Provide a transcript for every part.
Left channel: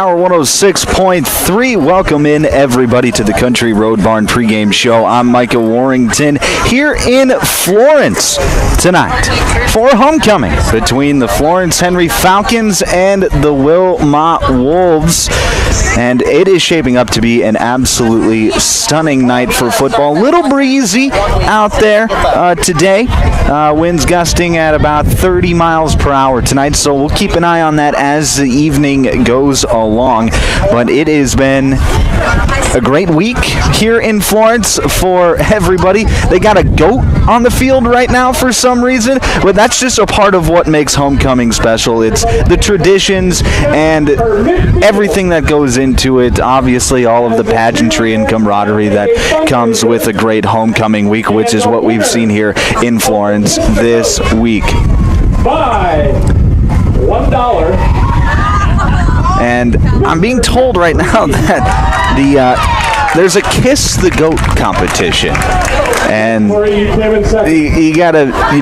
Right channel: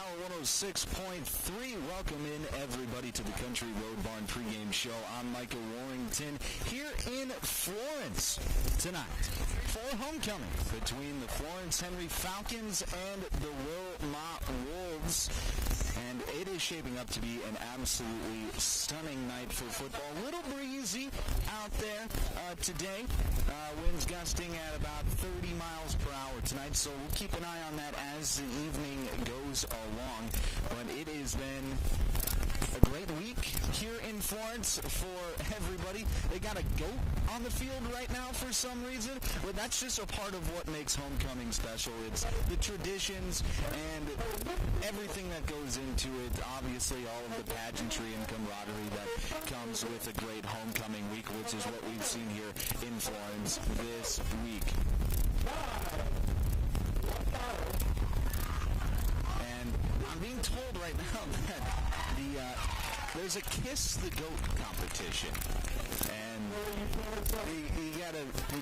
Power 106.3. Welcome in, everybody, to the Country Road Barn pregame show. I'm Micah Warrington here in Florence tonight for homecoming between the Florence Henry Falcons and the Wilmot Wolves. And it is shaping up to be an absolutely stunning night for football. Little breezy out there today. Winds gusting at about 30 miles per hour tonight, so we'll keep an eye on that as the evening goes along. But it has been a great week here in Florence for everybody. They got a goat on the field right now for some reason, but that's just a part of what makes homecoming special. It's the traditions and everything that goes into it. Obviously, all of the pageantry and camaraderie that comes with a great homecoming week, which is what we've seen here in Florence this week. Buy $1. And I'm being told right now that there's a Kiss the Goat competition. And you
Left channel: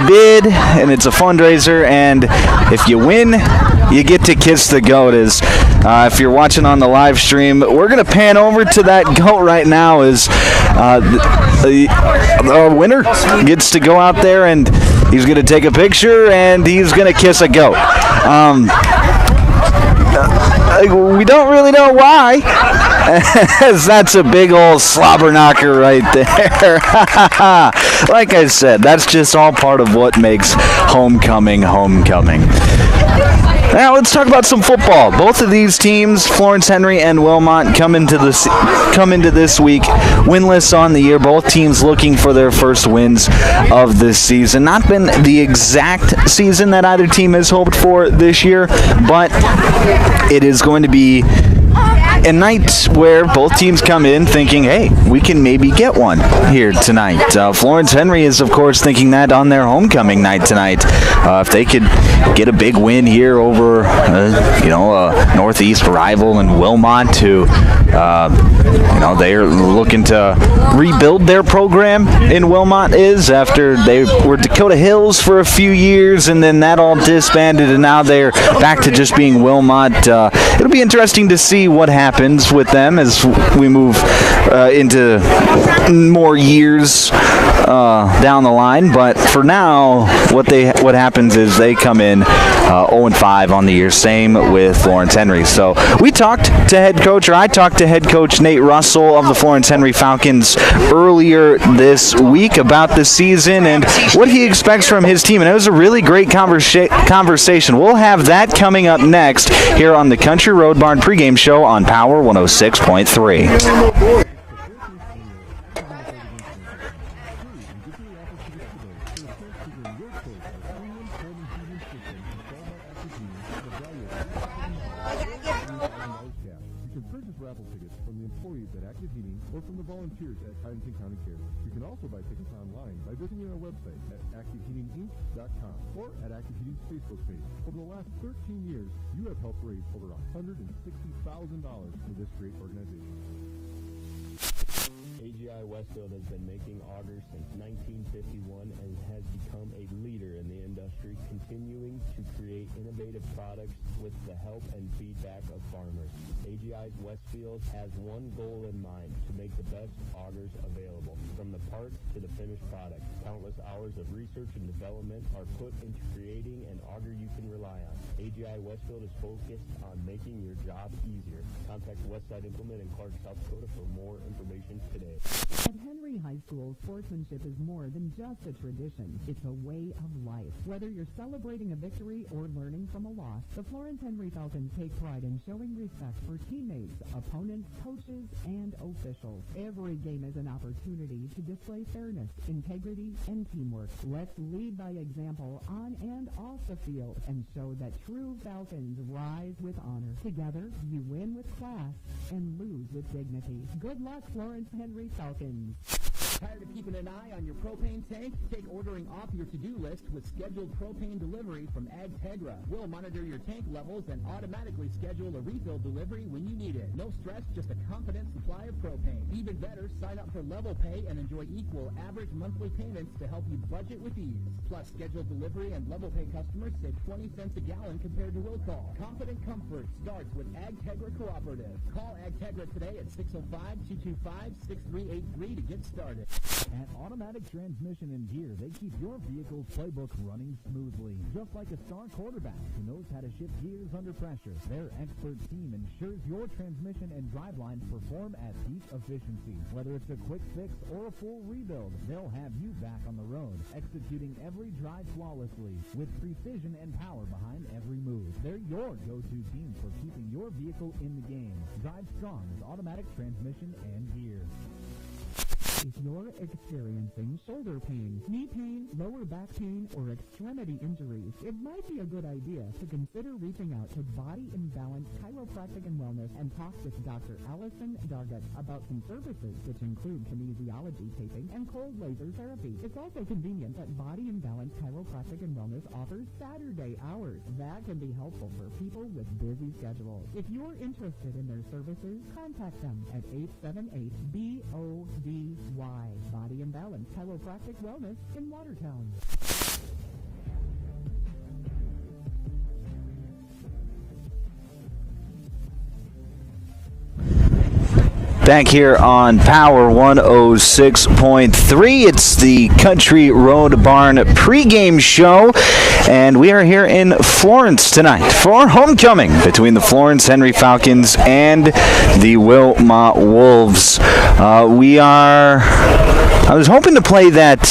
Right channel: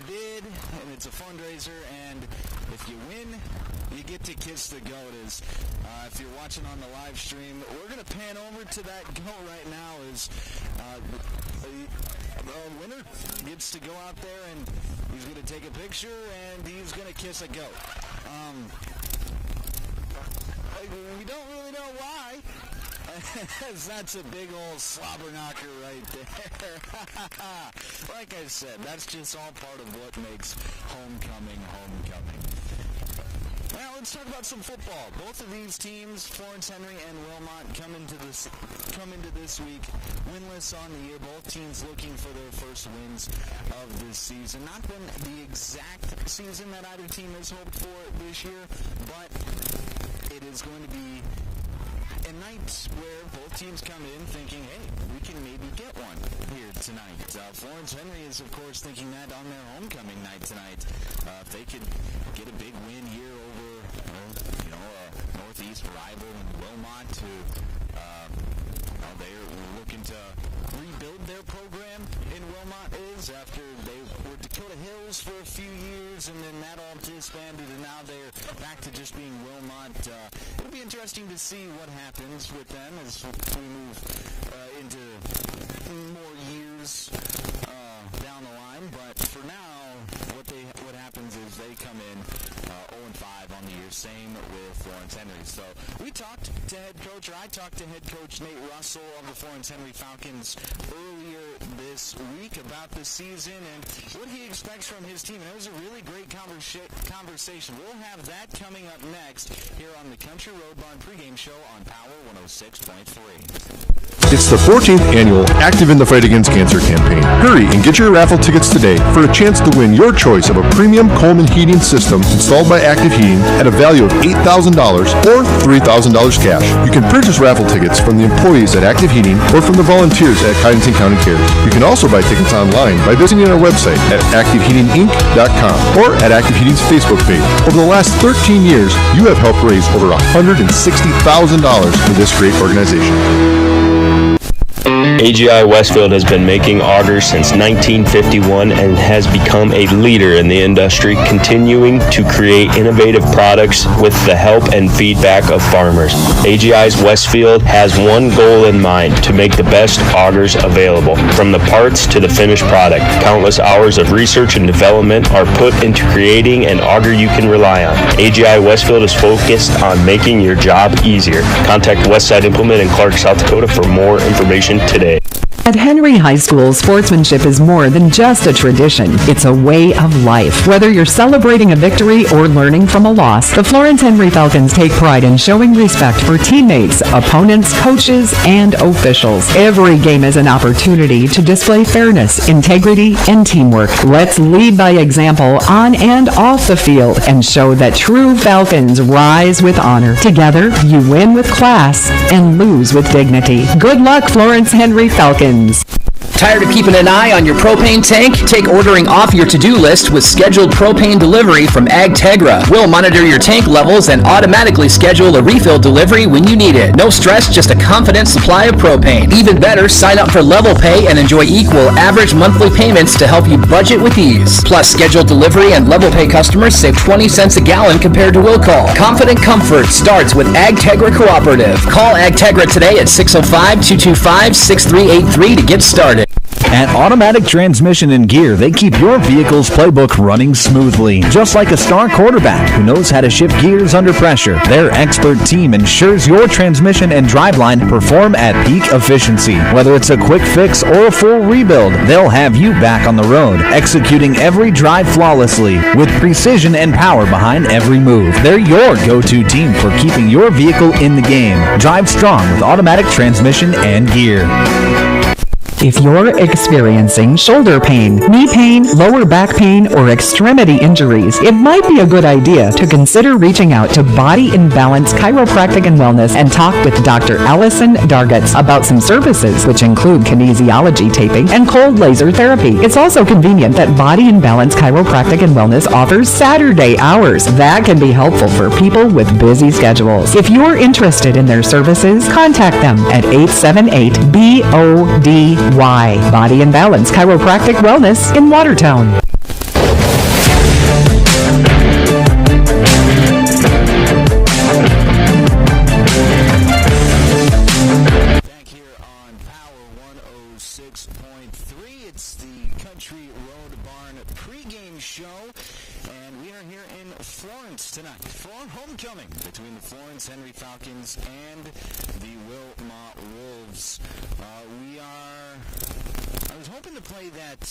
bid, and it's a fundraiser, and if you win, you get to kiss the goat. If you're watching on the live stream, we're going to pan over to that goat right now as the winner gets to go out there, and he's going to take a picture, and he's going to kiss a goat. We don't really know why, as that's a big old slobber knocker right there. Like I said, that's just all part of what makes homecoming. Now let's talk about some football. Both of these teams, Florence Henry and Wilmot, come into this week winless on the year. Both teams looking for their first wins of this season. Not been the exact season that either team has hoped for this year, but it is going to be a night where both teams come in thinking, hey, we can maybe get one here tonight. Florence Henry is, of course, thinking that on their homecoming night tonight. If they could get a big win here over, a Northeast rival in Wilmot, who, they're looking to rebuild their program in Wilmot after they were Dakota Hills for a few years, and then that all disbanded, and now they're back to just being Wilmot. It'll be interesting to see what happens with them as we move into more years down the line. But for now, what happens is they come in 0-5 on the year. Same with Florence Henry. So I talked to head coach Nate Russell of the Florence Henry Falcons earlier this week about the season and what he expects from his team. And it was a really great conversation. We'll have that coming up next here on the Country Road Barn pregame show on Power 106.3. It's the 14th annual Active in the Fight Against Cancer campaign. Hurry and get your raffle tickets today for a chance to win your choice of a premium Coleman heating system installed by Active Heating at a value of $8,000 or $3,000 cash. You can purchase raffle tickets from the employees at Active Heating or from the volunteers at Cottington County Cares. You can also buy tickets online by visiting our website at activeheatinginc.com or at Active Heating's Facebook page. Over the last 13 years, you have helped raise over $160,000 for this great organization. AGI Westfield has been making augers since 1951 and has become a leader in the industry, continuing to create innovative products with the help and feedback of farmers. AGI's Westfield has one goal in mind: to make the best augers available. From the parts to the finished product, countless hours of research and development are put into creating an auger you can rely on. AGI Westfield is focused on making your job easier. Contact Westside Implement in Clark, South Dakota for more information today. At Henry High School, sportsmanship is more than just a tradition. It's a way of life. Whether you're celebrating a victory or learning from a loss, the Florence Henry Falcons take pride in showing respect for teammates, opponents, coaches, and officials. Every game is an opportunity to display fairness, integrity, and teamwork. Let's lead by example on and off the field and show that true Falcons rise with honor. Together, you win with class and lose with dignity. Good luck, Florence Henry Falcons. Tired of keeping an eye on your propane tank? Take ordering off your to-do list with scheduled propane delivery from AgTegra. We'll monitor your tank levels and automatically schedule a refill delivery when you need it. No stress, just a confident supply of propane. Even better, sign up for Level Pay and enjoy equal average monthly payments to help you budget with ease. Plus, scheduled delivery and Level Pay customers save 20 cents a gallon compared to will call. Confident comfort starts with AgTegra Cooperative. Call AgTegra today at 605-225-6383 to get started. At Automatic Transmission and Gear, they keep your vehicle's playbook running smoothly. Just like a star quarterback who knows how to shift gears under pressure, their expert team ensures your transmission and driveline perform at peak efficiency. Whether it's a quick fix or a full rebuild, they'll have you back on the road, executing every drive flawlessly with precision and power behind every move. They're your go-to team for keeping your vehicle in the game. Drive strong with Automatic Transmission and Gear. If you're experiencing shoulder pain, knee pain, lower back pain, or extremity injuries, it might be a good idea to consider reaching out to Body and Balance Chiropractic and Wellness and talk with Dr. Allison Dargutz about some services, which include kinesiology taping and cold laser therapy. It's also convenient that Body and Balance Chiropractic and Wellness offers Saturday hours. That can be helpful for people with busy schedules. If you're interested in their services, contact them at 878-BODY. Body and Balance Chiropractic Wellness in Watertown. Back here on Power 106.3. It's the Country Road Barn pregame show, and we are here in Florence tonight for homecoming between the Florence Henry Falcons and the Wilmot Wolves. I was hoping to play that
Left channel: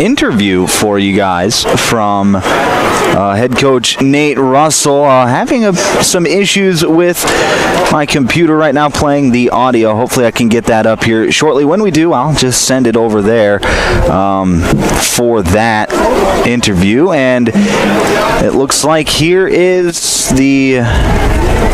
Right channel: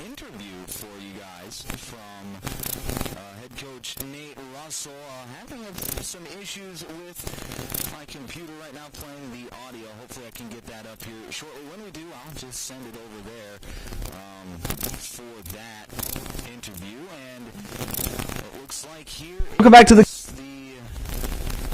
interview for you guys from head coach Nate Russell. Having some issues with my computer right now playing the audio. Hopefully I can get that up here shortly. When we do, I'll just send it over there for that interview. And it looks like here is back to the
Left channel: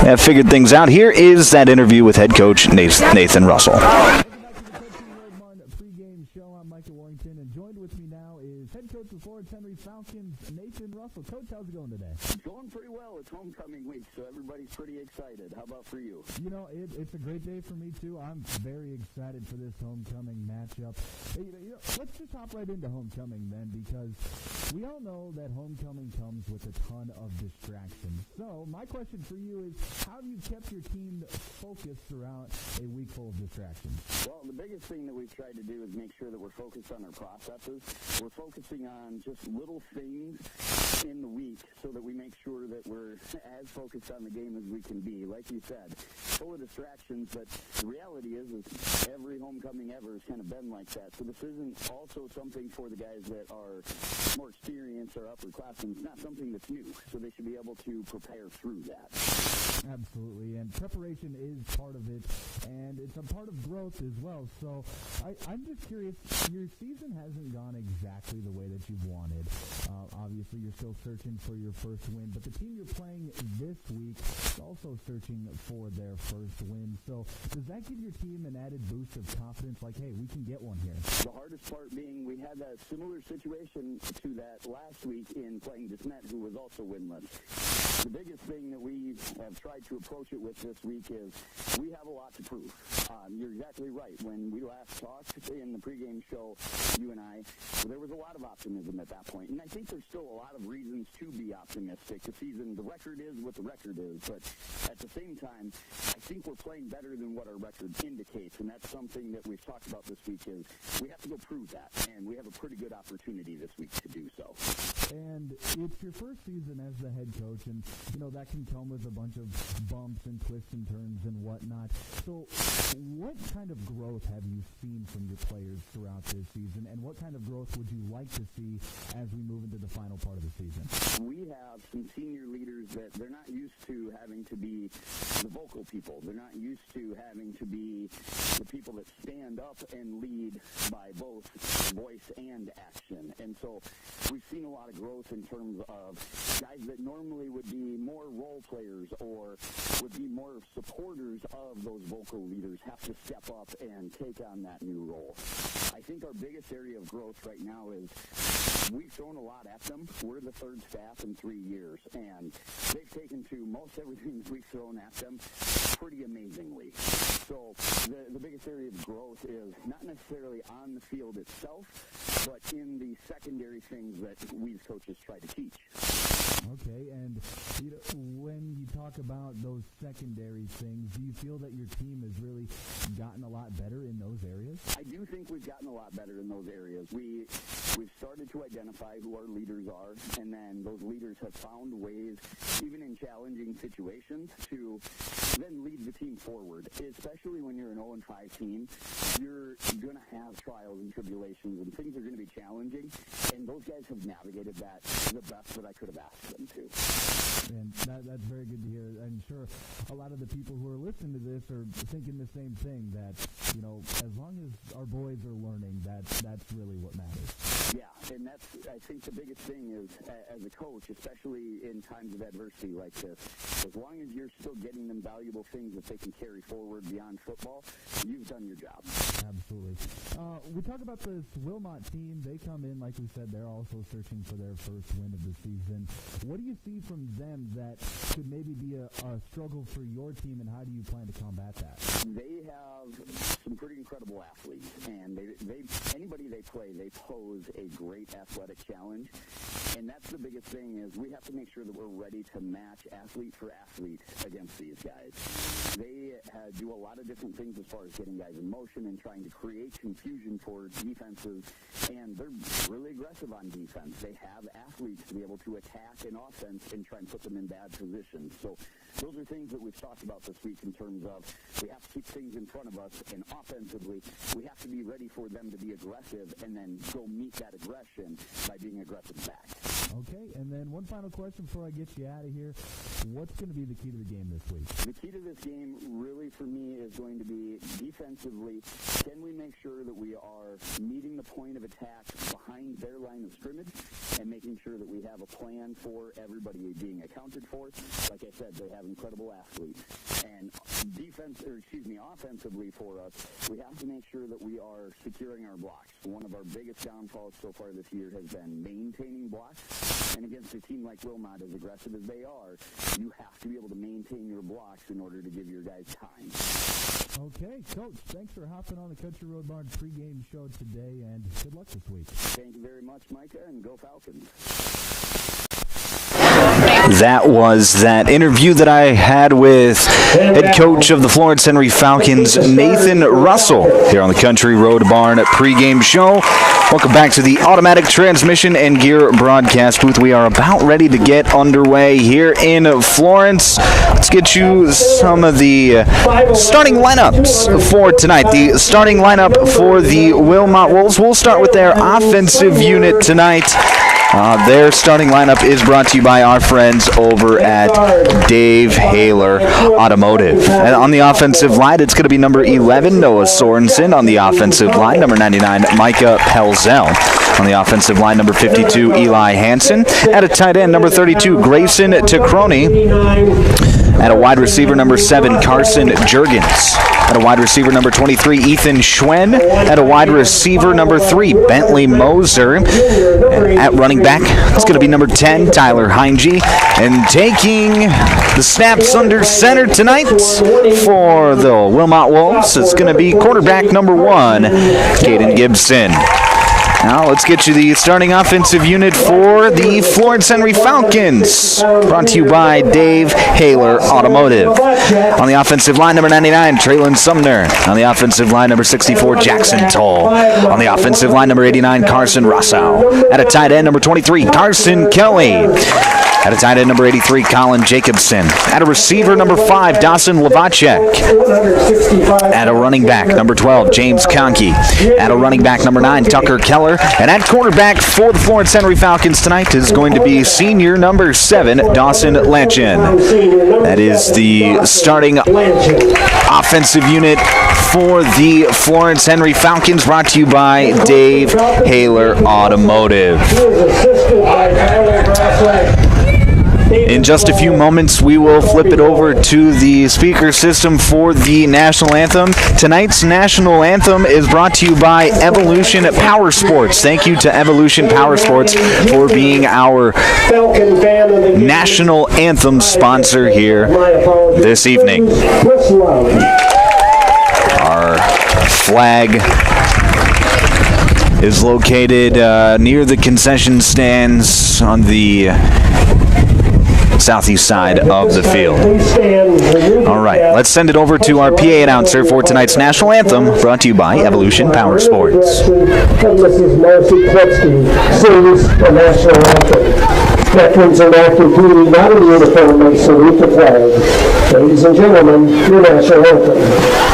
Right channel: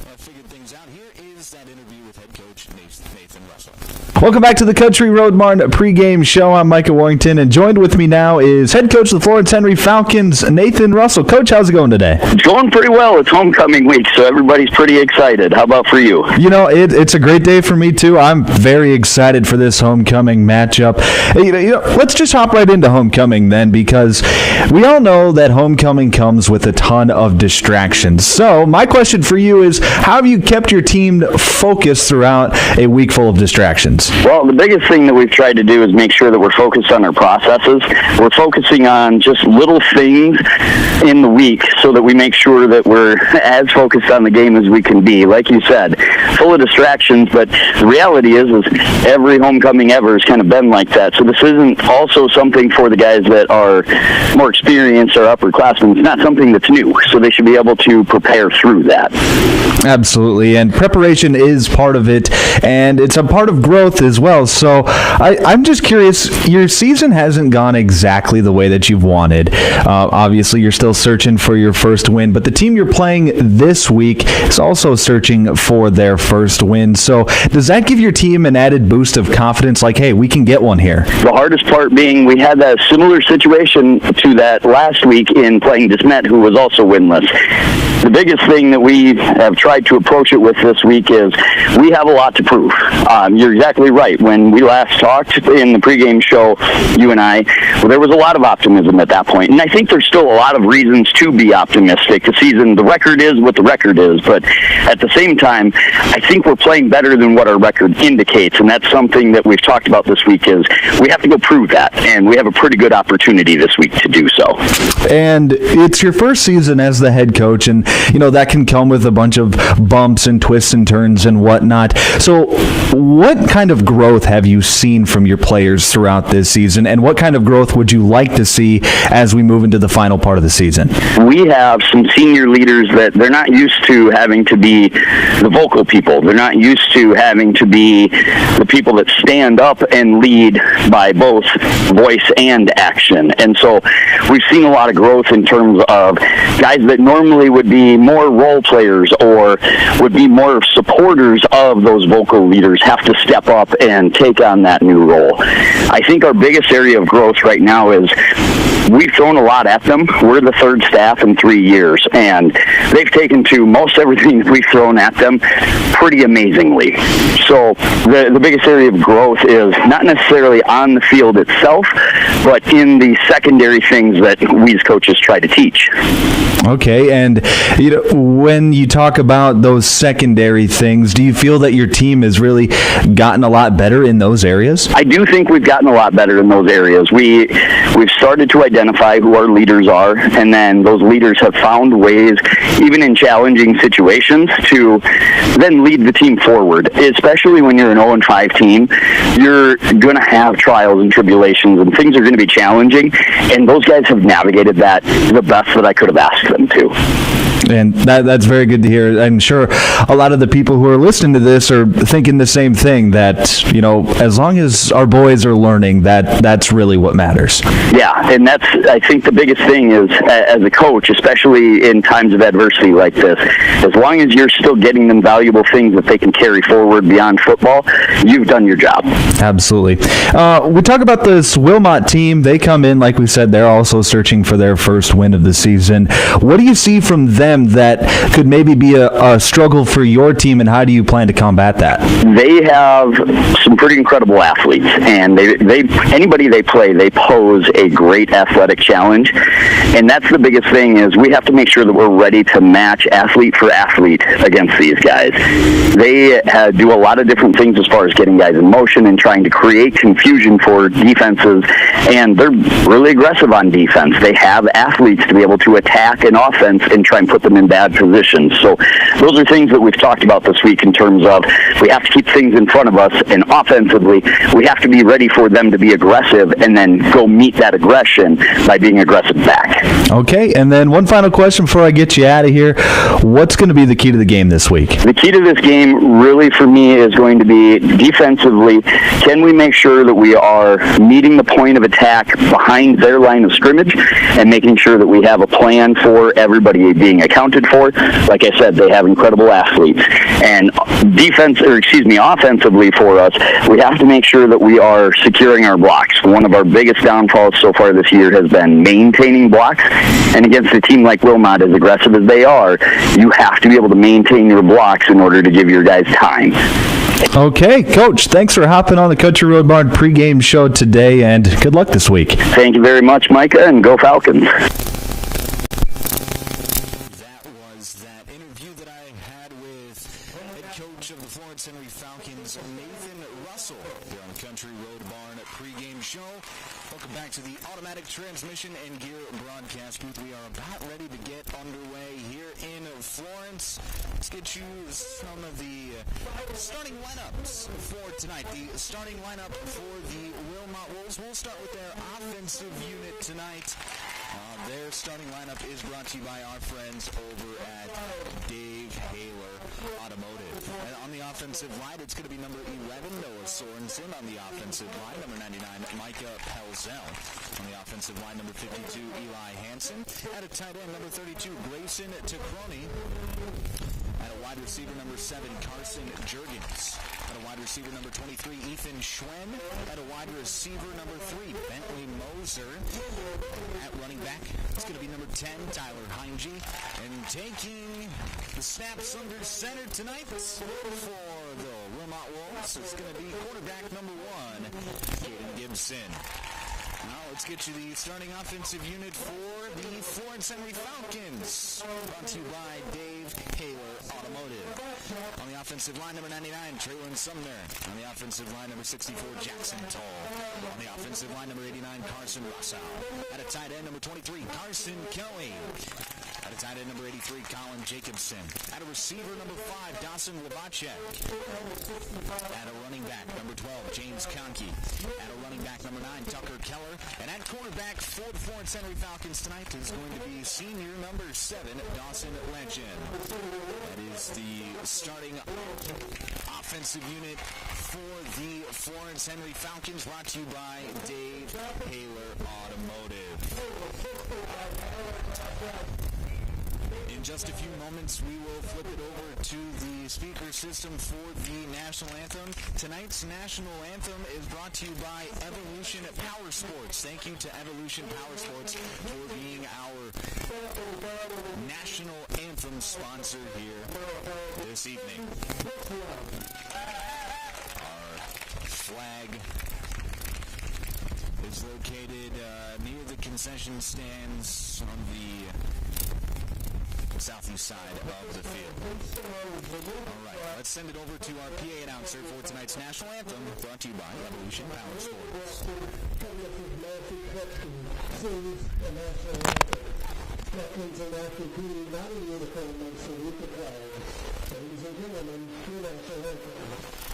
have figured things out. Here is that interview with head coach Nathan Russell. Welcome back to the Country Road Barn pregame show. I'm Micah Warrington, and joined with me now is head coach of the Florence Henry Falcons, Nathan Russell. Coach, how's it going today? It's going pretty well. It's homecoming week, so everybody's pretty excited. How about for you? You know, it's a great day for me, too. I'm very excited for this homecoming matchup. You know, let's just hop right into homecoming then, because we all know that homecoming comes with a ton of distractions. So my question for you is, how have you kept your team focused throughout a week full of distractions? Well, the biggest thing that we've tried to do is make sure that we're focused on our processes. We're focusing on just little things in the week so that we make sure that we're as focused on the game as we can be. Like you said, full of distractions, but the reality is every homecoming ever has kind of been like that. So this isn't also something for the guys that are more experienced or upperclassmen. It's not something that's new, so they should be able to prepare through that. Absolutely, and preparation is part of it, and it's a part of growth as well. So I'm just curious, your season hasn't gone exactly the way that you've wanted. Obviously, you're still searching for your first win, but the team you're playing this week is also searching for their first win. So does that give your team an added boost of confidence, like, hey, we can get one here? The hardest part being we had that similar situation to that last week in playing DeSmet, who was also winless. The biggest thing that we have tried to approach it with this week is we have a lot to prove. You're exactly right. When we last talked in the pregame show, you and I, there was a lot of optimism at that point. And I think there's still a lot of reasons to be optimistic. The record is what the record is. But at the same time, I think we're playing better than what our record indicates. And that's something that we've talked about this week is we have to go prove that. And we have a pretty good opportunity this week to do so. And it's your first season as the head coach, and you know that can come with a bunch of bumps and twists and turns and whatnot. So what kind of growth have you seen from your players throughout this season, and what kind of growth would you like to see as we move into the final part of the season? We have some senior leaders that they're not used to having to be the vocal people. They're not used to having to be the people that stand up and lead by both voice and action. And so we've seen a lot of growth in terms of guys that normally would be more role players or or would be more supporters of those vocal leaders have to step up and take on that new role. I think our biggest area of growth right now is we've thrown a lot at them. We're the third staff in 3 years, and they've taken to most everything that we've thrown at them pretty amazingly. So the biggest area of growth is not necessarily on the field itself, but in the secondary things that we as coaches try to teach. Okay, and when you talk about those secondary things, do you feel that your team has really gotten a lot better in those areas? I do think we've gotten a lot better in those areas. We've started to identify who our leaders are, and then those leaders have found ways, even in challenging situations, to then lead the team forward. Especially when you're an 0-5 team, you're going to have trials and tribulations, and things are going to be challenging, and those guys have navigated that the best that I could have asked them to. And that's very good to hear. I'm sure a lot of the people who are listening to this are thinking the same thing, that, as long as our boys are learning, that's really what matters. Yeah, and that's, I think the biggest thing is, as a coach, especially in times of adversity like this, as long as you're still getting them valuable things that they can carry forward beyond football, you've done your job. Absolutely. We talk about this Wilmot team. They come in, like we said, they're also searching for their first win of the season. What do you see from them that could maybe be a struggle for your team, and how do you plan to combat that? They have some pretty incredible athletes, and anybody they play, they pose a great athletic challenge, and that's the biggest thing, is we have to make sure that we're ready to match athlete for athlete against these guys. They do a lot of different things as far as getting guys in motion and trying to create confusion for defenses, and they're really aggressive on defense. They have athletes to be able to attack an offense and try and put them in bad positions. So those are things that we've talked about this week in terms of we have to keep things in front of us, and offensively we have to be ready for them to be aggressive and then go meet that aggression by being aggressive back. Okay, and then one final question before I get you out of here. What's going to be the key to the game this week? The key to this game really for me is going to be defensively. Can we make sure that we are meeting the point of attack behind their line of scrimmage and making sure that we have a plan for everybody being accounted for? Like I said, they have incredible athletes. And offensively for us, we have to make sure that we are securing our blocks. One of our biggest downfalls so far this year has been maintaining blocks. And against a team like Wilmot, as aggressive as they are, you have to be able to maintain your blocks in order to give your guys time. Okay, Coach, thanks for hopping on the Country Road Barn pregame show today, and good luck this week. Thank you very much, Micah, and go Falcons. That was that interview that I had with head coach of the Florence Henry Falcons, Nathan Russell, here on the Country Road Barn pregame show. Welcome back to the Automatic Transmission and Gear broadcast booth. We are about ready to get underway here in Florence. Let's get you some of the starting lineups for tonight. The starting lineup for the Wilmot Wolves. We'll start with their offensive unit tonight. Their starting lineup is brought to you by our friends over at Dave Haler Automotive. And on the offensive line, it's going to be number 11, Noah Sorensen. On the offensive line, number 99, Micah Pelzel. On the offensive line, number 52, Eli Hansen. At a tight end, number 32, Grayson Tacroni. At a wide receiver, number 7, Carson Juergens. At a wide receiver, number 23, Ethan Schwen. At a wide receiver, number 3, Bentley Moser. And at running back, it's going to be number 10, Tyler Heinge. And taking the snaps under center tonight for the Wilmot Wolves, it's going to be quarterback number 1, Caden Gibson. Now let's get you the starting offensive unit for the Florence Henry Falcons. Brought to you by Dave Haler Automotive. On the offensive line, number 99, Traylon Sumner. On the offensive line, number 64, Jackson Toll. On the offensive line, number 89, Carson Rossau. At a tight end, number 23, Carson Kelly. At a tight end, number 83, Colin Jacobson. At a receiver, number 5, Dawson Lavacek. At a running back, number 12, James Conkey. At a running back, number 9, Tucker Keller. And at quarterback for the Florence Henry Falcons tonight is going to be senior number 7, Dawson Lanchin. That is the starting offensive unit for the Florence Henry Falcons, brought to you by Dave Haler Automotive. In just a few moments, we will flip it over to the speaker system for the national anthem. Tonight's national anthem is brought to you by Evolution Power Sports. Thank you to Evolution Power Sports for being our national anthem sponsor here this evening. Our flag is located near the concession stands on the southeast side of the field. All right, let's send it over to our PA announcer for tonight's national anthem, brought to you by Evolution Power Sports. Mrs. Marcy Kletsky sings the national anthem. Veterans in active duty, not in uniform, may salute the flag. Ladies and gentlemen, your national anthem.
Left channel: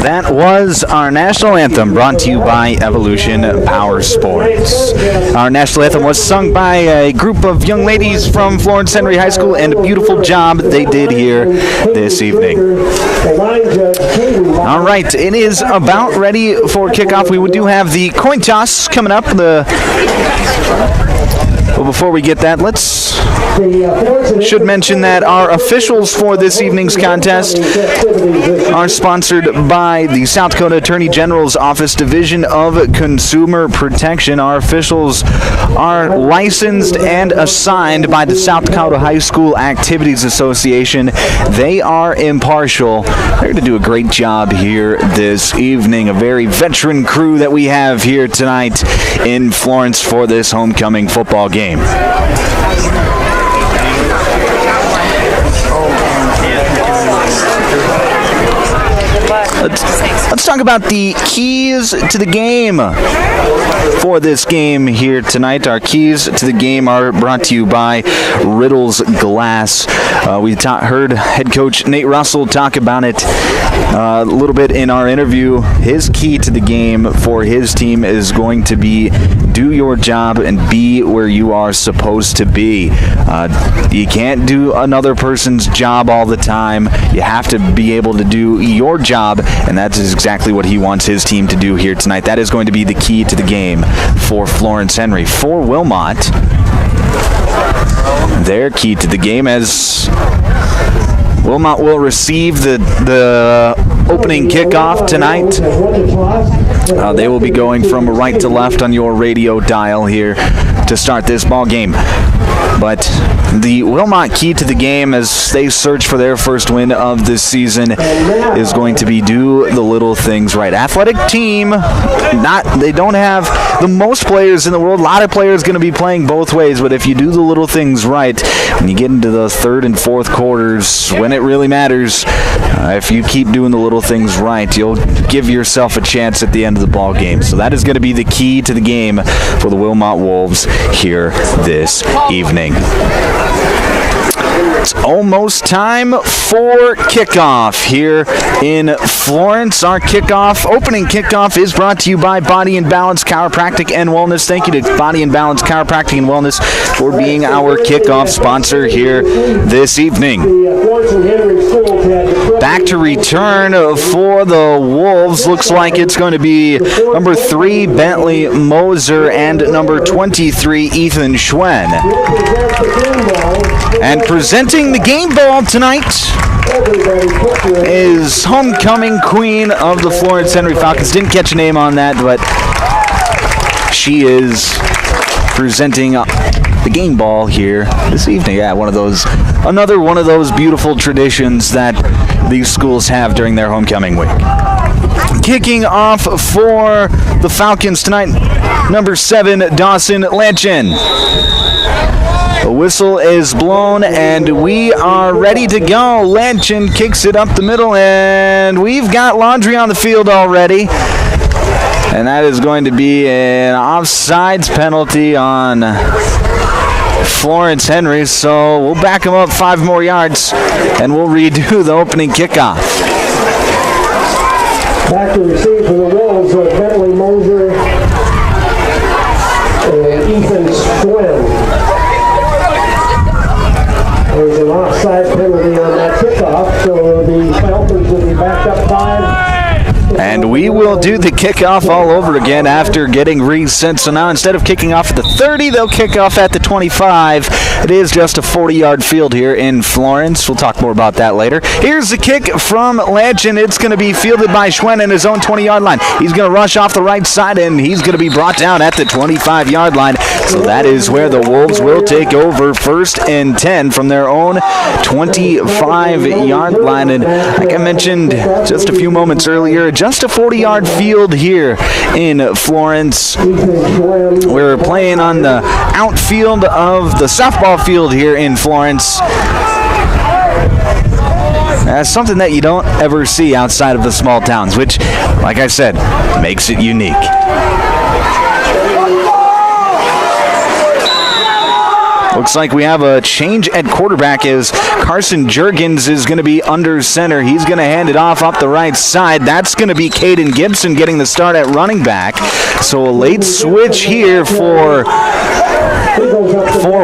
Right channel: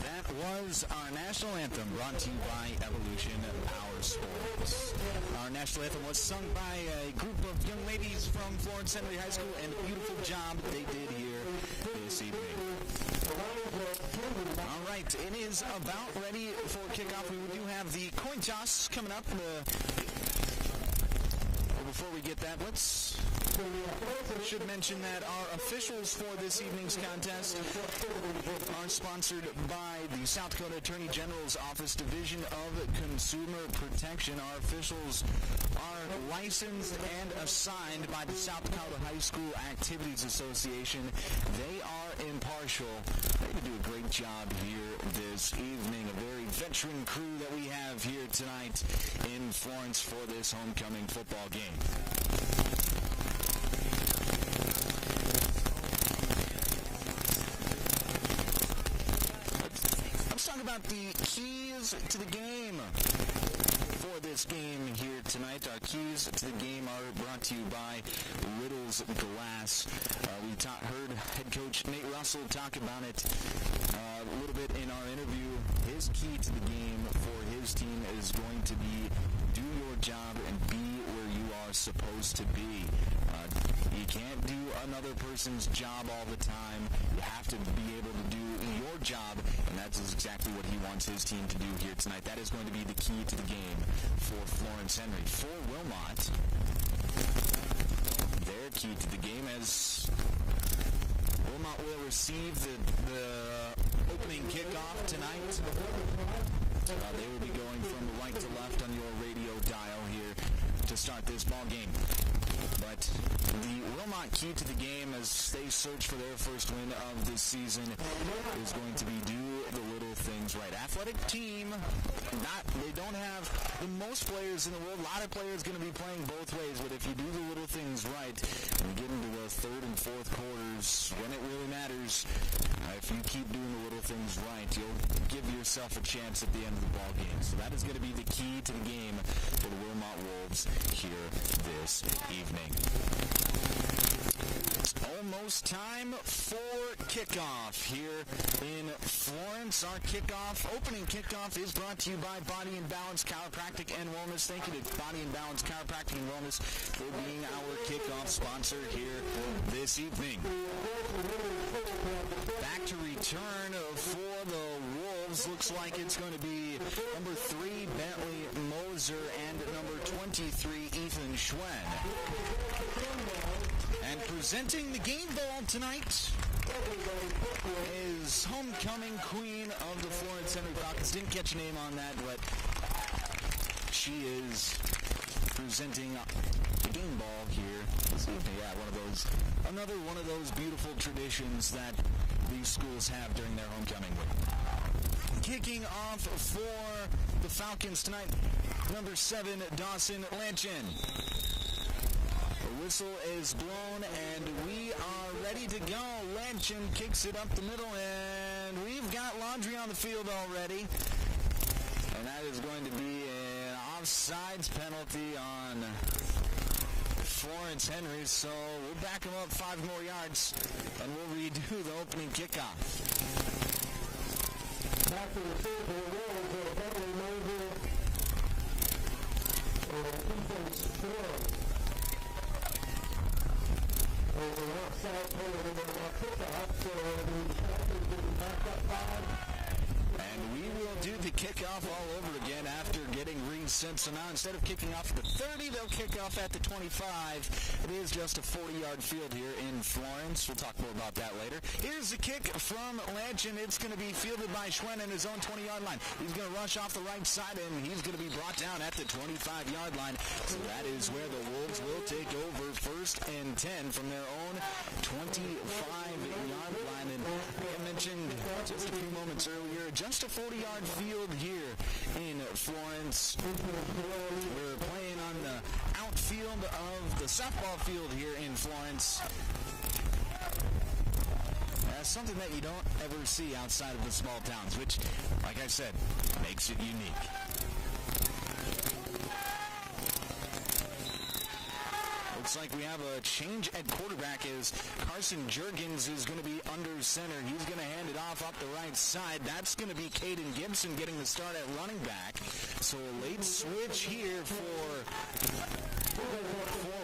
That was our national anthem, brought to you by Evolution Power Sports. Our national anthem was sung by a group of young ladies from Florence Henry High School, and a beautiful job they did here this evening. All right, it is about ready for kickoff. We do have the coin toss coming up. Well, before we get that, should mention that our officials for this evening's contest are sponsored by the South Dakota Attorney General's Office Division of Consumer Protection. Our officials are licensed and assigned by the South Dakota High School Activities Association. They are impartial. They're going to do a great job here this evening. A very veteran crew that we have here tonight in Florence for this homecoming football game. Let's talk about the keys to the game for this game here tonight. Our keys to the game are brought to you by Riddle's Glass. We heard head coach Nate Russell talk about it a little bit in our interview. His key to the game for his team is going to be do your job and be where you are supposed to be. You can't do another person's job all the time. You have to be able to do your job, and that's exactly what he wants his team to do here tonight. That is going to be the key to the game for Florence Henry. For Wilmot, their key to the game, as Wilmot will receive the opening kickoff tonight. They will be going from right to left on your radio dial here to start this ball game. But the Wilmot key to the game, as they search for their first win of this season, is going to be do the little things right. Athletic team, they don't have the most players in the world. A lot of players going to be playing both ways, but if you do the little things right, when you get into the third and fourth quarters, when it really matters, if you keep doing the little things right, you'll give yourself a chance at the end of the ball game. So that is going to be the key to the game for the Wilmot Wolves here this evening. It's almost time for kickoff here in Florence. Our opening kickoff is brought to you by Body and Balance Chiropractic and Wellness. Thank you to Body and Balance Chiropractic and Wellness for being our kickoff sponsor here this evening. Back to return for the Wolves. Looks like it's going to be number 3, Bentley Moser, and number 23, Ethan Schwen. And presenting the game ball tonight is homecoming queen of the Florence Henry Falcons. Didn't catch a name on that, but she is presenting the game ball here this evening. Yeah, another one of those beautiful traditions that these schools have during their homecoming week. Kicking off for the Falcons tonight, number 7, Dawson Lanchin. The whistle is blown, and we are ready to go. Lanchin kicks it up the middle, and we've got laundry on the field already. And that is going to be an offsides penalty on Florence Henry, so we'll back him up 5 more yards, and we'll redo the opening kickoff. Back to receive for the Wolves are Bentley Moser and Ethan Schwen. There's an offside penalty on that kickoff, so the Falcons will be back up 5. And we will do the kickoff all over again after getting reset. So now instead of kicking off at the 30, they'll kick off at the 25. It is just a 40-yard field here in Florence. We'll talk more about that later. Here's the kick from Lanchin. It's going to be fielded by Schwen in his own 20-yard line. He's going to rush off the right side, and he's going to be brought down at the 25-yard line. So that is where the Wolves will take over 1st and 10 from their own 25-yard line. And like I mentioned just a few moments earlier, just a 40-yard field here in Florence. We're playing on the outfield of the softball field here in Florence. That's something that you don't ever see outside of the small towns, which, like I said, makes it unique. Looks like we have a change at quarterback as Carson Juergens is going to be under center. He's going to hand it off up the right side. That's going to be Caden Gibson getting the start at running back. So a late switch here for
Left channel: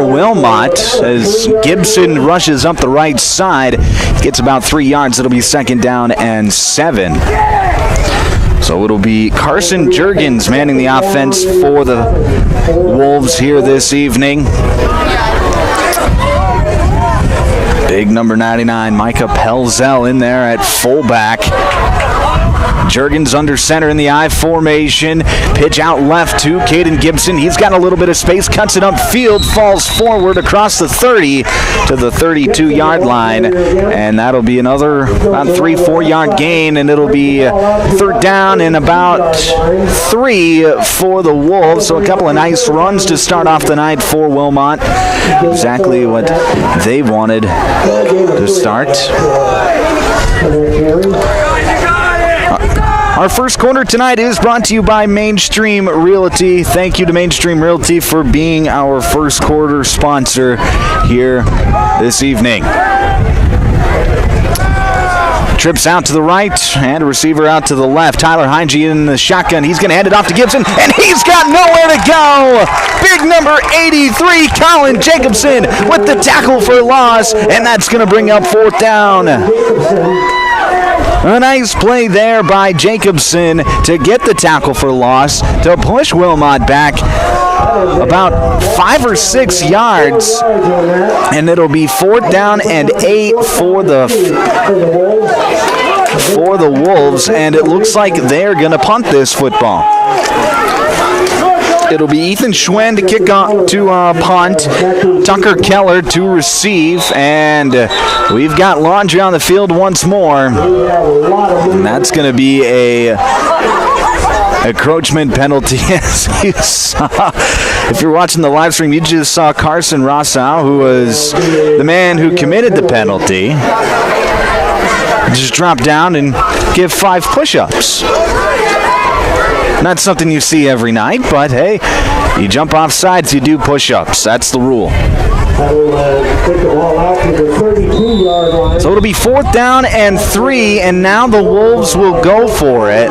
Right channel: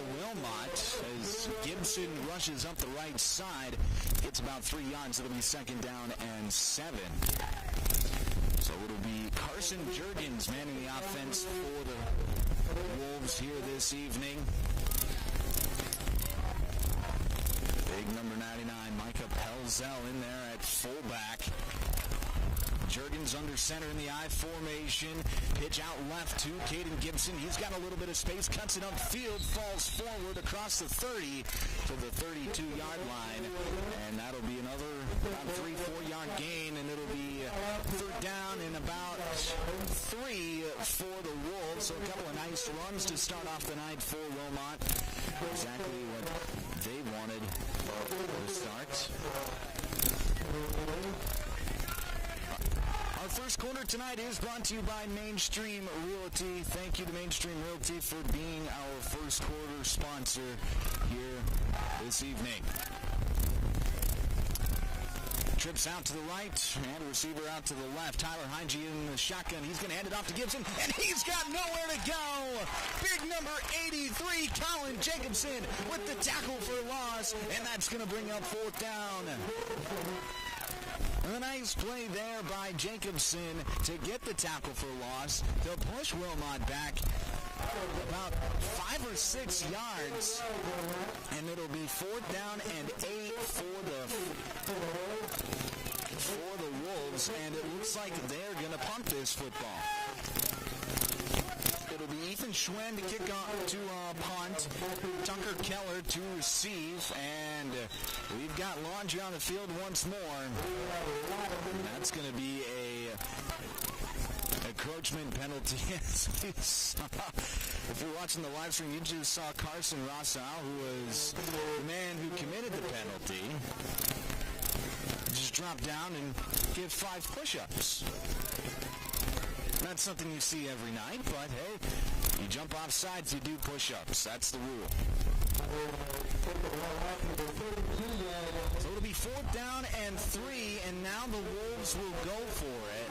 Wilmot as Gibson rushes up the right side. Gets about 3 yards. It'll be 2nd down and 7. So it'll be Carson Juergens manning the offense for the Wolves here this evening. Big number 99, Micah Pelzel in there at fullback. Juergens under center in the I formation. Pitch out left to Caden Gibson. He's got a little bit of space, cuts it upfield, falls forward across the 30 to the 32-yard line. And that'll be another about 3-4 yard gain, and it'll be 3rd down and about 3 for the Wolves. So a couple of nice runs to start off the night for Wilmot. Exactly what they wanted to start. Our first quarter tonight is brought to you by Mainstream Realty. Thank you to Mainstream Realty for being our first quarter sponsor here this evening. Trips out to the right and a receiver out to the left. Tyler Heinge in the shotgun. He's going to hand it off to Gibson, and he's got nowhere to go. Big number 83, Colin Jacobson with the tackle for loss, and that's going to bring up 4th down. A nice play there by Jacobson to get the tackle for loss to push Wilmot back about 5 or 6 yards, and it'll be 4th down and 8 for the Wolves, and it looks like they're going to punt this football. It'll be Ethan Schwen to kick off to punt, Tucker Keller to receive, and we've got laundry on the field once more. And that's going to be a encroachment penalty, as you saw. If you're watching the live stream, you just saw Carson Rossau, who was the man who committed the penalty, just drop down and give 5 push-ups. Not something you see every night, but hey, you jump off sides, you do push-ups. That's the rule. Take the ball out to the 32-yard line. So it'll be 4th down and 3, and now the Wolves will go for it.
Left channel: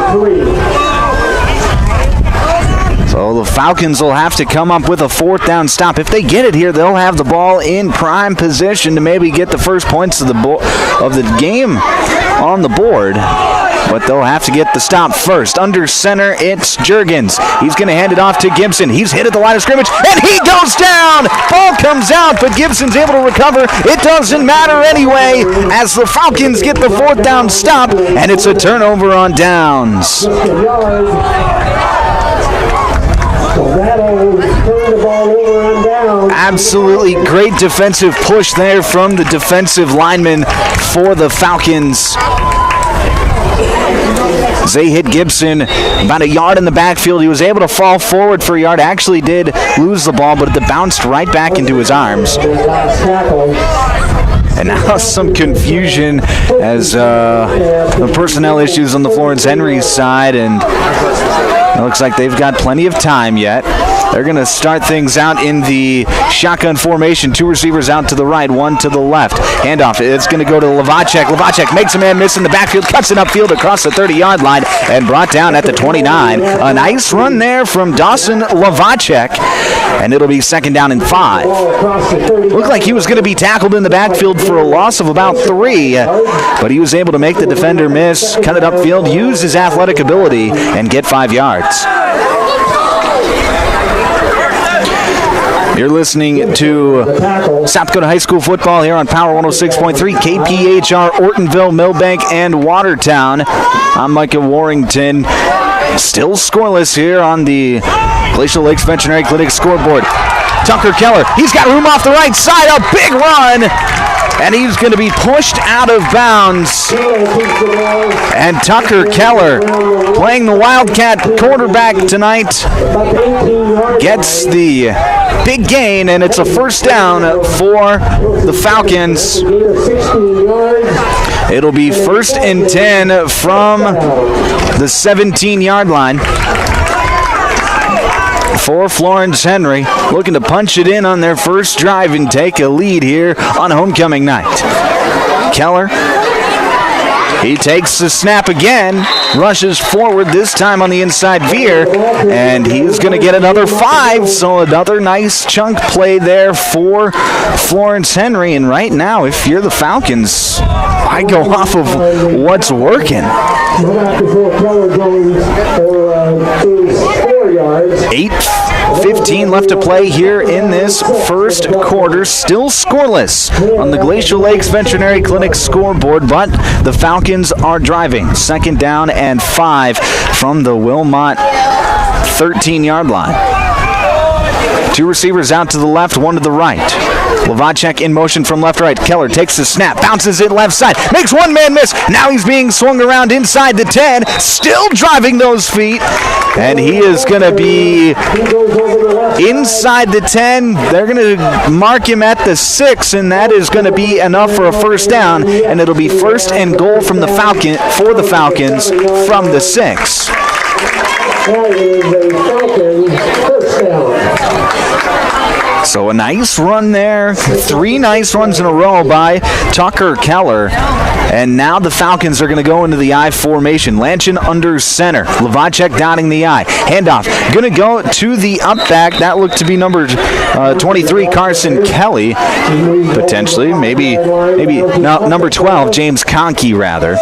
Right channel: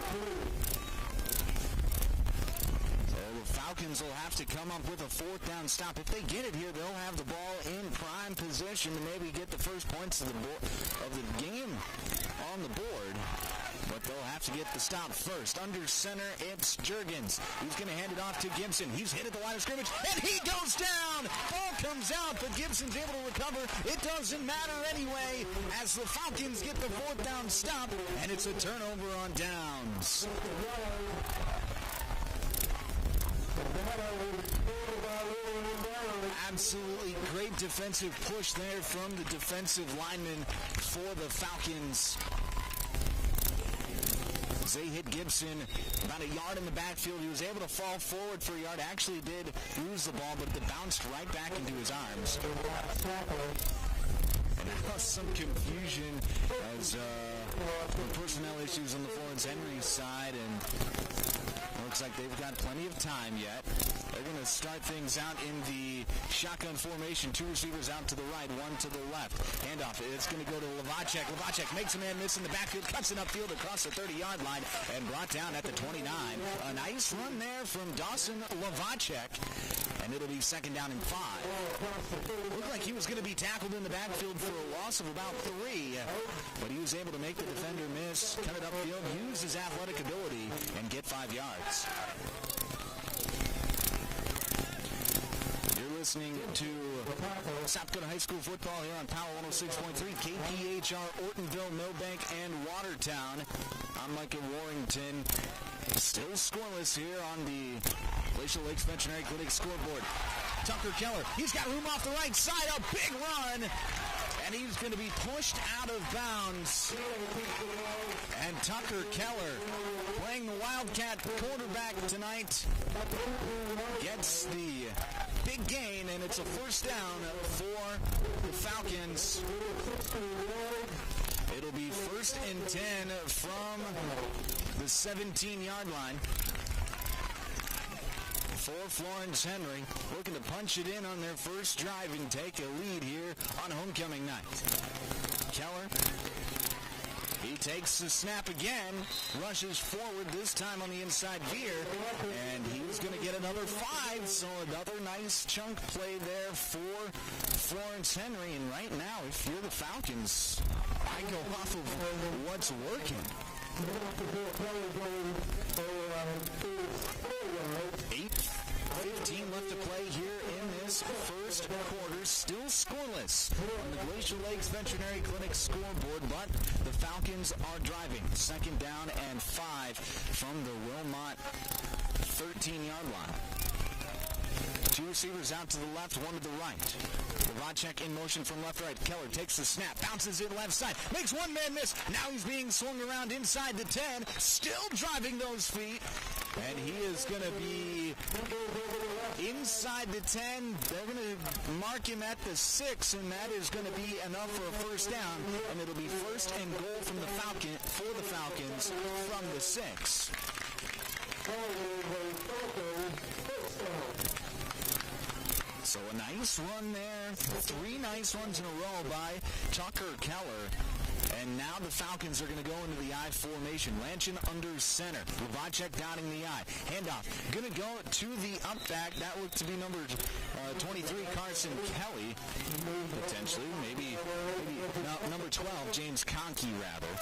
So the Falcons will have to come up with a 4th down stop. If they get it here, they'll have the ball in prime position to maybe get the first points of the game on the board. But they'll have to get the stop first. Under center, it's Juergens. He's going to hand it off to Gibson. He's hit at the line of scrimmage, and he goes down! Ball comes out, but Gibson's able to recover. It doesn't matter anyway, as the Falcons get the 4th down stop, and it's a turnover on downs. Absolutely great defensive push there from the defensive lineman for the Falcons. They hit Gibson about a yard in the backfield. He was able to fall forward for a yard. Actually did lose the ball, but it bounced right back into his arms. And now some confusion as the personnel issues on the Florence Henry side, and it looks like they've got plenty of time yet. They're going to start things out in the shotgun formation. 2 receivers out to the right, 1 to the left. Handoff, it's going to go to Lavacek. Lavacek makes a man miss in the backfield, cuts it upfield across the 30-yard line, and brought down at the 29. A nice run there from Dawson Lavacek, and it'll be 2nd down and 5. Looked like he was going to be tackled in the backfield for a loss of about 3, but he was able to make the defender miss, cut it upfield, use his athletic ability, and get 5 yards. You're listening to South Dakota High School football here on Power 106.3, KPHR, Ortonville, Millbank, and Watertown. I'm Micah Warrington. Still scoreless here on the Glacial Lakes Veterinary Clinic scoreboard. Tucker Keller, he's got room off the right side, a big run, and he's going to be pushed out of bounds. And Tucker Keller, playing the Wildcat quarterback tonight, gets the big gain, and it's a 1st down for the Falcons. It'll be 1st and 10 from the 17-yard line for Florence Henry, looking to punch it in on their first drive and take a lead here on homecoming night. Keller, he takes the snap again, rushes forward, this time on the inside veer, and he's going to get another 5, so another nice chunk play there for Florence Henry. And right now, if you're the Falcons, I go off of what's working. 8:15 left to play here in this first quarter. Still scoreless on the Glacial Lakes Veterinary Clinic scoreboard, but the Falcons are driving. 2nd down and 5 from the Wilmot 13-yard line. 2 receivers out to the left, 1 to the right. Lavacek in motion from left to right. Keller takes the snap, bounces it left side, makes one man miss. Now he's being swung around inside the 10, still driving those feet, and he is going to be inside the 10. They're going to mark him at the 6, and that is going to be enough for a 1st down, and it'll be 1st and goal from the Falcons from the 6. So a nice run there. 3 nice runs in a row by Tucker Keller. And now the Falcons are going to go into the I formation. Lanchin under center. Lavacek dotting the I. Handoff. Going to go to the up back. That looked to be number 23, Carson Kelly. Potentially. Maybe no, number 12, James Conkey, rather.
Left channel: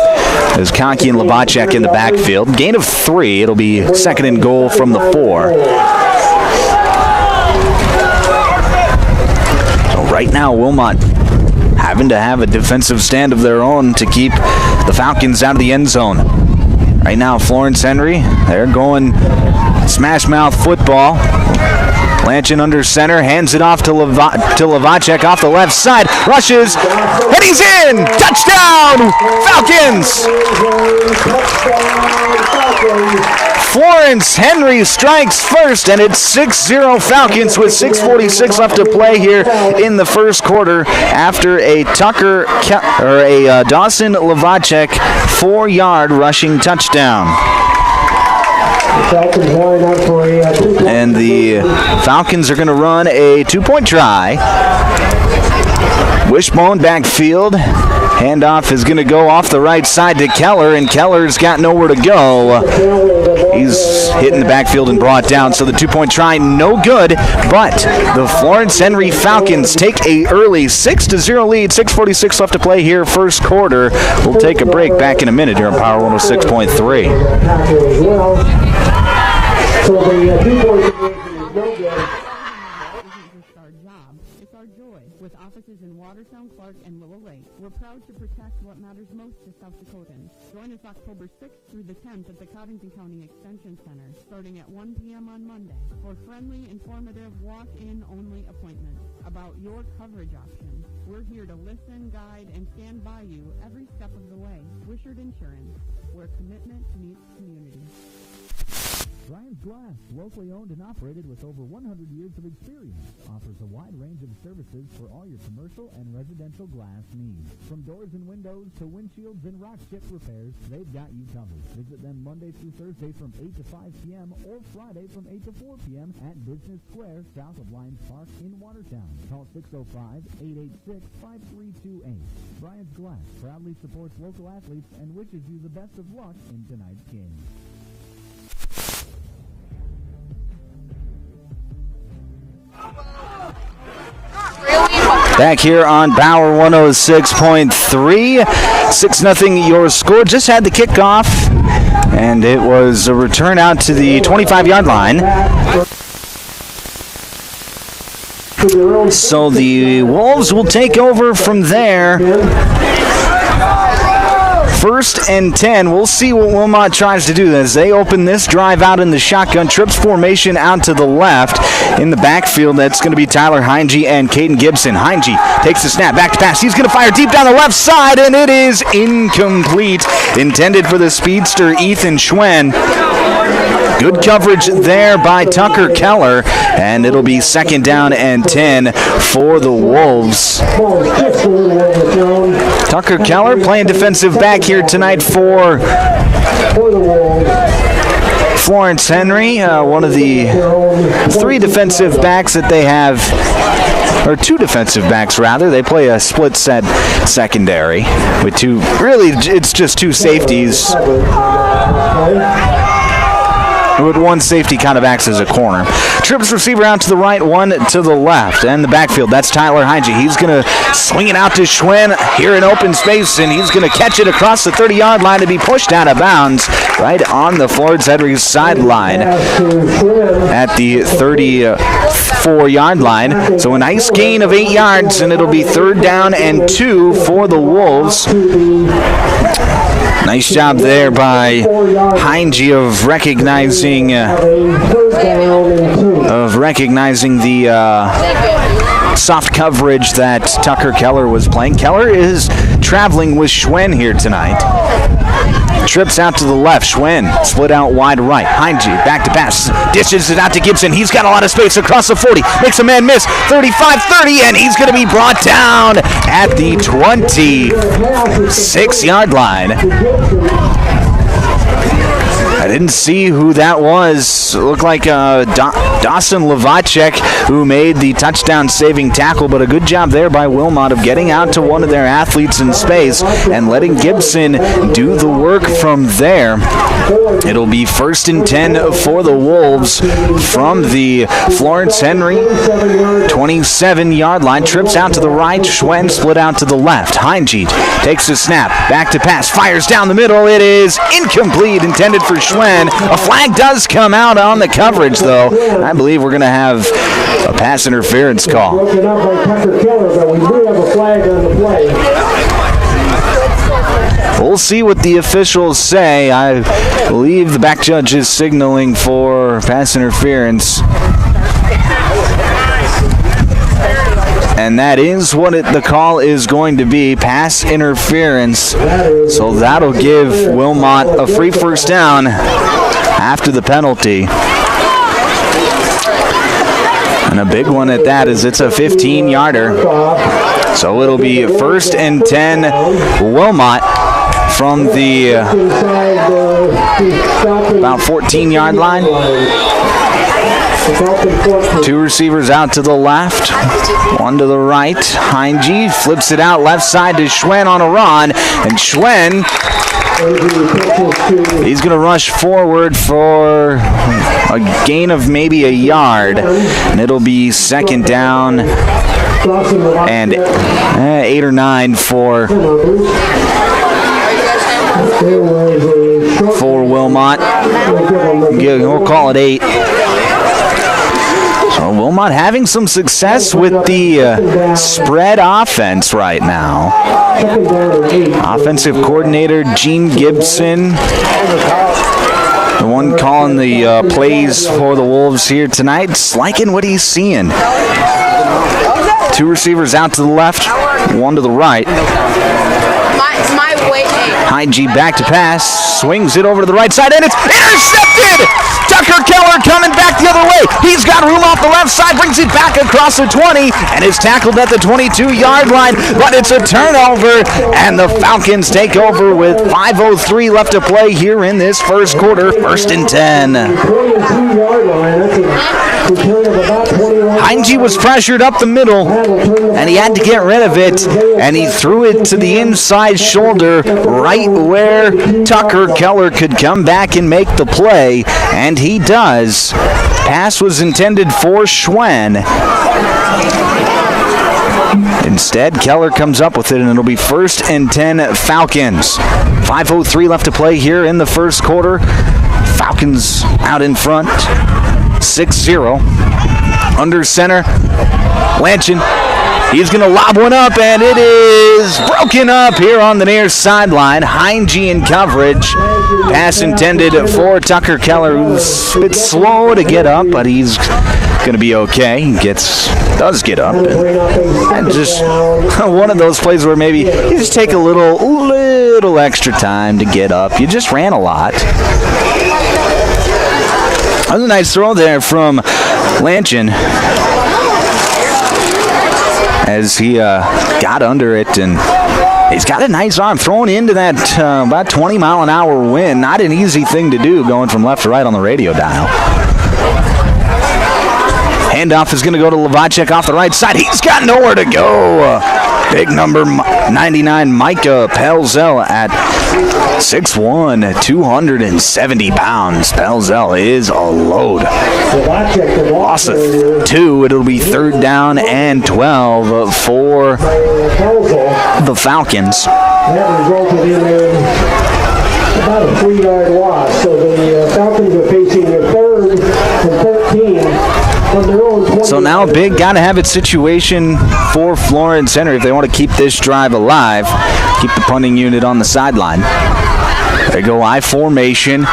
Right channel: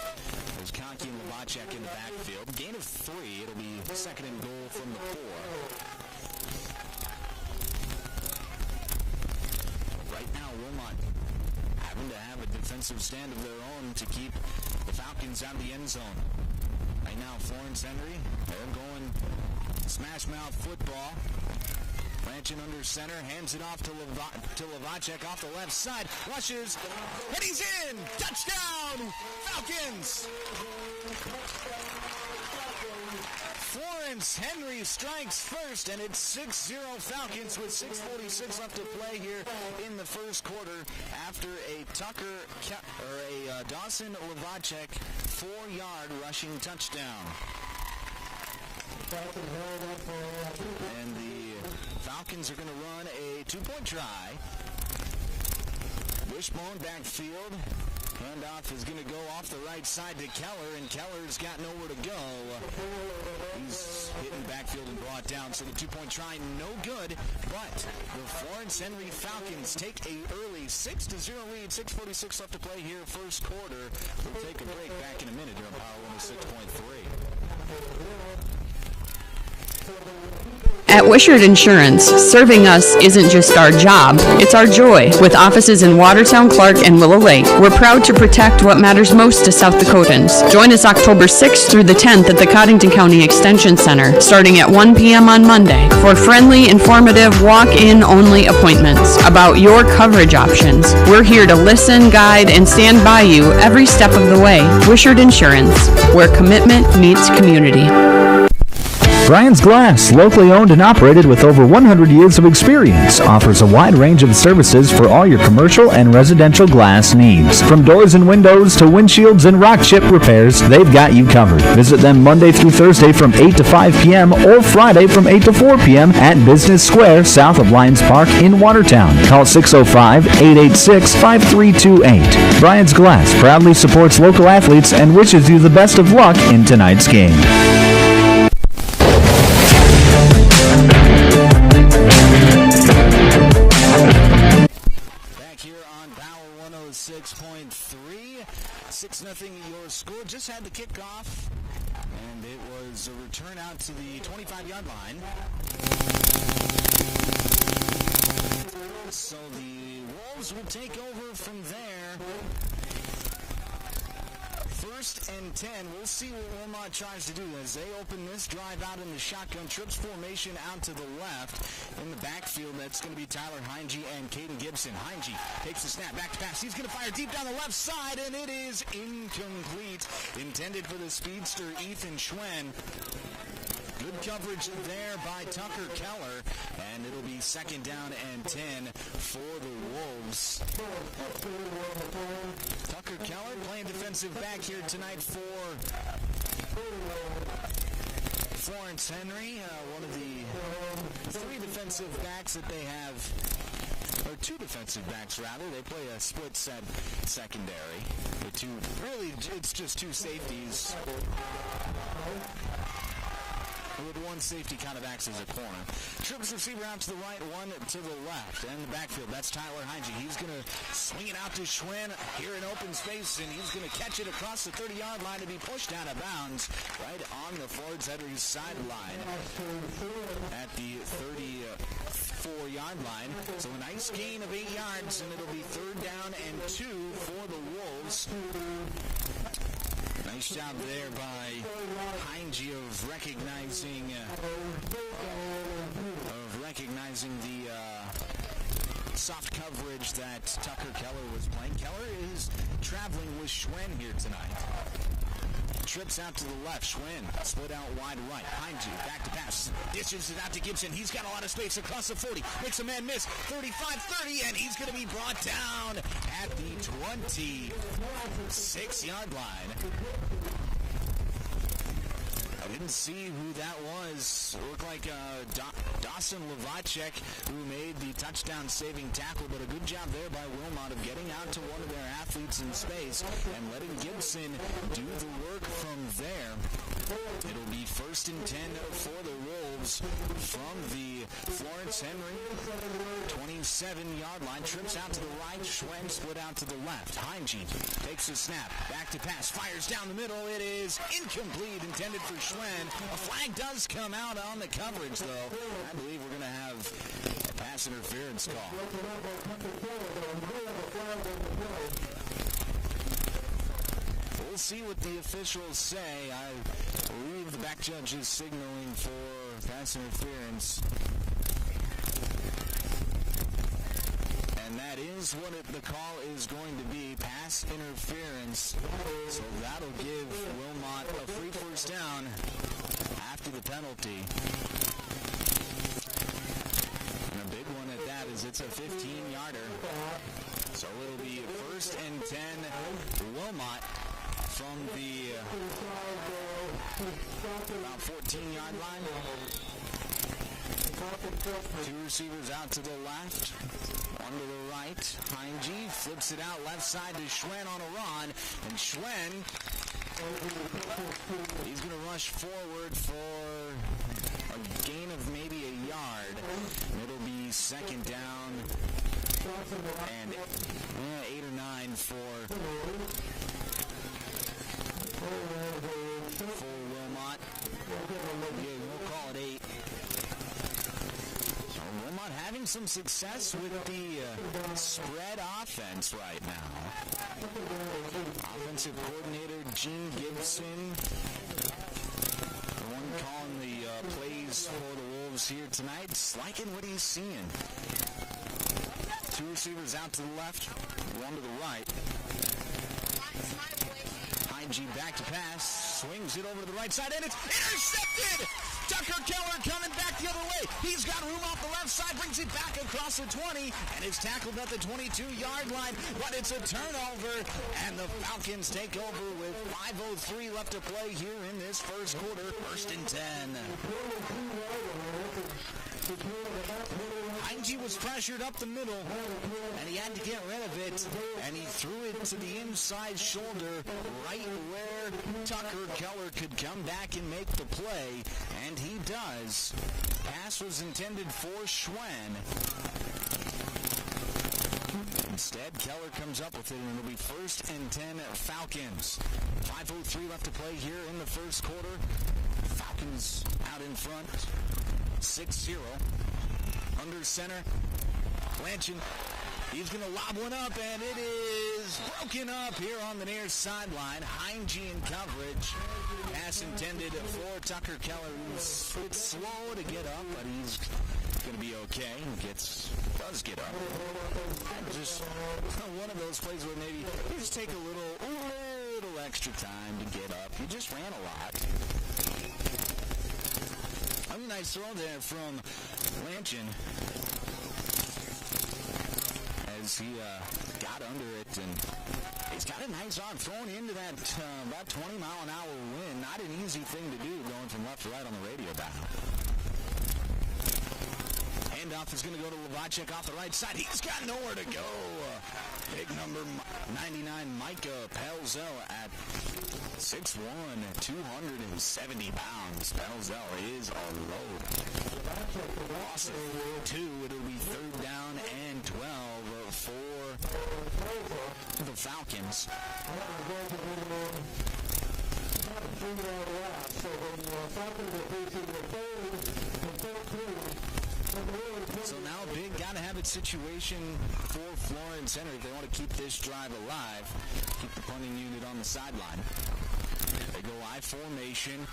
There's Conkey and Lavacek in the backfield. Gain of 3. It'll be 2nd and goal from the 4. Right now, Wilmot having to have a defensive stand of their own to keep the Falcons out of the end zone. Right now, Florence Henry, they're going smash mouth football. Lanchin under center, hands it off to Lavacek off the left side, rushes, and he's in! Touchdown, Falcons! Florence Henry strikes first, and it's 6-0 Falcons with 6:46 left to play here in the first quarter after a Dawson Lavacek 4-yard rushing touchdown. Falcons line up for a 2-point. And the Falcons are going to run a 2-point try. Wishbone backfield. Handoff is going to go off the right side to Keller, and Keller's got nowhere to go. He's hit in the backfield and brought down, so the 2-point try no good, but the Florence Henry Falcons take a early 6-0 lead. 6:46 left to play here, first quarter. We'll take a break, back in a minute here on Power 106.3. At Wishart Insurance, serving us isn't just our job, it's our joy. With offices in Watertown, Clark, and Willow Lake, we're proud to protect what matters most to South Dakotans. Join us October 6th through the 10th at the Cottington County Extension Center, starting at 1 p.m. on Monday, for friendly, informative, walk-in only appointments about your coverage options. We're here to listen, guide, and stand by you every step of the way. Wishart Insurance, where commitment meets community. Brian's Glass, locally owned and operated with over 100 years of experience, offers a wide range of services for all your commercial and residential glass needs. From doors and windows to windshields and rock chip repairs, they've got you covered. Visit them Monday through Thursday from 8 to 5 p.m. or Friday from 8 to 4 p.m. at Business Square, south of Lions Park in Watertown. Call 605-886-5328. Brian's Glass proudly supports local athletes and wishes you the best of luck in tonight's game. Back here on Power 106.3, 6-0 your score. Just had the kickoff, and it was a return out to the 25-yard line. So the Wolves will take over from there. 1st and 10. We'll see what Wilmot tries to do as they open this drive out in the shotgun. Trips formation out to the left. In the backfield, that's going to be Tyler Heinge and Caden Gibson. Heinge takes the snap, back to pass. He's going to fire deep down the left side, and it is incomplete. Intended for the speedster, Ethan Schwen. Good coverage there by Tucker Keller, and it'll be 2nd down and 10 for the Wolves. Tucker Keller playing defensive back here tonight for Florence Henry, one of the 3 defensive backs that they have, or 2 defensive backs rather. They play a split set secondary with 2, really it's just 2 safeties. With 1 safety kind of acts as a corner. Trips receiver out to the right, 1 to the left. And the backfield, that's Tyler Heinge. He's going to swing it out to Schwen here in open space, and he's going to catch it across the 30-yard line to be pushed out of bounds right on the Florence Henry sideline at the 34-yard line. So a nice gain of 8 yards, and it'll be 3rd down and 2 for the Wolves. Nice job there by Heinge of recognizing the soft coverage that Tucker Keller was playing. Keller is traveling with Schwen here tonight. Trips out to the left. Schwen split out wide right. Heinge back to pass. Dishes it out to Gibson. He's got a lot of space across the 40. Makes a man miss. 35-30, and he's going to be brought down at the 26-yard line. I didn't see who that was. It looked like Dawson Lavacek who made the touchdown-saving tackle, but a good job there by Wilmot of getting out to one of their athletes in space and letting Gibson do the work from there. It'll be 1st and 10 for the Wolves from the Florence Henry 27-yard line. Trips out to the right. Schwen split out to the left. Heinge takes the snap. Back to pass. Fires down the middle. It is incomplete. Intended for Schwen. A flag does come out on the coverage, though. I believe we're going to have a pass interference call. Broken up by Tucker Keller, but we do have a flag on the play. We'll see what the officials say. I believe the back judge is signaling for pass interference. And that is what the call is going to be, pass interference. So that'll give Wilmot a free 1st down after the penalty. And a big one at that, as it's a 15-yarder. So it'll be 1st and 10 Wilmot from the about 14-yard line. Two receivers out to the left, one to the right. Heinge flips it out left side to Schwen on a run, and Schwen, he's going to rush forward for a gain of maybe a yard, and it'll be second down and 8 or 9 for Wilmot. We'll call it 8. So Wilmot having some success with the spread offense right now. Offensive coordinator Gene Gibson, the one calling the plays for the Wolves here tonight, is liking what he's seeing. Two receivers out to the left, one to the right. Heinge back to pass, swings it over to the right side, and it's intercepted! Tucker Keller coming back the other way. He's got room off the left side, brings it back across the 20, and is tackled at the 22-yard line, but it's a turnover, and the Falcons take over with 5:03 left to play here in this first quarter, 1st and 10. 22-yard line, that's a return of about 21. Heinge was pressured up the middle, and he had to get rid of it, and he threw it to the inside shoulder right where Tucker Keller could come back and make the play, and he does. Pass was intended for Schwen. Instead, Keller comes up with it, and it'll be 1st and 10 Falcons. 5:03 left to play here in the first quarter. Falcons out in front, 6-0. Under center, Lanchin. He's going to lob one up, and it is broken up here on the near sideline. Heinge in coverage. Pass intended for Tucker Keller, who's a bit slow to get up, but he's going to be okay. He does get up. And just one of those plays where maybe you just take a little extra time to get up. You just ran a lot. That was a nice throw there from Lanchin, as he got under it, and he's got a nice arm throwing into that about 20-mile-an-hour wind. Not an easy thing to do going from left to right on the radio dial. Handoff is going to go to Lavacek off the right side. He's got nowhere to go. Big number 99 Micah Pelzel at 6'1", 270 pounds. Pelzel is a load. Loss of 2. It'll be 3rd down and 12 for the Falcons. That resulted in about a 3-yard loss. So the Falcons are facing their 3rd and 13 on their own 20. So now a big gotta-have-it situation for Florence Henry if they want to keep this drive alive. Keep the punting unit on the sideline. They go I formation.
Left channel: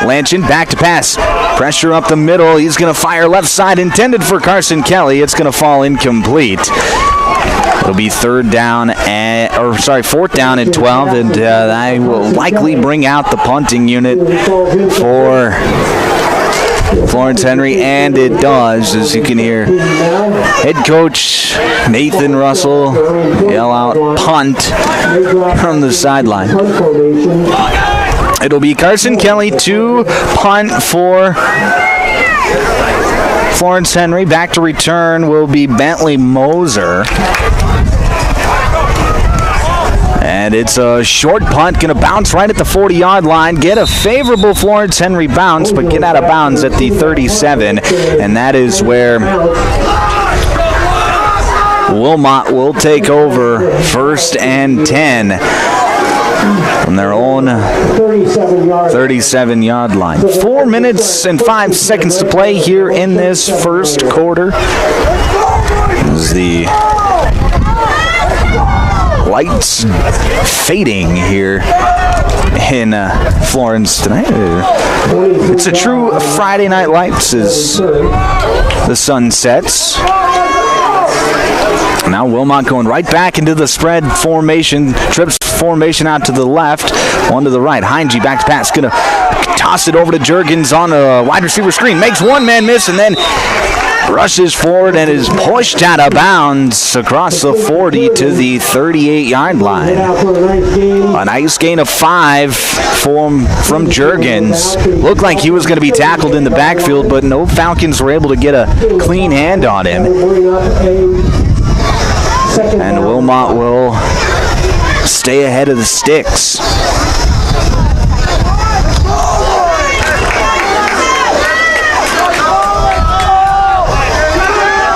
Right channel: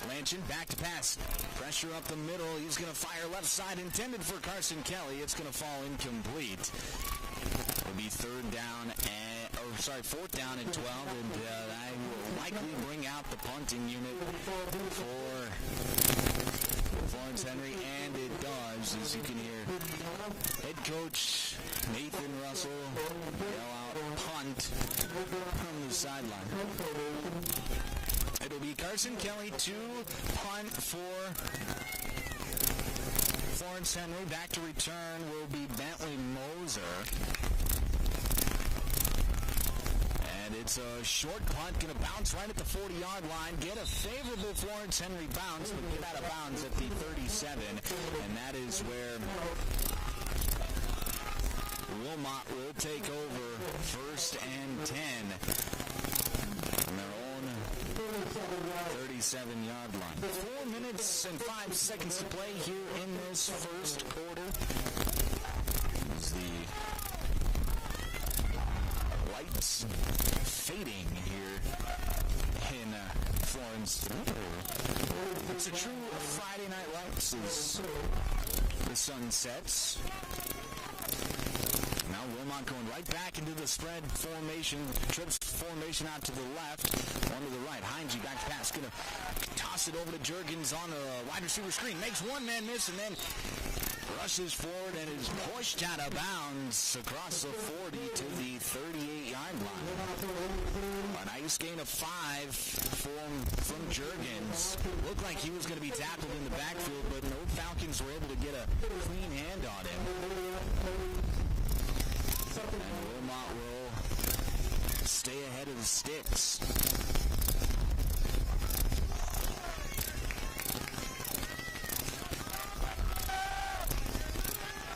Lanchin back to pass. Pressure up the middle. He's going to fire left side, intended for Carson Kelly. It's going to fall incomplete. It'll be 4th down and 12, and I will likely bring out the punting unit for Florence Henry, and it does, as you can hear head coach Nathan Russell yell out punt from the sideline. It'll be Carson Kelly to punt for Florence Henry. Back to return will be Bentley Moser. And it's a short punt, going to bounce right at the 40-yard line, get a favorable Florence Henry bounce, but get out of bounds at the 37, and that is where Wilmot will take over 1st and 10 from their own 37-yard line. 4 minutes and 5 seconds to play here in this first quarter. This is the lights fading here in Florence tonight. It's a true Friday Night Lights as the sun sets. Now Wilmot going right back into the spread formation, trips formation out to the left, one to the right. Heinge back to pass, going to toss it over to Juergens on a wide receiver screen, makes one man miss, and then rushes forward and is pushed out of bounds across the 40 to the 38-yard line. A nice gain of 5 from Juergens. Looked like he was going to be tackled in the backfield, but no Falcons were able to get a clean hand on him. And Wilmot will stay ahead of the sticks.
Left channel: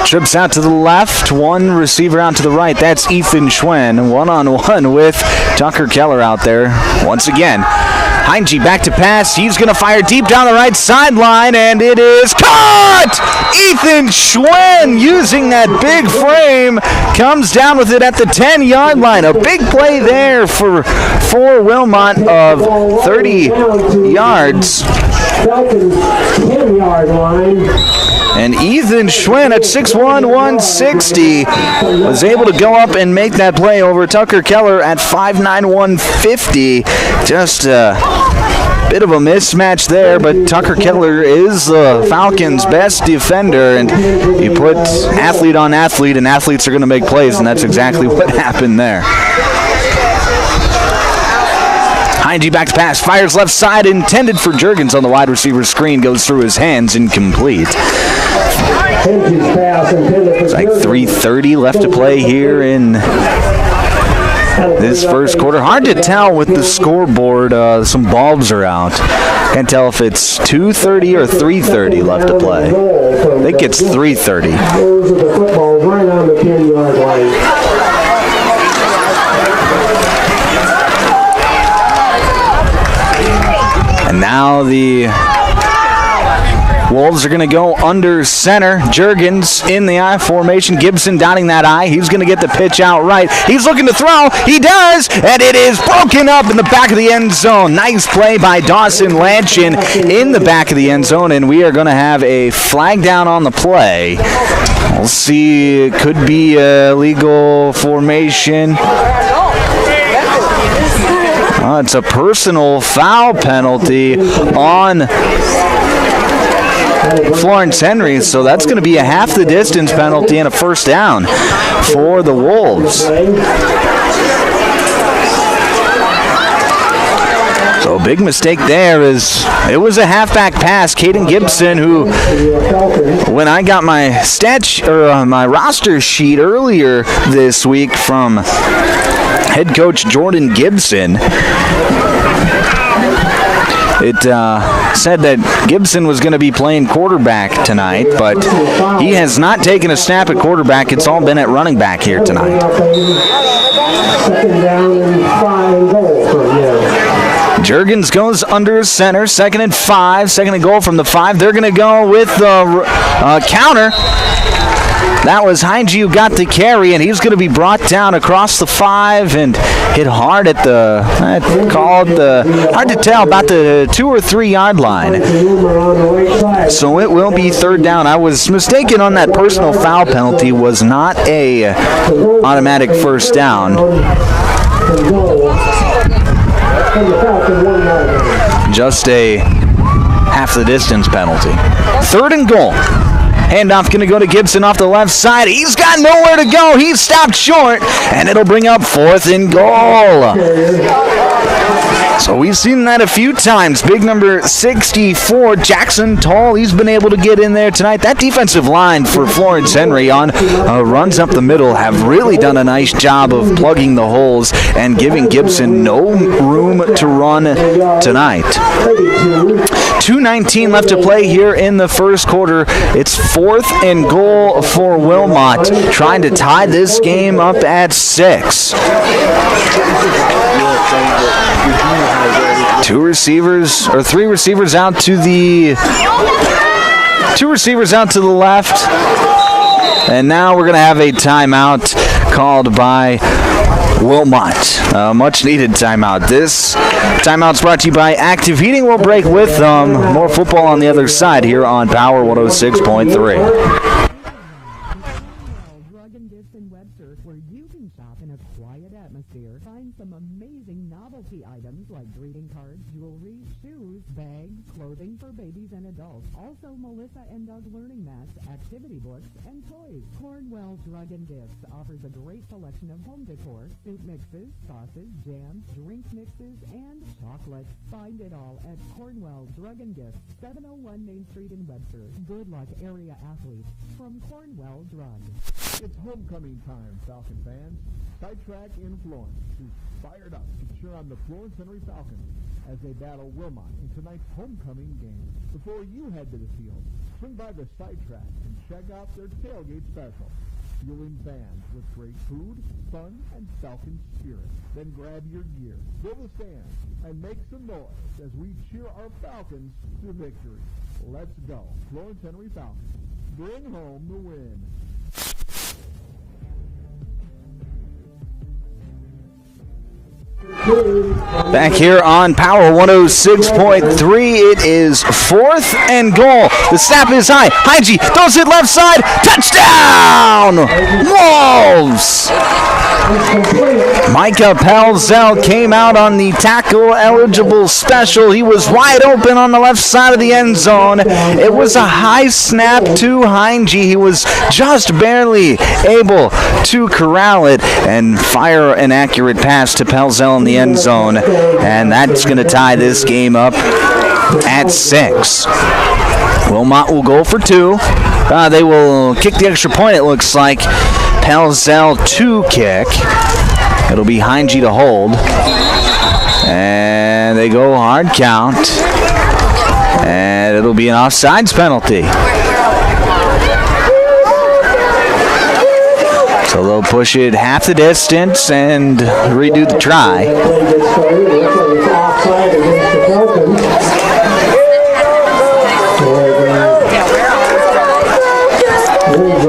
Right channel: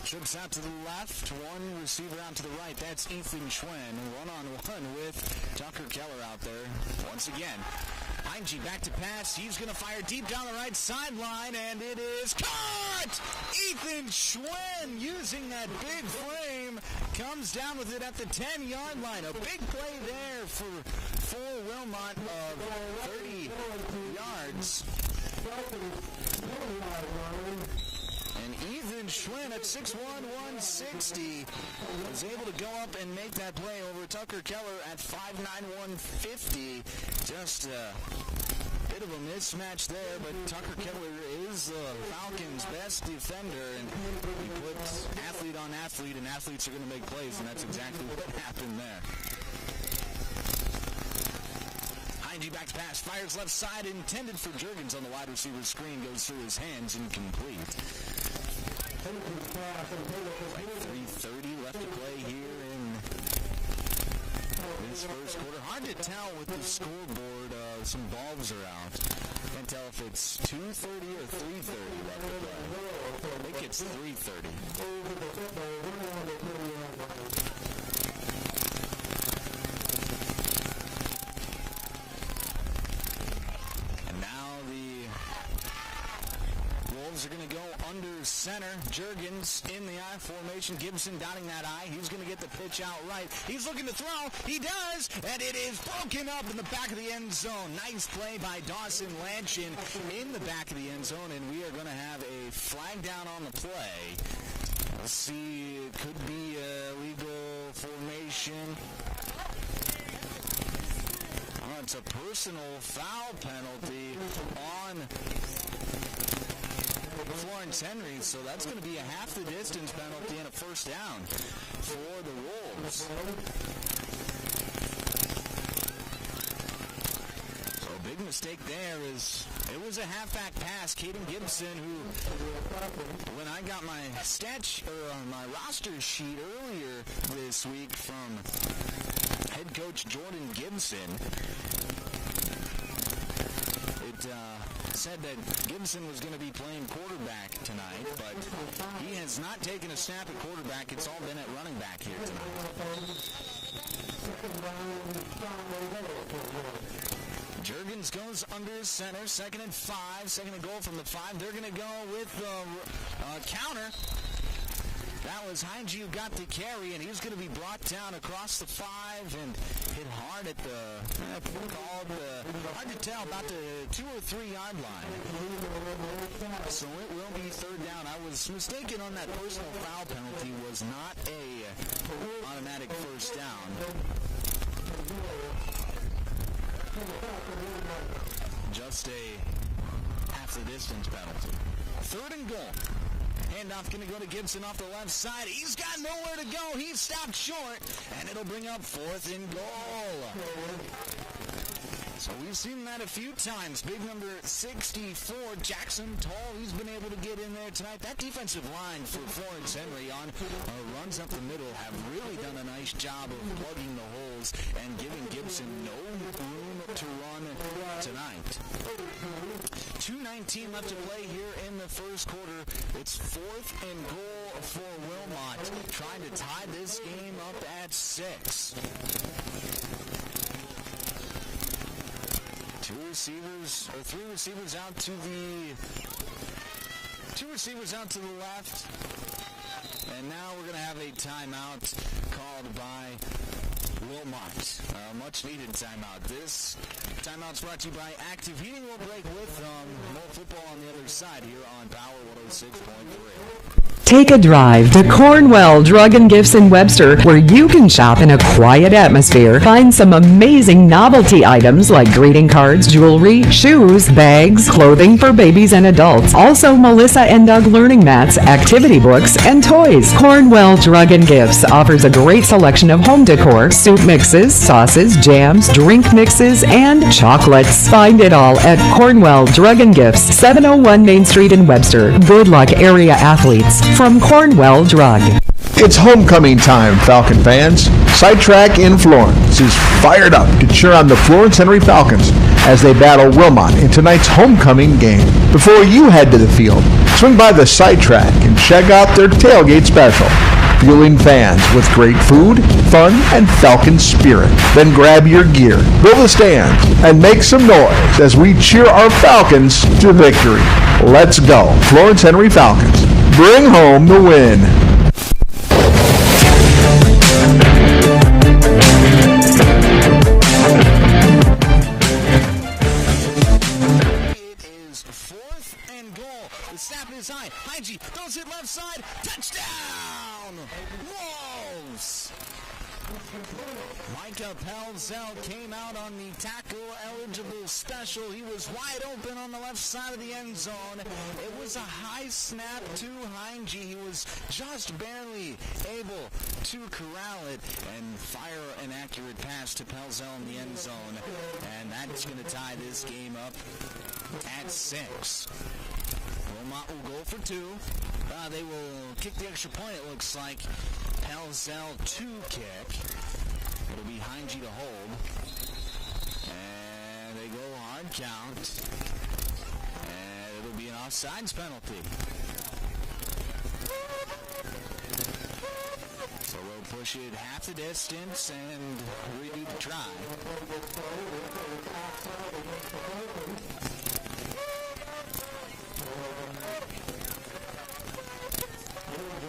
Trips out to the left, one receiver out to the right. That's Ethan Schwen, one-on-one with Tucker Keller out there once again. Heinge back to pass. He's going to fire deep down the right sideline, and it is caught! Ethan Schwen, using that big frame, comes down with it at the 10-yard line. A big play there for Wilmot of 30 yards. Falcons 10-yard line. And Ethan Schwen at 6'1", 160 was able to go up and make that play over Tucker Keller at 5'9", 150. Just a bit of a mismatch there, but Tucker Keller is the Falcons' best defender, and you put athlete on athlete, and athletes are going to make plays, and that's exactly what happened there. Heinge back to pass, fires left side, intended for Juergens on the wide receiver screen, goes through his hands, incomplete. It's like 3:30 left to play here in this first quarter. Hard to tell with the scoreboard. Some bulbs are out. Can't tell if it's 2:30 or 3:30 left to play. I think it's 3:30. Those are the footballs right on the 10-yard line. And now the Wolves are going to go under center. Juergens in the I formation. Gibson dotting that I. He's going to get the pitch out right. He's looking to throw. He does, and it is broken up in the back of the end zone. Nice play by Dawson Lanchin in the back of the end zone, and we are going to have a flag down on the play. We'll see. It could be a legal formation. It's a personal foul penalty on Florence Henry, so that's going to be a half the distance penalty and a first down for the Wolves. So big mistake there is it was a halfback pass. Caden Gibson, who when I got my my roster sheet earlier this week from head coach Jordan Gibson, it said that Gibson was going to be playing quarterback tonight, but he has not taken a snap at quarterback. It's all been at running back here tonight. Second down and 5 goal from here. Juergens goes under center, 2nd and 5, 2nd and goal from the 5. They're going to go with the counter. That was Heinge who got the carry, and he's going to be brought down across the 5 and hit hard at hard to tell, about the 2 or 3 yard line. So it will be 3rd down. I was mistaken on that personal foul penalty. Was not a automatic first down. Just a half the distance penalty. 3rd and goal. Handoff going to go to Gibson off the left side. He's got nowhere to go. He's stopped short, and it'll bring up 4th and goal. So we've seen that a few times. Big number 64, Jackson Tall. He's been able to get in there tonight. That defensive line for Florence Henry on runs up the middle have really done a nice job of plugging the holes and giving Gibson no room to run tonight. 2:19 left to play here in the first quarter. It's 4th and goal for Wilmot, trying to tie this game up at 6. 3 receivers out to the left. And now we're going to have a timeout called by Wilmot. Much needed timeout. This timeout's brought to you by Active Heating. We'll break with more football on the other side here on Power 106.3. Take a drive to Cornwell Drug and Gifts in Webster, where you can shop in a quiet atmosphere. Find some amazing novelty items like greeting cards, jewelry, shoes, bags, clothing for babies and adults. Also, Melissa and Doug learning mats, activity books, and toys. Cornwell Drug and Gifts offers a great selection of home decor, soup mixes, sauces, jams, drink mixes, and chocolates. Find it all at Cornwell Drug and Gifts, 701 Main Street in Webster. Good luck, area athletes, from Cornwell Drug. It's homecoming time, Falcon fans. Sidetrack in Florence is fired up to cheer on the Florence Henry Falcons as they battle Wilmot in tonight's homecoming game. Before you head to the field, swing by the Sidetrack and check out their tailgate special, fueling fans with great food, fun, and Falcon spirit. Then grab your gear, go to the stands, and make some noise as we cheer our Falcons to victory. Let's go, Florence Henry Falcons. Bring home the win. Back here on Power 106.3, it is 4th and goal. The snap is high. Hygie throws it left side. Touchdown! Wolves! Micah Pelzel came out on the tackle-eligible special. He was wide open on the left side of the end zone. It was a high snap to Hygie. He was just barely able to corral it and fire an accurate pass to Pelzel in the end zone. And that's going to tie this game up at 6. Wilmot will go for 2. They will kick the extra point, it looks like. Pelzel to kick. It'll be Hygie to hold. And they go hard count. And it'll be an offsides penalty. So they'll push it half the distance and redo the try.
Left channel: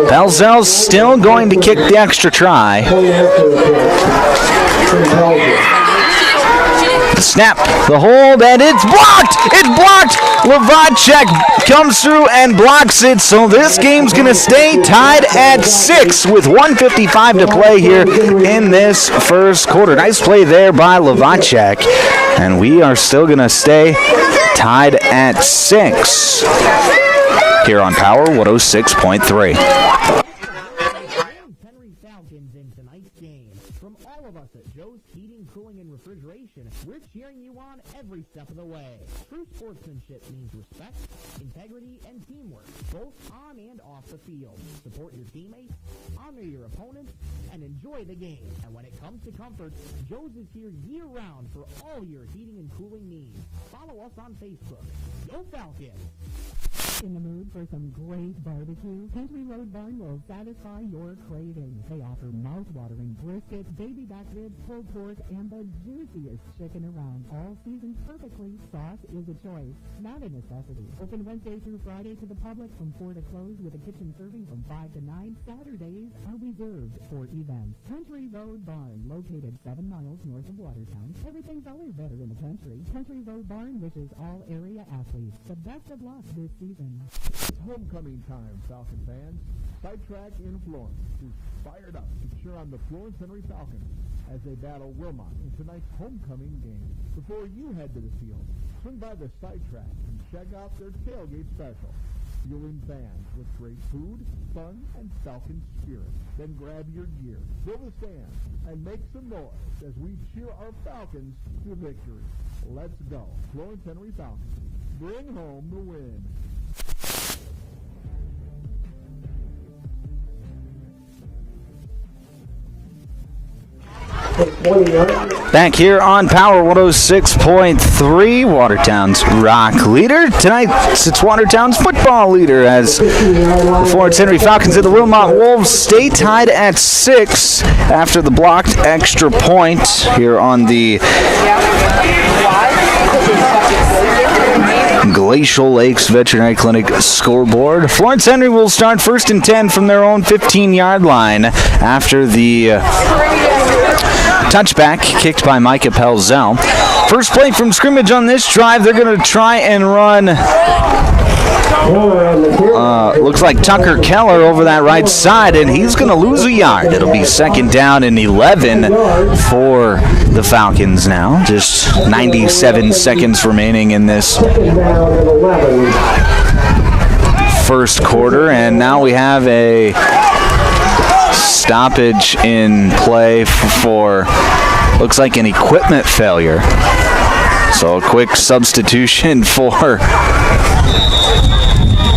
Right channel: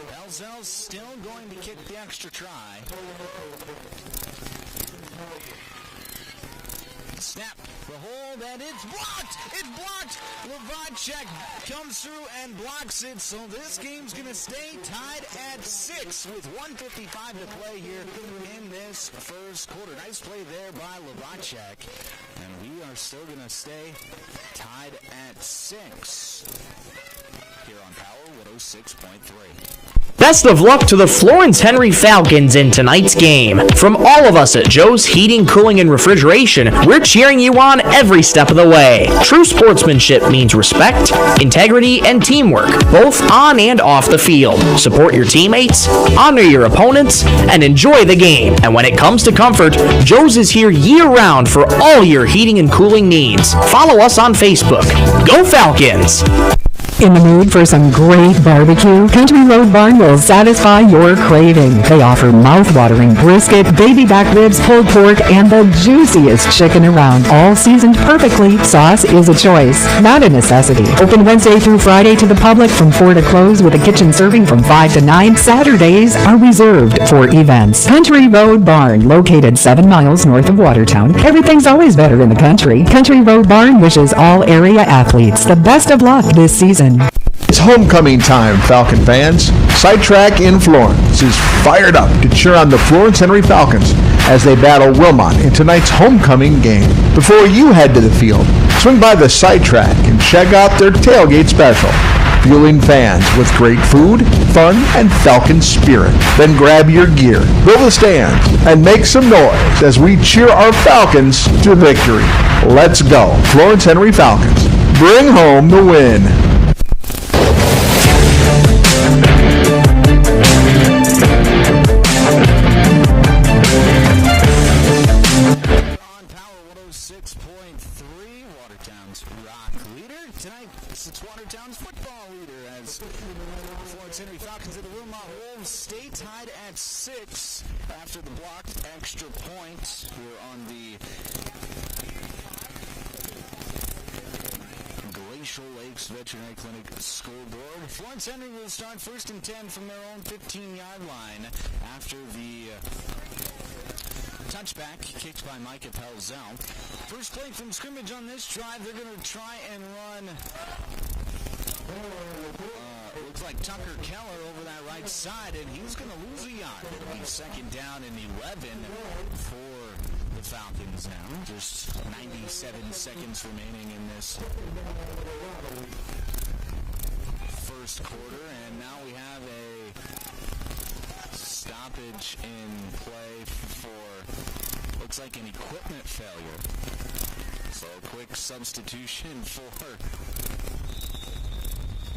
Pelzel's still going to kick the extra try. Snap, the hold, and it's blocked! It's blocked! Levatchek comes through and blocks it, so this game's going to stay tied at 6 with 1:55 to play here in this first quarter. Nice play there by Levatchek, and we are still going to stay tied at 6 here on Power 106.3. Best of luck to the Florence Henry Falcons in tonight's game. From all of us at Joe's Heating, Cooling, and Refrigeration, we're cheering you on every step of the way. True sportsmanship means respect, integrity, and teamwork, both on and off the field. Support your teammates, honor your opponents, and enjoy the game. And when it comes to comfort, Joe's is here year-round for all your heating and cooling needs. Follow us on Facebook. Go Falcons! In the mood for some great barbecue? Country Road Barn will satisfy your craving. They offer mouth-watering brisket, baby back ribs, pulled pork, and the juiciest chicken around, all seasoned perfectly. Sauce is a choice, not a necessity. Open Wednesday through Friday to the public from 4 to close with a kitchen serving from 5 to 9. Saturdays are reserved for events. Country Road Barn, located 7 miles north of Watertown. Everything's always better in the country. Country Road Barn wishes all area athletes the best of luck this season. It's homecoming time, Falcon fans. Sidetrack in Florence is fired up to cheer on the Florence Henry Falcons as they battle Wilmot in tonight's homecoming game. Before you head to the field, swing by the Sidetrack and check out their tailgate special, fueling fans with great food, fun, and Falcon spirit. Then grab your gear, go to the stands, and make some noise as we cheer our Falcons to victory. Let's go, Florence Henry Falcons. Bring home the win. Back here on Power 106.3, Watertown's rock leader. Tonight, it's Watertown's football leader as the Florence Henry Falcons and the Wilmot Wolves stay tied at 6 after the blocked extra point here on the Glacial Lakes Veterinary Clinic scoreboard. Florence Henry will start 1st and 10 from their own 15-yard line after the touchback kicked by Micah Pelzel. First play from scrimmage on this drive. They're going to try and run, looks like Tucker Keller over that right side, and he's going to lose a yard. It'll be 2nd down and 11 for the Falcons now. Just 97 seconds remaining in this first quarter, and now we have a stoppage in play for looks like an equipment failure. So a quick substitution for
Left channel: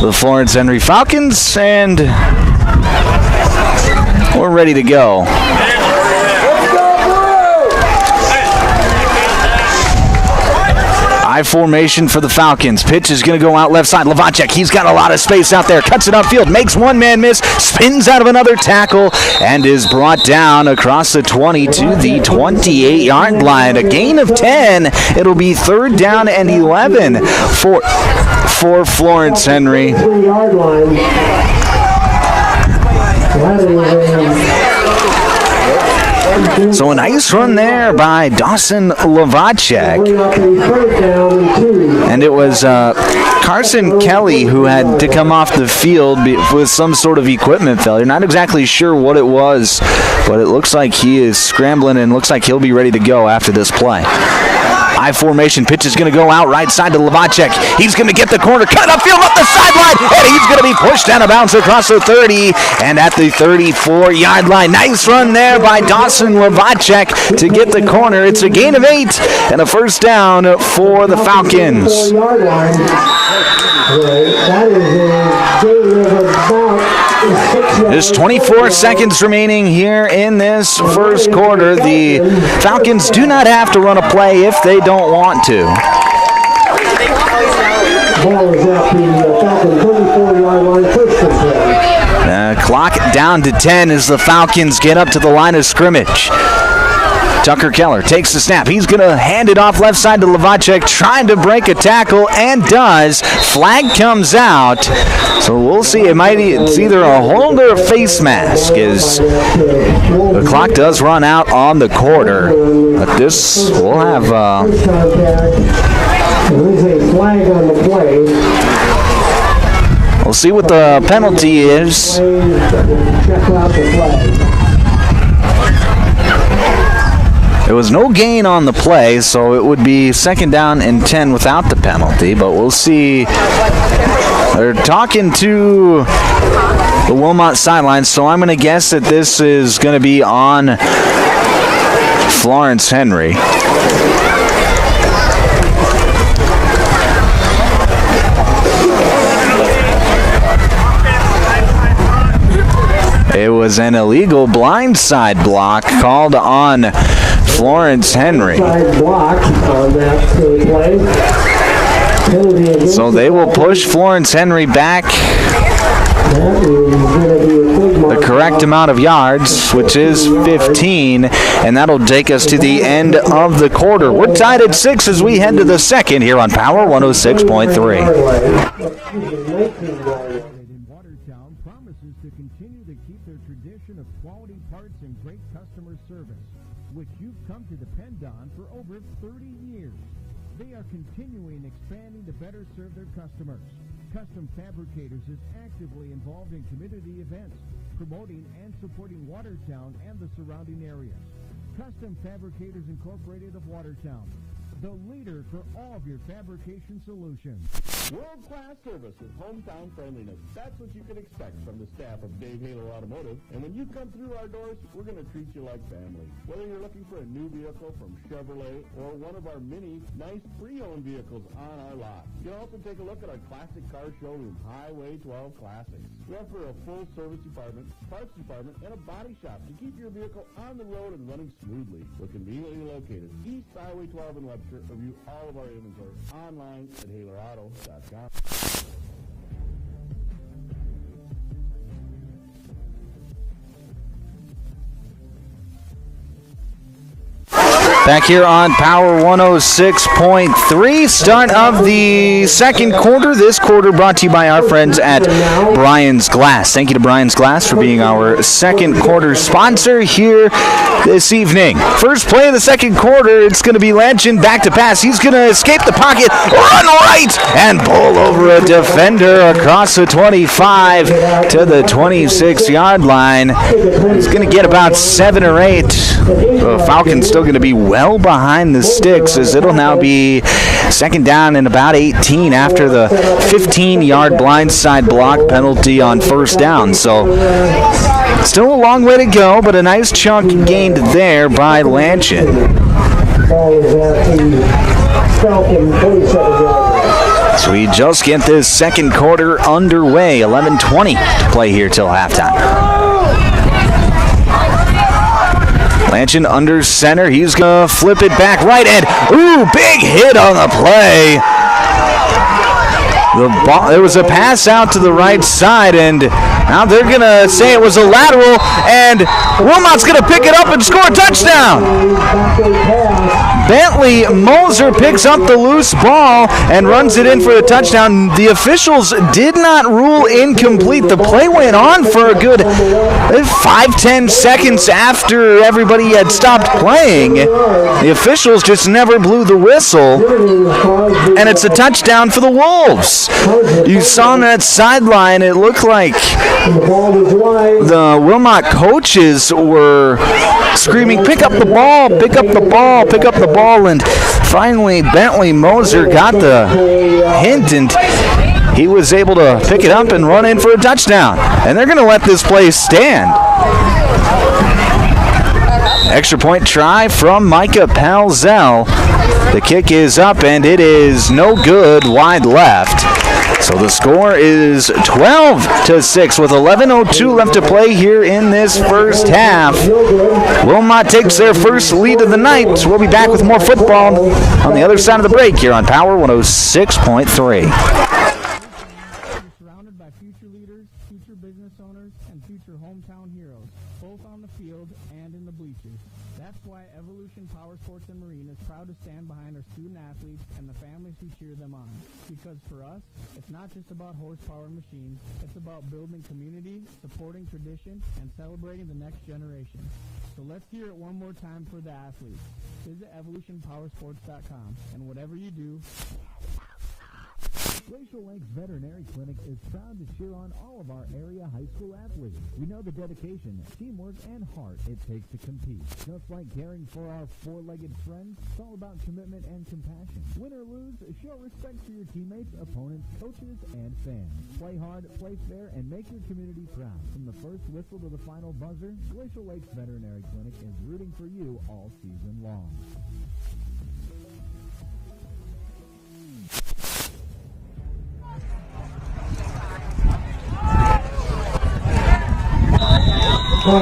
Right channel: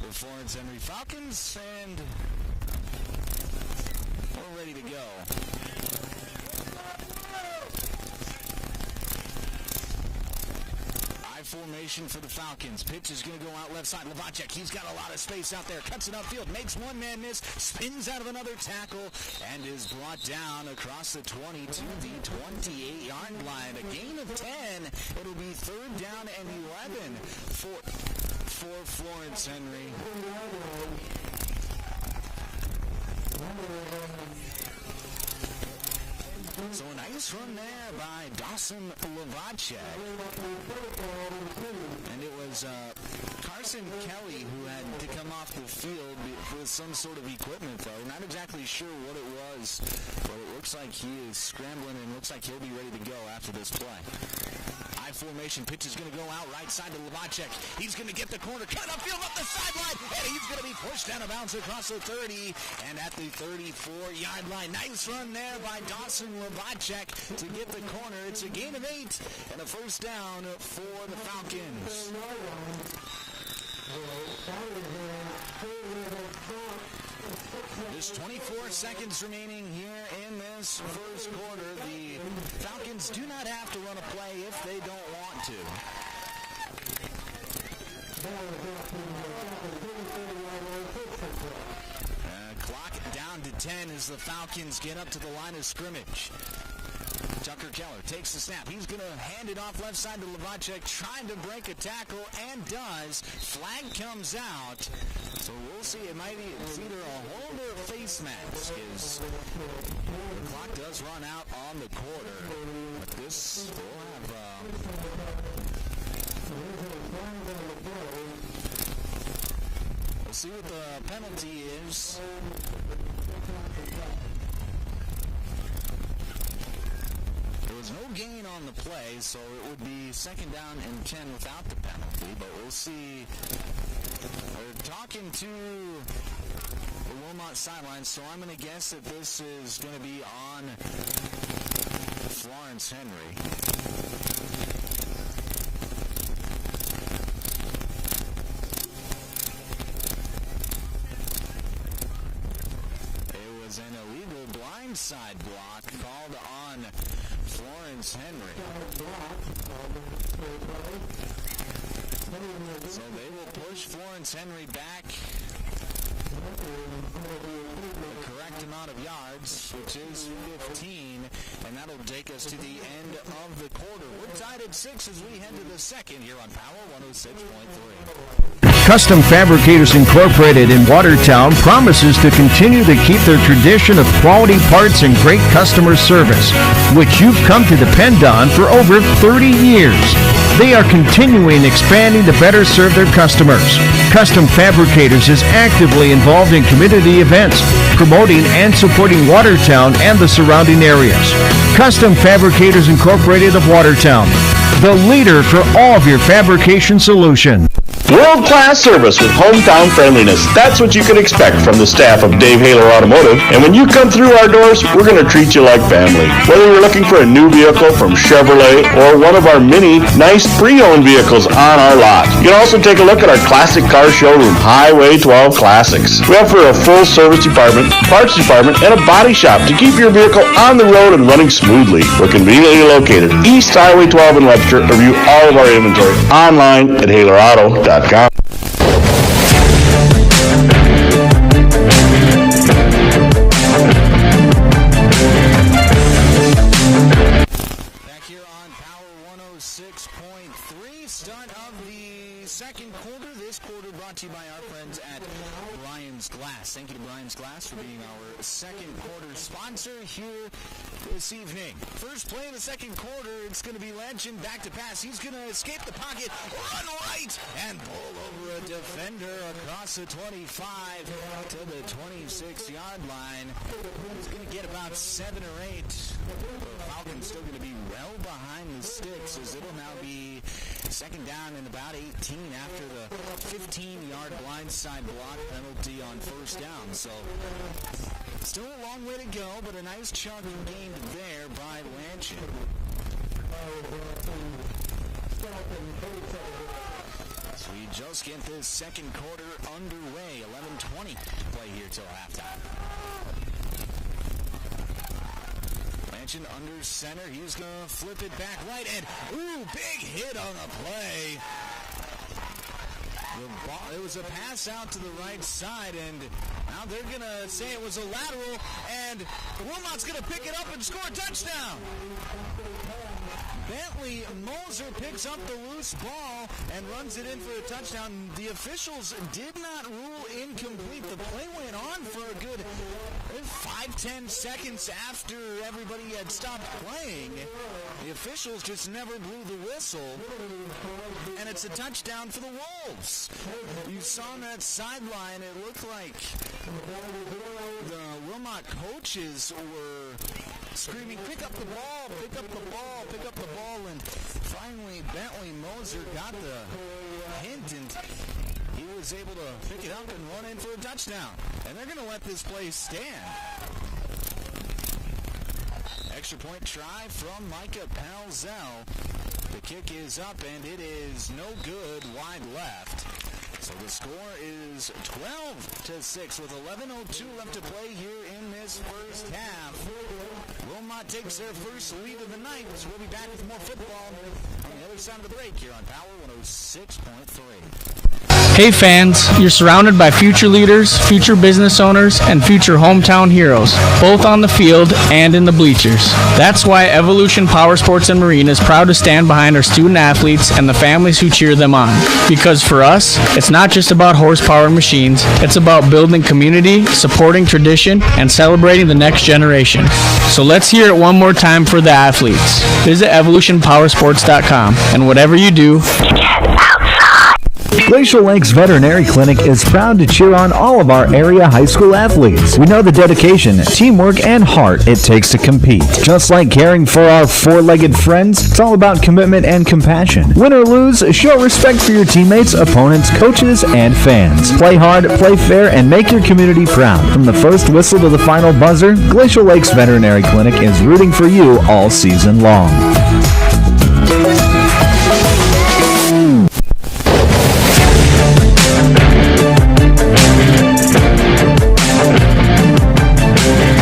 the Florence Henry Falcons, and we're ready to go. I formation for the Falcons. Pitch is going to go out left side. Lavacek, he's got a lot of space out there. Cuts it upfield, makes one man miss, spins out of another tackle, and is brought down across the 20 to the 28-yard line. A gain of 10. It'll be 3rd down and 11 for Florence Henry. So a nice run there by Dawson Lavacek. And it was Carson Kelly who had to come off the field with some sort of equipment failure. Not exactly sure what it was, but it looks like he is scrambling and looks like he'll be ready to go after this play. I formation, pitch is going to go out right side to Lavacek. He's going to get the corner, cut upfield up the sideline, and he's going to be pushed out of bounds across the 30 and at the 34-yard line. Nice run there by Dawson Lavacek to get the corner. It's a gain of 8 and a 1st down for the Falcons. There's 24 seconds remaining here in this first quarter. The Falcons do not have to run a play if they don't want to. Clock down to 10 as the Falcons get up to the line of scrimmage. Tucker Keller takes the snap. He's going to hand it off left side to Lavacek, trying to break a tackle, and does. Flag comes out. So we'll see. It's either a hold or a face mask, as the clock does run out on the quarter. But this will have... We'll see what the penalty is. There was no gain on the play, so it would be 2nd down and 10 without the penalty, but we'll see. They're talking to the Wilmot sidelines, so I'm going to guess that this is going to be on Florence Henry. It was an illegal blindside block called on Florence Henry. So they will push Florence Henry back the correct amount of yards, which is 15, and that'll take us to the end of the quarter. We're tied at 6 as we head to the second here on Power 106.3. Custom Fabricators Incorporated in Watertown promises to continue to keep their tradition of quality parts and great customer service, which you've come to depend on for over 30 years. They are continuing expanding to better serve their customers. Custom Fabricators is actively involved in community events, promoting and supporting Watertown and the surrounding areas. Custom Fabricators Incorporated of Watertown, the leader for all of your fabrication solutions. World-class service with hometown friendliness. That's what you can expect from the staff of Dave Haler Automotive. And when you come through our doors, we're going to treat you like family. Whether you're looking for a new vehicle from Chevrolet or one of our many nice pre-owned vehicles on our lot. You can also take a look at our classic car showroom, Highway 12 Classics. We offer a full service department, parts department, and a body shop to keep your vehicle on the road and running smoothly. We're conveniently located East Highway 12 in Webster. Review all of our inventory online at HalerAuto.com. Back here on Power 106.3, start of the second quarter. This quarter brought to you by our friends at Brian's Glass. Thank you to Brian's Glass for being our second quarter sponsor here this evening. First play of the second quarter, it's going to be Lanchin back to pass. He's going to escape the pocket, run right, and pull over a defender across the 25 to the 26-yard line. He's going to get about 7 or 8. The Falcons still going to be well well behind the sticks, as it'll now be second down and about 18 after the 15-yard blindside block penalty on first down. So still a long way to go, but a nice chunk gained there by Lanchin. Ball is at the Falcon 27-yard. So we just get this second quarter underway. 11:20 to play here till halftime. Lanchin under center. He's going to flip it back right, and ooh, big hit on the play. The ball, there was a pass out to the right side, and now they're going to say it was a lateral, and Wilmot's going to pick it up and score a touchdown. Bentley Moser picks up the loose ball and runs it in for the touchdown. The officials did not rule incomplete. The play went on for a good 5-10 seconds after everybody had stopped playing. The officials just never blew the whistle, and it's a touchdown for the Wolves. You saw on that sideline, it looked like the Wilmot coaches were screaming, pick up the ball, pick up the ball, pick up the ball, and finally Bentley Moser got the hint, and he was able to pick it up and run in for a touchdown. And they're going to let this play stand. Extra point try from Micah Palzel. The kick is up, and it is no good, wide left. So the score is 12-6 with 11:02 left to play here in this first half. Wilmot takes their first lead of the night. We'll be back with more football on the other side of the break here on Power 106.3. Hey fans, you're surrounded by future leaders, future business owners, and future hometown heroes, both on the field and in the bleachers. That's why Evolution Power Sports and Marine is proud to stand behind our student athletes and the families who cheer them on. Because for us, it's not just about horsepower and machines, it's about building community, supporting tradition, and celebrating the next generation. So let's hear it one more time for the athletes. Visit evolutionpowersports.com, and whatever you do, Glacial Lakes Veterinary Clinic is proud to cheer on all of our area high school athletes. We know the dedication, teamwork, and heart it takes to compete. Just like caring for our four-legged friends, it's all about commitment and compassion. Win or lose, show respect for your teammates, opponents, coaches, and fans. Play hard, play fair, and make your community proud. From the first whistle to the final buzzer, Glacial Lakes Veterinary Clinic is rooting for you all season long.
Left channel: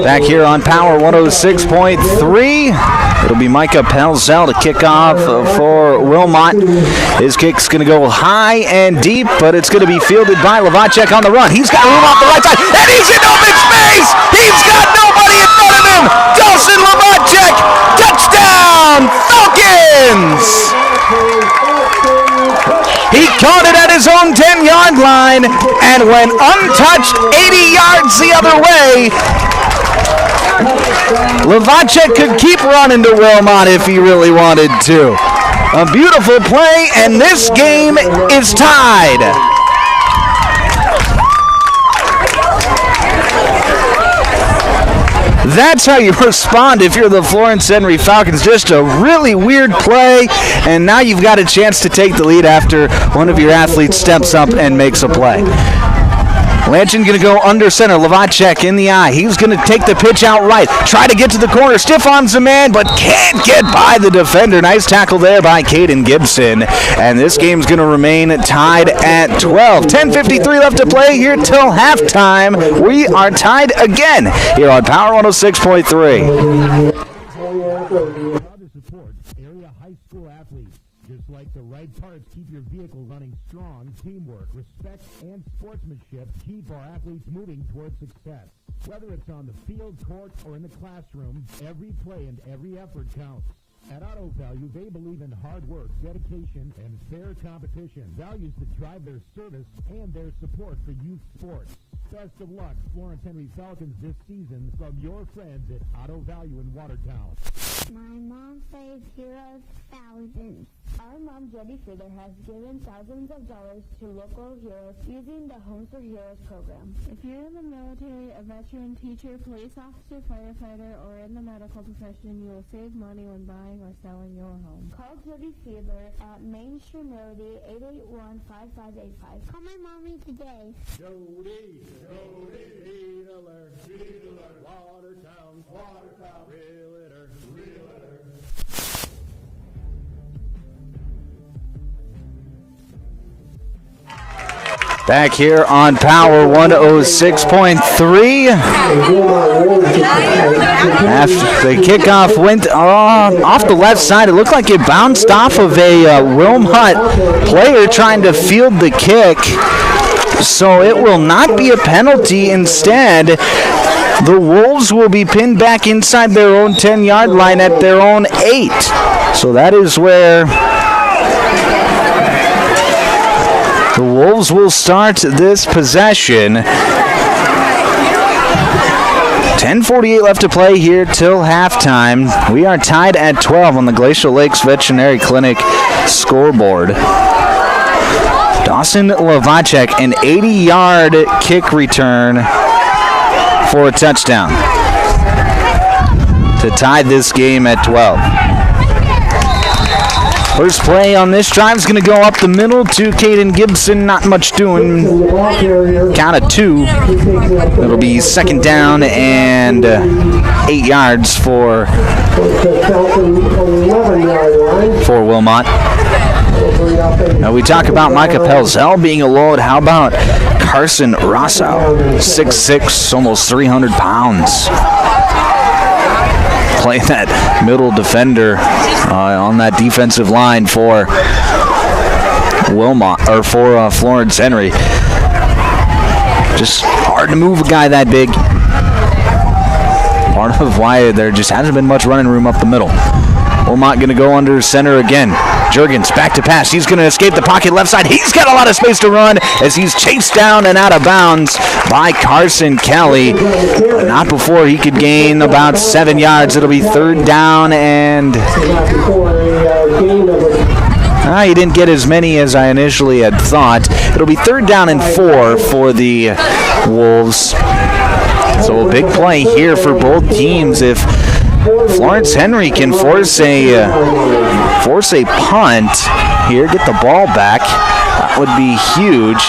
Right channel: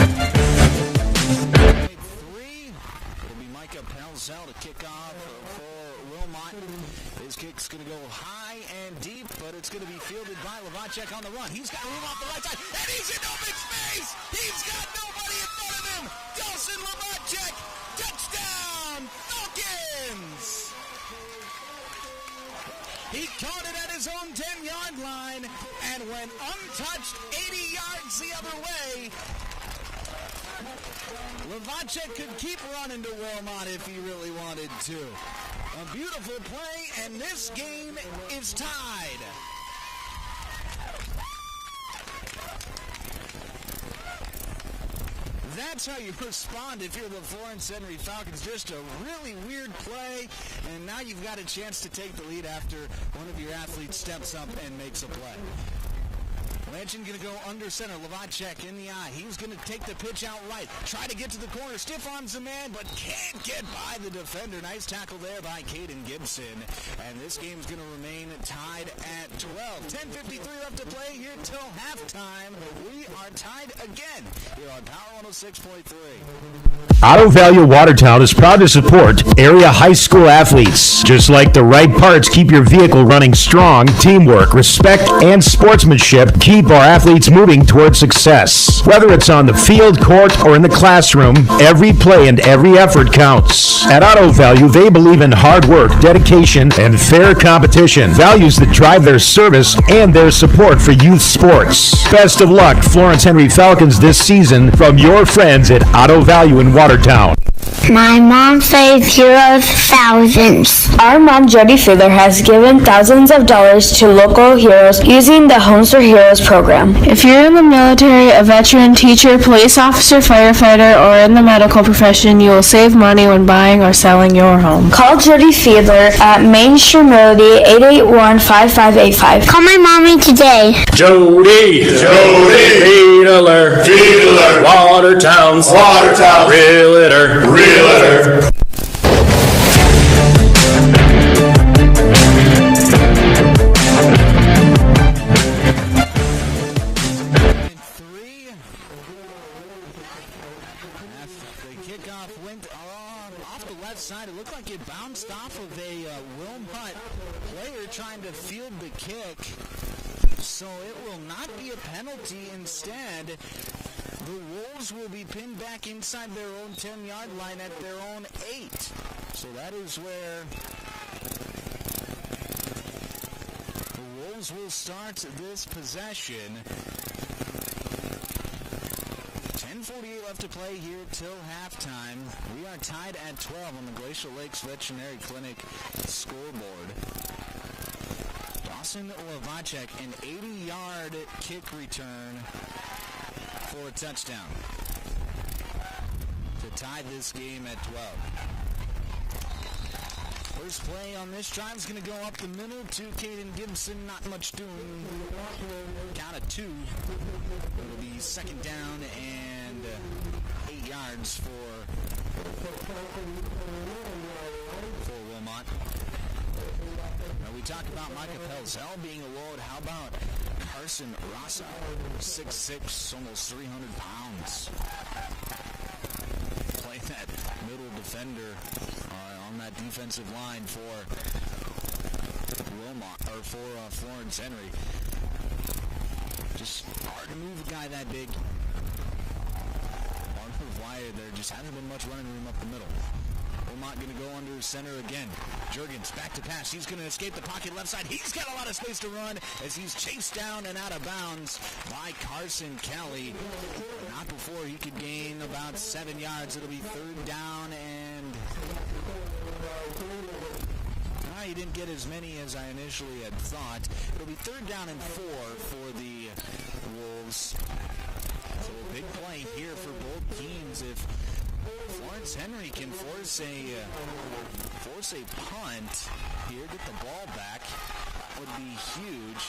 Back here on Power 106.3. It'll be Micah Palzel to kick off for Wilmot. His kick's going to go high and deep, but it's going to be fielded by Lavacek on the run. He's got room off the right side, and he's in open space! He's got nobody in front of him! Dawson Lavacek! Touchdown! Falcons! He caught it at his own 10-yard line and went untouched 80 yards the other way. Lavacek could keep running to Wilmot if he really wanted to. A beautiful play, and this game is tied. That's how you respond if you're the Florence Henry Falcons. Just a really weird play, and now you've got a chance to take the lead after one of your athletes steps up and makes a play. Lanchin going to go under center. Lavacek in the eye. He's going to take the pitch out right. Try to get to the corner. Stiff arms the man, but can't get by the defender. Nice tackle there by Caden Gibson. And this game's going to remain tied at 12. 10:53 left to play here till halftime. We are tied again here on Power 106.3. Auto Value Watertown is proud to support area high school athletes. Just like the right parts keep your vehicle running strong, teamwork, respect, and sportsmanship keep our athletes moving toward success. Whether it's on the field, court, or in the classroom, every play and every effort counts. At Auto Value, they believe in hard work, dedication, and fair competition, values that drive their service and their support for youth sports. Best of luck, Florence Henry Falcons, this season from your friends at Auto Value in Watertown. My mom saves heroes thousands. Our mom, Jody Fiedler, has given thousands of dollars to local heroes using the Homes for Heroes program. If you're in the military, a veteran, teacher, police officer, firefighter, or in the medical profession, you will save money when buying or selling your home. Call Jody Fiedler at Main Street Melody 881-5585. Call my mommy today. Jody, Fiedler, Watertown's Realtor. Back here on Power 106.3. After the kickoff went off the left side, it looked like it bounced off of a Wilmot player trying to field the kick. So it will not be a penalty. Instead, the Wolves will be pinned back inside their own 10-yard line at their own 8. So that is where the Wolves will start this possession. 10:48 left to play here till halftime. We are tied at 12 on the Glacial Lakes Veterinary Clinic scoreboard. Dawson Lavacek, an 80-yard kick return for a touchdown to tie this game at 12. First play on this drive is going to go up the middle to Caden Gibson. Not much doing. Count of 2. It'll be second down and 8 yards for Wilmot. Now we talk about Micah Pelzel being a load. How about Carson Rosso? 6'6", almost 300 pounds. Play that middle defender on that defensive line for Wilmot, or for Florence Henry. Just hard to move a guy that big. Part of why there just hasn't been much running room up the middle. Wilmot going to go under center again. Jurgens back to pass. He's going to escape the pocket left side. He's got a lot of space to run as he's chased down and out of bounds by Carson Kelly. But not before he could gain about 7 yards. It'll be third down and... he didn't get as many as I initially had thought. It'll be third down and 4 for the Wolves. So a big play here for both teams. If Florence Henry can force a punt here, get the ball back, that would be huge.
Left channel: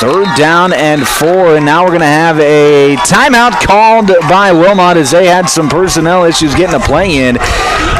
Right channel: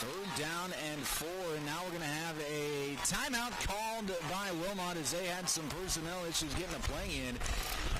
Third down and 4, and now we're going to have a timeout called by Wilmot as they had some personnel issues getting a play in.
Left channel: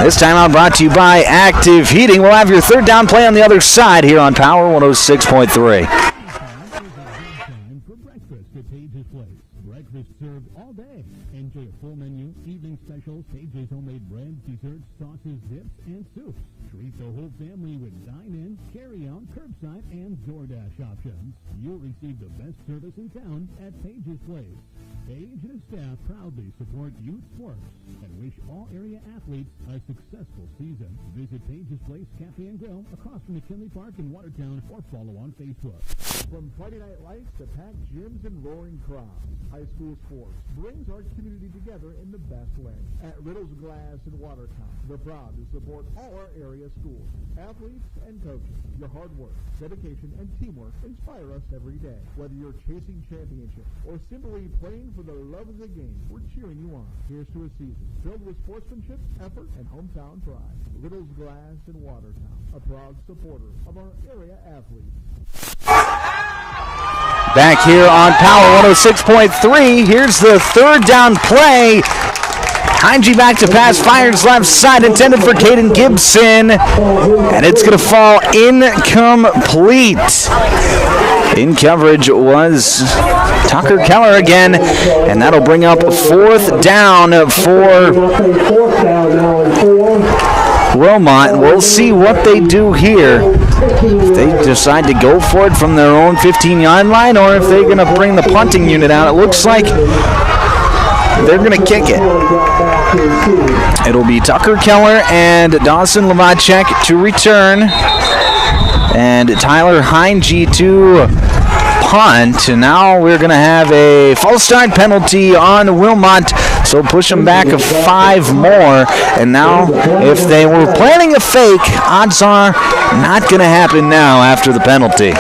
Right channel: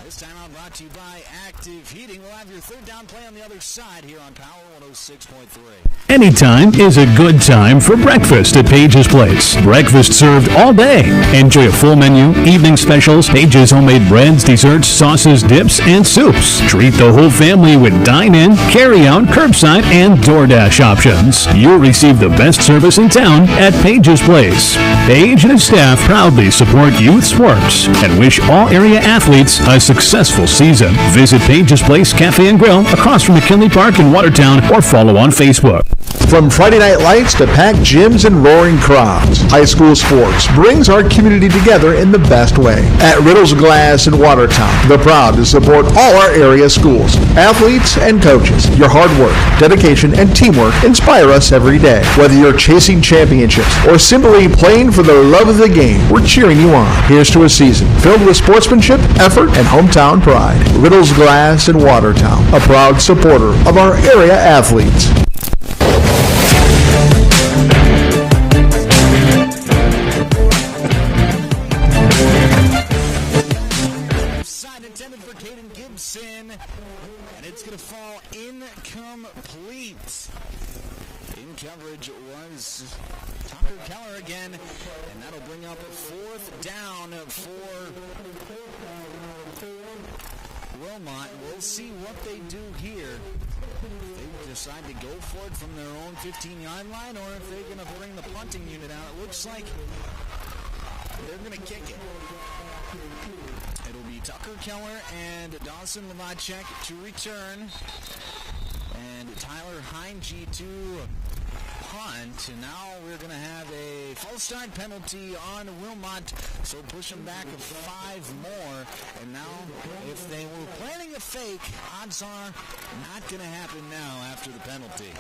This timeout brought to you by Active Heating. We'll have your third down play on the other side here on Power 106.3. Anytime is a good time for breakfast at Page's Place. Breakfast served all day. Enjoy a full menu, evening specials, Page's homemade breads, desserts, sauces, dips, and soups. Treat the whole family with dine-in, carry-out, curbside, and DoorDash options. You'll receive the best service in town at Page's Place. Page and his staff proudly support youth sports and wish all area athletes a successful season. Visit Page's Place Cafe and Grill across from McKinley Park in Watertown or follow on Facebook. From Friday night lights to packed gyms and roaring crowds, high school sports brings our community together in the best way. At Riddle's Glass in Watertown, they're proud to support all our area schools, athletes, and coaches. Your hard work, dedication, and teamwork inspire us every day. Whether you're chasing championships or simply playing for the love of the game, we're cheering you on. Here's to a season filled with sportsmanship, effort, and hometown pride. Riddle's Glass in Watertown, a proud supporter of our area athletes. Back here on Power 106.3, here's the third down play. Heinge back to pass, fires left side, intended for Caden Gibson, and it's going to fall incomplete. In coverage was Tucker Keller again, and that'll bring up fourth down for Wilmot. We'll see what they do here. If they decide to go for it from their own 15-yard line, or if they're going to bring the punting unit out. It looks like they're going to kick it. It'll be Tucker Keller and Dawson Lavacek to return, and Tyler Heinge to punt, and now we're going to have a false start penalty on Wilmot, so push them back 5 more. And now, if they were planning a fake, odds are not going to happen now after the penalty.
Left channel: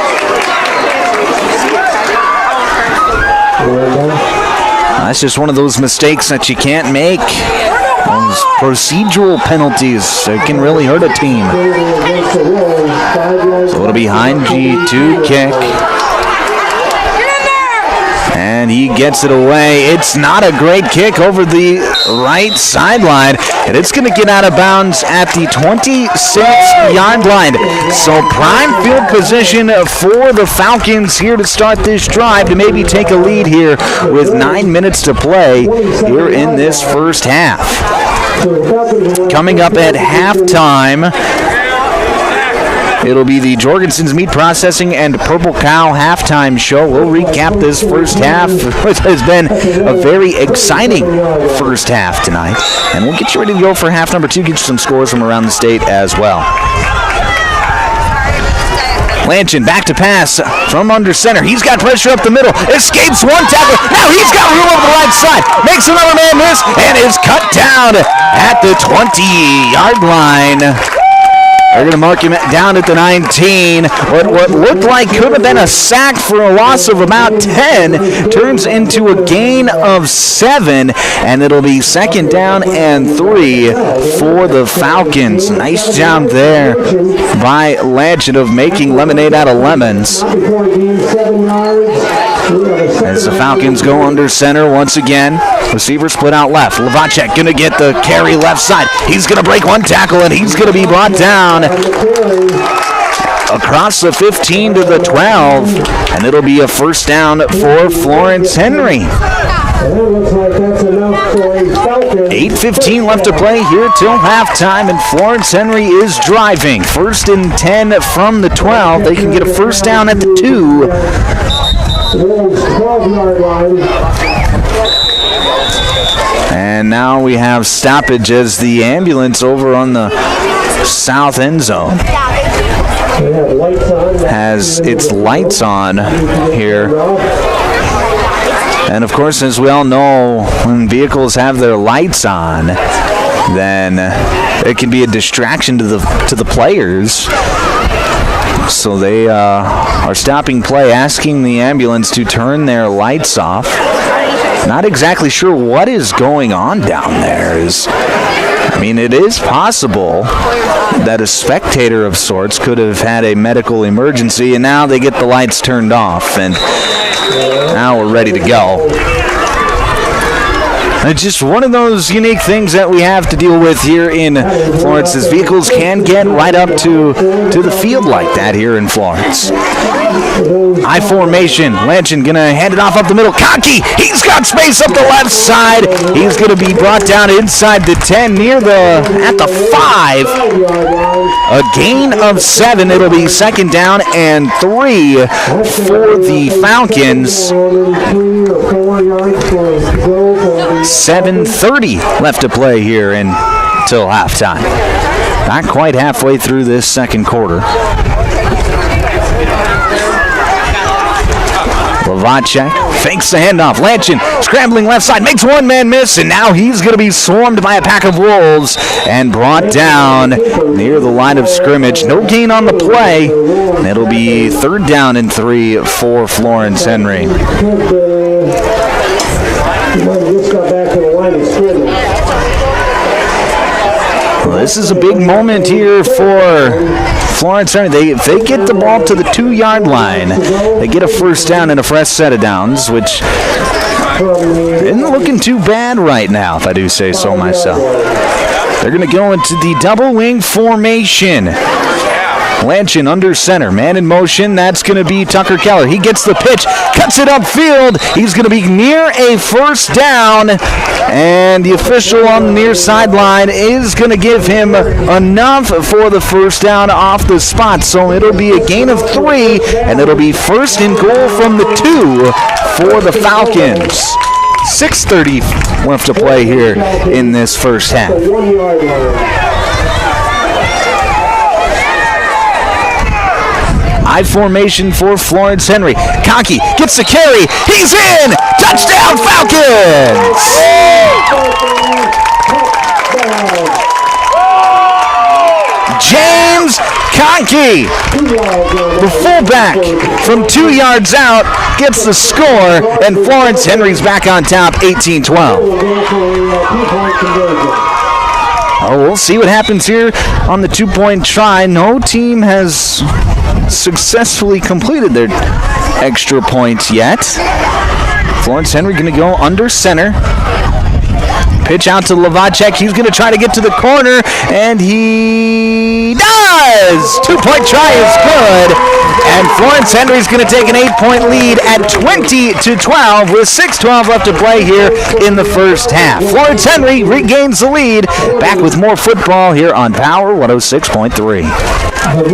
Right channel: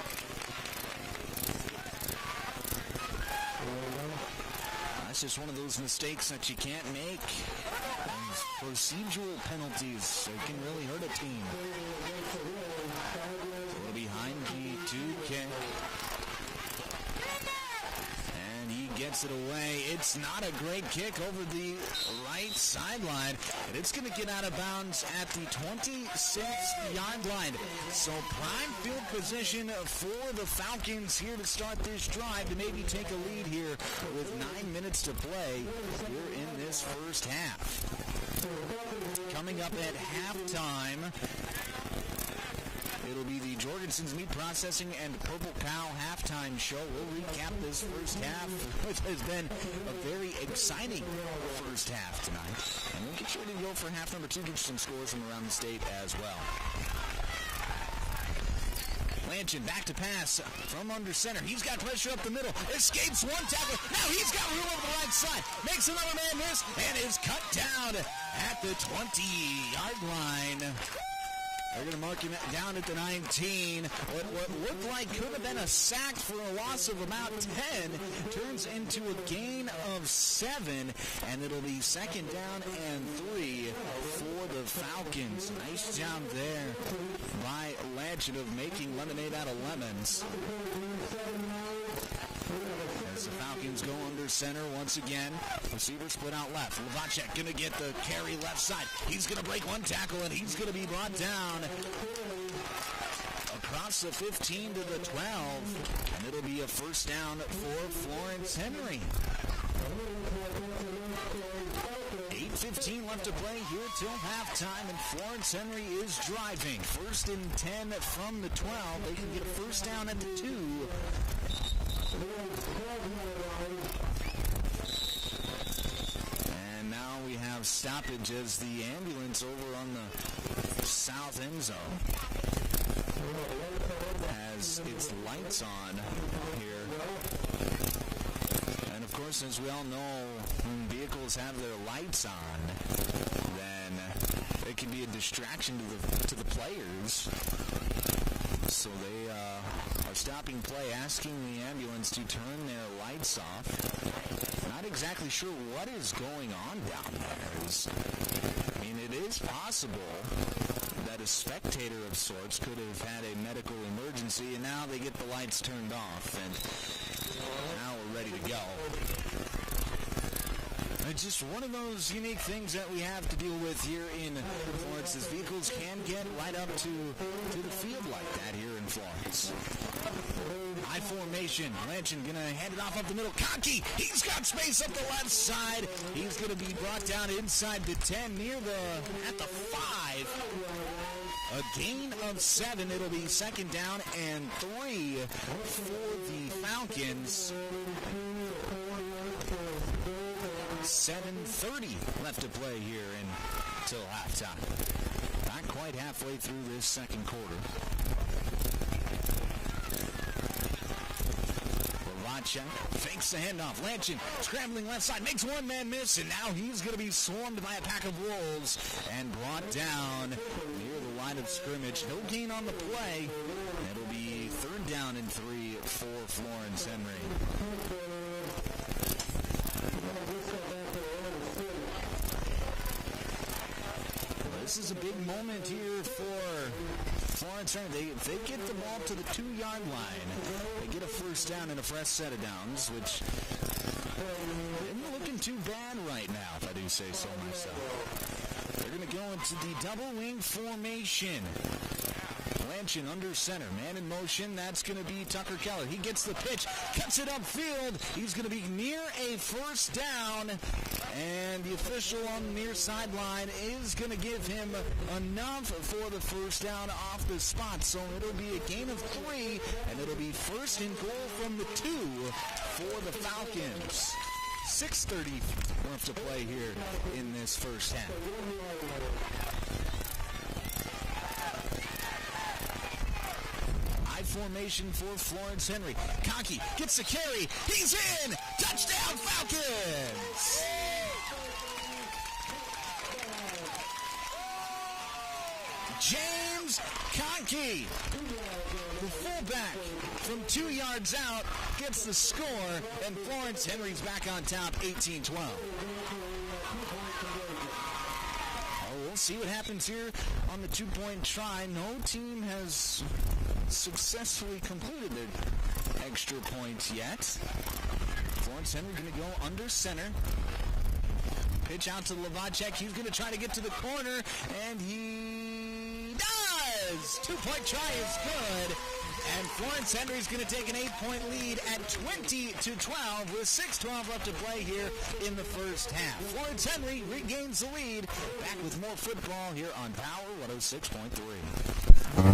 That's just one of those mistakes that you can't make. Those procedural penalties, they can really hurt a team. So it'll be Hein G2 kick. And he gets it away. It's not a great kick over the right sideline. And it's going to get out of bounds at the 26-yard line. So prime field position for the Falcons here to start this drive to maybe take a lead here with 9 minutes to play here in this first half. Coming up at halftime, it'll be the Jorgensen's Meat Processing and Purple Cow halftime show. We'll recap this first half, which has been a very exciting first half tonight. And we'll get you ready to go for half number 2, get you some scores from around the state as well. Lanchin back to pass from under center. He's got pressure up the middle. Escapes one tackle. Now he's got room over the right side. Makes another man miss and is cut down at the 20-yard line. They're going to mark him down at the 19. But what looked like could have been a sack for a loss of about 10 turns into a gain of 7. And it'll be 2nd down and 3 for the Falcons. Nice job there by Lanchin of making lemonade out of lemons. As the Falcons go under center once again. Receiver split out left. Lavacek going to get the carry left side. He's going to break one tackle, and he's going to be brought down across the 15 to the 12. And it'll be a first down for Florence Henry. 8:15 left to play here till halftime, and Florence Henry is driving. 1st and 10 from the 12. They can get a first down at the 2. And now we have stoppage as the ambulance over on the south end zone has its lights on here. And of course, as we all know, when vehicles have their lights on, then it can be a distraction to the players. So they are stopping play, asking the ambulance to turn their lights off. Not exactly sure what is going on down there. It is possible that a spectator of sorts could have had a medical emergency, and now they get the lights turned off, and now we're ready to go. It's just one of those unique things that we have to deal with here in Florence, as vehicles can get right up to the field like that here in Florence. I formation. Lanchin gonna hand it off up the middle. Conkey, he's got space up the left side. He's gonna be brought down inside the 10, at the 5. A gain of 7. It'll be 2nd down and 3 for the Falcons. 7:30 left to play here until halftime. Not quite halfway through this second quarter. Lavacek fakes the handoff. Lanchin scrambling left side, makes one man miss, and now he's going to be swarmed by a pack of wolves and brought down near the line of scrimmage. No gain on the play, and it'll be 3rd down and 3 for Florence Henry. Well, this is a big moment here for Florence Henry. If they get the ball to the 2-yard line, they get a first down and a fresh set of downs, which isn't looking too bad right now, if I do say so myself. They're going to go into the double wing formation. Lanchin under center, man in motion. That's going to be Tucker Keller. He gets the pitch, cuts it upfield. He's going to be near a first down, and the official on the near sideline is going to give him enough for the first down off the spot. So it'll be a gain of 3, and it'll be 1st and goal from the 2 for the Falcons. 6:30 left to play here in this first half. I formation for Florence Henry. Conkey gets the carry. He's in! Touchdown Falcons! James Conkey, the fullback, from 2 yards out, gets the score, and Florence Henry's back on top, 18-12. Oh, we'll see what happens here on the two-point try. No team has successfully completed their extra points yet. Florence Henry going to go under center. Pitch out to Lavacek. He's going to try to get to the corner, and he does! Two-point try is good, and Florence Henry's going to take an 8-point lead at 20-12 with 6:12 left to play here in the first half. Florence Henry regains the lead. Back with more football here on Power 106.3.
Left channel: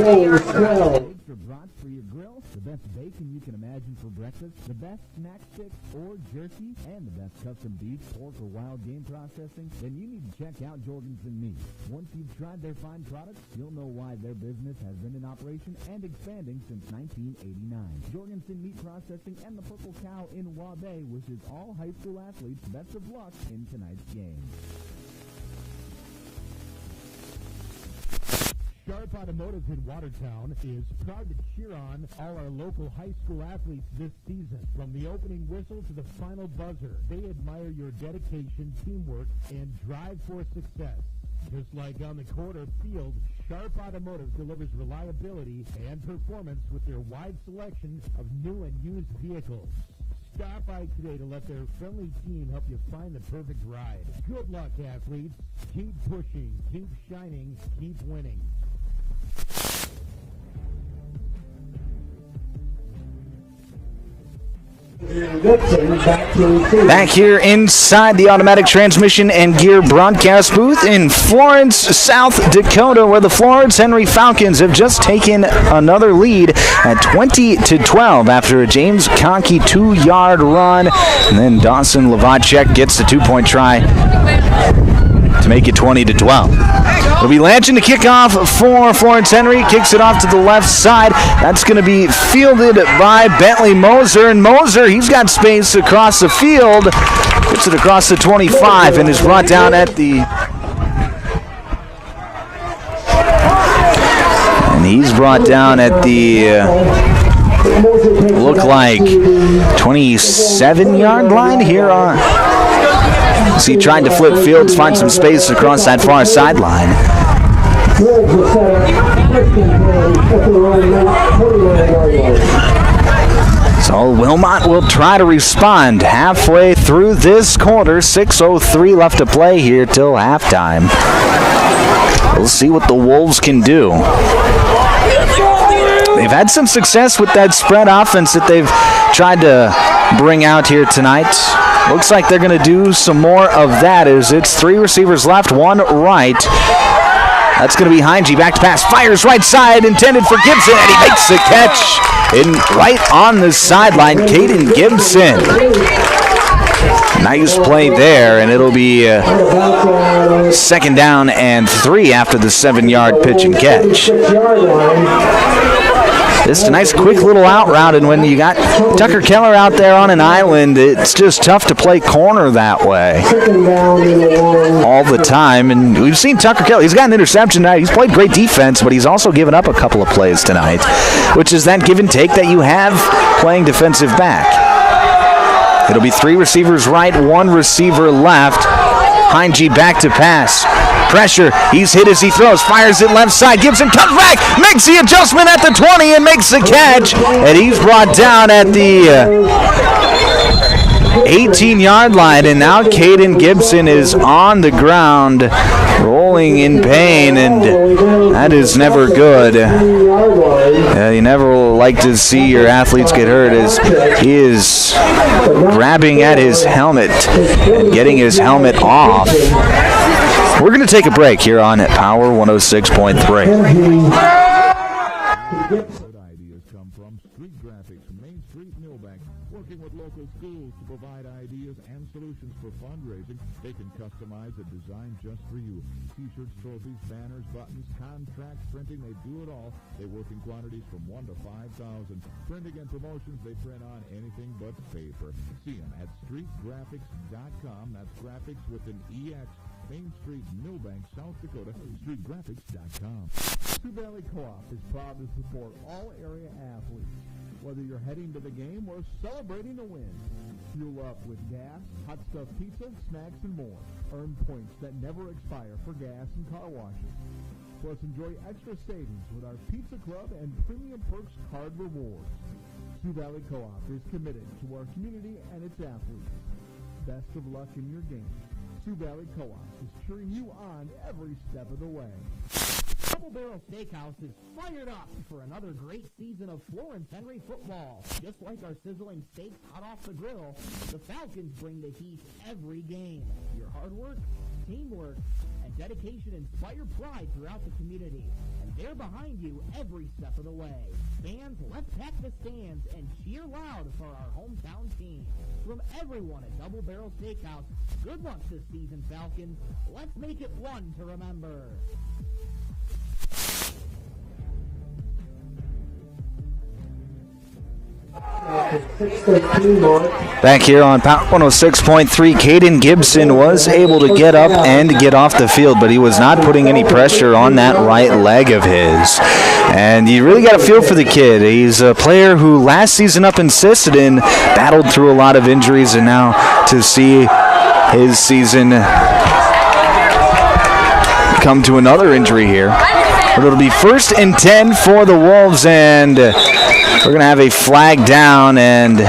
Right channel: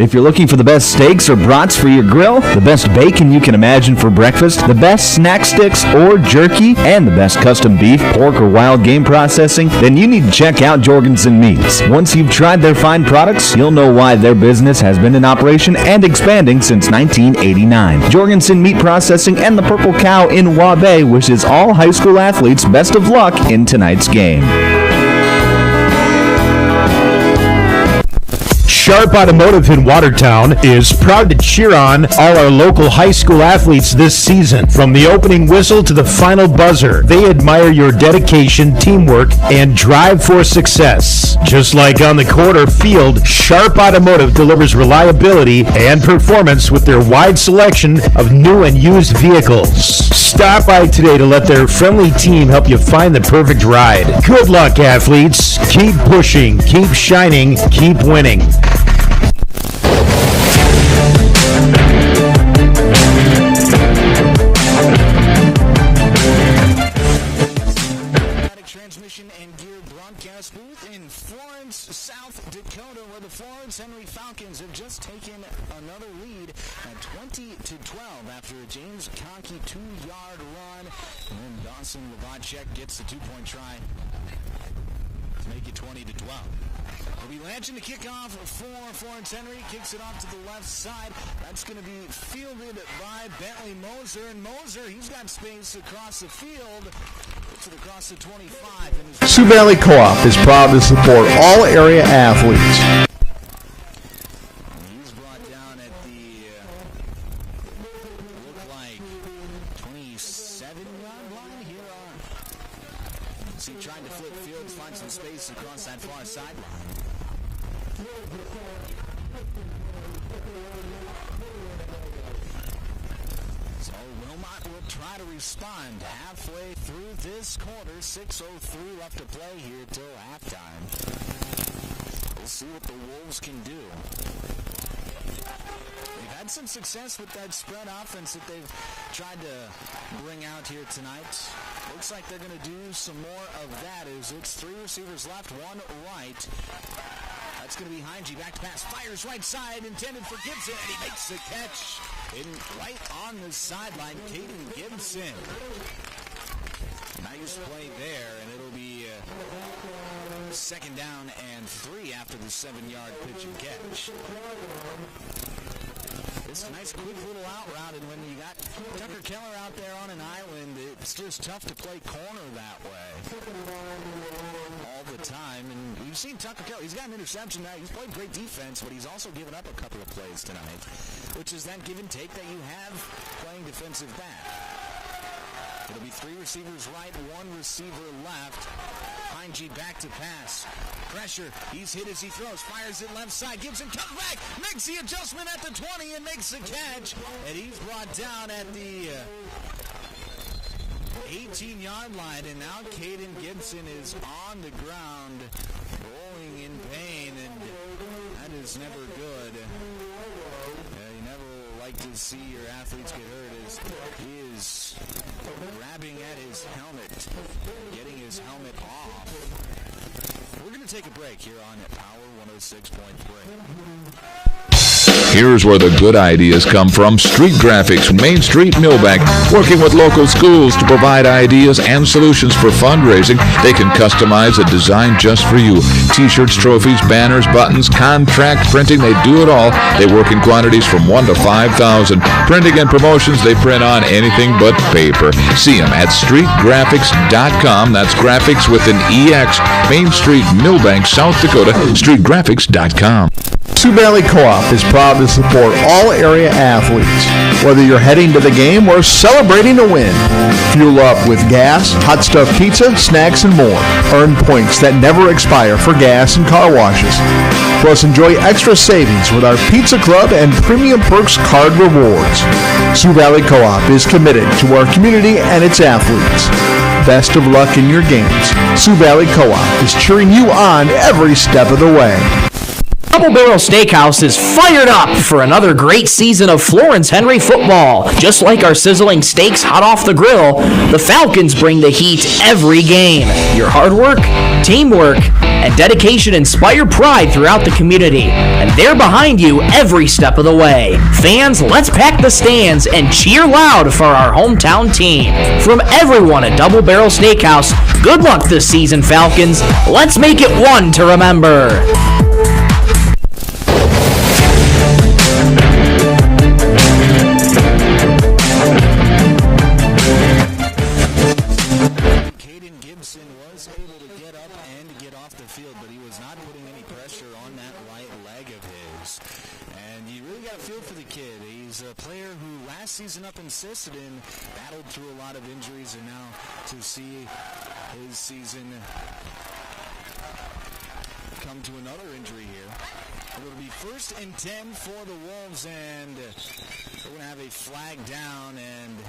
If you're looking for the best steaks or brats for your grill, the best bacon you can imagine for breakfast, the best snack sticks or jerky, and the best custom beef, pork, or wild game processing, then you need to check out Jorgensen Meats. Once you've tried their fine products, you'll know why their business has been in operation and expanding since 1989. Jorgensen Meat Processing and the Purple Cow in Waubay wishes all high school athletes best of luck in tonight's game. Sharp Automotive in Watertown is proud to cheer on all our local high school athletes this season. From the opening whistle to the final buzzer, they admire your dedication, teamwork, and drive for success. Just like on the court or field, Sharp Automotive delivers reliability and performance with their wide selection of new and used vehicles. Stop by today to let their friendly team help you find the perfect ride. Good luck, athletes. Keep pushing, keep shining, keep winning. Back here inside the automatic transmission and gear broadcast booth in Florence, South Dakota, where the Florence Henry Falcons have just taken another lead at 20-12 after a James Conkey 2-yard run. And then Dawson Lavacek gets the two-point try to make it 20-12. It'll be Lanchin to kick off for Florence Henry. Kicks it off to the left side. That's going to be fielded by Bentley Moser. And Moser, he's got space across the field. Gets it across the 25 and is brought down at Co-op is proud to support all area athletes. And he's brought down at the look like 27-yard line here on. So he tried to flip fields, find some space across that far sideline. So Wilmot will try to respond halfway through this quarter. 6:03 left to play here till halftime. We'll see what the Wolves can do. They've had some success with that spread offense that they've tried to bring out here tonight. Looks like they're going to do some more of that as it's three receivers left, one right. That's going to be Heinge. Back to pass. Fires right side, intended for Gibson, and he makes the catch right on the sideline. Caden Gibson. Nice play there, and it'll be second down and 3 after the 7-yard pitch and catch. Just a nice quick little out route, and when you got Tucker Keller out there on an island, it's just tough to play corner that way all the time. And we've seen Tucker Keller, he's got an interception tonight. He's played great defense, but he's also given up a couple of plays tonight, which is that give and take that you have playing defensive back. It'll be 3 receivers right, 1 receiver left. Heinge back to pass. Pressure. He's hit as he throws. Fires it left side. Gibson comes back. Makes the adjustment at the 20 and makes the catch. And he's brought down at the 18-yard line. And now Caden Gibson is on the ground, rolling in pain. And that is never good. You never like to see your athletes get hurt as he is grabbing at his helmet and getting his helmet off. We're going to take a break here on Power 106.3. Here's where the good ideas come from. Street Graphics, Main Street, Millbank, working with local schools to provide ideas and solutions for fundraising. They can customize a design just for you. T-shirts, trophies, banners, buttons, contract printing, they do it all. They work in quantities from 1 to 5,000. Printing and promotions, they print on anything but paper. See them at streetgraphics.com. That's graphics with an EX. Main Street, Millbank, South Dakota, streetgraphics.com. Sioux Valley Co-op is proud to support all area athletes, whether you're heading to the game or celebrating a win. Fuel up with gas, hot stuff pizza, snacks, and more. Earn points that never expire for gas and car washes. Plus, enjoy extra savings with our Pizza Club and Premium Perks card rewards. Sioux Valley Co-op is committed to our community and its athletes. Best of luck in your games. Sioux Valley Co-op is cheering you on every step of the way. Double Barrel Steakhouse is fired up for another great season of Florence Henry football. Just like our sizzling steaks hot off the grill, the Falcons bring the heat every game. Your hard work, teamwork, and dedication inspire pride throughout the community, and they're behind you every step of the way. Fans, let's pack the stands and cheer loud for our hometown team. From everyone at Double Barrel Steakhouse, good luck this season, Falcons. Let's make it one to remember. Back here on Pound 106.3, Caden Gibson was able to get up and get off the field, but he was not putting any pressure on that right leg of his. And you really got a feel for the kid. He's a player who last season up in Sisseton battled through a lot of injuries, and now to see his season come to another injury here. But it'll be 1st and 10 for the Wolves, and we're going to have a flag down, and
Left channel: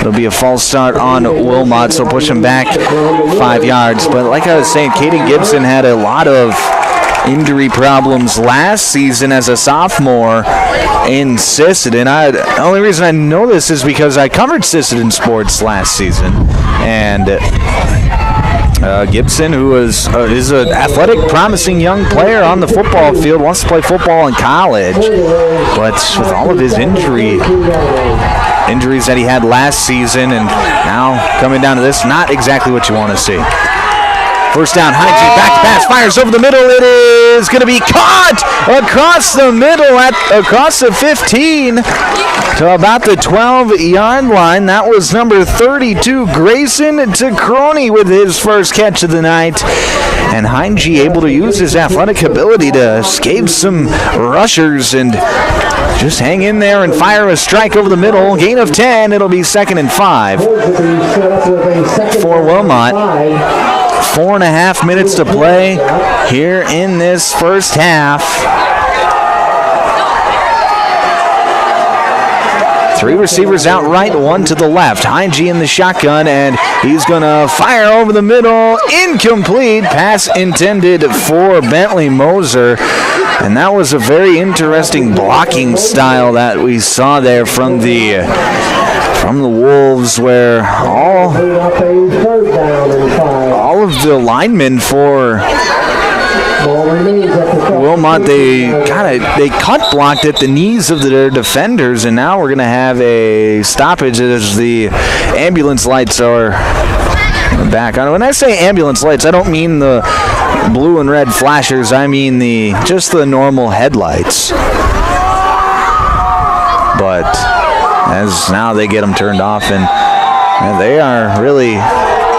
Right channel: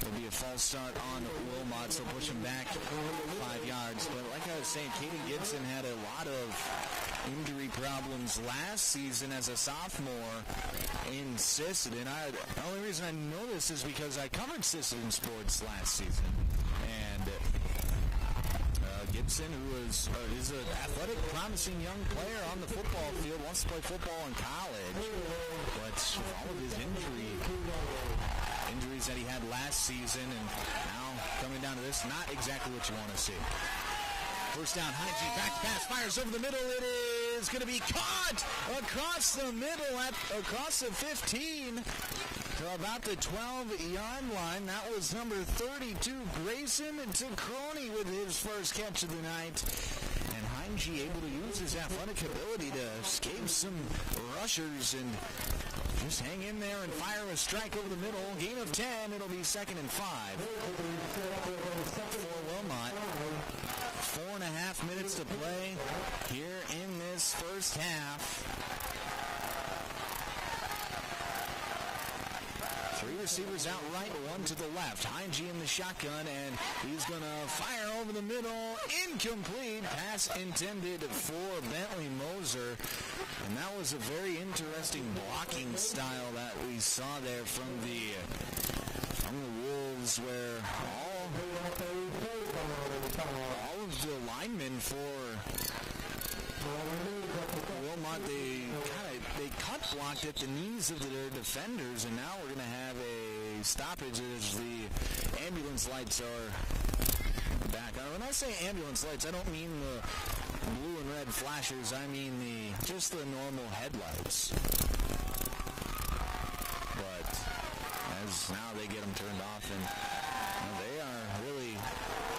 it'll be a false start on Wilmot, so push him back 5 yards. But like I was saying, Caden Gibson had a lot of injury problems last season as a sophomore in Sisseton. The only reason I know this is because I covered Sisseton sports last season. And Gibson, who is an athletic, promising young player on the football field, wants to play football in college. But with all of his injuries that he had last season and now coming down to this, not exactly what you want to see. First down, Hygie, back to pass, fires over the middle. It is going to be caught across the middle, across the 15 to about the 12-yard line. That was number 32, Grayson Tacroni, with his first catch of the night. And Hygie able to use his athletic ability to escape some rushers and just hang in there and fire a strike over the middle. Gain of 10. It'll be 2nd and 5 for Wilmot. 4.5 minutes to play here in this first half. 3 receivers out right, 1 to the left. Hygie in the shotgun, and he's going to fire over the middle. Incomplete. Pass intended for Bentley Moser. And that was a very interesting blocking style that we saw there from the Wolves, where all of the linemen for Wilmot, they cut blocked at the knees of their defenders, and now we're going to have a stoppage as the ambulance lights are back on. When I say ambulance lights, I don't mean the blue and red flashers. I mean just the normal headlights. But as now they get them turned off, and they are really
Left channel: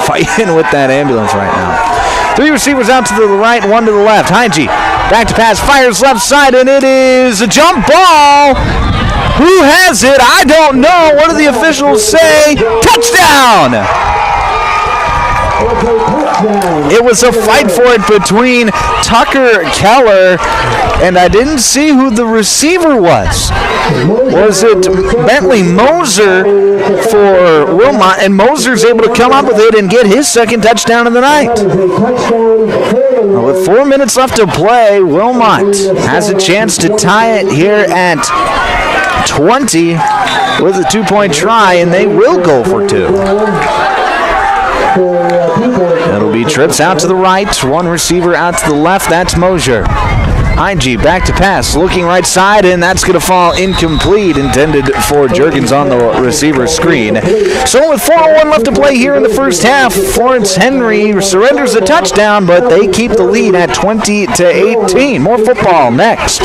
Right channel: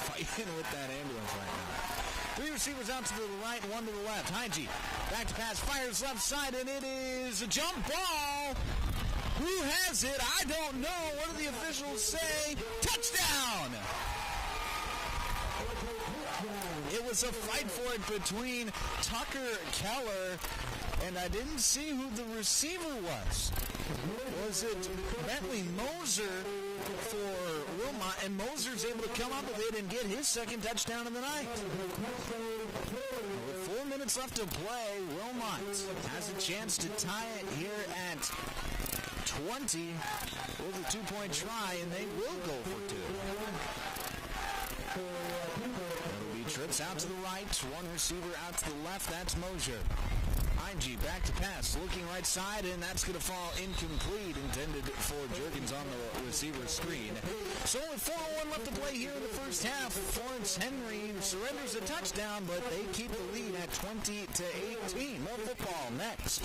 fighting with that ambulance right now. 3 receivers out to the right, 1 to the left. Hygie back to pass, fires left side, and it is a jump ball. Who has it? I don't know. What do the officials say? Touchdown! It was a fight for it between Tucker Keller, and I didn't see who the receiver was. Was it Bentley Moser for Wilmot? And Moser's able to come up with it and get his second touchdown of the night. With 4 minutes left to play, Wilmot has a chance to tie it here at 20 with a 2-point try, and they will go for 2. It'll be trips out to the right, 1 receiver out to the left. That's Mosier. Heinge back to pass, looking right side, and that's going to fall incomplete, intended for Juergens on the receiver screen. So with 4:01 left to play here in the first half, Florence Henry surrenders a touchdown, but they keep the lead at 20-18. More football next.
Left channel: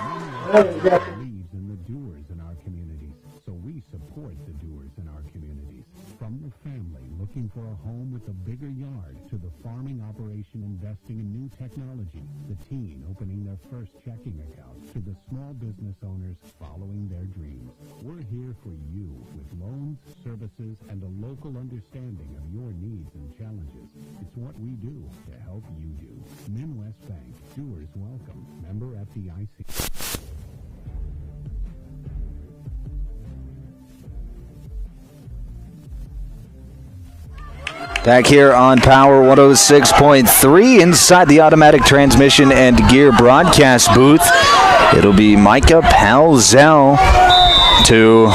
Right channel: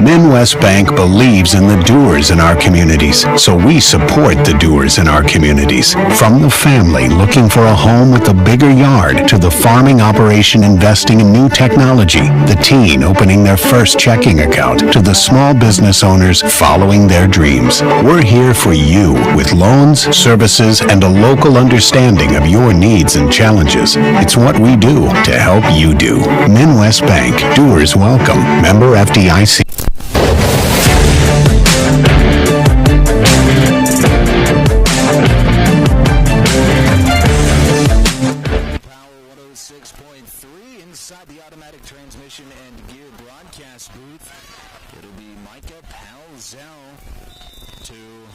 Midwest Bank believes in the doers in our communities, so we support the doers in our communities. From the family looking for a home with a bigger yard, to the farming operation investing in new technology, the teen opening their first checking account, to the small business owners following their dreams. We're here for you with loans, services, and a local understanding of your needs and challenges. It's what we do to help you do. Midwest Bank, doers welcome. Member FDIC. Back here on Power 106.3 inside the automatic transmission and gear broadcast booth. It'll be Micah Palzel to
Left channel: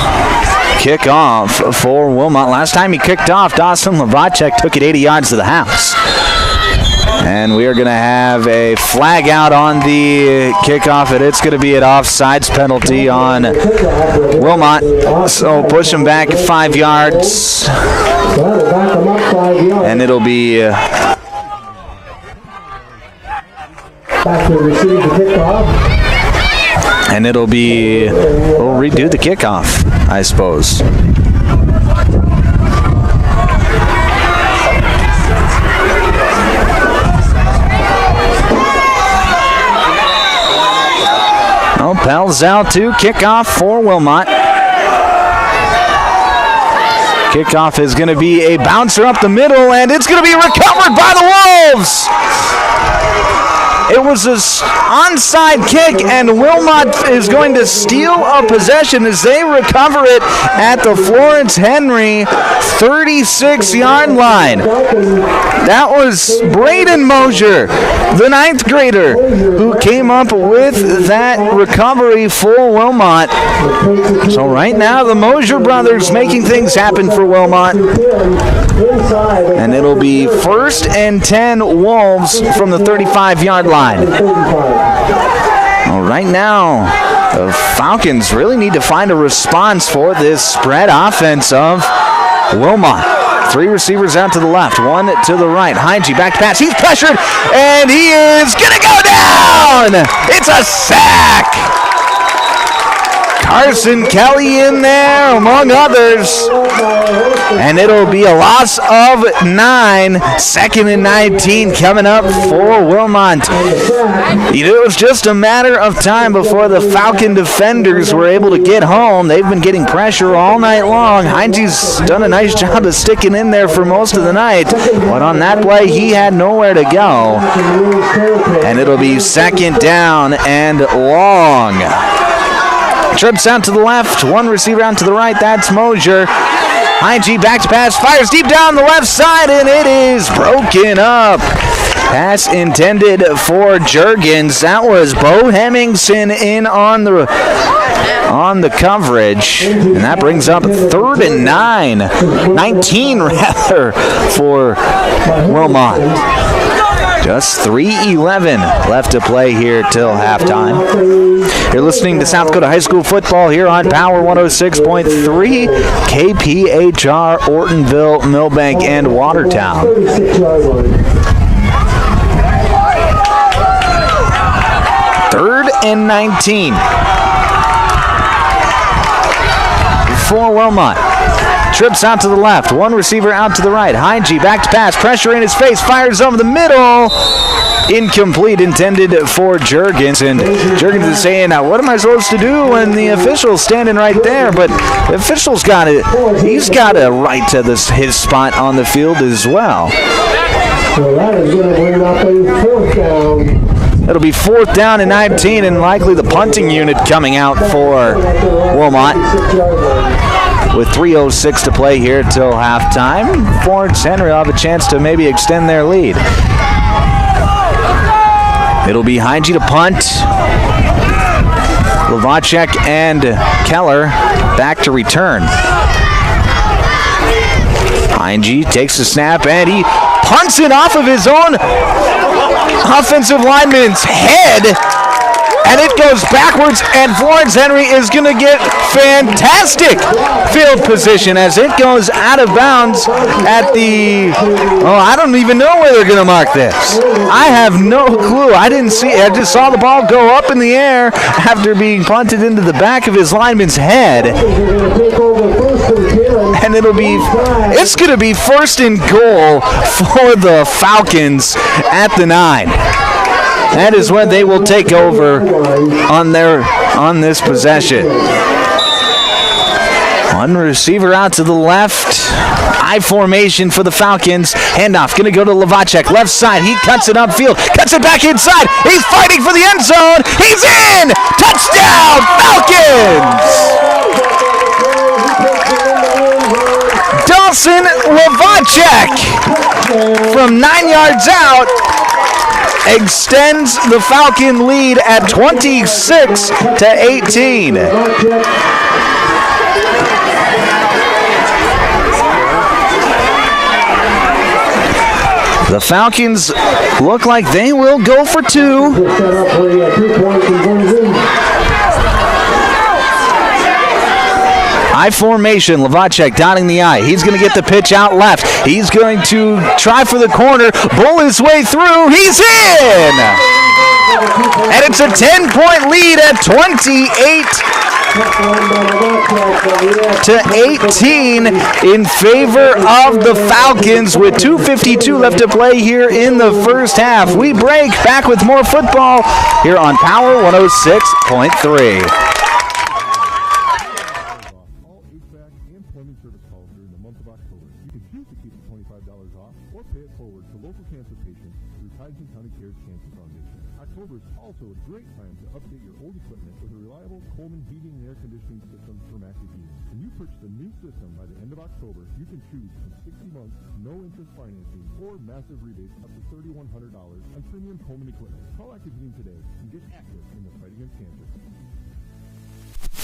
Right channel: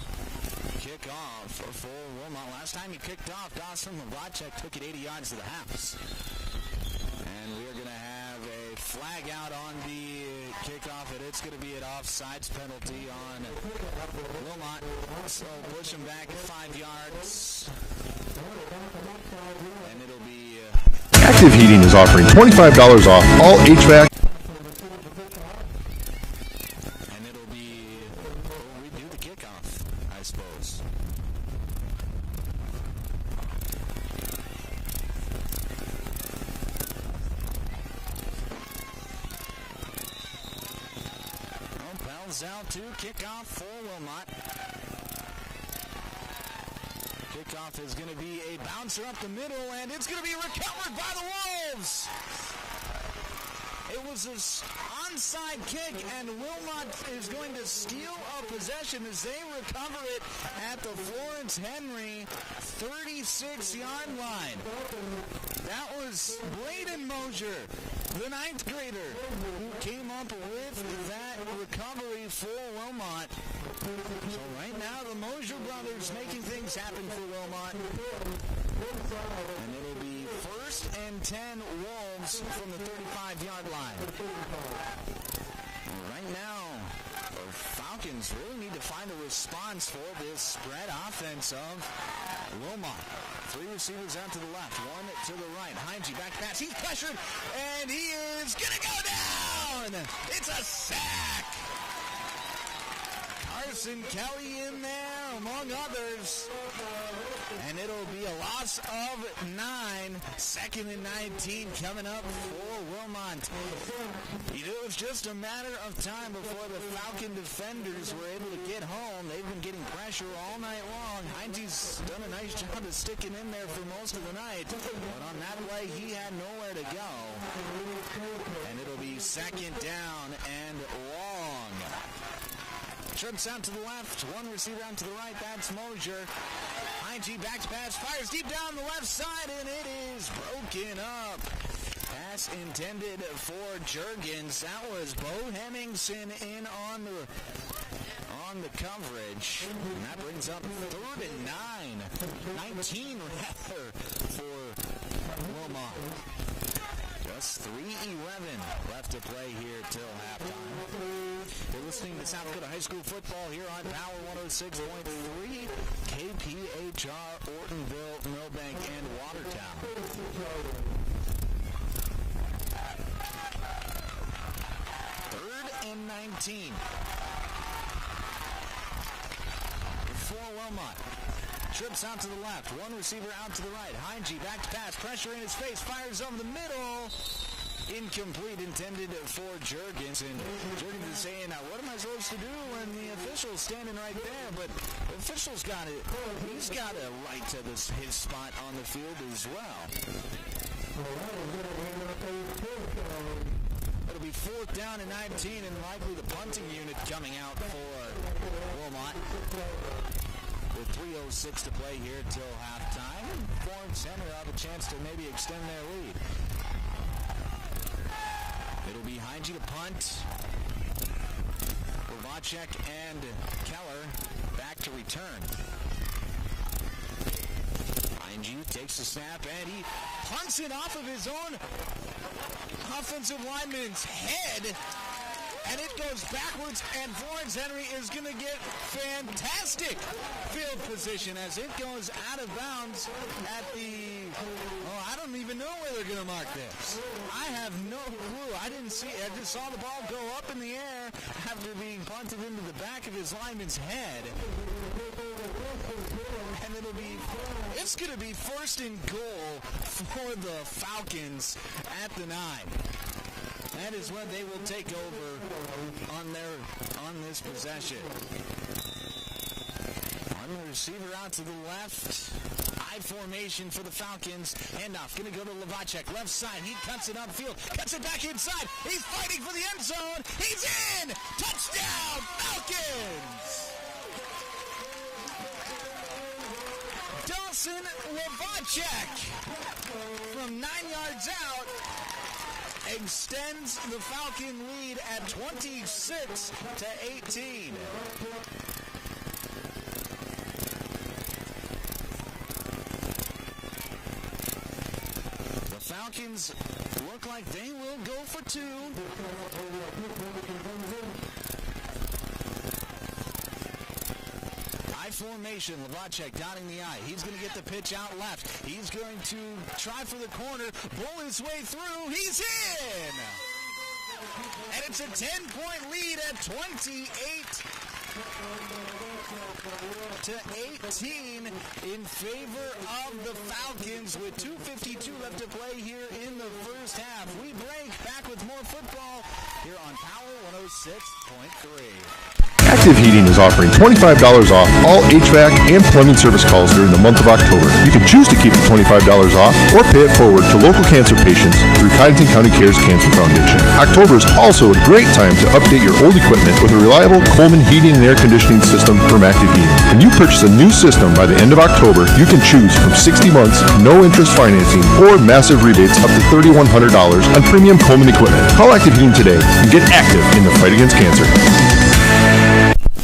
kick off for Wilmot. Last time he kicked off, Dawson Lavacek took it 80 yards to the house. And we are going to have a flag out on the kickoff, and it's going to be an offsides penalty on Wilmot. So push him back 5 yards. And it'll be... Active Heating is offering $25 off all HVAC. And it'll be... We'll redo the kickoff, I suppose. Palzel to kickoff for Wilmot. Kickoff is going to be a bouncer up the middle, and it's going to be recovered by the Wolves. It was an onside kick, and Wilmot is going to steal a possession as they recover it at the Florence Henry 36-yard line. That was Braden Mosier, the 9th grader, who came up with that recovery for Wilmot. So right now, the Mosier brothers making things happen for Wilmot. And it'll be 1st and 10 Wolves from the 35-yard line. Well, right now, the Falcons really need to find a response for this spread offense of Wilmot. 3 receivers out to the left, 1 to the right. Heinge back to pass. He's pressured, and he is going to go down. It's a sack. Carson Kelly in there, among others. And it'll be a loss of 9. 2nd and 19 coming up for Wilmot. It was just a matter of time before the Falcon defenders were able to get home. They've been getting pressure all night long. Heinze's done a nice job of sticking in there for most of the night. But on that play, he had nowhere to go. And it'll be 2nd down and long. Trips out to the left, 1 receiver out to the right, that's Mosier. Heinge back to pass, fires deep down the left side, and it is broken up. Pass intended for Juergens. That was Bo Hemmingson in on the coverage, and that brings up 3rd and 19 rather, for Wilmot. Just 3:11 left to play here till halftime. You're listening to South Dakota High School football here on Power 106.3, KPHR, Ortonville, Millbank, and Watertown. 3rd and 19 for Wilmot. Trips out to the left, 1 receiver out to the right. Heinge back to pass, pressure in his face, fires over the middle. Incomplete, intended for Juergens. And Juergens is saying, now what am I supposed to do when the official's standing right there? But the official's got it. He's got a right to his spot on the field as well. So that is going to bring up a 4th down. It'll be 4th down and 19, and likely the punting unit coming out for Wilmot. With 3:06 to play here till halftime, Florence Henry will have a chance to maybe extend their lead. It'll be Heinge to punt. Lavacek and Keller back to return. Heinge takes the snap and he punts it off of his own offensive lineman's head. And it goes backwards, and Florence Henry is going to get fantastic field position as it goes out of bounds at the, I don't even know where they're going to mark this. I have no clue. I didn't see it. I just saw the ball go up in the air after being punted into the back of his lineman's head. And it's going to be first and goal for the Falcons at the 9. That is when they will take over on this possession. One receiver out to the left. I formation for the Falcons. Handoff going to go to Levacek. Left side. He cuts it upfield. Cuts it back inside. He's fighting for the end zone. He's in. Touchdown, Falcons. Dawson Levacek from 9 yards out extends the Falcon lead at 26-18. The Falcons look like they will go for 2. I formation, Levacek dotting the I. He's going to get the pitch out left. He's going to try for the corner, bull his way through. He's in! And it's a 10-point lead at 28-18 in favor of the Falcons with 2:52 left to play here in the first half. We break back with more football here on Power 106.3. Active Heating is offering $25 off all HVAC and plumbing service calls during the month of October. You can choose to keep the $25 off or pay it forward to local cancer patients through Cottington County Cares Cancer Foundation. October is also a great time to update your old equipment with a reliable Coleman heating and air conditioning system from Active Heating. When you purchase a new system by the end of October, you can choose from 60 months, no interest financing, or massive rebates up to $3,100 on premium Coleman equipment. Call Active Heating today and get active in the fight against cancer.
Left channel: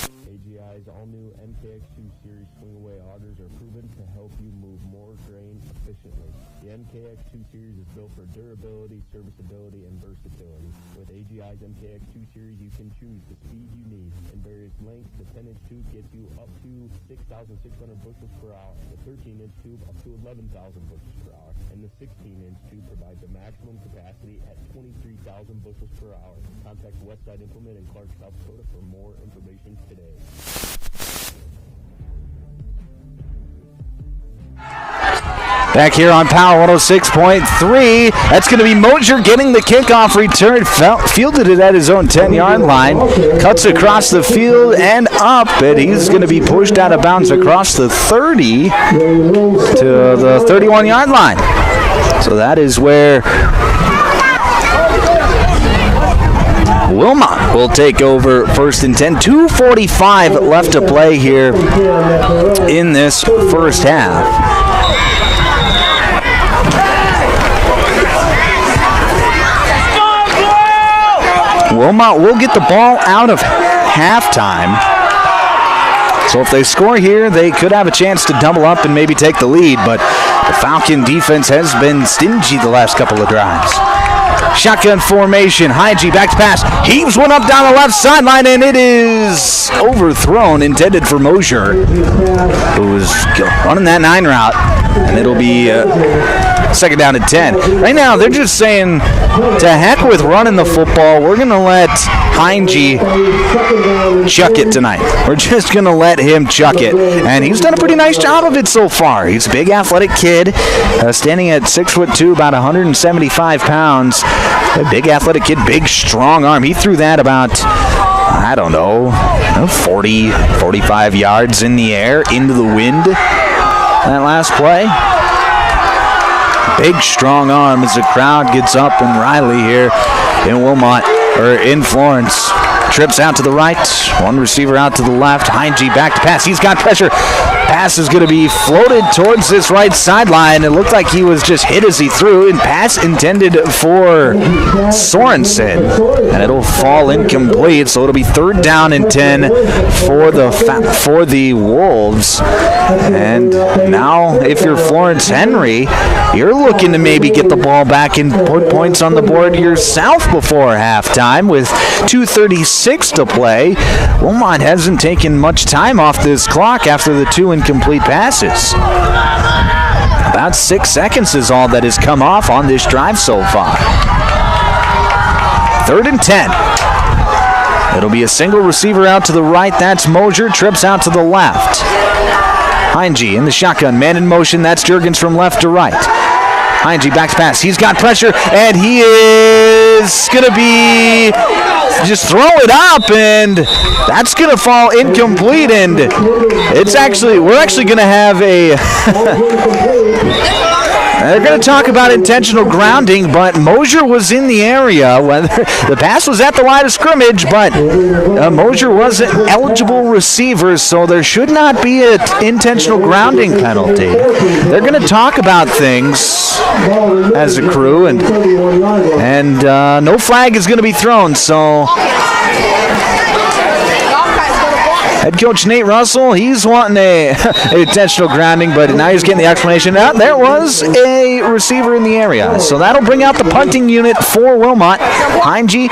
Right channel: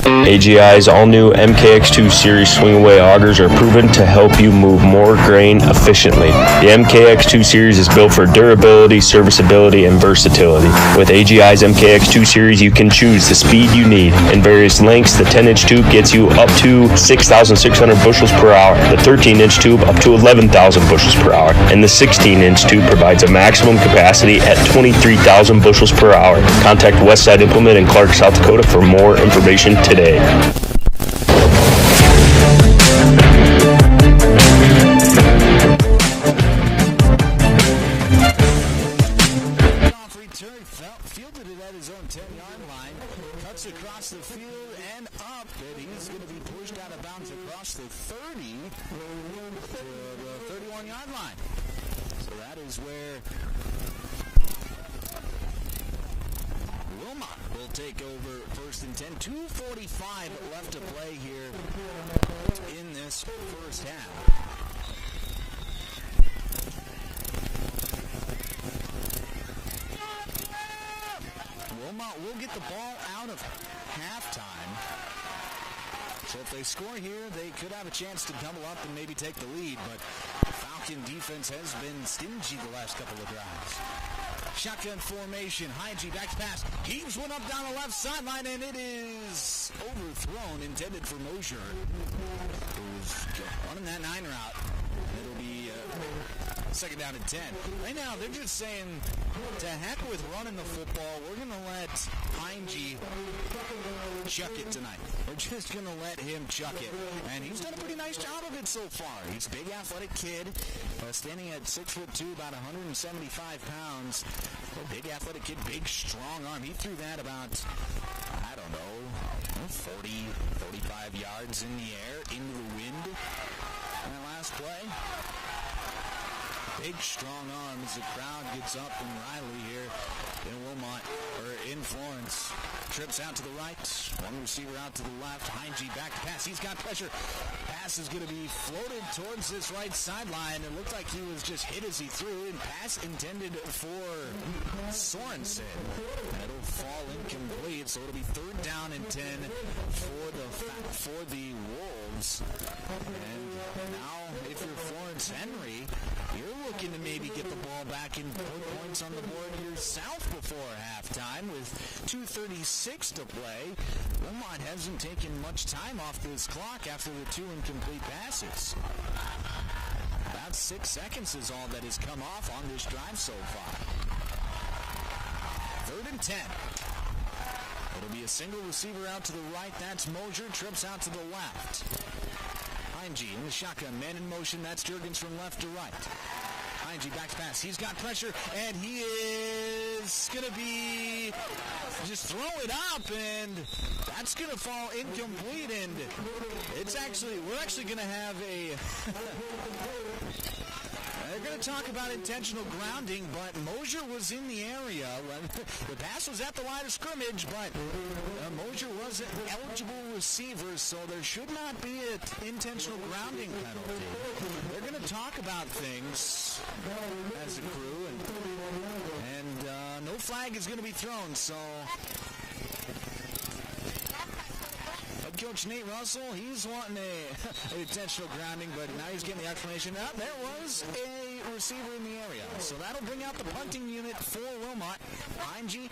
AGI's all-new MKX2 Series swing-away augers are proven to help you move more grain efficiently. The MKX2 Series is built for durability, serviceability, and versatility. With AGI's MKX2 Series, you can choose the speed you need. In various lengths, the 10-inch tube gets you up to 6,600 bushels per hour, the 13-inch tube up to 11,000 bushels per hour, and the 16-inch tube provides a maximum capacity at 23,000 bushels per hour. Contact Westside Implement in Clark, South Dakota for more information today. Back here on Power 106.3, that's going to be Mosier getting the kickoff return. Fielded it at his own 10-yard line. Cuts across the field and up, and he's going to be pushed out of bounds across the 30 to the 31-yard line. So that is where Wilmot will take over first and 10. 2:45 left to play here in this first half. Wilmot will get the ball out of halftime. So if they score here, they could have a chance to double up and maybe take the lead, but the Falcon defense has been stingy the last couple of drives. Shotgun formation, Heinge back to pass, heaves one up down the left sideline, and it is overthrown, intended for Mosier, who was running that 9 route, and it'll be second down and 10. Right now, they're just saying, to heck with running the football, we're going to let Heinge chuck it tonight. We're just going to let him chuck it, and he's done a pretty nice job of it so far. He's a big athletic kid, standing at 6'2", about 175 pounds. A big athletic kid, big strong arm. He threw that about, 40, 45 yards in the air into the wind that last play. Big strong arm as the crowd gets up, and Riley here in in Florence trips out to the right, one receiver out to the left. Heinge back to pass. He's got pressure. Pass is going to be floated towards this right sideline. It looked like he was just hit as he threw, and pass intended for Sorensen, and it'll fall incomplete. So it'll be 3rd down and 10 for the Wolves. And now, if you're Florence Henry, you're looking to maybe get the ball back and put points on the board yourself before halftime with 2:36 to play. Wilmot hasn't taken much time off this clock after the 2 incomplete passes. About 6 seconds is all that has come off on this drive so far. 3rd and 10. It'll be a single receiver out to the right. That's Mosier. Trips out to the left. Heinge in the shotgun. Man in motion. That's Juergens from left to right. Heinge back to pass. He's got pressure, and he is going to be just throw it up, and that's going to fall incomplete. And we're actually going to have a they're going to talk about intentional grounding, but Mosier was in the area. The pass was at the line of scrimmage, but Mosier was an eligible receiver, so there should not be an intentional grounding penalty. They're going to talk about things as a crew, and no flag is going to be thrown, so head coach Nate Russell, he's wanting a intentional grounding, but now he's getting the explanation. There was a receiver in the area, so that'll bring out the punting unit for Wilmot. Heinge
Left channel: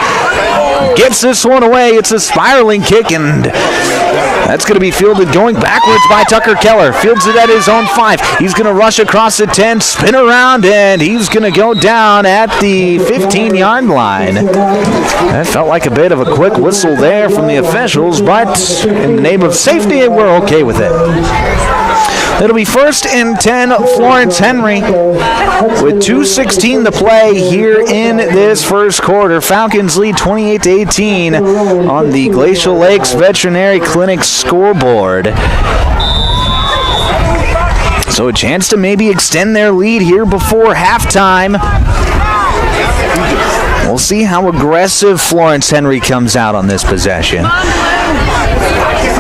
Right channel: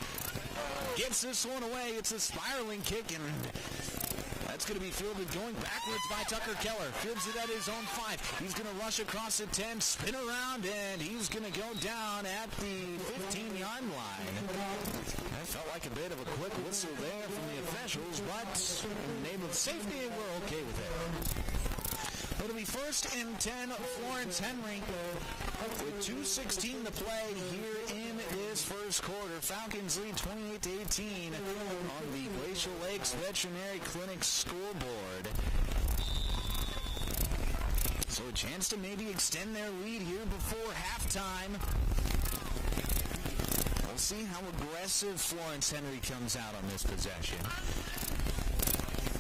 gets this one away. It's a spiraling kick, and that's going to be fielded going backwards by Tucker Keller. Fields it at his own 5. He's going to rush across the 10, spin around, and he's going to go down at the 15-yard line. That felt like a bit of a quick whistle there from the officials, but in the name of safety, we're okay with it. It'll be 1st and 10, Florence Henry, with 2:16 to play here in this first quarter. Falcons lead 28-18 on the Glacial Lakes Veterinary Clinic scoreboard. So a chance to maybe extend their lead here before halftime. We'll see how aggressive Florence Henry comes out on this possession.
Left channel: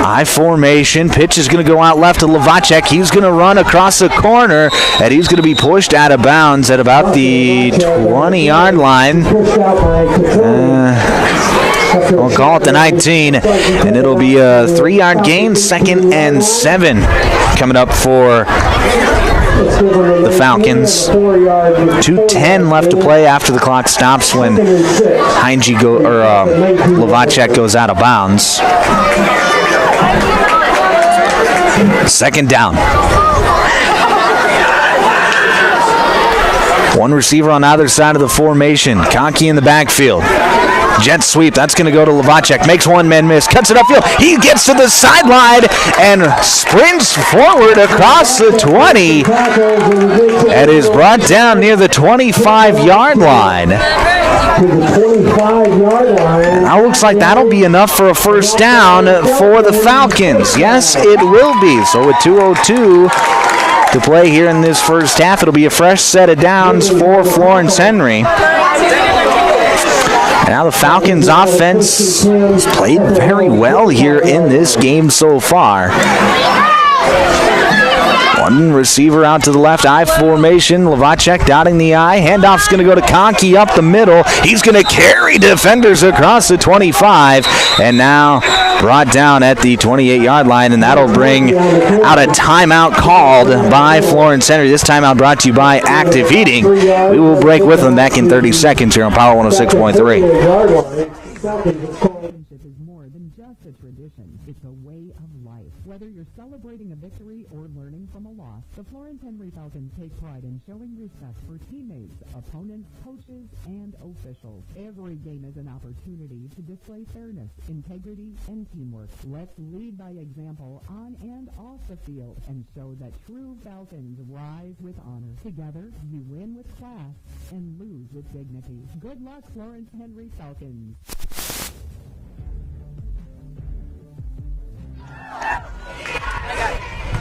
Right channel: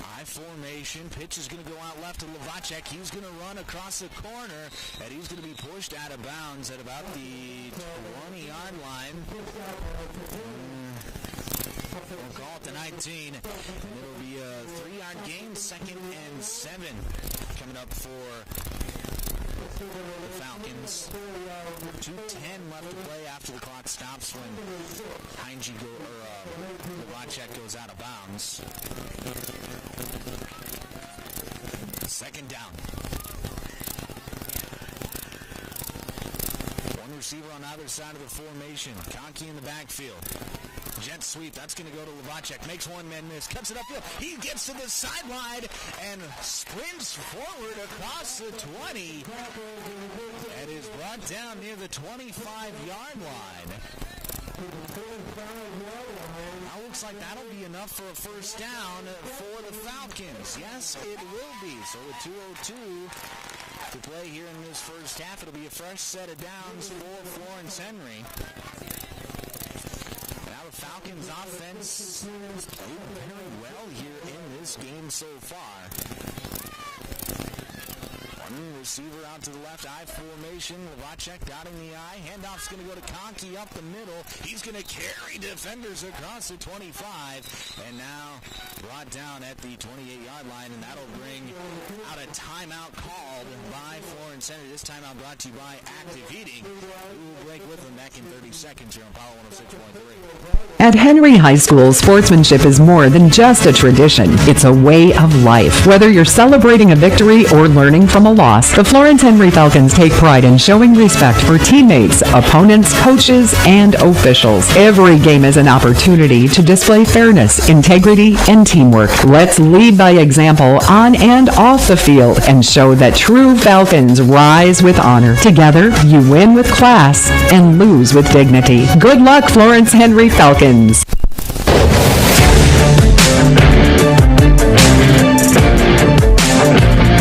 High formation. Pitch is going to go out left to Lovacek. He's going to run across the corner, and he's going to be pushed out of bounds at about the 20-yard line. We'll call it the 19, and it'll be a 3-yard gain, 2nd and 7 coming up for the Falcons. 2:10 left to play after the clock stops when Lovacek goes out of bounds. 2nd down. One receiver on either side of the formation. Conkey in the backfield. Jet sweep. That's going to go to Lovacek. Makes one man miss. Cuts it upfield. He gets to the sideline and sprints forward across the 20. And is brought down near the 25-yard line. Now looks like that'll be enough for a 1st down for the Falcons. Yes, it will be. So with 2:02 to play here in this first half, it'll be a fresh set of downs for Florence Henry. Now the Falcons' offense has played very well here in this game so far. One receiver out to the left, I formation. Lovacek dotting the I. Handoff's going to go to Conkey up the middle. He's going to carry defenders across the 25. And now brought down at the 28-yard line, and that'll bring out a timeout called by Florence Henry. This timeout brought to you by Active Heating. We will break with them back in 30 seconds here on Power 106.3. At Henry High School, sportsmanship is more than just a tradition. It's a way of life. Whether you're celebrating a victory or learning from a loss, the Florence Henry Falcons take pride in showing respect for teammates, opponents, coaches, and officials. Every game is an opportunity to display fairness, integrity, and teamwork. Let's lead by example on and off the field and show that true Falcons rise with honor. Together, you win with class and lose with dignity. Good luck, Florence Henry Falcons.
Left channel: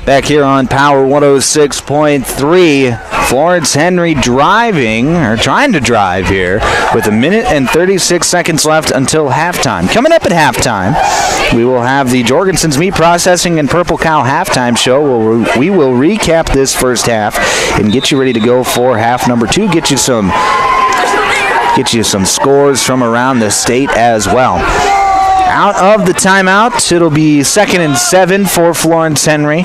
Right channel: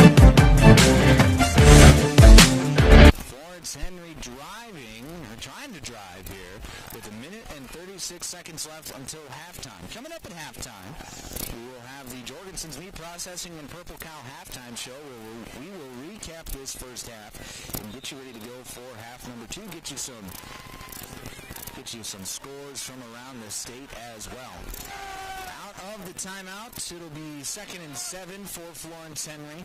Back here on Power 106.3. Florence Henry trying to drive here with 1 minute and 36 seconds left until halftime. Coming up at halftime, we will have the Jorgensen's Meat Processing and Purple Cow halftime show where we will recap this first half and get you ready to go for half number 2. Get you some scores from around the state as well. Out of the timeout, it'll be 2nd and 7 for Florence Henry.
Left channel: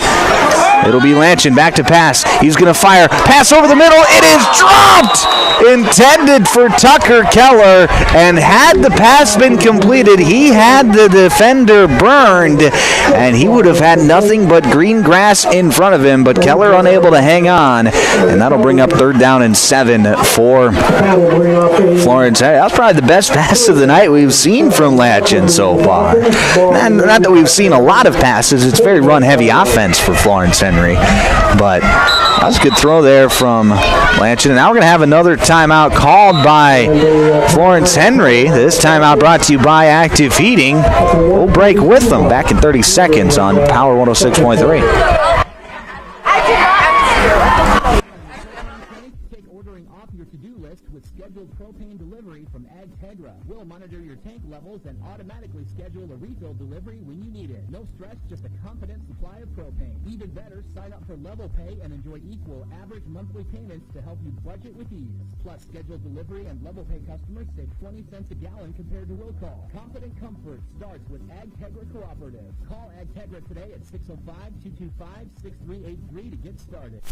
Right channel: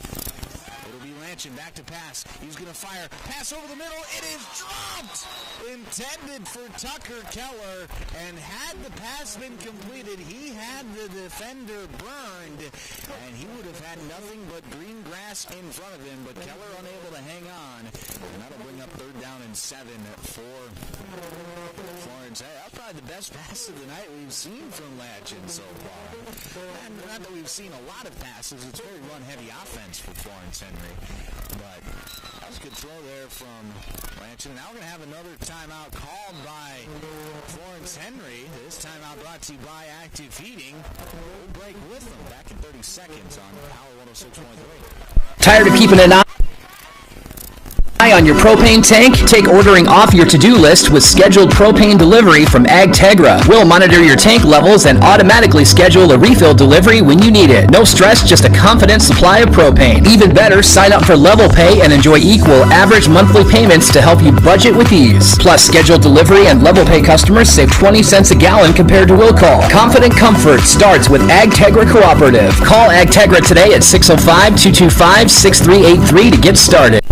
It'll be Lanchin, back to pass. He's going to fire. Pass over the middle. It is dropped! Intended for Tucker Keller, and had the pass been completed, he had the defender burned, and he would have had nothing but green grass in front of him, but Keller unable to hang on, and that'll bring up 3rd down and 7 for Florence. That was probably the best pass of the night we've seen from Lanchin so far. Not that we've seen a lot of passes. It's very run-heavy offense for Florence Henry, but that was a good throw there from Lanchin. And now we're going to have another timeout called by Florence Henry. This timeout brought to you by Active Heating. We'll break with them back in 30 seconds on Power 106.3. Tired of keeping an eye on your propane tank? Take ordering off your to-do list with scheduled propane delivery from AgTegra. We'll monitor your tank levels and automatically schedule a refill delivery when you need it. No stress, just a confident supply of propane. Even better, sign up for Level Pay and enjoy equal average monthly payments to help you budget with ease. Plus, scheduled delivery and Level Pay customers save 20 cents a gallon compared to will call. Confident comfort starts with AgTegra Cooperative. Call AgTegra today at 605-225-6383 to get started.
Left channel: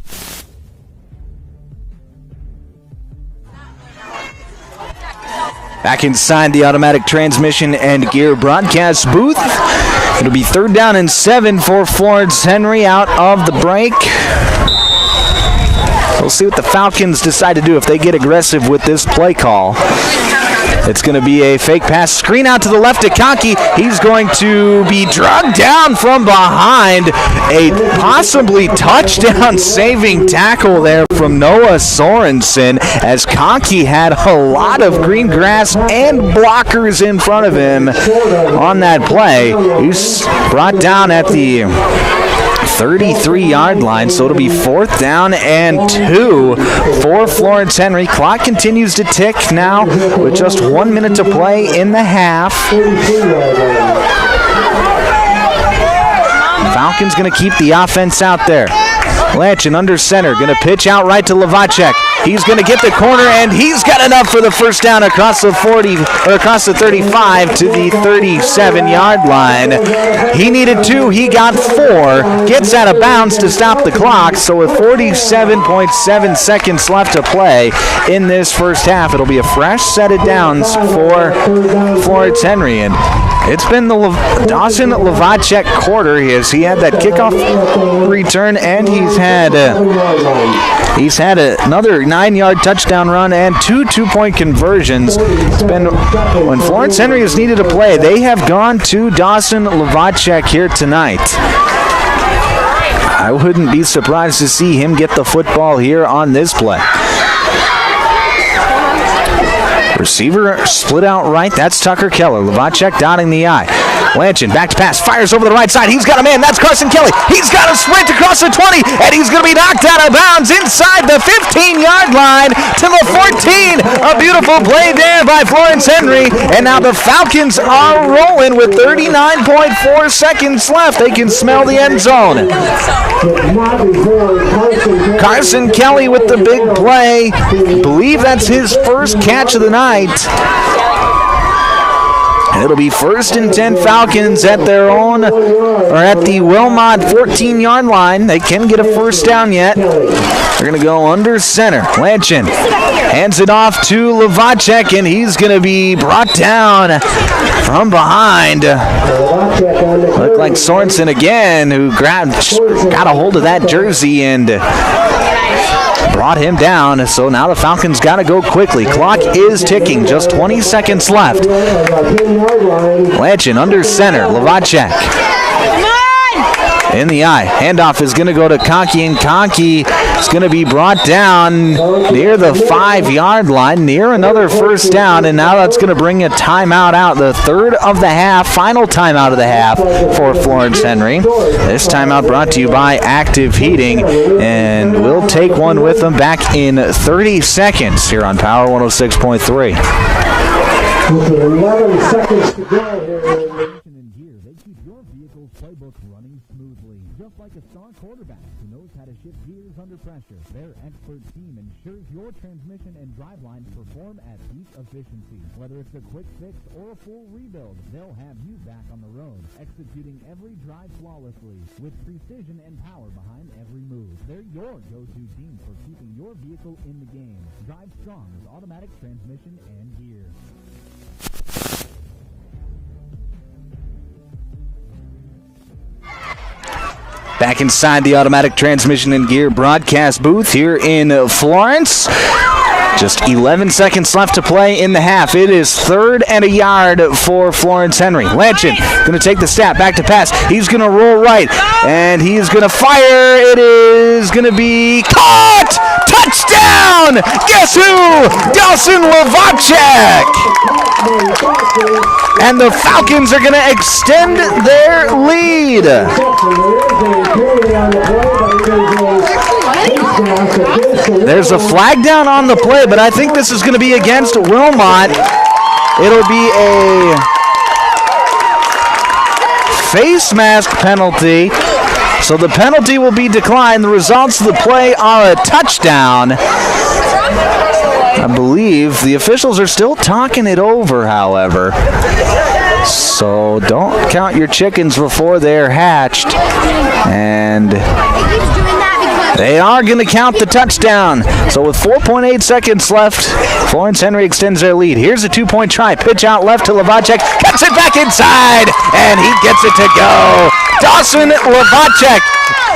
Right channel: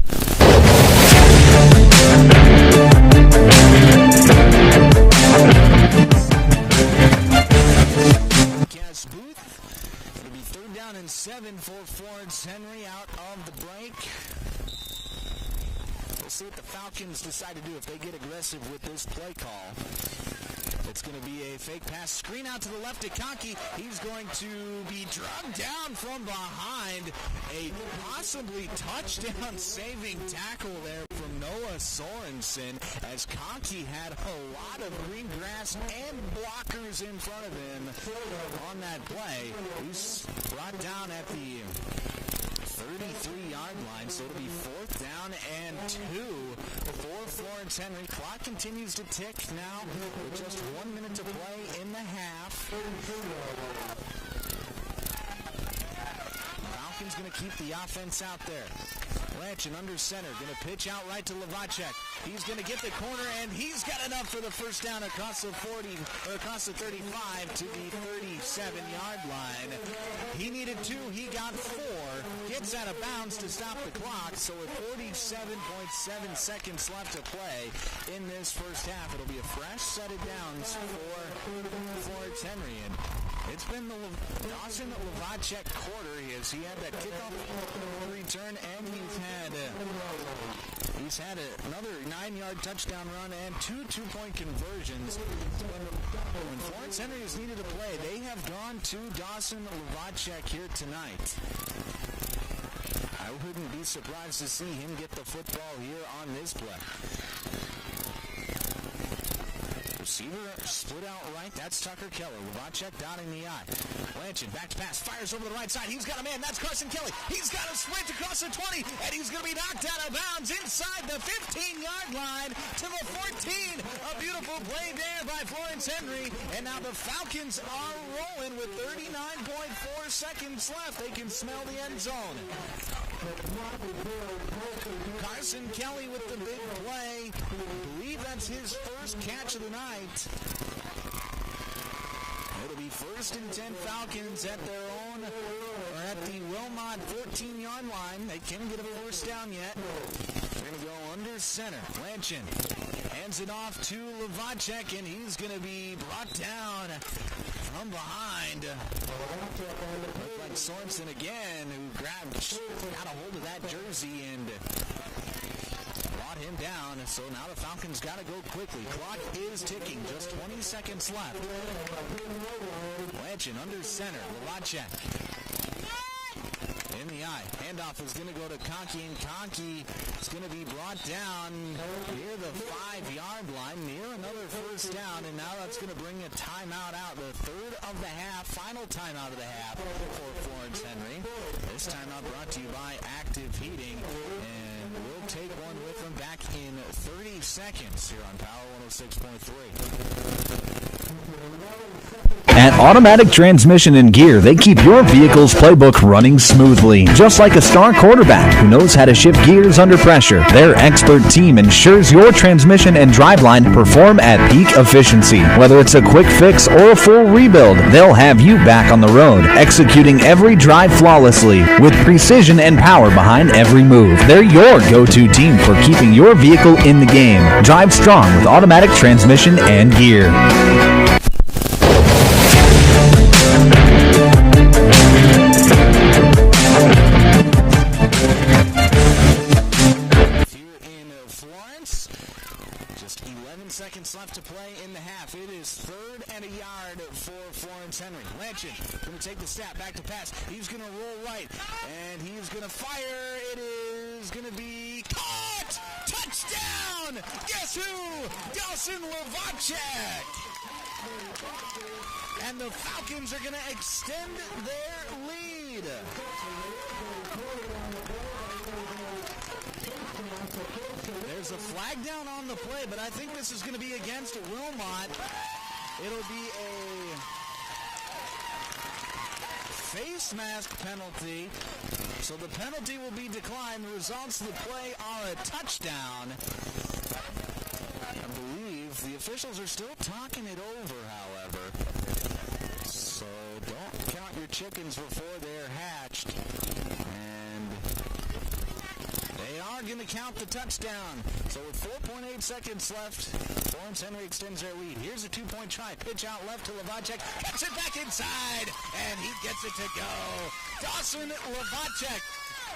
Back inside the automatic transmission and gear broadcast booth. It'll be 3rd down and 7 for Florence Henry out of the break. We'll see what the Falcons decide to do if they get aggressive with this play call. It's going to be a fake pass. Screen out to the left to Conkey. He's going to be drugged down from behind. A possibly touchdown-saving tackle there from Noah Sorensen, as Conkey had a lot of green grass and blockers in front of him on that play. He's brought down at the 33-yard line, so it'll be 4th down and 2 for Florence Henry. Clock continues to tick now with just 1 minute to play in the half. Falcons going to keep the offense out there. Lanchin under center, going to pitch out right to Lavacek. He's going to get the corner, and he's got enough for the first down across the 35 to the 37-yard line. He needed 2, he got 4. Gets out of bounds to stop the clock. So with 47.7 seconds left to play in this first half, it'll be a fresh set of downs for Florence Henry. And it's been the Dawson Lavacek quarter. He had that kickoff return, and he's had another 9-yard touchdown run and 2 two-point conversions. It's been when Florence Henry has needed a play, they have gone to Dawson Lavacek here tonight. I wouldn't be surprised to see him get the football here on this play. Receiver split out right. That's Tucker Keller. Lavacek dotting the I. Lanchin back to pass. Fires over the right side. He's got a man. That's Carson Kelly. He's got a sprint across the 20, and he's going to be knocked out of bounds inside the 15-yard line to the 14. A beautiful play there by Florence Henry. And now the Falcons are rolling with 39.4 seconds left. They can smell the end zone. Carson Kelly with the big play. I believe that's his first catch of the night. And it'll be 1st and 10 Falcons at their own, or at the Wilmot 14-yard line. They can get a first down yet. They're going to go under center. Lanchin hands it off to Lavacek, and he's going to be brought down from behind. Looked like Sorensen again, who got a hold of that jersey and brought him down. So now the Falcons got to go quickly. Clock is ticking. Just 20 seconds left. Lanchin under center. Lavacek. in the eye. Handoff is going to go to Conkey, and Conkey is going to be brought down near the 5-yard line, near another first down, and now that's going to bring a timeout out, the third of the half, final timeout of the half for Florence Henry. This timeout brought to you by Active Heating, and we'll take one with them back in 30 seconds here on Power 106.3. At Automatic Transmission and Gear, they keep your vehicle's playbook running smoothly. Just like a star quarterback who knows how to shift gears under pressure, their expert team ensures your transmission and driveline perform at peak efficiency. Whether it's a quick fix or a full rebuild, they'll have you back on the road, executing every drive flawlessly with precision and power behind every move. They're your go-to team for keeping your vehicle in the game. Drive strong with Automatic Transmission and Gear. Inside the Automatic Transmission and Gear broadcast booth here in Florence. Just 11 seconds left to play in the half. It is 3rd and a yard for Florence Henry. Lanchin going to take the snap, back to pass. He's going to roll right, and he's going to fire. It is going to be caught! Touchdown! Guess who? Dawson Lovacek! And the Falcons are going to extend their lead. There's a flag down on the play, but I think this is going to be against Wilmot. It'll be a face mask penalty. So the penalty will be declined. The results of the play are a touchdown. I believe the officials are still talking it over, however. So don't count your chickens before they're hatched. And they are going to count the touchdown. So with 4.8 seconds left, Florence Henry extends their lead. Here's a 2-point try. Pitch out left to Lovacek. Cuts it back inside, and he gets it to go. Dawson Lovacek,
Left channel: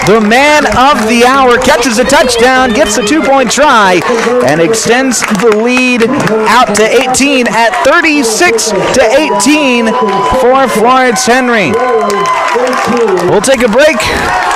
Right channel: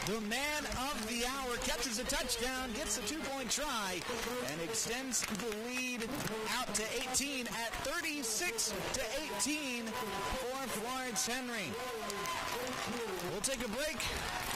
the man of the hour, catches a touchdown, gets a 2-point try, and extends the lead out to 18 at 36-18 for Florence Henry. We'll take a break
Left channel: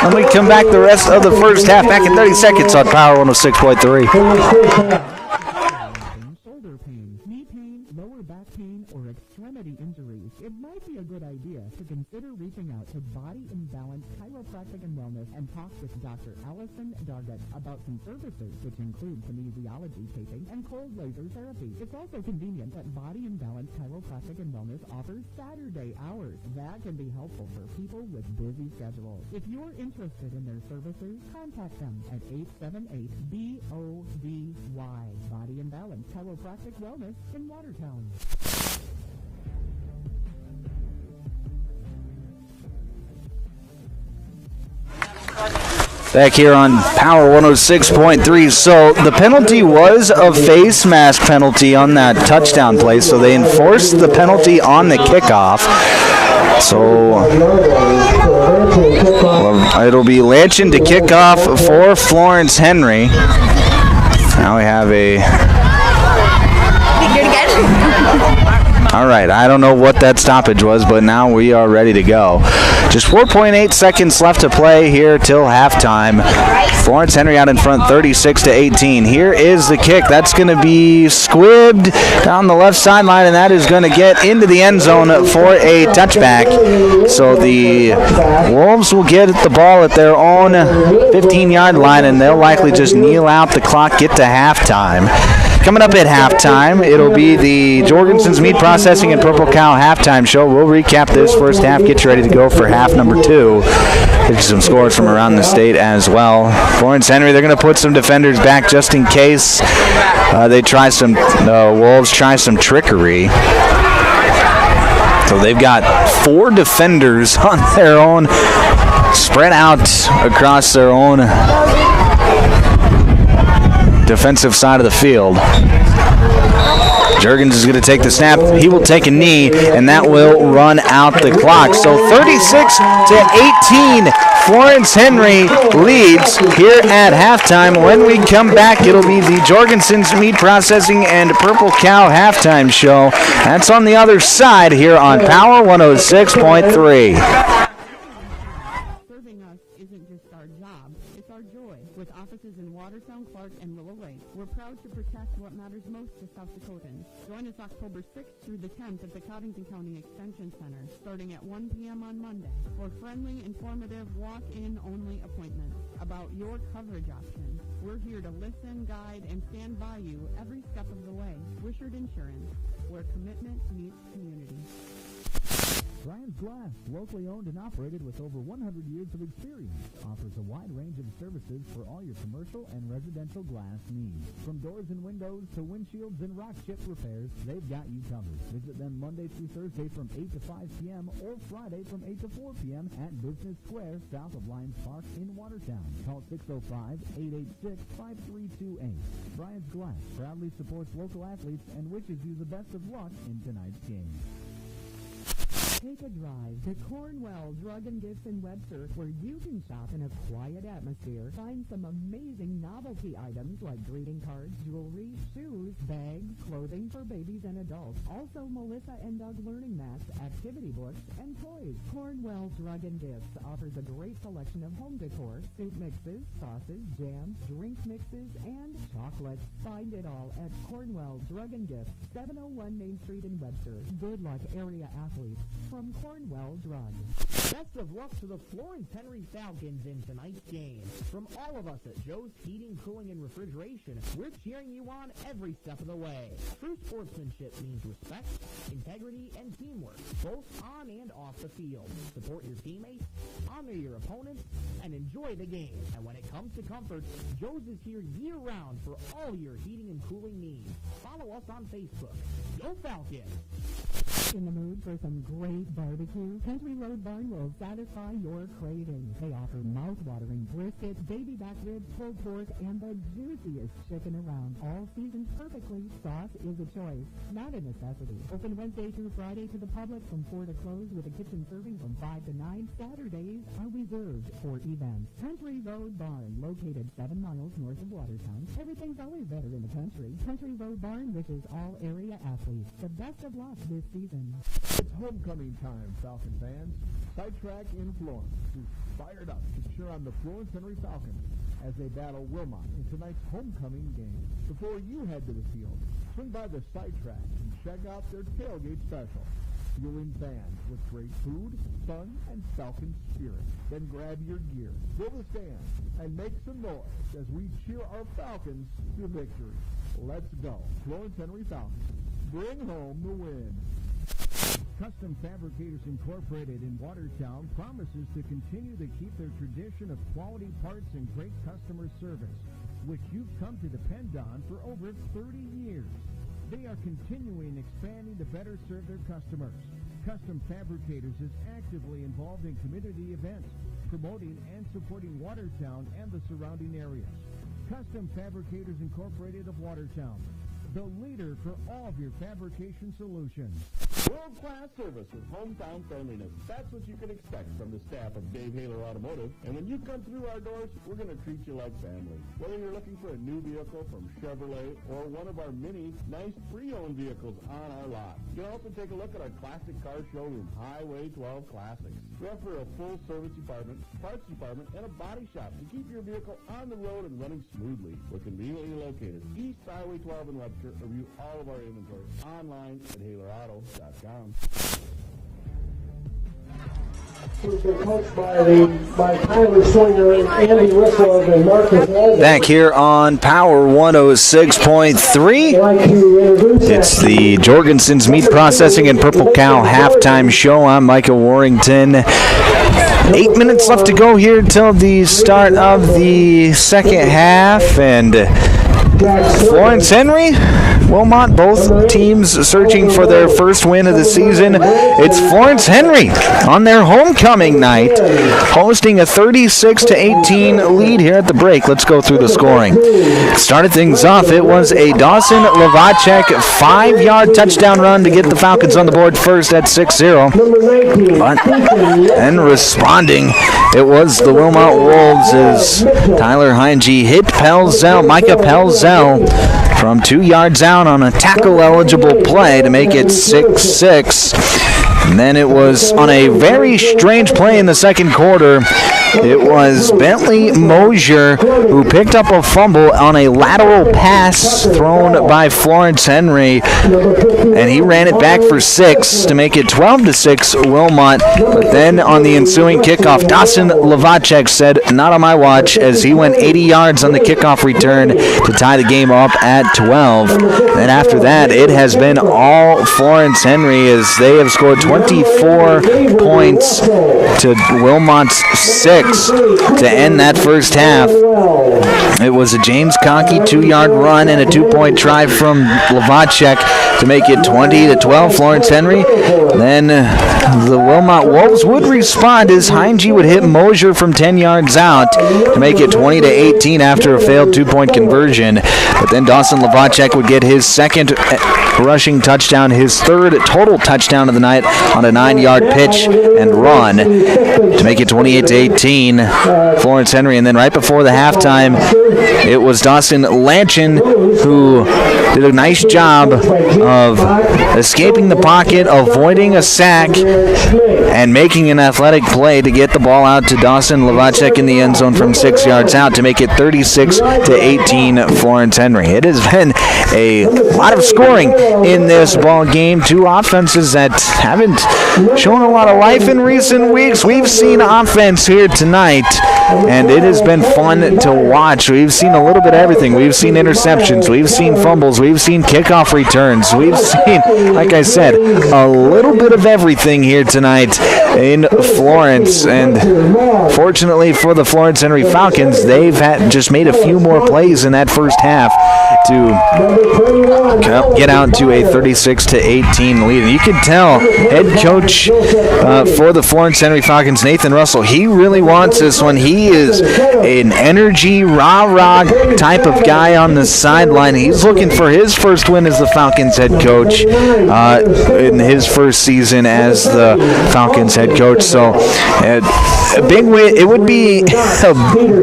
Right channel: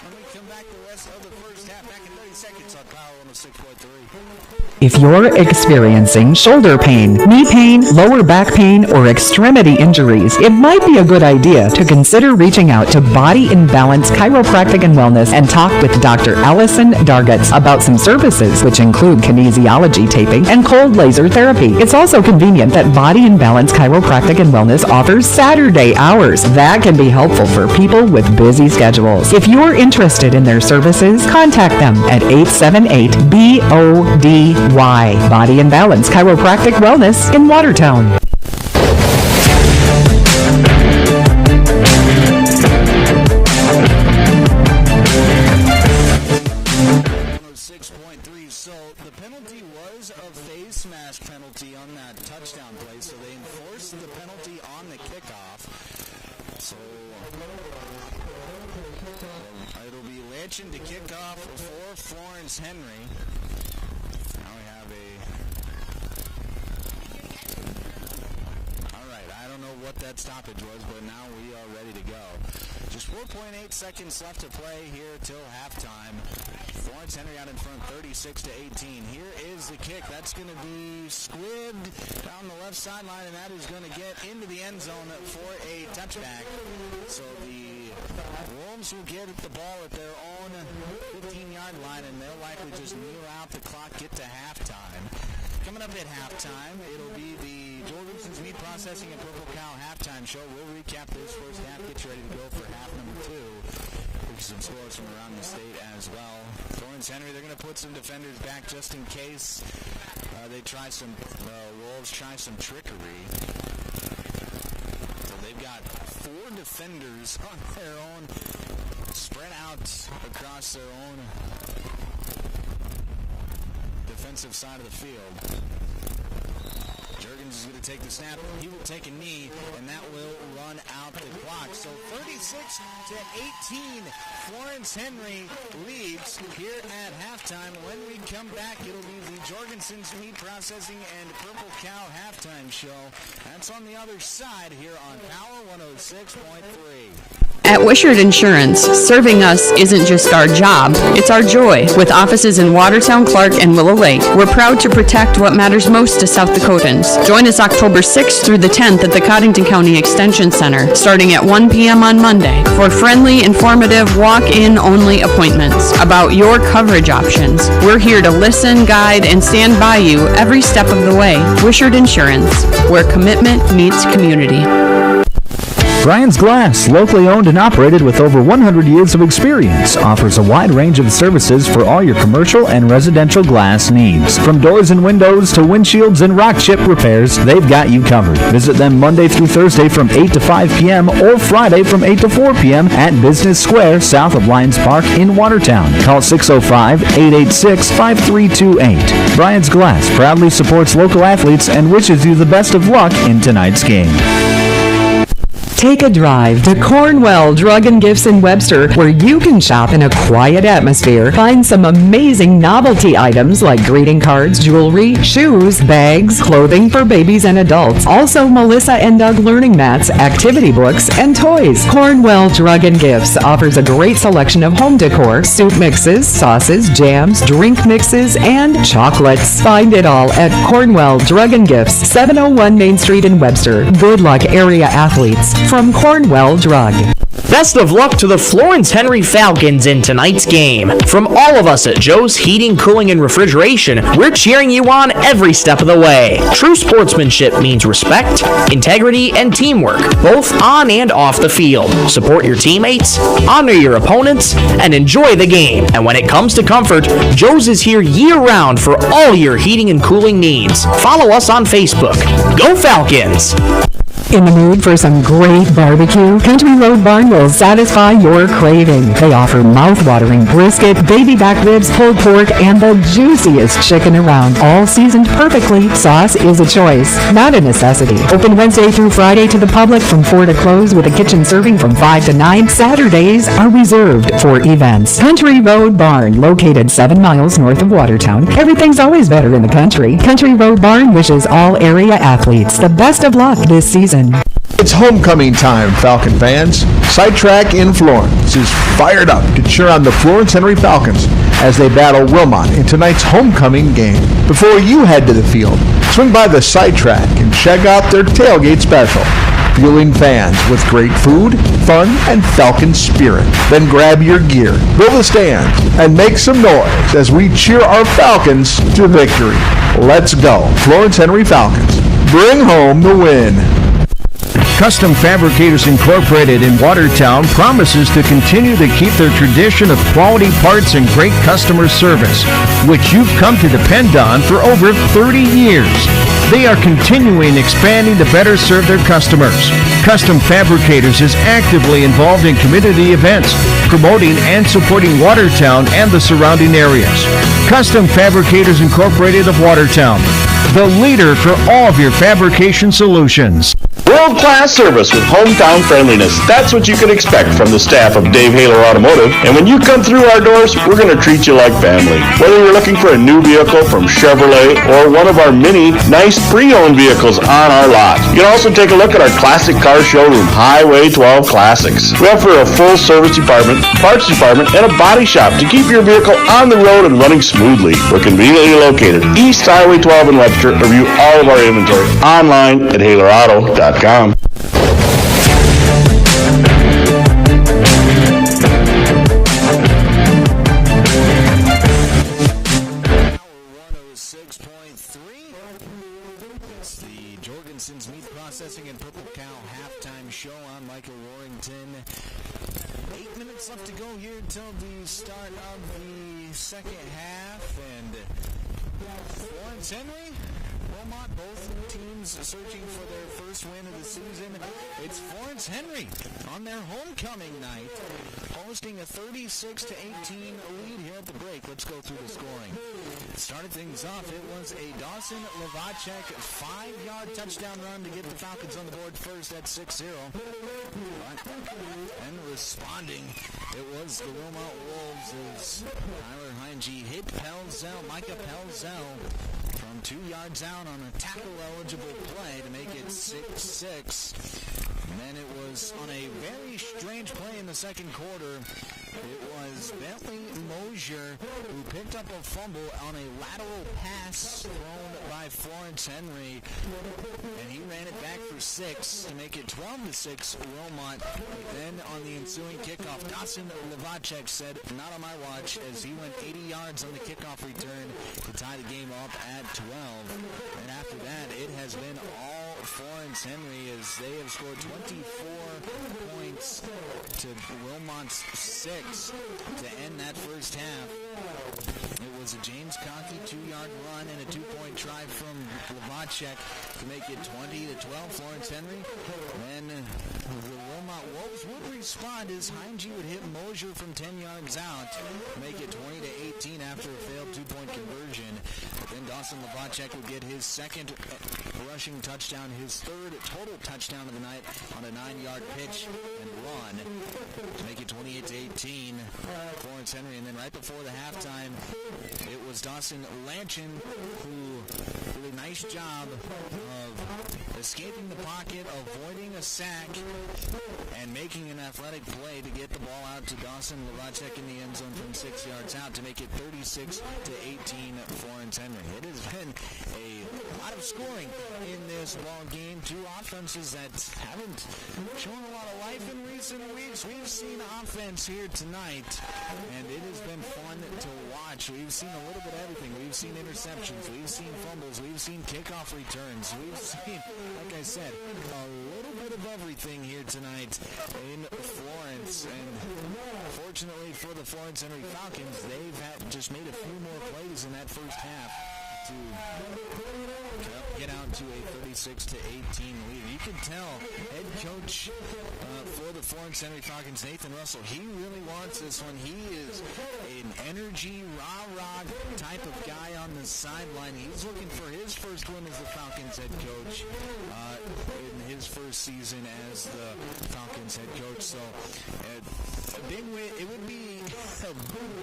when we come back the rest of the first half, back in 30 seconds on Power 106.3. If you're experiencing shoulder pain, knee pain, lower back pain, or extremity injuries, it might be a good idea to consider reaching out to Body in Balance Chiropractic and Wellness and talk with Dr. Allison Dargutz about some services, which include kinesiology taping and cold laser therapy. It's also convenient that Body in Balance Chiropractic and Wellness offers Saturday hours. That can be helpful for people with busy schedules. If you're interested in their services, contact them at 878-BODY. Body in Balance Chiropractic Wellness in Watertown. Back here on Power 106.3. So the penalty was a face mask penalty on that touchdown play, so they enforced the penalty on the kickoff. So it'll be Lanchin to kick off for Florence Henry. Now we have a... All right, I don't know what that stoppage was, but now we are ready to go. Just 4.8 seconds left to play here till halftime. Florence Henry out in front, 36-18. Here is the kick. That's going to be squibbed down the left sideline, and that is going to get into the end zone for a touchback. So the Wolves will get the ball at their own 15-yard line, and they'll likely just kneel out the clock, get to halftime. Coming up at halftime, it'll be the Jorgensen's Meat Processing and Purple Cow halftime show. We'll recap this first half, get you ready to go for half number 2. Get you some scores from around the state as well. Florence Henry, they're going to put some defenders back just in case they try some, Wolves try some trickery. So they've got 4 defenders on their own, spread out across their own defensive side of the field. Juergens is going to take the snap. He will take a knee, and that will run out the clock. So 36-18, Florence Henry leads here at halftime. When we come back, it'll be the Jorgensen's Meat Processing and Purple Cow halftime show. That's on the other side here on Power 106.3. At Wishart Insurance, serving us isn't just our job, it's our joy. With offices in Watertown, Clark, and Willow Lake, we're proud to protect what matters most to South Dakotans. Join us October 6th through the 10th at the Coddington County Extension Center, starting at 1 p.m. on Monday, for friendly, informative, walk-in only appointments about your coverage options. We're here to listen, guide, and stand by you every step of the way. Wishart Insurance, where commitment meets community. Brian's Glass, locally owned and operated with over 100 years of experience, offers a wide range of services for all your commercial and residential glass needs. From doors and windows to windshields and rock chip repairs, they've got you covered. Visit them Monday through Thursday from 8 to 5 p.m. or Friday from 8 to 4 p.m. at Business Square, south of Lions Park in Watertown. Call 605-886-5328. Brian's Glass proudly supports local athletes and wishes you the best of luck in tonight's game. Take a drive to Cornwell Drug and Gifts in Webster, where you can shop in a quiet atmosphere. Find some amazing novelty items like greeting cards, jewelry, shoes, bags, clothing for babies and adults. Also, Melissa and Doug learning mats, activity books, and toys. Cornwell Drug and Gifts offers a great selection of home decor, soup mixes, sauces, jams, drink mixes, and chocolates. Find it all at Cornwell Drug and Gifts, 701 Main Street in Webster. Good luck, area athletes. From Cornwell Drug. Best of luck to the Florence Henry Falcons in tonight's game. From all of us at Joe's Heating, Cooling, and Refrigeration, we're cheering you on every step of the way. True sportsmanship means respect, integrity, and teamwork, both on and off the field. Support your teammates, honor your opponents, and enjoy the game. And when it comes to comfort, Joe's is here year-round for all your heating and cooling needs. Follow us on Facebook. Go Falcons! In the mood for some great barbecue? Country Road Barn will satisfy your craving. They offer mouth-watering brisket, baby back ribs, pulled pork, and the juiciest chicken around, all seasoned perfectly. Sauce is a choice, not a necessity. Open Wednesday through Friday to the public from 4 to close, with a kitchen serving from 5 to 9. Saturdays are reserved for events. Country Road Barn, located 7 miles north of Watertown. Everything's always better in the country. Country Road Barn wishes all area athletes the best of luck this season. It's homecoming time, Falcon fans. Sidetrack in Florence is fired up to cheer on the Florence Henry Falcons as they battle Wilmot in tonight's homecoming game. Before you head to the field, swing by the Sidetrack and check out their tailgate special, fueling fans with great food, fun, and Falcon spirit. Then grab your gear, build a stand, and make some noise as we cheer our Falcons to victory. Let's go, Florence Henry Falcons. Bring home the win. Custom Fabricators Incorporated in Watertown promises to continue to keep their tradition of quality parts and great customer service, which you've come to depend on for over 30 years. They are continuing expanding to better serve their customers. Custom Fabricators is actively involved in community events, promoting and supporting Watertown and the surrounding areas. Custom Fabricators Incorporated of Watertown, the leader for all of your fabrication solutions. World-class service with hometown friendliness. That's what you can expect from the staff of Dave Haler Automotive. And when you come through our doors, we're going to treat you like family. Whether you're looking for a new vehicle from Chevrolet or one of our many nice pre-owned vehicles on our lot. You can also take a look at our classic car showroom, Highway 12 Classics. We offer a full service department, parts department, and a body shop to keep your vehicle on the road and running smoothly. We're conveniently located East Highway 12 in Webster. Review all of our inventory online at HalerAuto.com. Back here on Power 106.3. It's the Jorgensen's Meat Processing and Purple Cow halftime show. I'm Micah Warrington. 8 minutes left to go here until the start of the second half, and Florence Henry, Wilmot, both teams searching for their first win of the season. It's Florence Henry on their homecoming night, hosting a 36-18 lead here at the break. Let's go through the scoring. Started things off, it was a Dawson Lavacek 5-yard touchdown run to get the Falcons on the board first at 6-0. And responding, it was the Wilmot Wolves as Tyler Heinge hit Micah Pelzel from 2 yards out on a tackle-eligible play to make it 6-6. And then it was on a very strange play in the second quarter. It was Bentley Mosier who picked up a fumble on a lateral pass thrown by Florence Henry, and he ran it back for 6 to make it 12-6 Wilmot. But then on the ensuing kickoff, Dawson Lavacek said, "Not on my watch," as he went 80 yards on the kickoff return to tie the game up at 12. And after that, it has been all Florence Henry as they have scored 24 points to Wilmot's 6 to end that first half. It was a James Conkey 2-yard run and a 2-point try from Lavacek to make it 20-12 Florence Henry. Then the Wilmot Wolves would respond as Heinge would hit Mosier from 10 yards out to make it 20-18 after a failed 2-point conversion. But then Dawson Lavacek would get his second rushing touchdown, his third total touchdown of the night on a 9-yard pitch and run to make it 28-18 Florence Henry. And then right before the halftime, it was Dawson Lanchin who did a nice job of escaping the pocket, avoiding a sack, and making an athletic play to get the ball out to Dawson Lavacek in the end zone from 6 yards out to make it 36-18 Florence Henry. It has been a lot of scoring in this ball game. Two offenses that haven't shown a lot of life in recent weeks. We've seen offense here tonight, and it has been fun to watch. We've seen a little bit of everything. We've seen interceptions. We've seen fumbles. We've seen kickoff returns. We've seen, like I said, a little bit of everything here tonight in Florence. And fortunately for the Florence Henry Falcons, they've just made a few more plays in that first half to get out to a 36-18 lead. And you can tell head coach for the Florence Henry Falcons, Nathan Russell, he really wants this one. He is an energy, rah-rah type of guy on the sideline. He's looking for his first win as the Falcons head coach in his first season as the Falcons head coach. So a big win. It would be a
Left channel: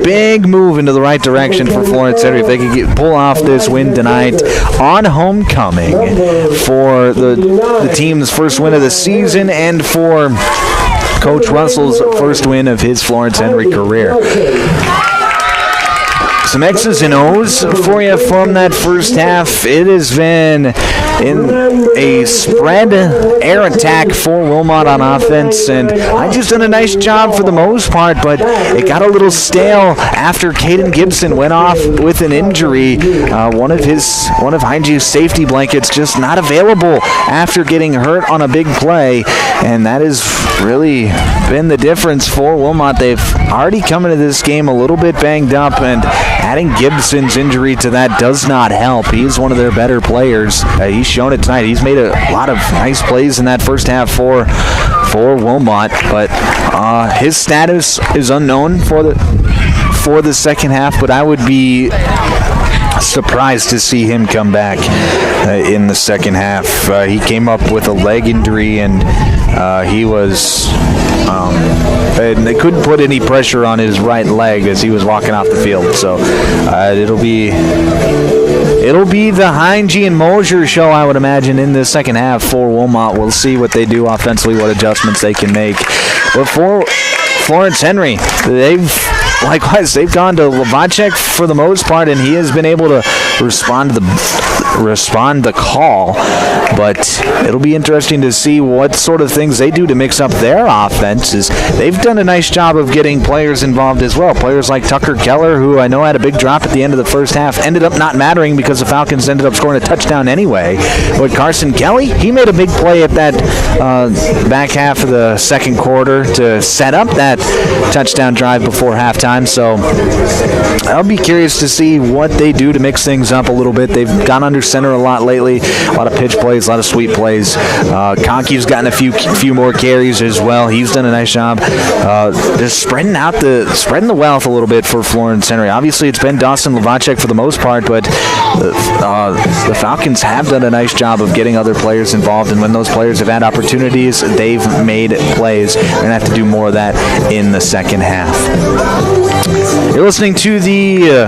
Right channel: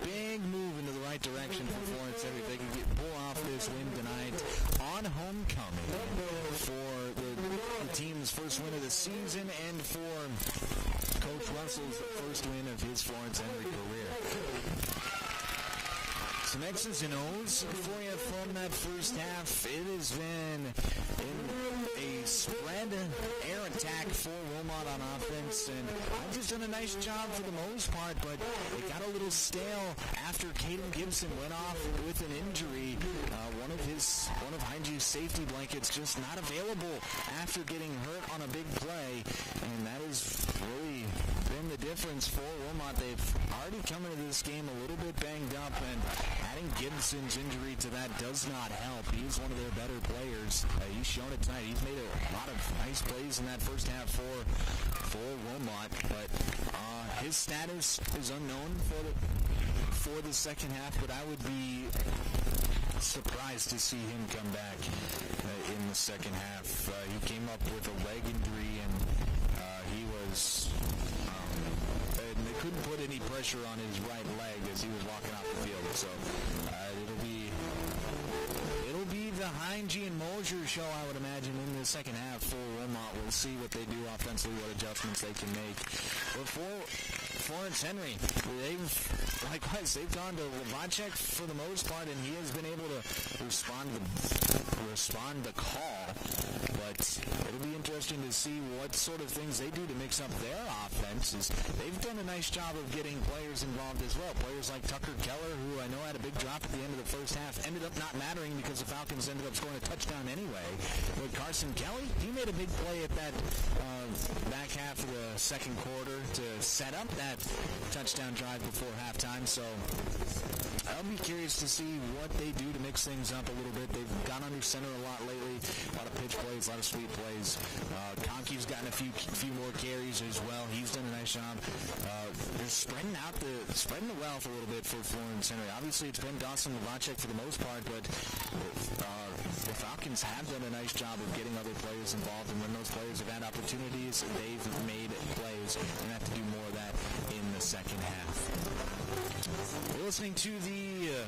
big move into the right direction for Florence Henry if they could pull off this win tonight on homecoming for the team's first win of the season and for Coach Russell's first win of his Florence Henry career. Some X's and O's for you from that first half. It has been in a spread air attack for Wilmot on offense, and I just done a nice job for the most part, but it got a little stale after Caden Gibson went off with an injury. One of Heinge's safety blankets just not available after getting hurt on a big play, and that has really been the difference for Wilmot. They've already come into this game a little bit banged up, and adding Gibson's injury to that does not help. He's one of their better players. He's shown it tonight. He's made a lot of nice plays in that first half for Wilmot, but his status is unknown for the second half, but I would be surprised to see him come back in the second half. He came up with a leg injury, and he was and they couldn't put any pressure on his right leg as he was walking off the field. So it'll be the Heinge and Mosier show, I would imagine, in the second half for Wilmot. We'll see what they do offensively, what adjustments they can make. But for Florence Henry, they've gone to Lavacek for the most part, and he has been able to respond the call. But it'll be interesting to see what sort of things they do to mix up their offenses. They've done a nice job of getting players involved as well. Players like Tucker Keller, who I know had a big drop at the end of the first half, ended up not mattering because the Falcons ended up scoring a touchdown anyway. But Carson Kelly, he made a big play at that back half of the second quarter to set up that touchdown drive before halftime. time, so I'll be curious to see what they do to mix things up a little bit. They've gone under center a lot lately, a lot of pitch plays, a lot of sweep plays. Conky's gotten a few more carries as well. He's done a nice job just spreading the wealth a little bit for Florence Henry. Obviously, it's been Dawson Lavacek for the most part, but the Falcons have done a nice job of getting other players involved, and when those players have had opportunities, they've made plays. They're going to have to do more of that in the second half. You're listening to the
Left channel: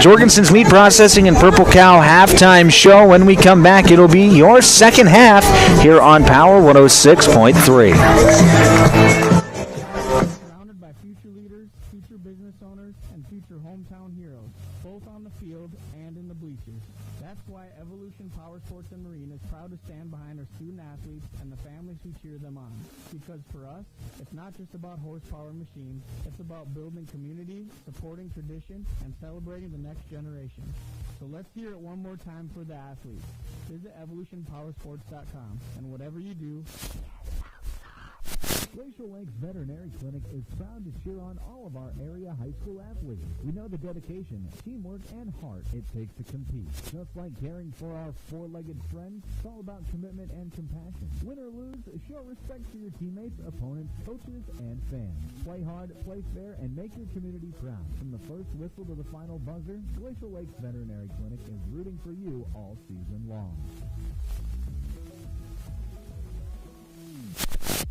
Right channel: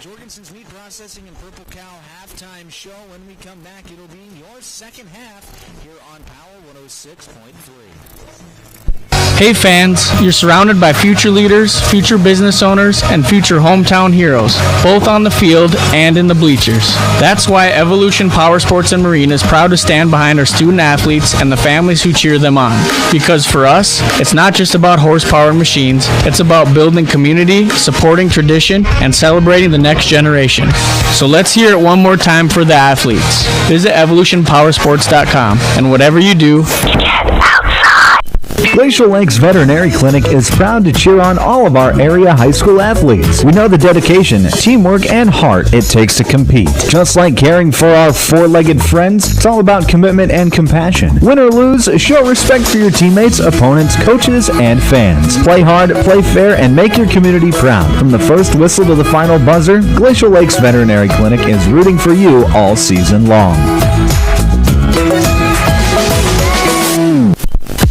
Jorgensen's Meat Processing and Purple Cow halftime show. When we come back, it'll be your second half here on Power 106.3. Hey fans, you're surrounded by future leaders, future business owners, and future hometown heroes, both on the field and in the bleachers. That's why Evolution Power Sports and Marine is proud to stand behind our student athletes and the families who cheer them on. Because for us, it's not just about horsepower and machines, it's about building community, supporting tradition, and celebrating the next generation. So let's hear it one more time for the athletes. Visit evolutionpowersports.com, and whatever you do, Glacial Lakes Veterinary Clinic is proud to cheer on all of our area high school athletes. We know the dedication, teamwork, and heart it takes to compete. Just like caring for our four-legged friends, it's all about commitment and compassion. Win or lose, show respect for your teammates, opponents, coaches, and fans. Play hard, play fair, and make your community proud. From the first whistle to the final buzzer, Glacial Lakes Veterinary Clinic is rooting for you all season long.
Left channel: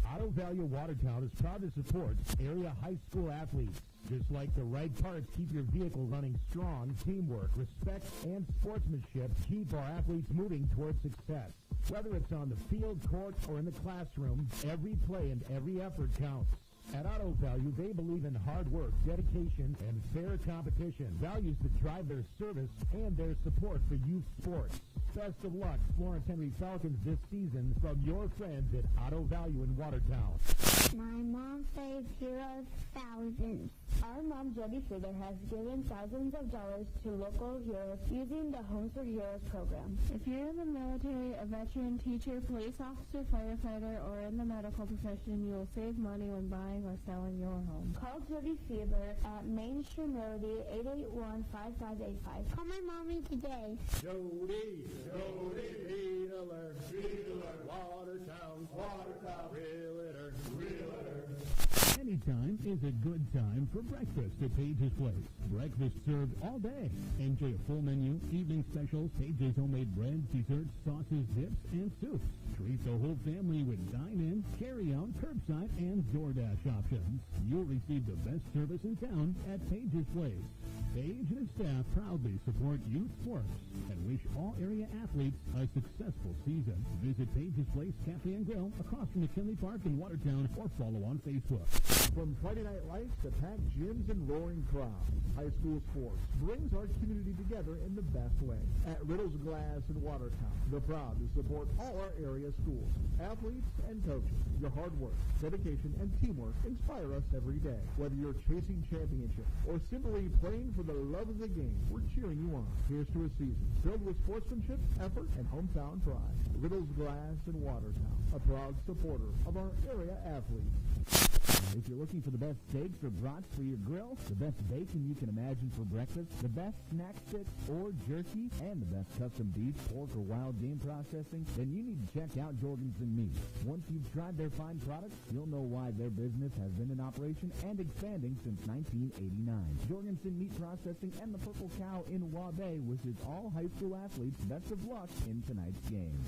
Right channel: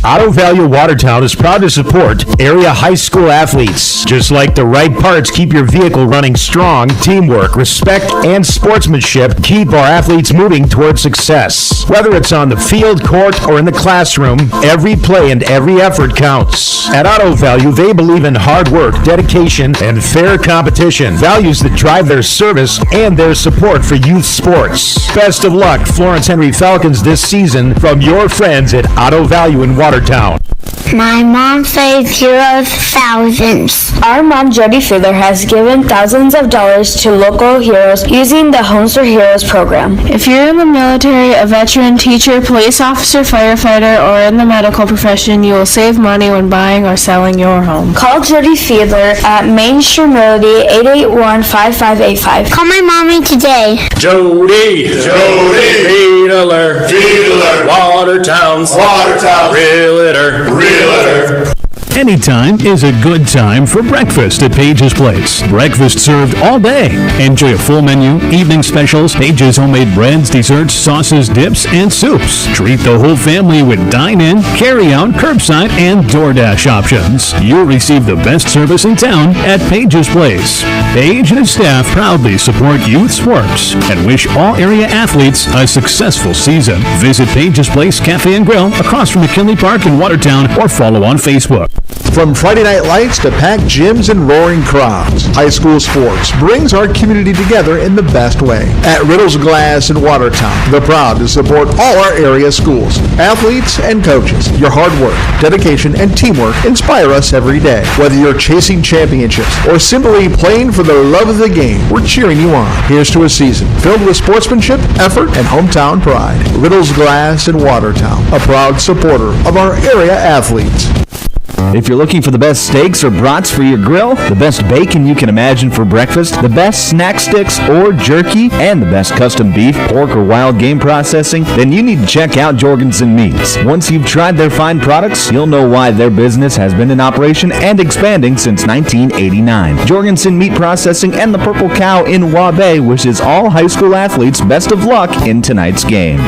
Auto Value Watertown is proud to support area high school athletes. Just like the right parts keep your vehicle running strong, teamwork, respect, and sportsmanship keep our athletes moving toward success. Whether it's on the field, court, or in the classroom, every play and every effort counts. At Auto Value, they believe in hard work, dedication, and fair competition, values that drive their service and their support for youth sports. Best of luck, Florence Henry Falcons, this season from your friends at Auto Value in Watertown. My mom saves heroes thousands. Our mom, Jody Fiedler, has given thousands of dollars to local heroes using the Homes for Heroes program. If you're in the military, a veteran, teacher, police officer, firefighter, or in the medical profession, you will save money when buying or selling your home. Call Jody Fiedler at Main Shore Melody 881-5585. Call my mommy today. Jody, Fiedler, Watertown's Realtor. Anytime is a good time for breakfast at Page's Place. Breakfast served all day. Enjoy a full menu, evening specials, Page's homemade breads, desserts, sauces, dips, and soups. Treat the whole family with dine-in, carry-out, curbside, and DoorDash options. You'll receive the best service in town at Page's Place. Page and his staff proudly support youth sports and wish all area athletes a successful season. Visit Page's Place Cafe and Grill across from McKinley Park in Watertown or follow on Facebook. From Friday night lights to packed gyms and roaring crowds, high school sports brings our community together in the best way. At Riddle's Glass in Watertown, they're proud to support all our area schools, athletes, and coaches. Your hard work, dedication, and teamwork inspire us every day. Whether you're chasing championships or simply playing for the love of the game, we're cheering you on. Here's to a season filled with sportsmanship, effort, and hometown pride. Riddle's Glass in Watertown, a proud supporter of our area athletes. If you're looking for the best steaks or brats for your grill, the best bacon you can imagine for breakfast, the best snack sticks or jerky, and the best custom beef, pork, or wild game processing, then you need to check out Jorgensen Meats. Once you've tried their fine products, you'll know why their business has been in operation and expanding since 1989. Jorgensen Meat Processing and the Purple Cow in Waubay wishes all high school athletes best of luck in tonight's game.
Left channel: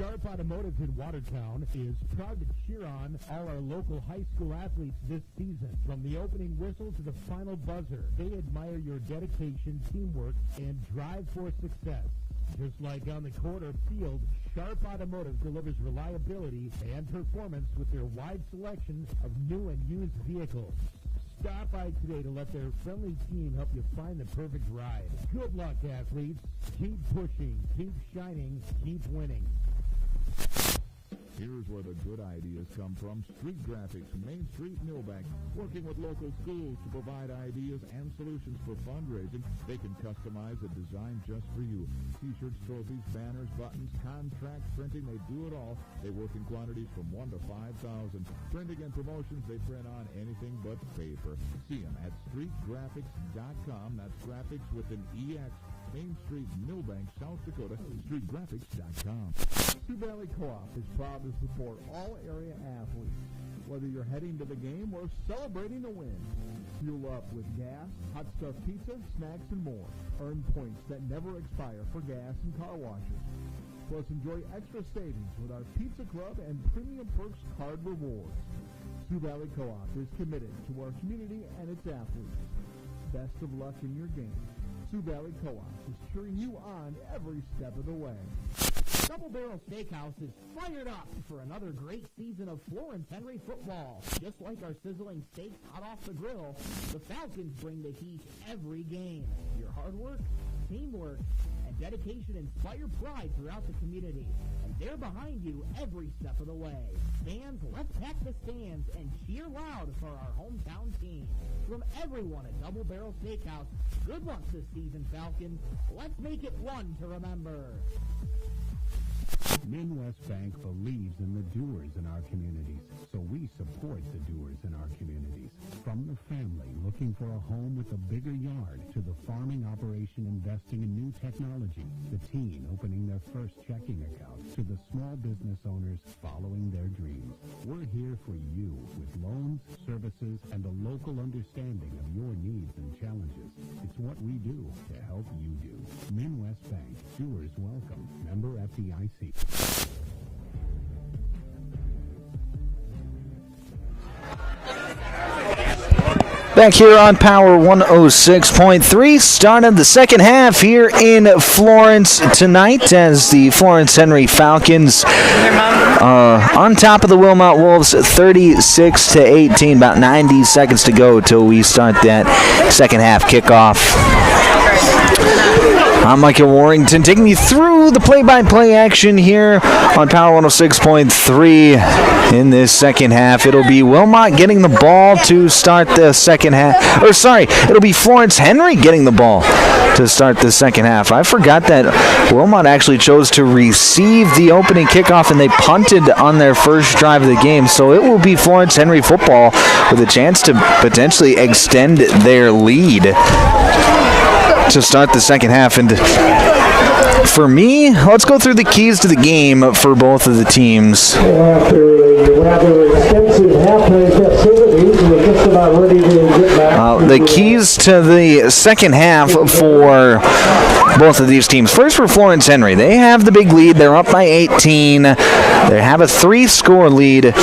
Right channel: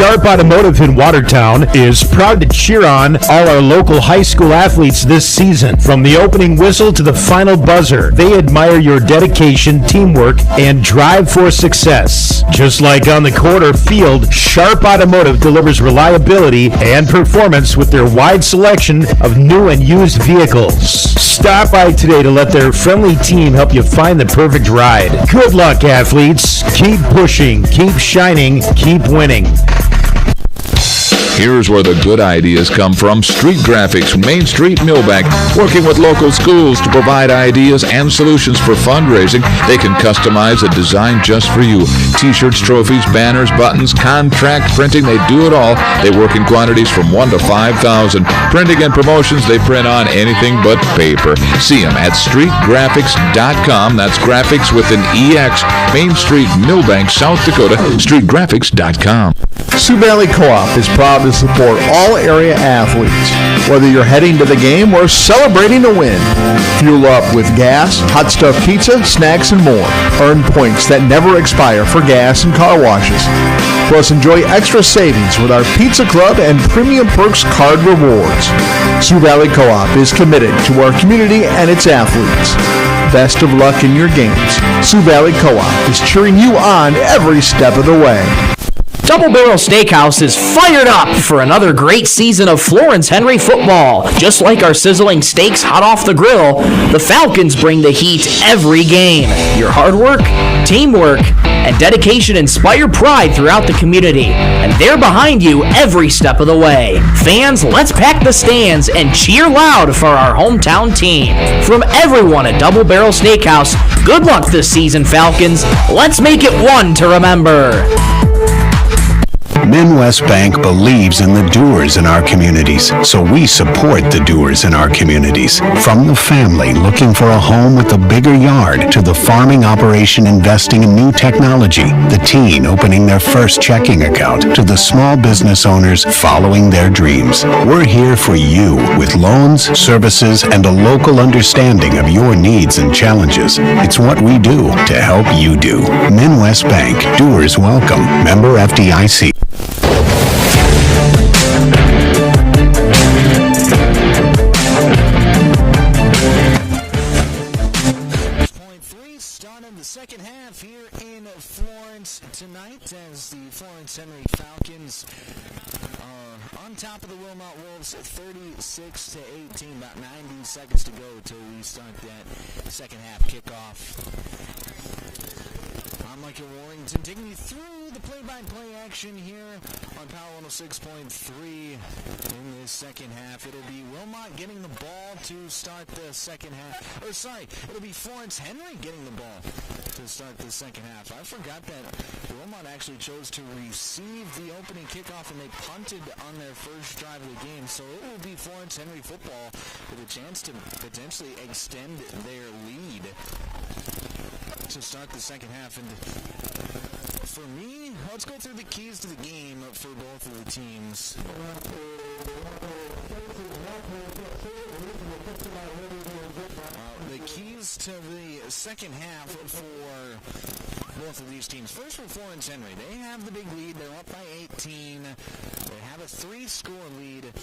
Sharp Automotive in Watertown is proud to cheer on all our local high school athletes this season. From the opening whistle to the final buzzer, they admire your dedication, teamwork, and drive for success. Just like on the court or field, Sharp Automotive delivers reliability and performance with their wide selection of new and used vehicles. Stop by today to let their friendly team help you find the perfect ride. Good luck, athletes. Keep pushing, keep shining, keep winning. Here's where the good ideas come from. Street Graphics, Main Street, Millbank, working with local schools to provide ideas and solutions for fundraising. They can customize a design just for you. T-shirts, trophies, banners, buttons, contract printing, they do it all. They work in quantities from 1 to 5,000. Printing and promotions, they print on anything but paper. See them at streetgraphics.com. That's graphics with an EX. Main Street, Millbank, South Dakota, streetgraphics.com. Sioux Valley Co-op is proud to support all area athletes. Whether you're heading to the game or celebrating a win, fuel up with gas, hot stuff pizza, snacks, and more. Earn points that never expire for gas and car washes. Plus, enjoy extra savings with our Pizza Club and Premium Perks card rewards. Sioux Valley Co-op is committed to our community and its athletes. Best of luck in your games. Sioux Valley Co-op is cheering you on every step of the way. Double Barrel Steakhouse is fired up for another great season of Florence Henry football. Just like our sizzling steaks hot off the grill, the Falcons bring the heat every game. Your hard work, teamwork, and dedication inspire pride throughout the community, and they're behind you every step of the way. Fans, let's pack the stands and cheer loud for our hometown team. From everyone at Double Barrel Steakhouse, good luck this season, Falcons. Let's make it one to remember. Midwest Bank believes in the doers in our communities, so we support the doers in our communities. From the family looking for a home with a bigger yard, to the farming operation investing in new technology, the teen opening their first checking account, to the small business owners following their dreams. We're here for you with loans, services, and a local understanding of your needs and challenges. It's what we do to help you do. Midwest Bank, doers welcome. Member FDIC. Back here on Power 106.3, started the second half here in Florence tonight as the Florence Henry Falcons on top of the Wilmot Wolves 36-18. About 90 seconds to go till we start that second half kickoff. I'm Michael Warrington taking you through the play-by-play action here on Power 106.3 in this second half. It'll be Wilmot getting the ball to start the second half. It'll be Florence Henry getting the ball to start the second half. I forgot that Wilmot actually chose to receive the opening kickoff and they punted on their first drive of the game. So it will be Florence Henry football with a chance to potentially extend their lead to start the second half. And for me, let's go through the keys to the game for both of the teams. After a rather extensive halftime festivities, we're just about ready to get back. The keys to the second half for both of these teams. First for Florence Henry. They have the big lead. They're up by 18. They have a 3-score lead.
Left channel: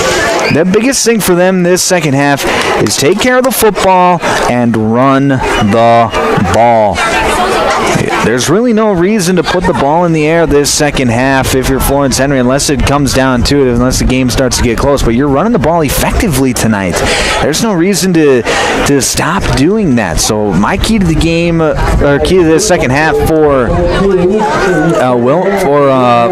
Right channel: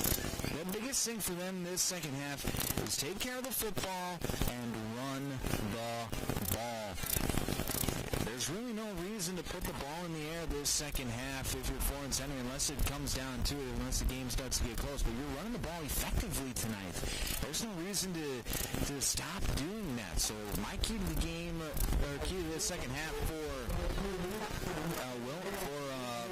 The biggest thing for them this second half is take care of the football and run the ball. There's really no reason to put the ball in the air this second half if you're Florence Henry, unless it comes down to it, unless the game starts to get close. But you're running the ball effectively tonight. There's no reason to stop doing that. So my key to the game, or key to this second half for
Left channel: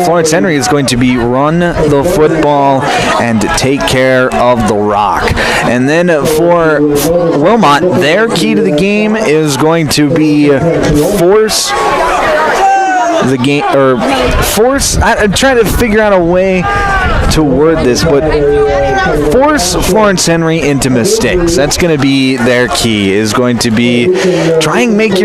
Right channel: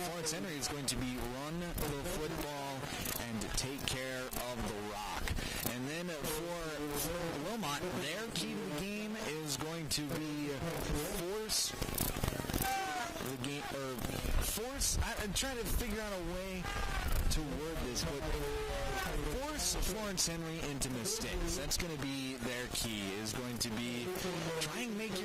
Florence Henry is going to be run the football and take care of the rock. And then for Wilmot, their key to the game is going to be force the game, or force, I'm trying to figure out a way to word this, but force Florence Henry into mistakes. That's going to be their key, is going to be try and make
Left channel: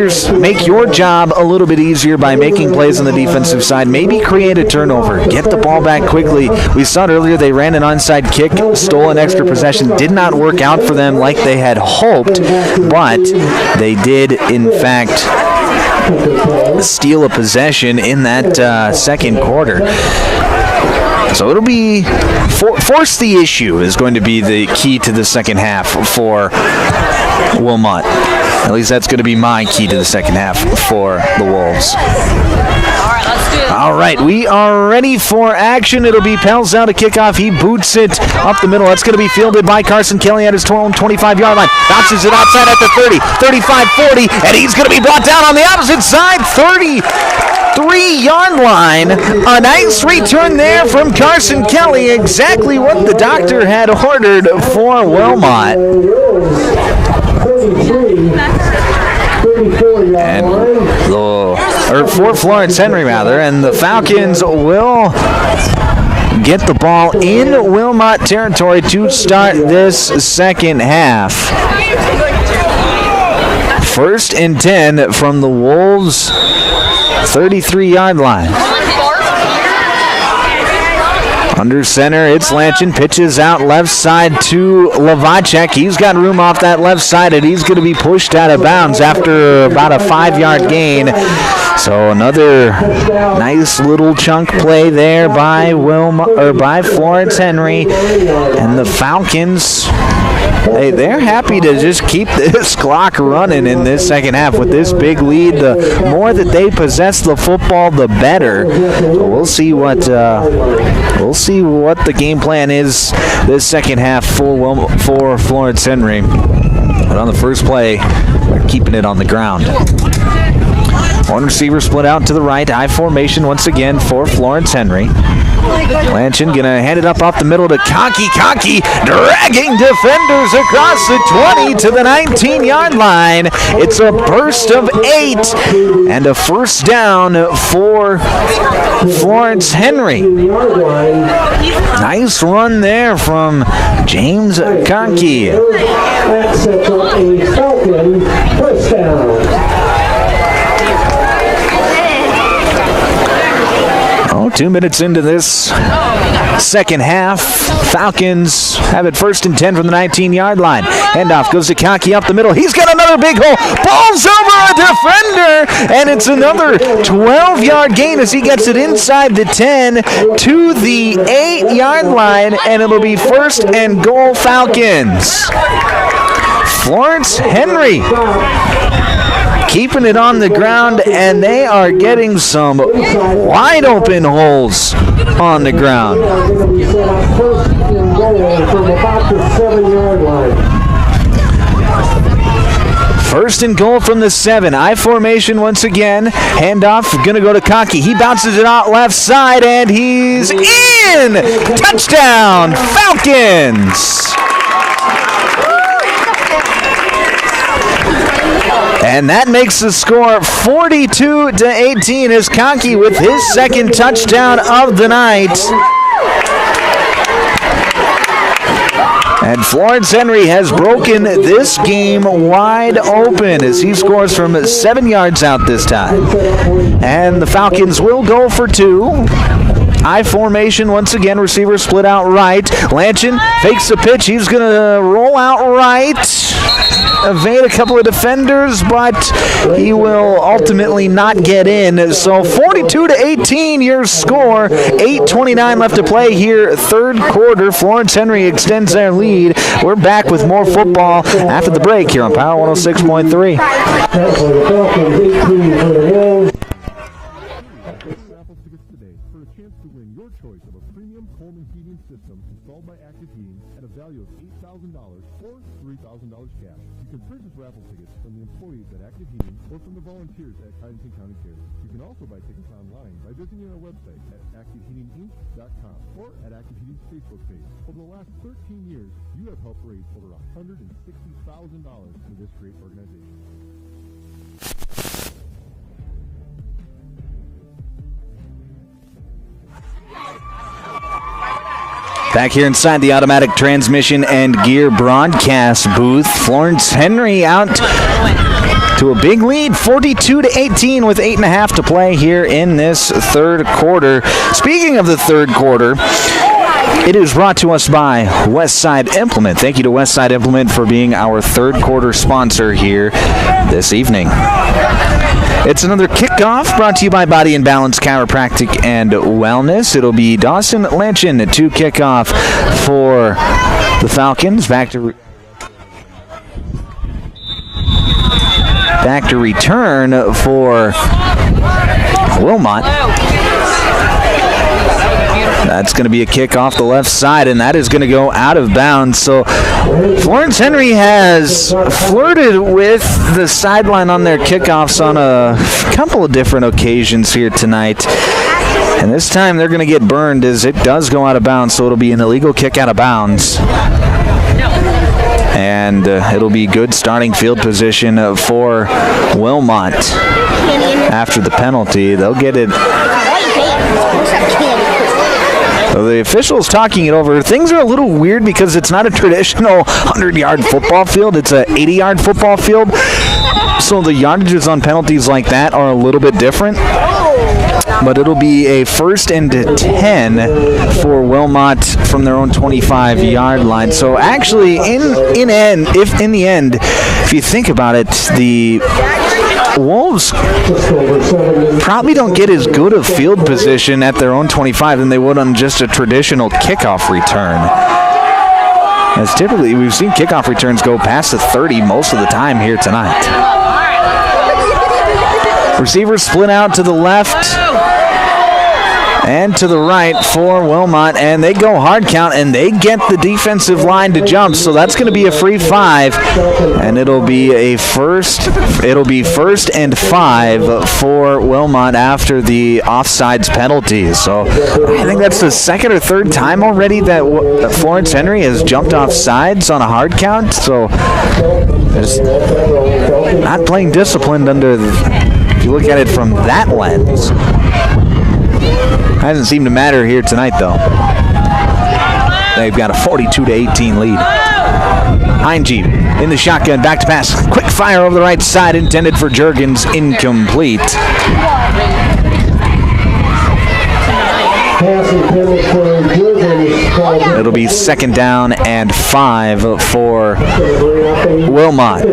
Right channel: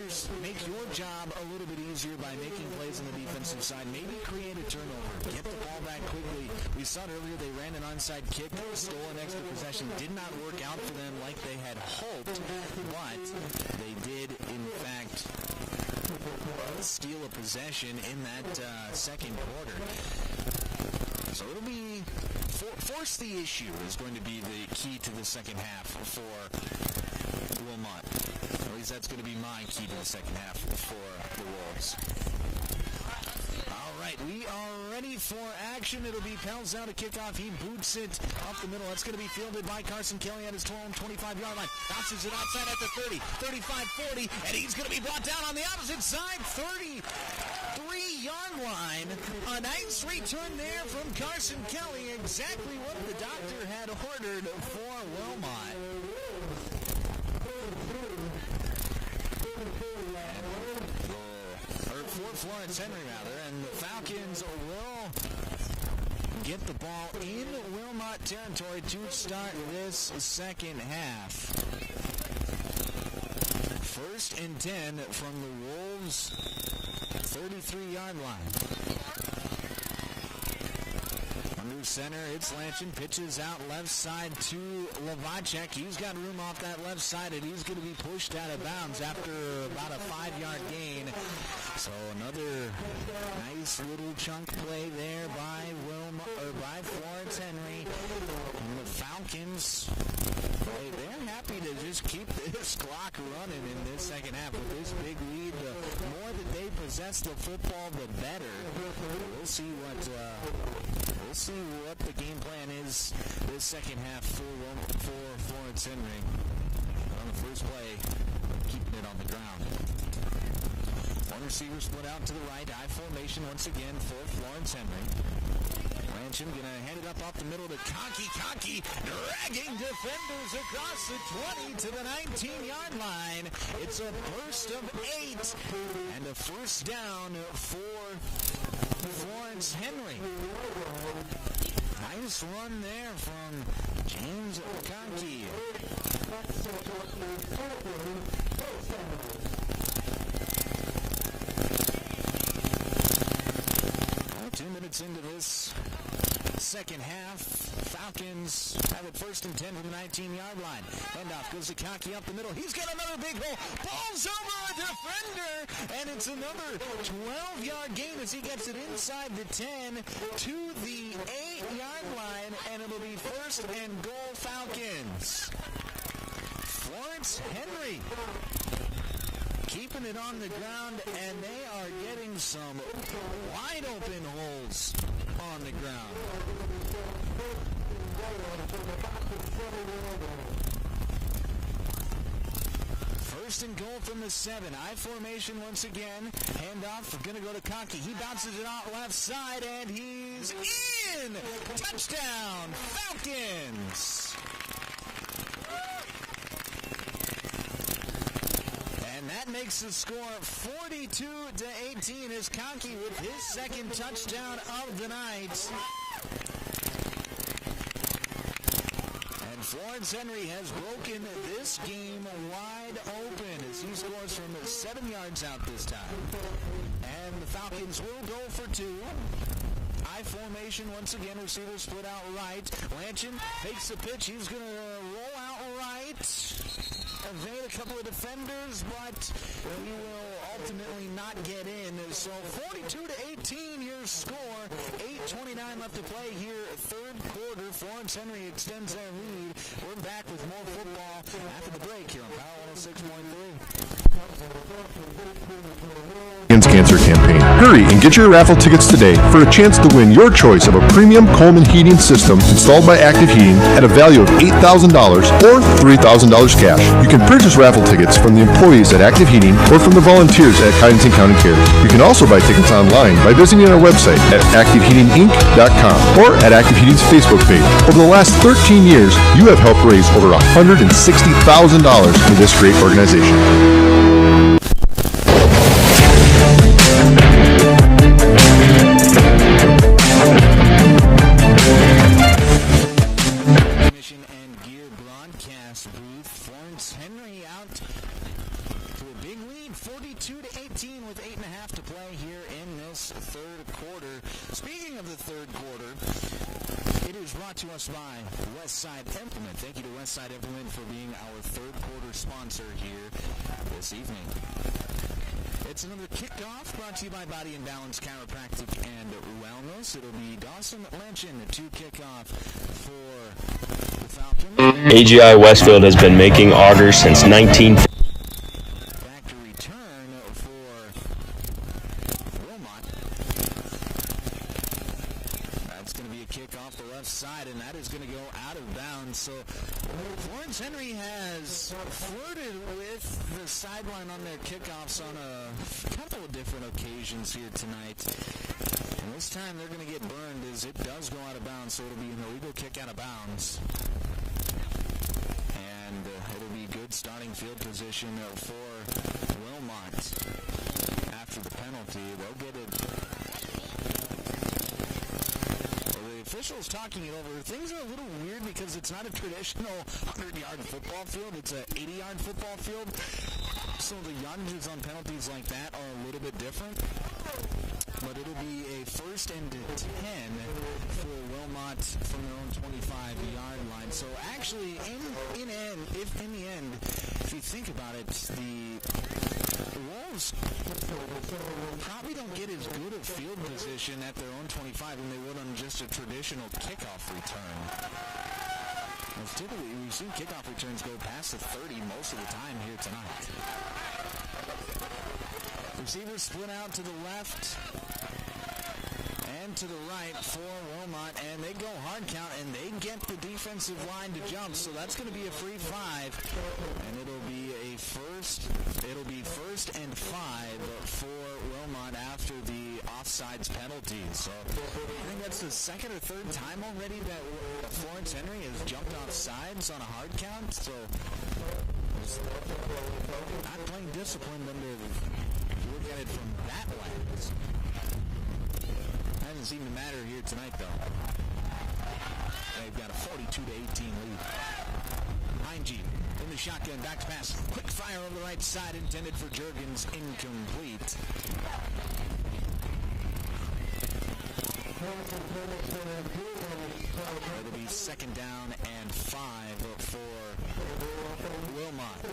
your job a little bit easier by making plays on the defensive side. Maybe create a turnover. Get the ball back quickly. We saw it earlier. They ran an onside kick, stole an extra possession. Did not work out for them like they had hoped, but they did, in fact, steal a possession in that second quarter. So it'll be force the issue is going to be the key to the second half for Wilmot. At least that's going to be my key to the second half for the Wolves. All right, we are ready for action. It'll be Pelzel to kick off. He boots it up the middle. That's going to be fielded by Carson Kelly at his 25-yard line. Bounces it outside at the 30, 35, 40, and he's going to be brought down on the opposite side. 30. 3-yard line. A nice return there from Carson Kelly, exactly what the doctor had ordered for Wilmot. Or for Florence Henry, rather, and the Falcons will get the ball in Wilmot territory to start this second half. 1st and 10 from the Wolves' 33-yard line. Under center, it's Lanchin. Pitches out left side to Lavacek. He's got room off that left side, and he's going to be pushed out of bounds after about a 5-yard gain. So another nice little chunk play there by Florence Henry, and the Falcons. Hey, they're happy to just keep this clock running in this second half with this big lead. The more that they possess the football, the better. So we'll see what the game plan is this second half for Florence Henry. But on the first play, they're keeping it on the ground. One receiver split out to the right. I formation once again for Florence Henry. Lanchin gonna hand it up off the middle to Conkey. Conkey dragging defenders across the 20 to the 19-yard line. It's a burst of 8 and a first down for Florence Henry. Nice run there from James Conkey. That sets up a Falcon first down. 2 minutes into this second half, Falcons have it 1st and 10 from the 19-yard line. Handoff goes to Conkey up the middle. He's got another big hole. Ball's over a defender, and it's another 12-yard gain as he gets it inside the 10 to the 8-yard line, and it'll be 1st and goal Falcons. Florence Henry keeping it on the ground, and they are getting some wide open holes on the ground. 1st and goal from the 7. I formation once again. Handoff going to go to Conkey. He bounces it out left side, and he's in! Touchdown, Falcons! And that makes the score 42-18 as Conkey with his second touchdown of the night. And Florence Henry has broken this game wide open as he scores from 7 yards out this time. And the Falcons will go for 2. I formation once again, receiver split out right. Lanchin fakes the pitch. He's going to roll out right, evade a couple of defenders, but he will ultimately not get in. So 42-18 your score. 8:29 left to play here, 3rd quarter. Florence Henry extends their lead. We're back with more football after the break here on Power 106.3. Cancer Campaign. Hurry and get your raffle tickets today for a chance to win your choice of a premium Coleman heating system installed by Active Heating at a value of $8,000 or $3,000 cash. You can purchase raffle tickets from the employees at Active Heating or from the volunteers at Cottington County Care. You can also buy tickets online by visiting our website at activeheatinginc.com or at Active Heating's Facebook page. Over the last 13 years, you have helped raise over $160,000 for this great organization. Here inside the automatic transmission and gear broadcast booth, Florence Henry out to a big lead, 42-18 with 8.5 to play here in this 3rd quarter. Speaking of the 3rd quarter, it is brought to us by Westside Implement. Thank you to Westside Implement for being our 3rd quarter sponsor here this evening. It's another kickoff brought to you by Body and Balance Chiropractic and Wellness. It'll be Dawson Lanchin to kick off for the Falcons. AGI Westfield has been making augers since 1950. Back to return for Wilmot. That's going to be a kick off the left side, and that is going to go out of bounds. So Florence Henry has flirted with the sideline on their kickoffs on a couple of different occasions here tonight. And this time they're going to get burned as it does go out of bounds, so it'll be an illegal kick out of bounds. And it'll be good starting field position for Wilmot after the penalty. They'll get it. So the officials talking it over. Things are a little weird because it's not a traditional 100-yard football field. It's a 80-yard football field. So the yardages on penalties like that are a little bit different. But it'll be a 1st and 10 for Wilmot from their own 25-yard line. So actually, in the end, if you think about it, the Wolves probably don't get as good a field position at their own 25 than they would on just a traditional kickoff return. As typically, we've seen kickoff returns go past the 30 most of the time here tonight. Receivers split out to the left and to the right for Wilmot, and they go hard count, and they get the defensive line to jump, so that's going to be a free 5, and it'll be first and 5 for Wilmot after the offsides penalty. So I think that's the second or third time already that Florence Henry has jumped off sides on a hard count, so just not playing disciplined if you look at it from that lens. Hasn't seemed to matter here tonight, though. They've got a 42-18 lead. Heinge in the shotgun, back to pass. Quick fire over the right side, intended for Juergens, incomplete. It'll be 2nd down and 5 for Wilmot.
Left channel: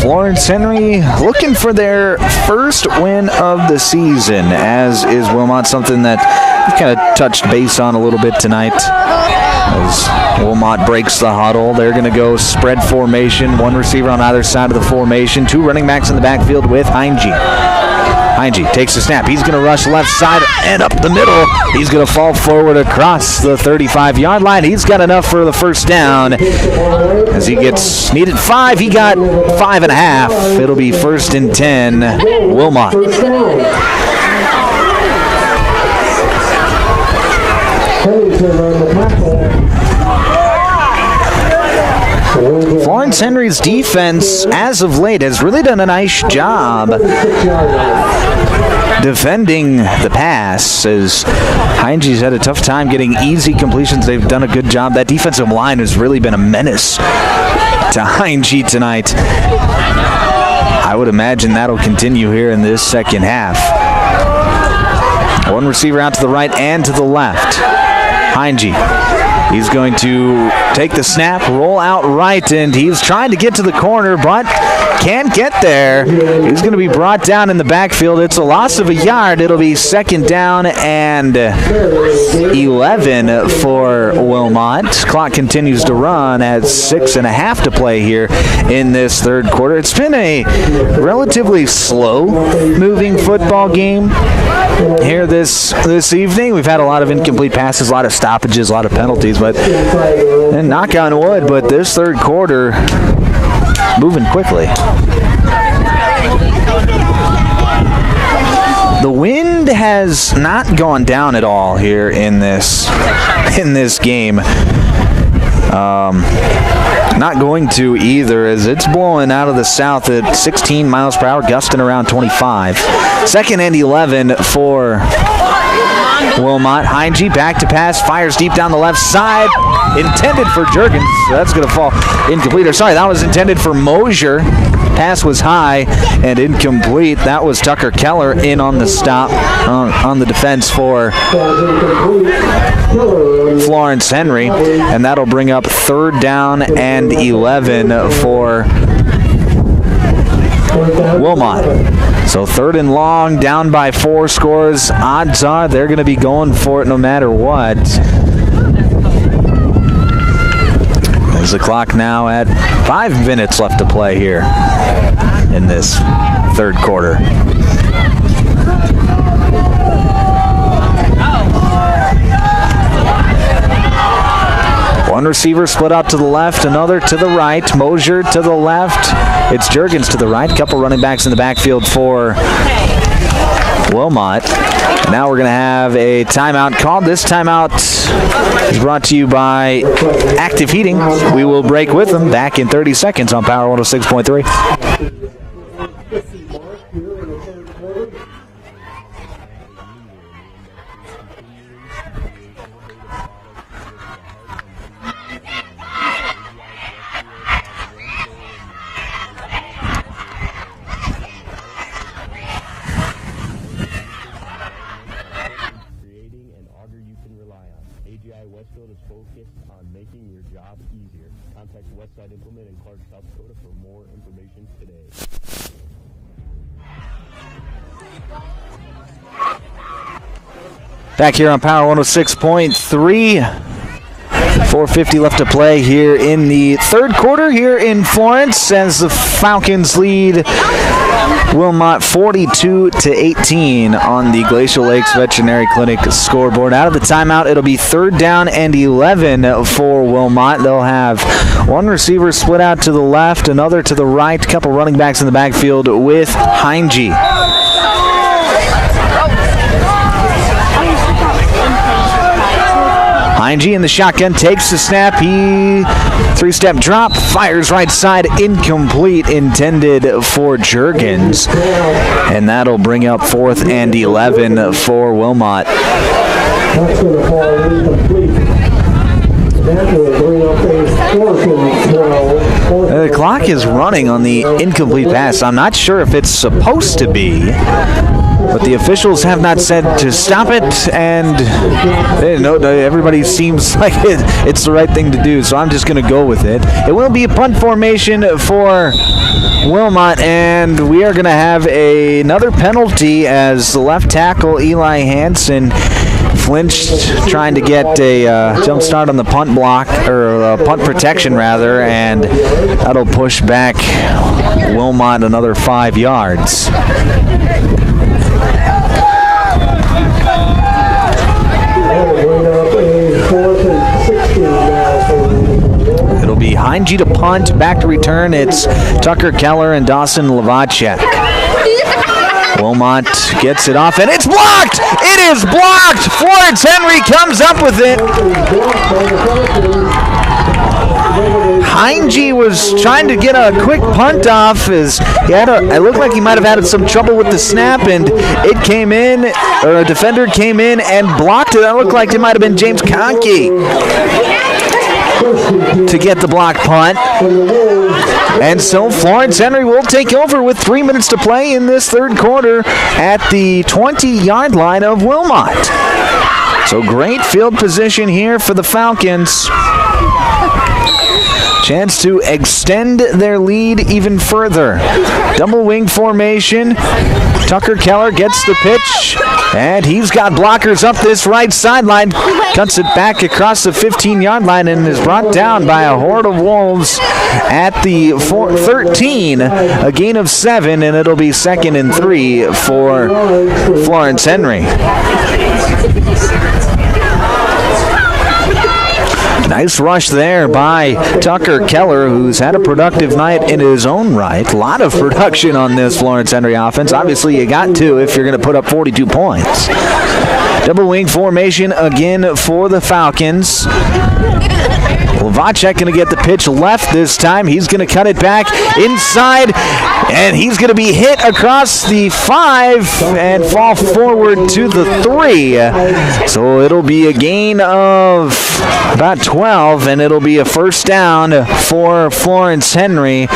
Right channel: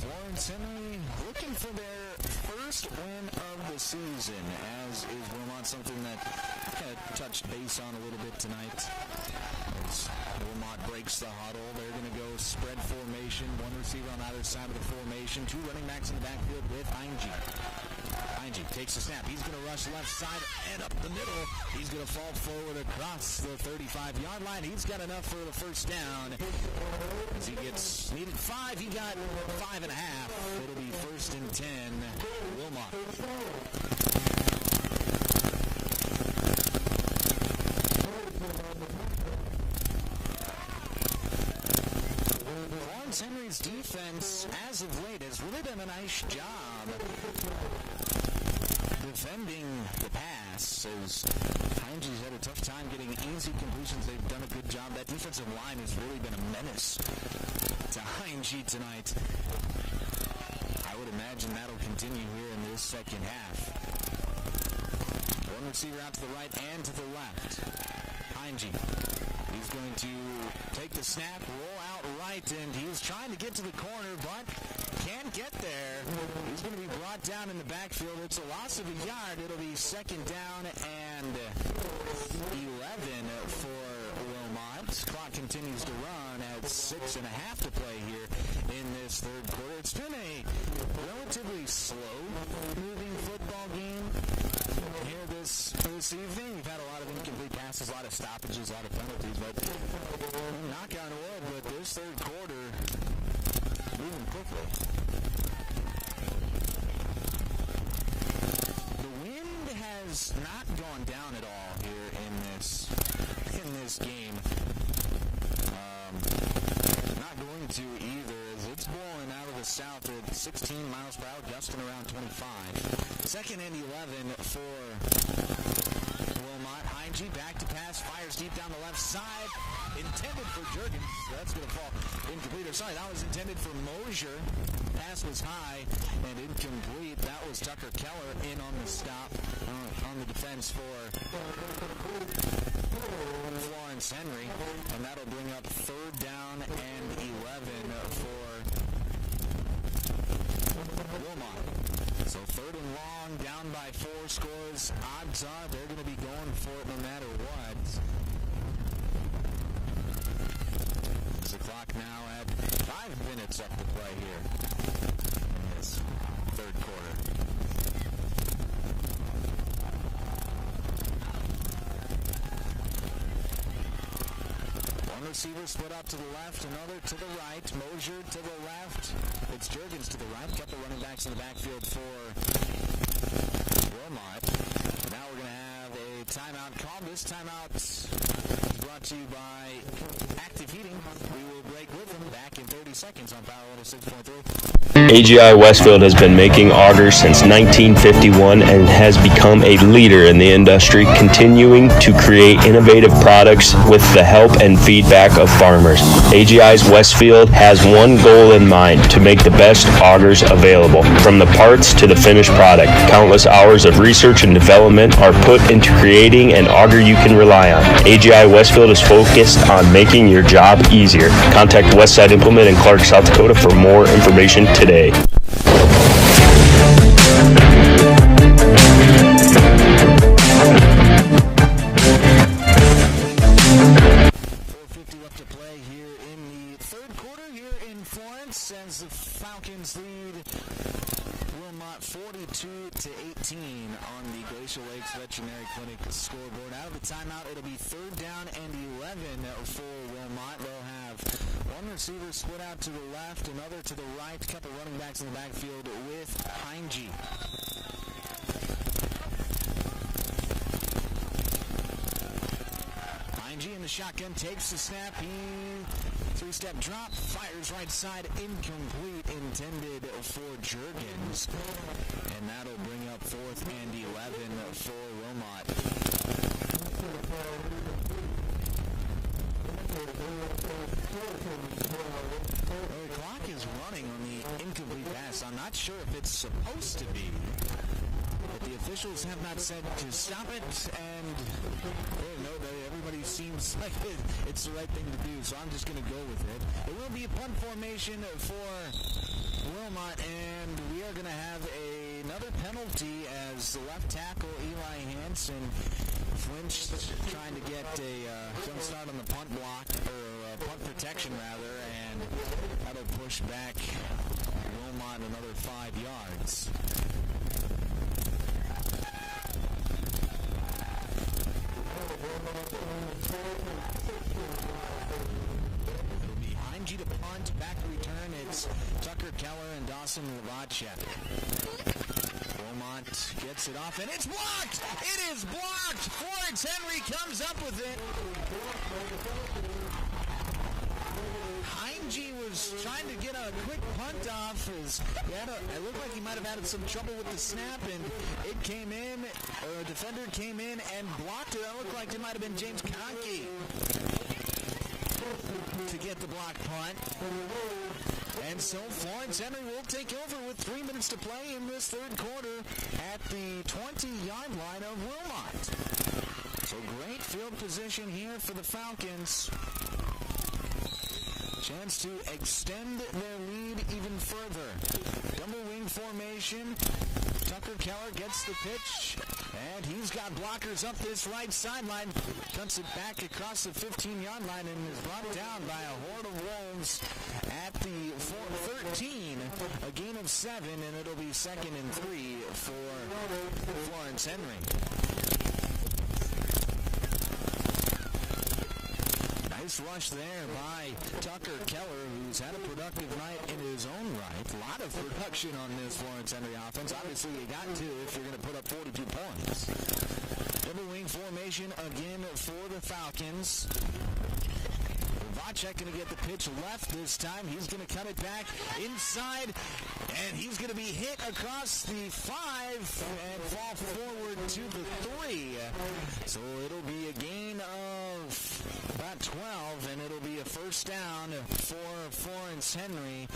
Florence Henry looking for their first win of the season, as is Wilmot, something that we've kind of touched base on a little bit tonight. As Wilmot breaks the huddle, they're going to go spread formation, 1 receiver on either side of the formation, 2 running backs in the backfield with Heinge. Heinge takes the snap. He's going to rush left side and up the middle. He's going to fall forward across the 35-yard line. He's got enough for the first down. As he gets needed 5, he got 5.5. It'll be 1st and 10, Wilmot. Florence Henry's defense, as of late, has really done a nice job defending the pass, as Heinge's had a tough time getting easy completions. They've done a good job. That defensive line has really been a menace to Heinge tonight. I would imagine that'll continue here in this second half. 1 receiver out to the right and to the left. Heinge. He's going to take the snap, roll out right, and he's trying to get to the corner, but can't get there. He's going to be brought down in the backfield. It's a loss of a yard. It'll be 2nd down and 11 for Wilmot. Clock continues to run at 6.5 to play here in this 3rd quarter. It's been a relatively slow-moving football game here this evening. We've had a lot of incomplete passes, a lot of stoppages, a lot of penalties, but and knock on wood, but this 3rd quarter moving quickly. The wind has not gone down at all here in this game. Not going to either, as it's blowing out of the south at 16 miles per hour, gusting around 25. 2nd and 11 for Wilmot. Heinge back to pass, fires deep down the left side, intended for Juergens. So that's going to fall incomplete. Or sorry, that was intended for Mosier. Pass was high and incomplete. That was Tucker Keller in on the stop on the defense for Florence Henry, and that'll bring up 3rd down and 11 for Wilmot. So 3rd and long, down by 4 scores. Odds are they're going to be going for it no matter what. There's the clock now at 5 minutes left to play here in this third quarter. One receiver split out to the left, another to the right. Mosier to the left. It's Juergens to the right. Couple running backs in the backfield for Wilmot. Now we're going to have a timeout called. This timeout is brought to you by Active Heating. We will break with them back in 30 seconds on Power 106.3. AGI Westfield has been making augers since 1951 and has become a leader in the industry, continuing to create innovative products with the help and feedback of farmers. AGI's Westfield has one goal in mind: to make the best augers available. From the parts to the finished product, countless hours of research and development are put into creating an auger you can rely on. AGI Westfield is focused on making your job easier. Contact Westside Implement in Clark, South Dakota for more information today. Back here on Power 106.3. 4:50 left to play here in the third quarter here in Florence as the Falcons lead Wilmot 42-18 on the Glacial Lakes Veterinary Clinic scoreboard. Out of the timeout, it'll be 3rd down and 11 for Wilmot. They'll have one receiver split out to the left, another to the right, couple running backs in the backfield with Heinge. Heinge in the shotgun, takes the snap. He three-step drop, fires right side, incomplete, intended for Juergens. And that'll bring up 4th and 11 for Wilmot. That's going to fall incomplete. That will bring up a 4th and 12. The clock is running on the incomplete pass. I'm not sure if it's supposed to be, but the officials have not said to stop it, and everybody seems like it's the right thing to do, so I'm just going to go with it. It will be a punt formation for Wilmot, and we are going to have another penalty as the left tackle, Eli Hansen, flinched trying to get a jump start on the punt block, or punt protection rather, and that'll push back Wilmot another 5 yards. It'll be Heinge to punt, back to return. It's Tucker Keller and Dawson Lavacek. Wilmot gets it off, and it's blocked! It is blocked! Florence Henry comes up with it. Heinge was trying to get a quick punt off. It looked like he might have had some trouble with the snap, and it came in, or a defender came in and blocked it. That looked like it might have been James Conkey to get the block punt. And so Florence Henry will take over with 3 minutes to play in this third quarter at the 20-yard line of Wilmot. So great field position here for the Falcons. Chance to extend their lead even further. Double wing formation. Tucker Keller gets the pitch, and he's got blockers up this right sideline. Cuts it back across the 15-yard line and is brought down by a horde of wolves at the 13. A gain of 7, and it'll be 2nd and 3 for Florence Henry. Nice rush there by Tucker Keller, who's had a productive night in his own right. A lot of production on this Florence Henry offense. Obviously, you got to if you're going to put up 42 points. Double wing formation again for the Falcons. Lavacek going to get the pitch left this time. He's going to cut it back inside, and he's going to be hit across the 5 and fall forward to the 3. So it'll be a gain of about 12, and it'll be a first down for Florence Henry.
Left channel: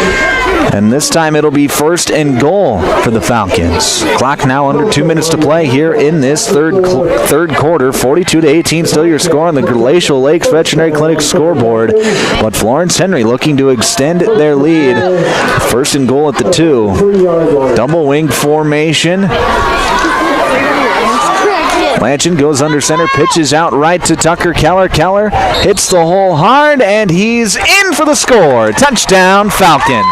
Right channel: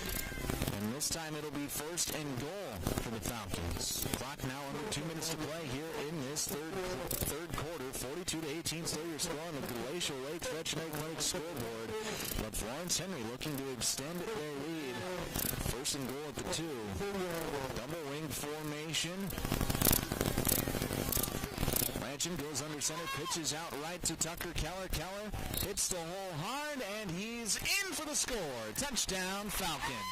And this time it'll be 1st and goal for the Falcons. Clock now under 2 minutes to play here in this third quarter. 42-18 still your score on the Glacial Lakes Veterinary Clinic scoreboard. But Florence Henry looking to extend their lead. 1st and goal at the 2. Double wing formation. Lanchin goes under center, pitches out right to Tucker Keller. Keller hits the hole hard, and he's in for the score. Touchdown, Falcons.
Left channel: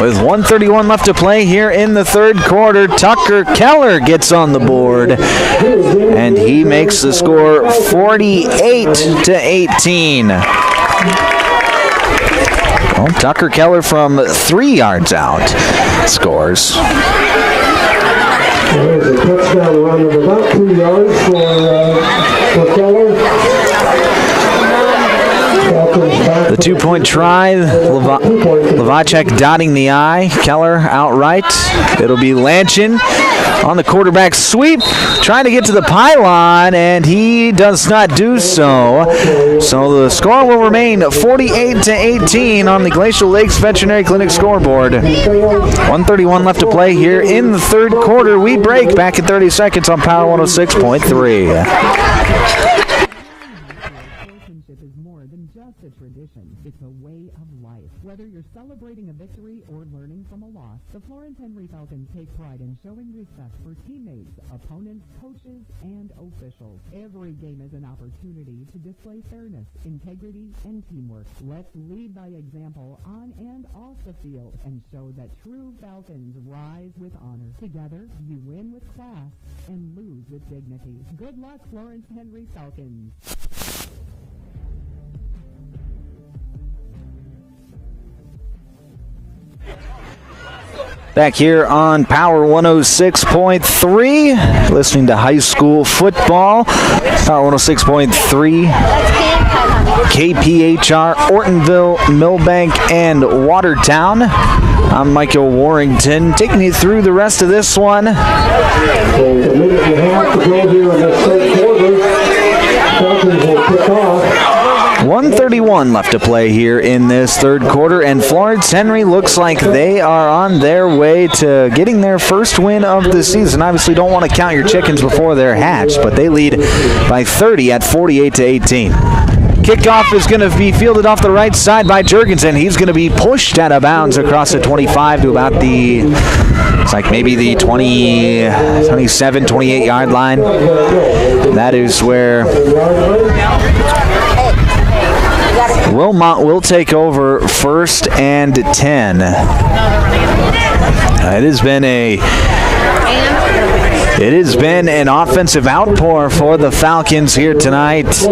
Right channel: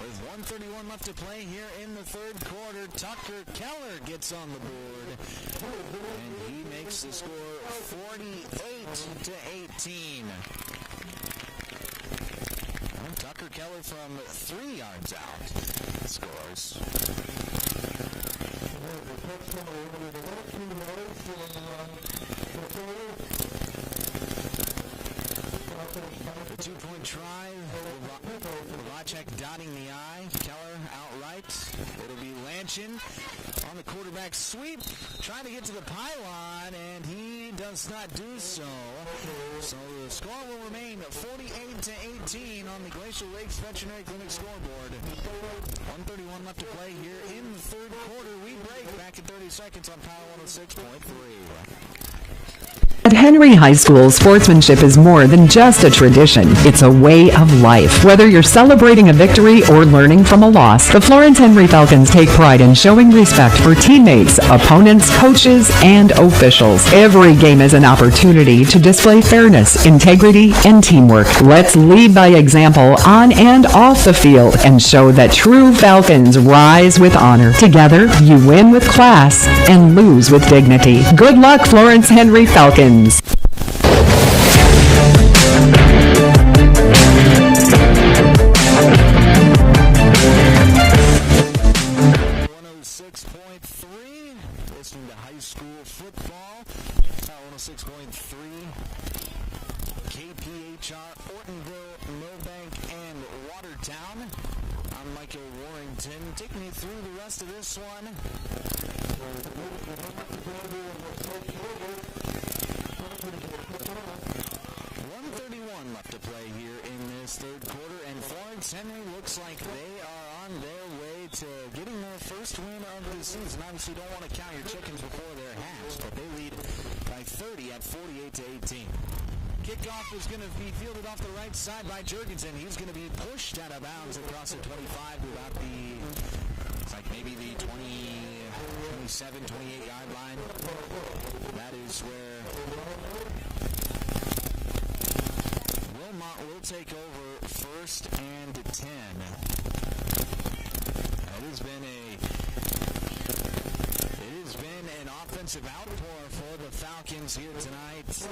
With 1:31 left to play here in the third quarter, Tucker Keller gets on the board, and he makes the score 48-18. Well, Tucker Keller from 3 yards out scores. There's a touchdown run of about 2 yards for Keller. The 2-point try, Lavacek dotting the I, Keller outright. It'll be Lanchin on the quarterback sweep, trying to get to the pylon, and he does not do so. So the score will remain 48-18 on the Glacial Lakes Veterinary Clinic scoreboard. 1:31 left to play here in the third quarter. We break back in 30 seconds on Power 106.3. At Henry High School, sportsmanship is more than just a tradition. It's a way of life. Whether you're celebrating a victory or learning from a loss, the Florence Henry Falcons take pride in showing respect for teammates, opponents, coaches, and officials. Every game is an opportunity to display fairness, integrity, and teamwork. Let's lead by example on and off the field and show that true Falcons rise with honor. Together, you win with class and lose with dignity. Good luck, Florence Henry Falcons. Back here on Power 106.3, listening to high school football. Power 106.3, KPHR, Ortonville, Millbank, and Watertown. I'm Michael Warrington, taking you through the rest of this one. A minute and a half to go here in this third quarter. Falcons will kick off. 1:31 left to play here in this third quarter, and Florence Henry looks like they are on their way to getting their first win of the season. Obviously, don't want to count your chickens before they're hatched, but they lead by 30 at 48-18. Kickoff is going to be fielded off the right side by Jurgensen. He's going to be pushed out of bounds across the 25 to about the, it's like maybe the 27, 28-yard line. That is where Wilmot will take over 1st and 10. It has been an offensive outpour for the Falcons here tonight.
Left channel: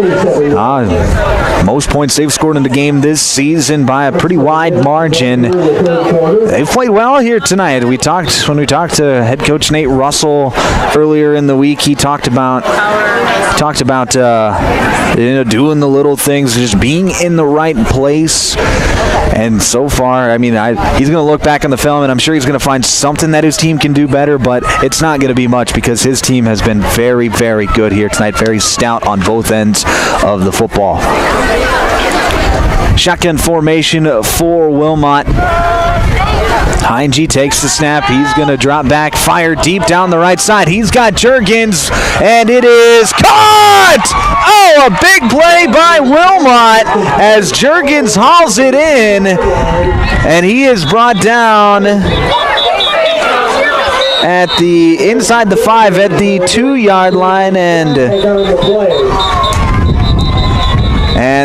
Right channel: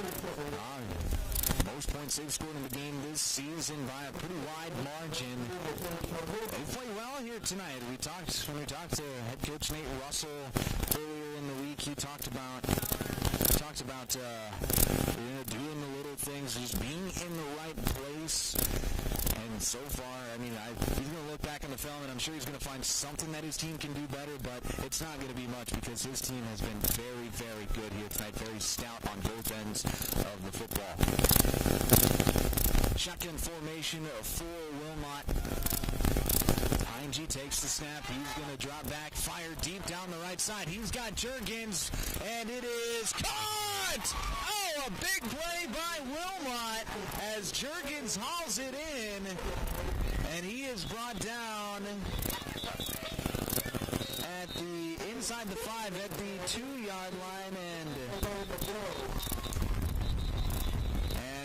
Most points they've scored in the game this season by a pretty wide margin. They've played well here tonight. When we talked to head coach Nate Russell earlier in the week, he talked about doing the little things, just being in the right place. And so far, I mean, he's going to look back on the film, and I'm sure he's going to find something that his team can do better, but it's not going to be much because his team has been very, very good here tonight, very stout on both ends of the football. Shotgun formation for Wilmot. Heinge takes the snap. He's going to drop back, fire deep down the right side. He's got Jurgens, and it is caught! Oh, a big play by Wilmot as Jurgens hauls it in, and he is brought down at the inside the 5 at the 2-yard line, and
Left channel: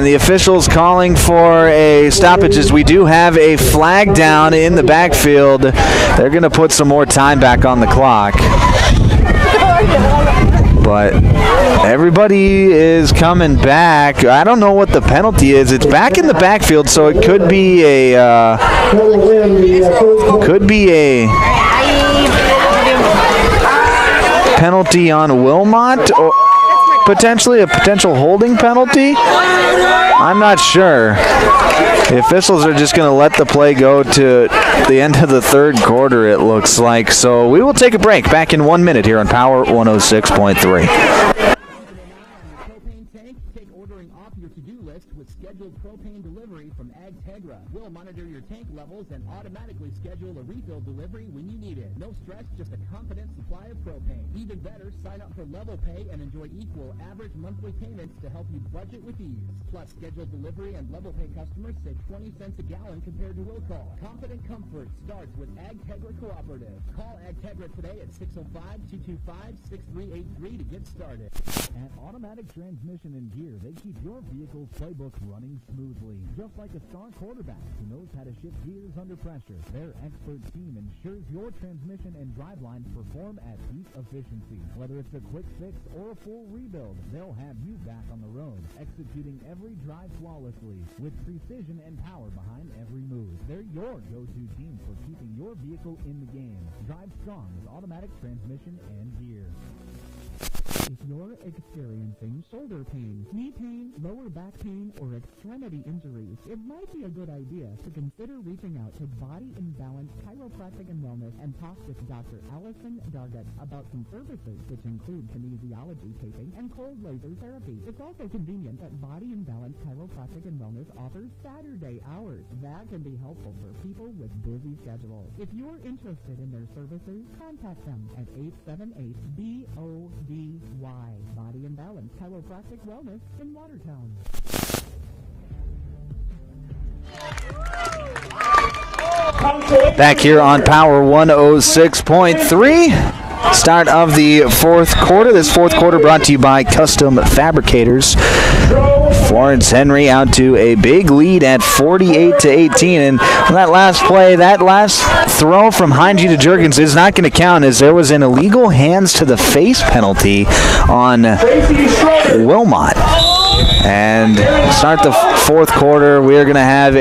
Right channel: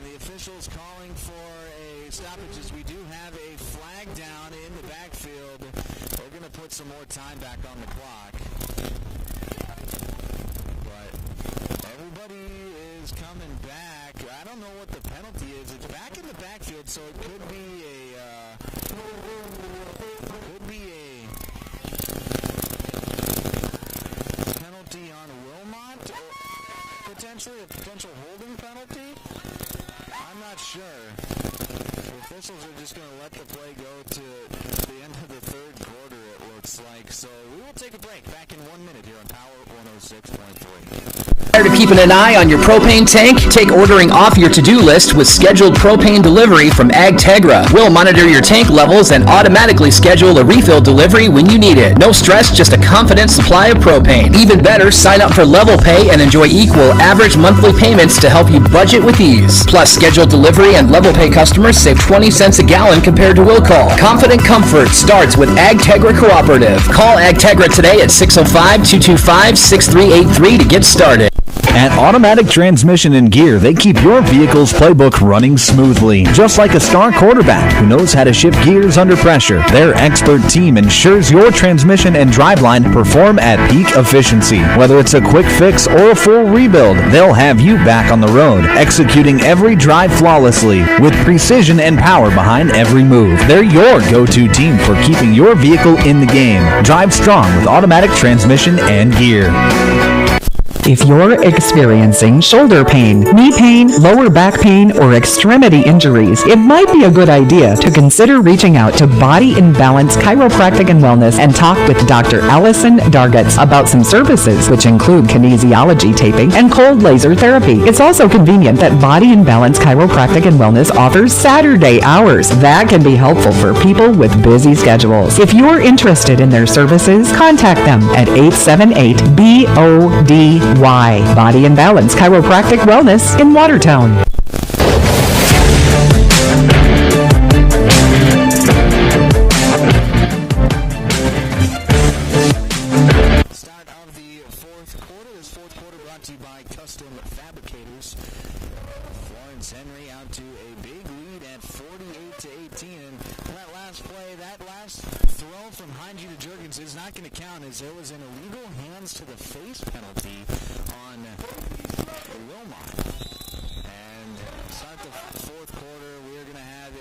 the officials calling for a stoppage as we do have a flag down in the backfield. They're going to put some more time back on the clock. But everybody is coming back. I don't know what the penalty is. It's back in the backfield, so it could be a penalty on Wilmot, or potentially a potential holding penalty. I'm not sure. The officials are just going to let the play go to the end of the third quarter, it looks like. So we will take a break. Back in 1 minute here on Power 106.3. Tired of keeping an eye on your propane tank? Take ordering off your to-do list with scheduled propane delivery from AgTegra. We'll monitor your tank levels and automatically schedule a refill delivery when you need it. No stress, just a confident supply of propane. Even better, sign up for Level Pay and enjoy equal average monthly payments to help you budget with ease. Plus, scheduled delivery and Level Pay customers save save 20 cents a gallon compared to will call. Confident comfort starts with AgTegra Cooperative. Call AgTegra today at 605-225-6383 to get started. At Automatic Transmission and Gear, they keep your vehicle's playbook running smoothly. Just like a star quarterback who knows how to shift gears under pressure, their expert team ensures your transmission and driveline perform at peak efficiency. Whether it's a quick fix or a full rebuild, they'll have you back on the road, executing every drive flawlessly with precision and power behind every move. They're your go-to team for keeping your vehicle in the game. Drive strong with Automatic Transmission and Gear. If you're experiencing shoulder pain, knee pain, lower back pain, or extremity injuries, it might be a good idea to consider reaching out to Body in Balance Chiropractic and Wellness and talk with Dr. Allison Dargetts about some services, which include kinesiology taping and cold laser therapy. It's also convenient that Body in Balance Chiropractic and Wellness offers Saturday hours. That can be helpful for people with busy schedules. If you're interested in their services, contact them at 878-BODY. Body and Balance Chiropractic Wellness in Watertown. Back here on Power 106.3. Start of the fourth quarter. This fourth quarter brought to you by Custom Fabricators. Florence Henry out to a big lead at 48-18. And that last play, that last throw from Heinge to Juergens is not going to count, as there was an illegal hands to the face penalty on Wilmot. And start the fourth quarter, we're going to have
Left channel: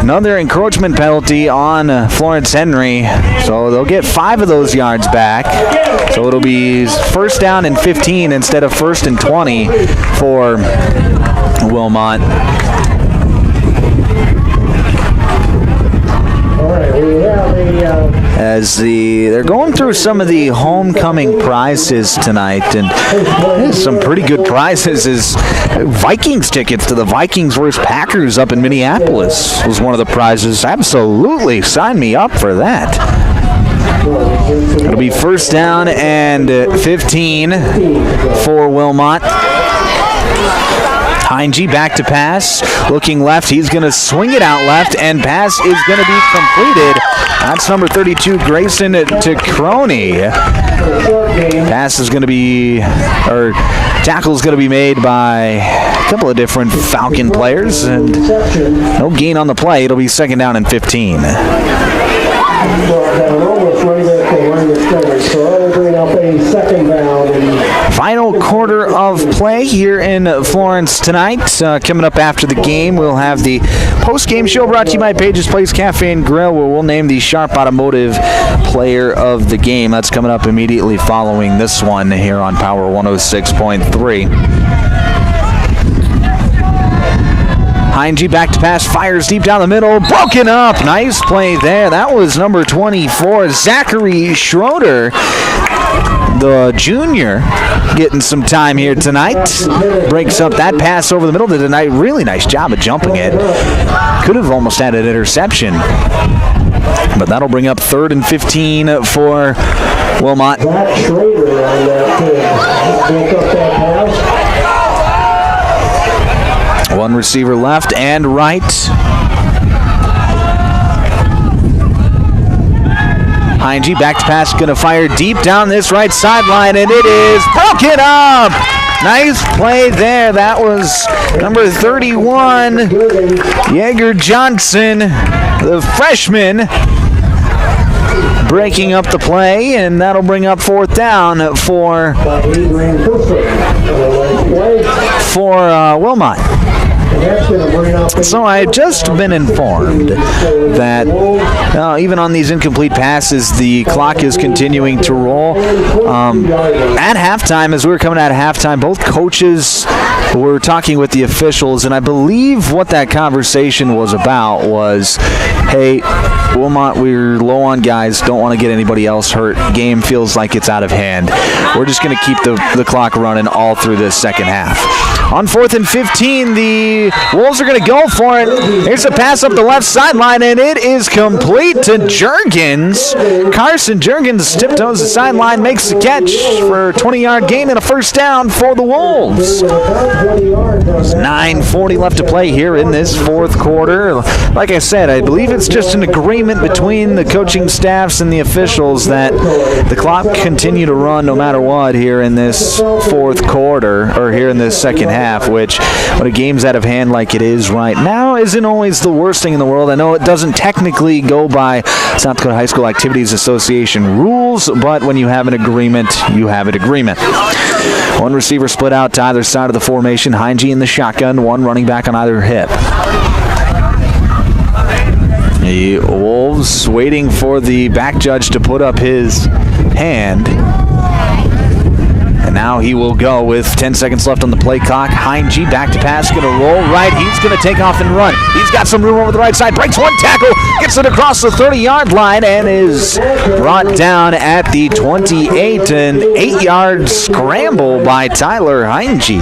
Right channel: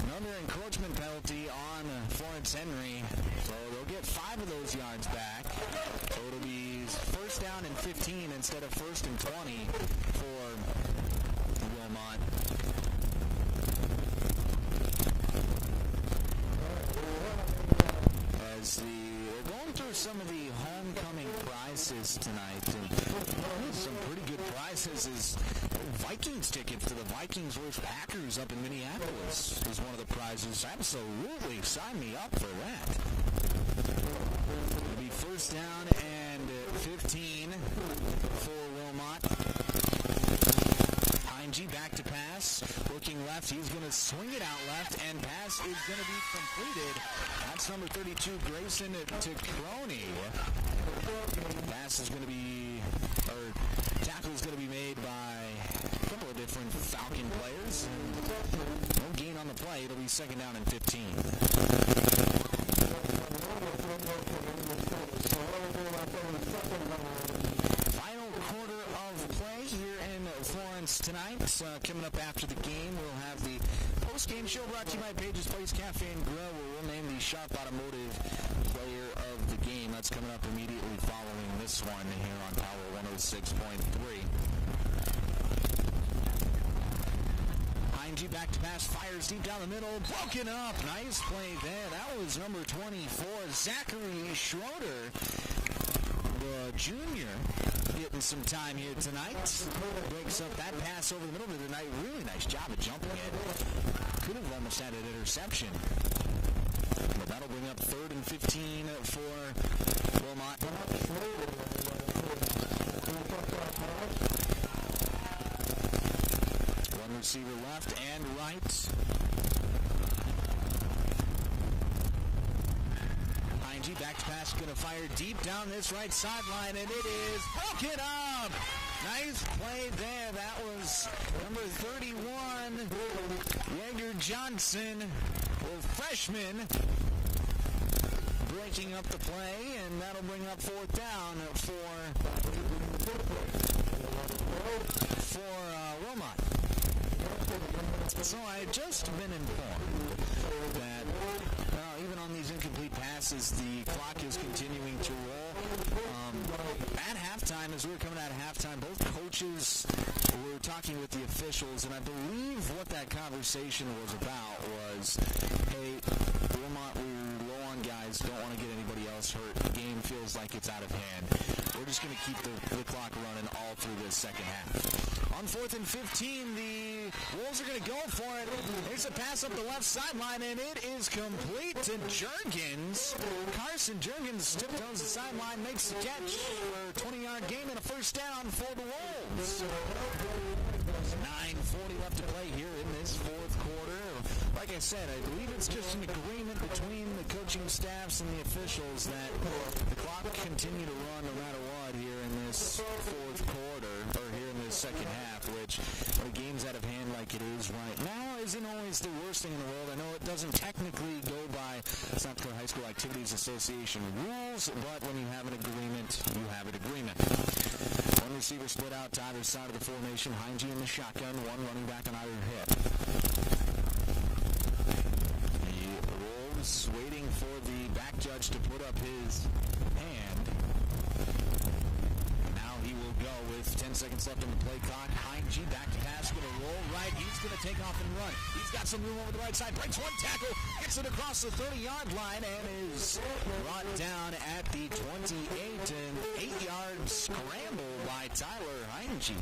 another encroachment penalty on Florence Henry. So they'll get 5 of those yards back. So it'll be first down and 15 instead of first and 20 for Wilmot. As they're going through some of the homecoming prizes tonight, and some pretty good prizes is Vikings tickets to the Vikings vs. Packers up in Minneapolis was one of the prizes. Absolutely, sign me up for that. It'll be first down and 15 for Wilmot. Heinge back to pass, looking left. He's going to swing it out left, and pass is going to be completed. That's number 32, Grayson to Crony. Pass is going to be, or tackle is going to be made by a couple of different Falcon players, and no gain on the play. It'll be second down and 15. Final quarter of play here in Florence tonight. Coming up after the game, we'll have the post-game show brought to you by Page's Place Cafe and Grill, where we'll name the Sharp Automotive Player of the Game. That's coming up immediately following this one here on Power 106.3. Heinge back to pass, fires deep down the middle, broken up. Nice play there. That was number 24, Zachary Schroeder, the junior, getting some time here tonight. Breaks up that pass over the middle. Did a really nice job of jumping it. Could have almost had an interception. But that'll bring up third and 15 for Wilmot. One receiver left and right. Heinge back to pass, going to fire deep down this right sideline, and it is broken up. Nice play there. That was number 31, Yeager Johnson, the freshman, breaking up the play, and that'll bring up fourth down for Wilmot. So I've just been informed that even on these incomplete passes, the clock is continuing to roll. At halftime, as we were coming out of halftime, both coaches were talking with the officials, and I believe what that conversation was about was, hey, Wilmot, we're low on guys, don't want to get anybody else hurt. Game feels like it's out of hand. We're just going to keep the clock running all through this second half. On 4th and 15, the Wolves are going to go for it. Here's a pass up the left sideline, and it is complete to Juergens. Carson Juergens tiptoes the sideline, makes the catch for a 20-yard gain and a first down for the Wolves. There's 9:40 left to play here in this fourth quarter. Like I said, I believe it's just an agreement between the coaching staffs and the officials that the clock continue to run no matter what here in this fourth quarter, or here in this second half, which when a game's out of hand like it is right now isn't always the worst thing in the world. I know it doesn't technically go by South Dakota High School Activities Association rules, but when you have an agreement, you have an agreement. One receiver split out to either side of the formation. Heinge in the shotgun, one running back on either hip. The Wolves waiting for the back judge to put up his hand. And now he will go with 10 seconds left on the play clock. Heinge back to pass, going to roll right. He's going to take off and run. He's got some room over the right side. Breaks one tackle, gets it across the 30-yard line, and is brought down at the 28. An 8-yard scramble by Tyler Heinge.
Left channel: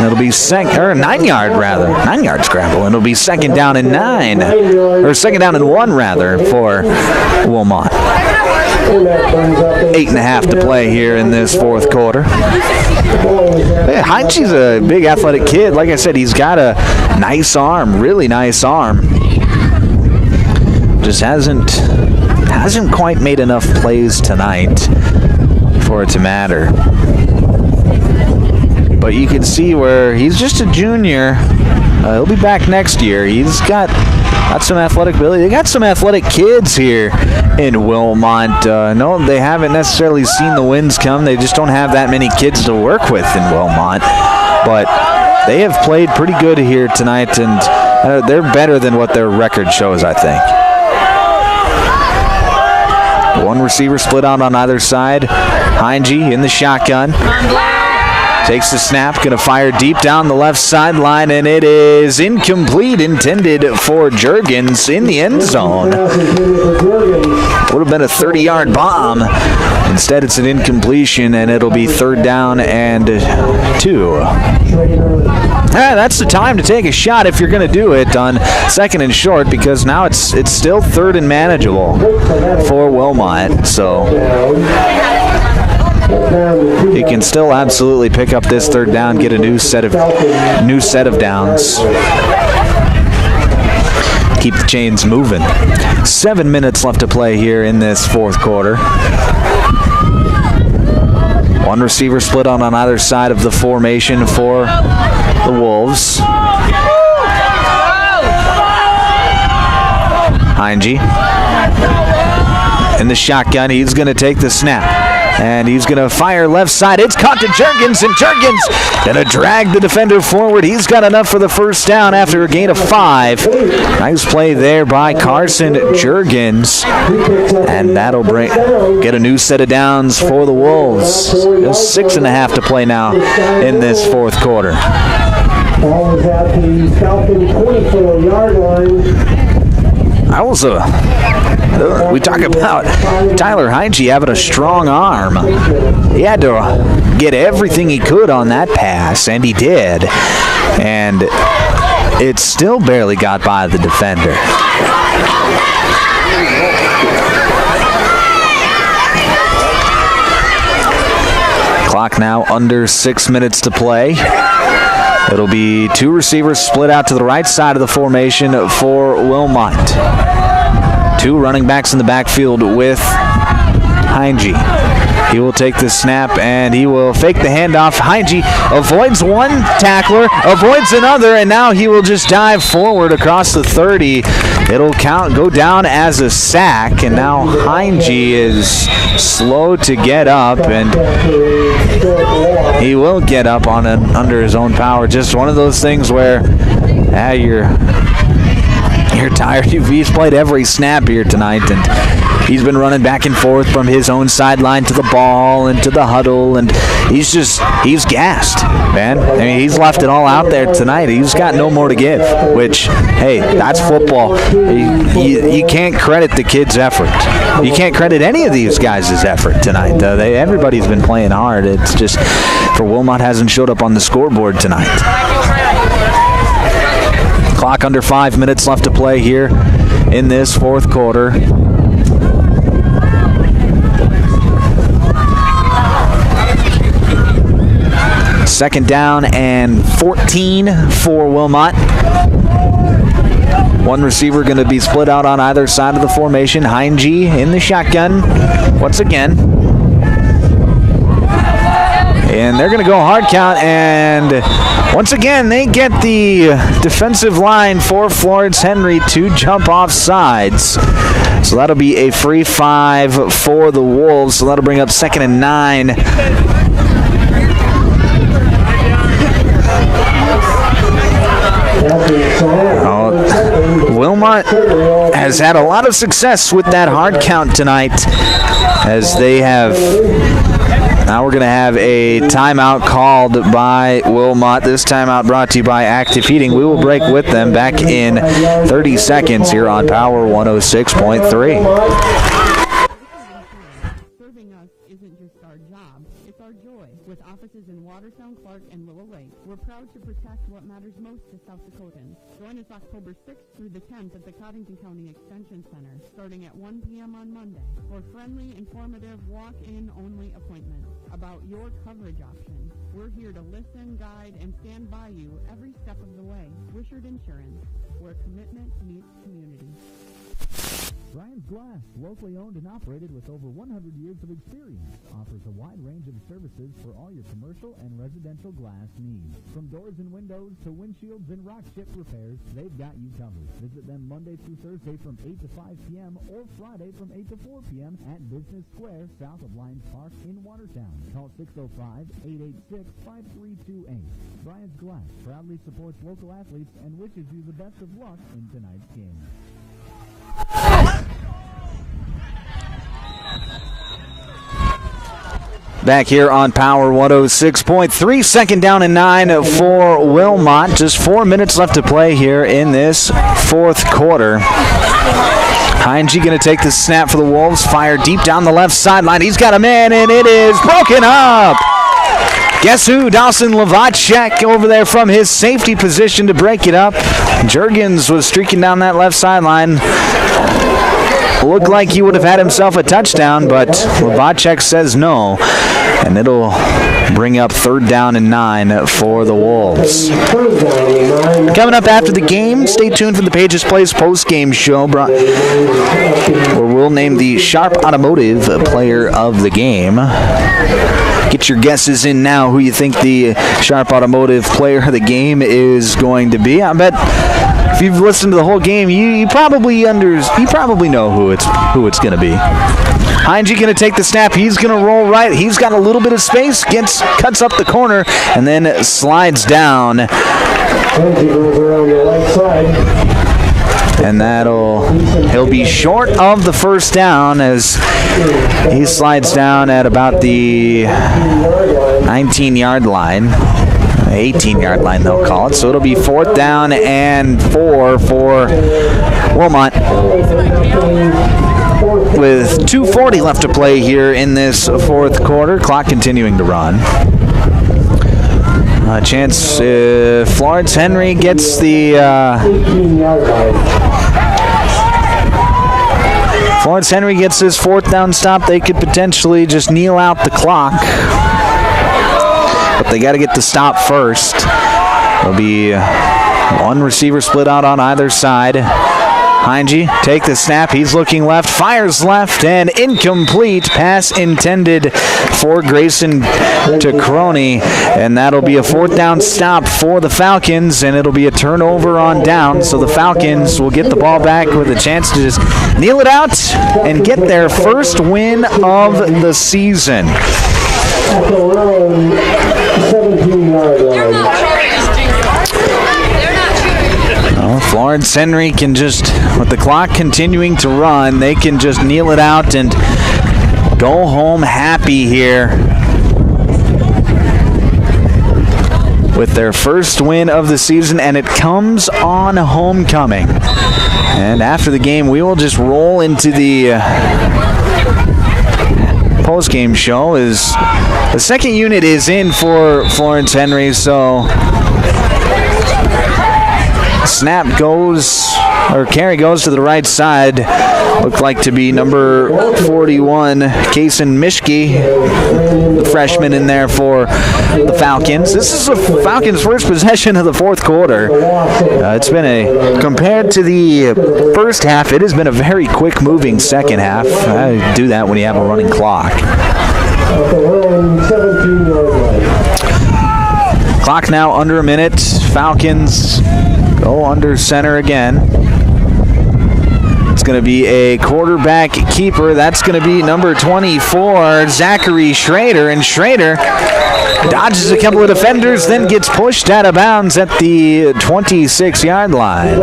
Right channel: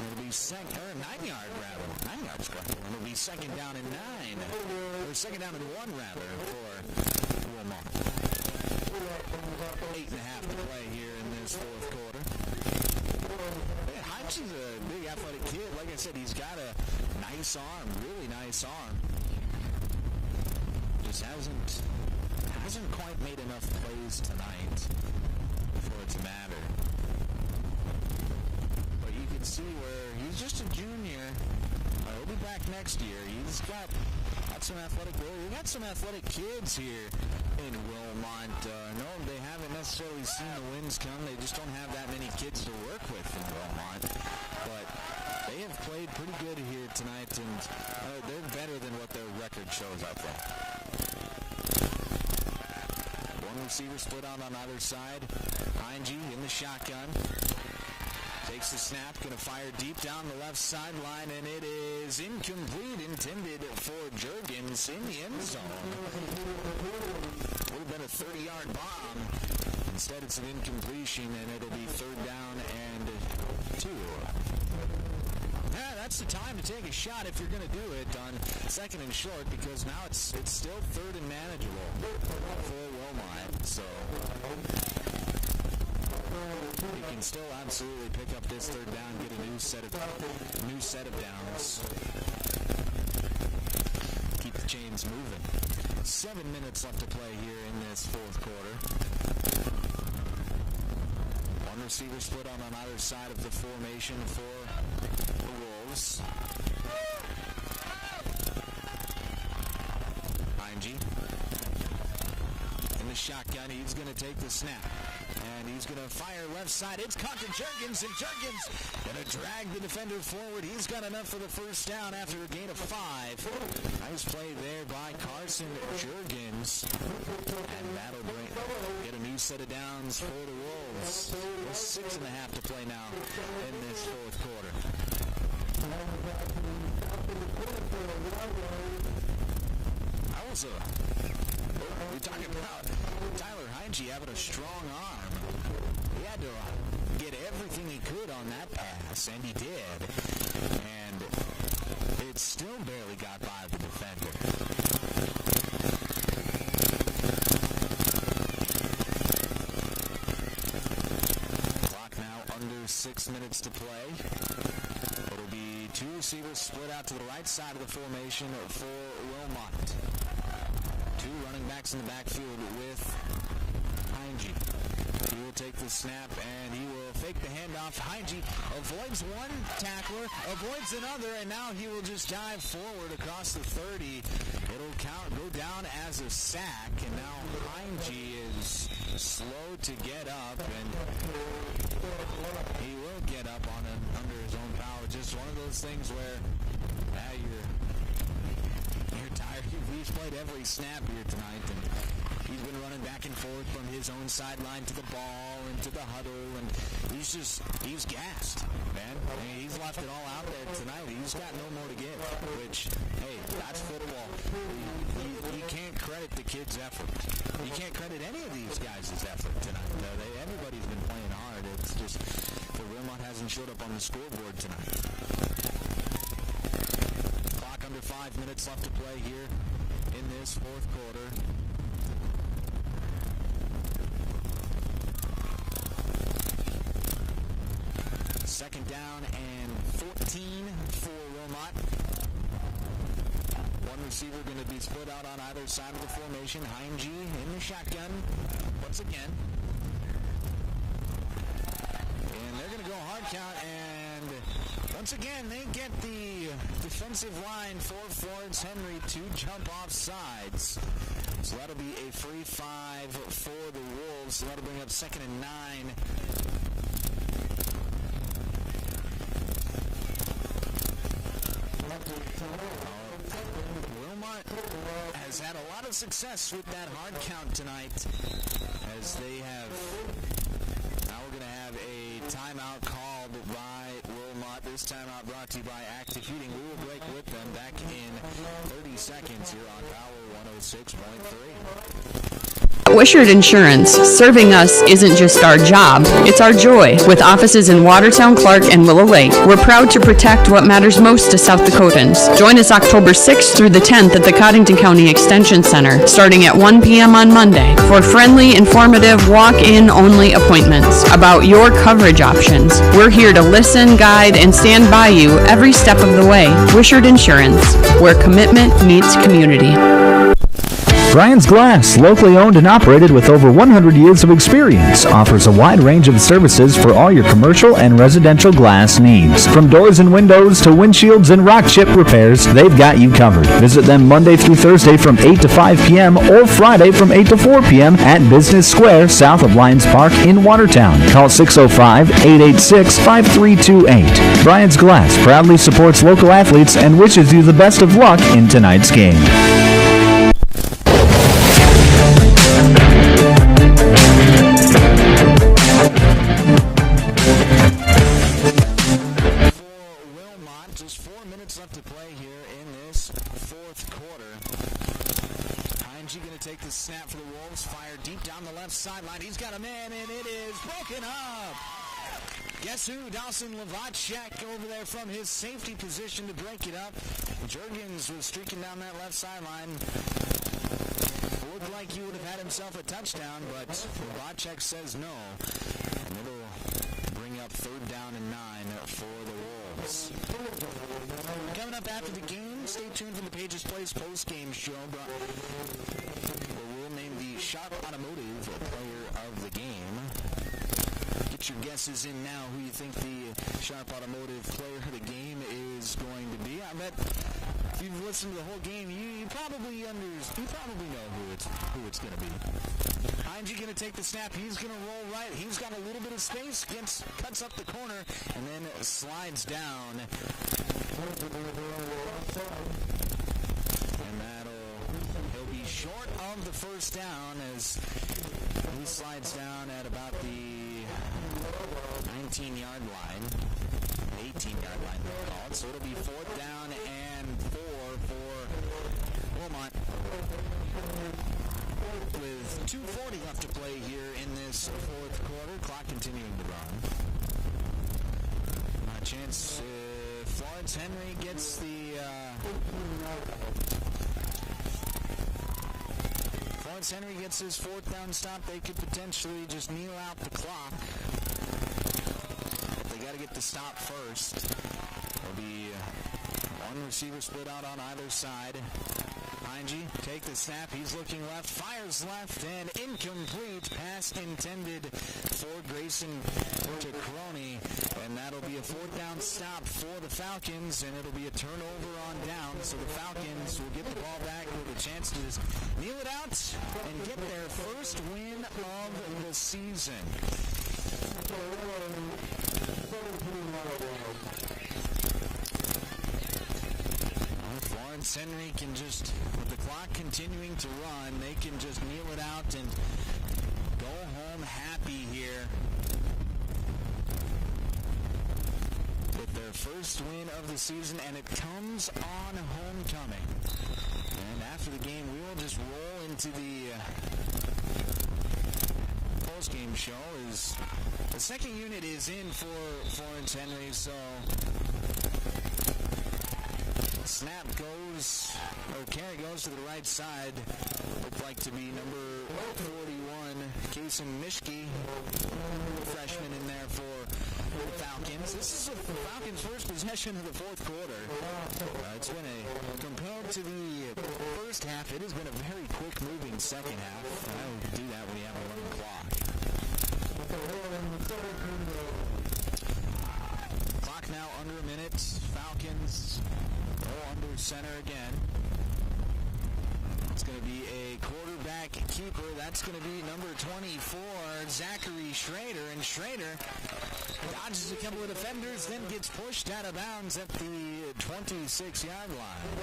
It'll be 9-yard scramble, and it'll be second down and 1 rather for Wilmot. 8.5 to play here in this fourth quarter. Hey, Heinze's a big athletic kid. Like I said, he's got a nice arm, really nice arm. Just hasn't quite made enough plays tonight for it to matter. But you can see where he's just a junior. He'll be back next year. He's got some athletic ability. They got some athletic kids here in Wilmot. No, they haven't necessarily seen the wins come. They just don't have that many kids to work with in Wilmot. But they have played pretty good here tonight, and they're better than what their record shows, I think. One receiver split out on either side. Heinge in the shotgun. Takes the snap, going to fire deep down the left sideline, and it is incomplete, intended for Juergens in the end zone. Would have been a 30-yard bomb. Instead, it's an incompletion, and it'll be third down and 2. That's the time to take a shot if you're going to do it on second and short, because now it's still third and manageable for Wilmot. So he can still absolutely pick up this third down, get a new set of downs. Keep the chains moving. 7 minutes left to play here in this fourth quarter. One receiver split on either side of the formation for the Wolves. Heinge in the shotgun. He's going to take the snap. And he's going to fire left side. It's caught to Juergens, and Juergens going to drag the defender forward. He's got enough for the first down after a gain of 5. Nice play there by Carson Juergens. And that'll get a new set of downs for the Wolves. Just 6.5 to play now in this fourth quarter. Ball is at the Falcon 24-yard line. We talk about Tyler Heinge having a strong arm. He had to get everything he could on that pass, and he did. And it still barely got by the defender. Clock now under 6 minutes to play. It'll be 2 receivers split out to the right side of the formation for Wilmot. 2 running backs in the backfield with Heinge. He will take the snap, and he will fake the handoff. Heinge avoids one tackler, avoids another, and now he will just dive forward across the 30. It'll go down as a sack, and now Heinge is slow to get up, and he will get up under his own power. Just one of those things where you're tired. He's played every snap here tonight, and he's been running back and forth from his own sideline to the ball and to the huddle, and he's gassed, man. I mean, he's left it all out there tonight. He's got no more to give, which, hey, that's football. You can't credit the kid's effort. You can't credit any of these guys' effort tonight. Everybody's been playing hard. It's just for Wilmot hasn't showed up on the scoreboard tonight. Clock under 5 minutes left to play here in this fourth quarter. Second down and 14 for Wilmot. One receiver going to be split out on either side of the formation. Heinge in the shotgun once again. And they're going to go hard count, and once again they get the defensive line for Florence Henry to jump off sides. So that'll be a free 5 for the Wolves. So that'll bring up 2nd and 9. Wilmot has had a lot of success with that hard count tonight, as they have. Now we're going to have a timeout called by Wilmot. This timeout brought to you by Active Heating. We will break with them back in 30 seconds here on Power 106.3. Wishart Insurance. Serving us isn't just our job, it's our joy. With offices in Watertown, Clark, and Willow Lake, we're proud to protect what matters most to South Dakotans. Join us October 6th through the 10th at the Cottington County Extension Center, starting at 1 p.m. on Monday, for friendly, informative, walk-in only appointments about your coverage options. We're here to listen, guide, and stand by you every step of the way. Wishart Insurance, where commitment meets community. Brian's Glass, locally owned and operated with over 100 years of experience, offers a wide range of services for all your commercial and residential glass needs. From doors and windows to windshields and rock chip repairs, they've got you covered. Visit them Monday through Thursday from 8 to 5 p.m. or Friday from 8 to 4 p.m. at Business Square, south of Lions Park in Watertown. Call 605-886-5328. Brian's Glass proudly supports local athletes and wishes you the best of luck in tonight's game. Back here on Power 106.3, 2nd down and 9 for Wilmot. Just 4 minutes left to play here in this fourth quarter. Heinge going to take the snap for the Wolves, fire deep down the left sideline. He's got a man, and it is broken up. Guess who? Dawson Lavacek over there from his safety position to break it up. Juergens was streaking down that left sideline. Looked like he would have had himself a touchdown, but Lavacek says no. And it'll bring up 3rd down and 9 for the Wolves. Coming up after the game, stay tuned for the Pages Place post-game show, where we'll name the Sharp Automotive Player of the Game. Get your guesses in now who you think the Sharp Automotive Player of the Game is going to be. I bet if you've listened to the whole game, you probably know who it's going to be. Heinge going to take the snap. He's going to roll right. He's got a little bit of space, cuts up the corner, and then slides down. And he'll be short of the first down as he slides down at about the 19-yard line. 18-yard line, they'll call it. So it'll be 4th down and 4 for Wilmot, with 2:40 left to play here in this fourth quarter. Clock continuing to run. A chance if Florence Henry gets the Florence Henry gets his 4th down stop, they could potentially just kneel out the clock. But they got to get the stop first. There'll be one receiver split out on either side. Heinge take the snap. He's looking left, fires left, and incomplete. Pass intended for Grayson to Crony, and that'll be a 4th down stop for the Falcons, and it'll be a turnover on down. So the Falcons will get the ball back with a chance to just kneel it out and get their first win of the season. 17-yard line. Florence Henry can just, with the clock continuing to run, they can just kneel it out and go home happy here with their first win of the season, and it comes on homecoming. And after the game, we will just roll into the post-game show. As the second unit is in for Florence Henry, so snap goes, or carry goes to the right side. Looked like to be number 41, Kason Mischke. The freshman in there for the Falcons. This is the Falcons' first possession of the fourth quarter. Compared to the first half, it has been a very quick-moving second half. I do that when you have a running clock. Clock now under a minute. Falcons go under center again. It's going to be a quarterback keeper. That's going to be number 24, Zachary Schrader. And Schrader dodges a couple of defenders, then gets pushed out of bounds at the 26-yard line.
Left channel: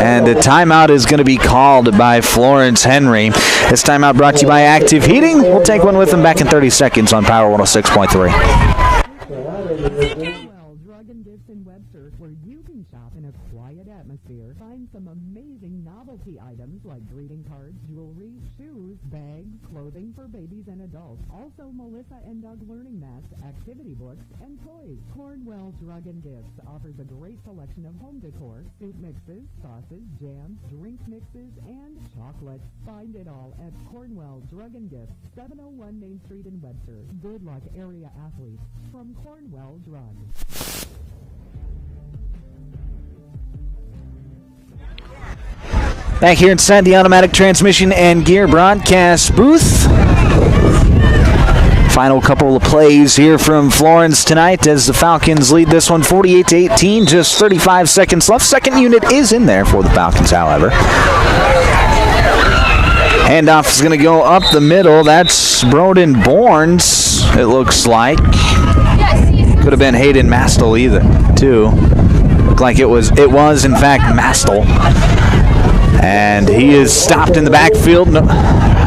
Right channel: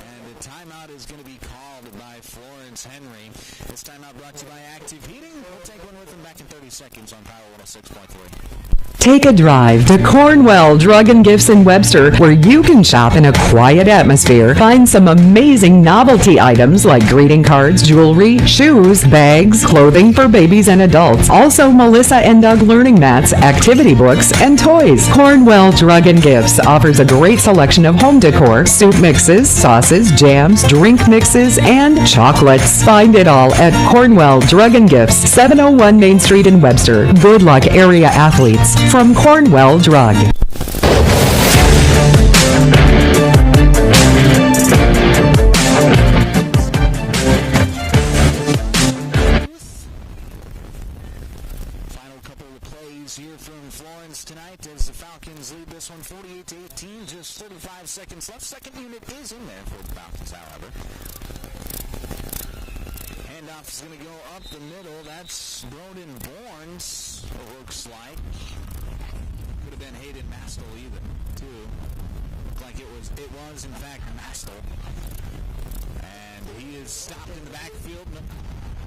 And a timeout is going to be called by Florence Henry. This timeout brought to you by Active Heating. We'll take one with them back in 30 seconds on Power 106.3. Take a drive to Cornwell Drug and Gifts in Webster, where you can shop in a quiet atmosphere. Find some amazing novelty items like greeting cards, jewelry, shoes, bags, clothing for babies and adults. Also, Melissa and Doug learning mats, activity books, and toys. Cornwell Drug and Gifts offers a great selection of home decor, soup mixes, sauces, jams, drink mixes, and chocolates. Find it all at Cornwell Drug and Gifts, 701 Main Street in Webster. Good luck, area athletes. From Cornwell Drug. Back here inside the Automatic Transmission and Gear broadcast booth. Final couple of plays here from Florence tonight as the Falcons lead this one 48-18. Just 35 seconds left. Second unit is in there for the Falcons, however. Handoff is going to go up the middle. That's Broden Borns, it looks like. Could have been Hayden Mastel either, too. Looked like it was in fact Mastel. And he is stopped in the backfield.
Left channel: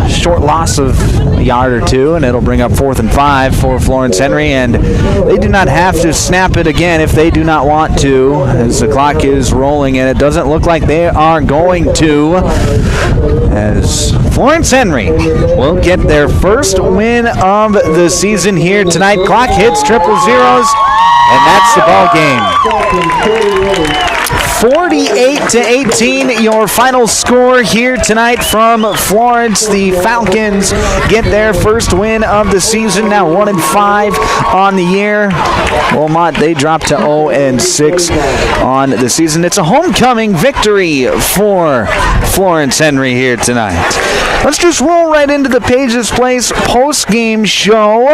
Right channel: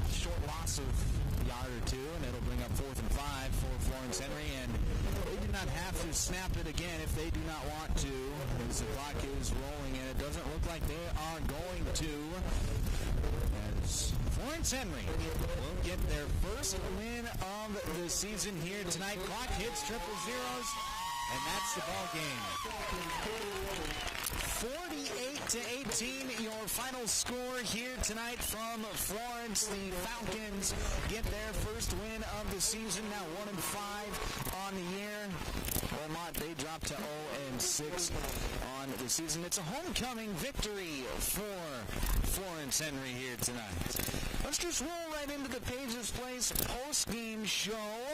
Short loss of a yard or two, and it'll bring up 4th and 5 for Florence Henry. And they do not have to snap it again if they do not want to, as the clock is rolling, and it doesn't look like they are going to, as Florence Henry will get their first win of the season here tonight. Clock hits triple zeros, and that's the ball game. 48-18, your final score here tonight from Florence. The Falcons get their first win of the season, now 1-5 on the year. Wilmot, they drop to 0-6 on the season. It's a homecoming victory for Florence Henry here tonight. Let's just roll right into the Pages Place post-game show.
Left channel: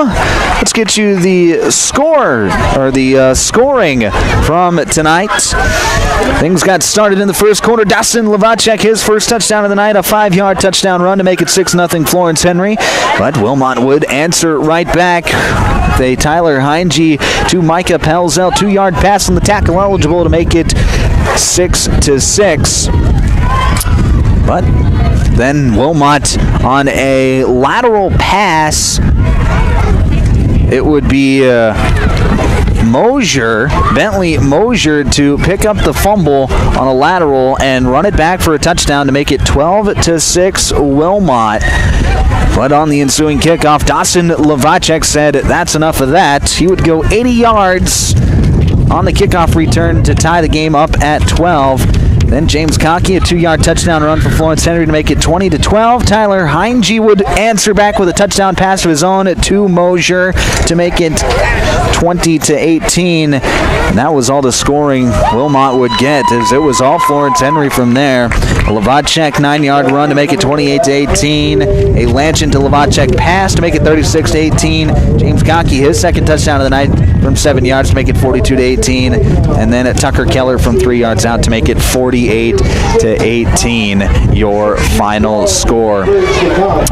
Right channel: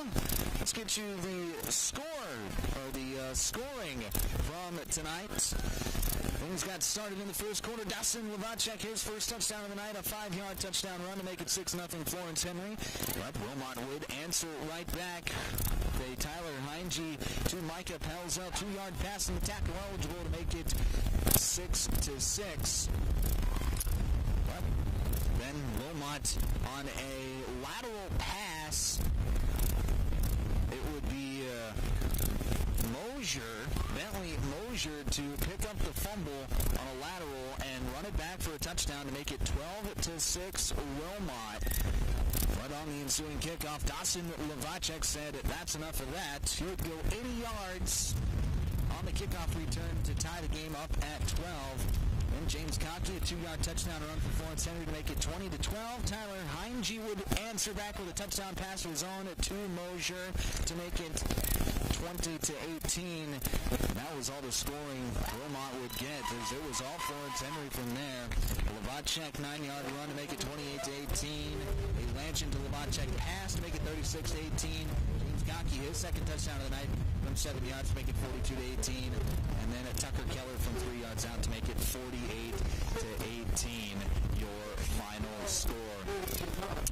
Let's get you the score, or the scoring from tonight. Things got started in the first quarter. Dustin Lavacek, his first touchdown of the night, a 5-yard touchdown run to make it 6-0 Florence Henry. But Wilmot would answer right back. A Tyler Heinge to Micah Pelzel, 2-yard pass on the tackle eligible to make it 6-6. But then Wilmot on a lateral pass, it would be Bentley Mosier to pick up the fumble on a lateral and run it back for a touchdown to make it 12-6 Wilmot. But on the ensuing kickoff, Dawson Lavacek said that's enough of that. He would go 80 yards on the kickoff return to tie the game up at 12. Then James Cockey, a 2-yard touchdown run for Florence Henry to make it 20-12. Tyler Heinge would answer back with a touchdown pass of his own to Mosier to make it 20-18. And that was all the scoring Wilmot would get, as it was all Florence Henry from there. A Lavacek 9-yard run to make it 28-18. A Lanchin to Lavacek pass to make it 36-18. James Cockey, his second touchdown of the night from 7 yards to make it 42-18. And then Tucker Keller from 3 yards out to make it 48-18, your final score.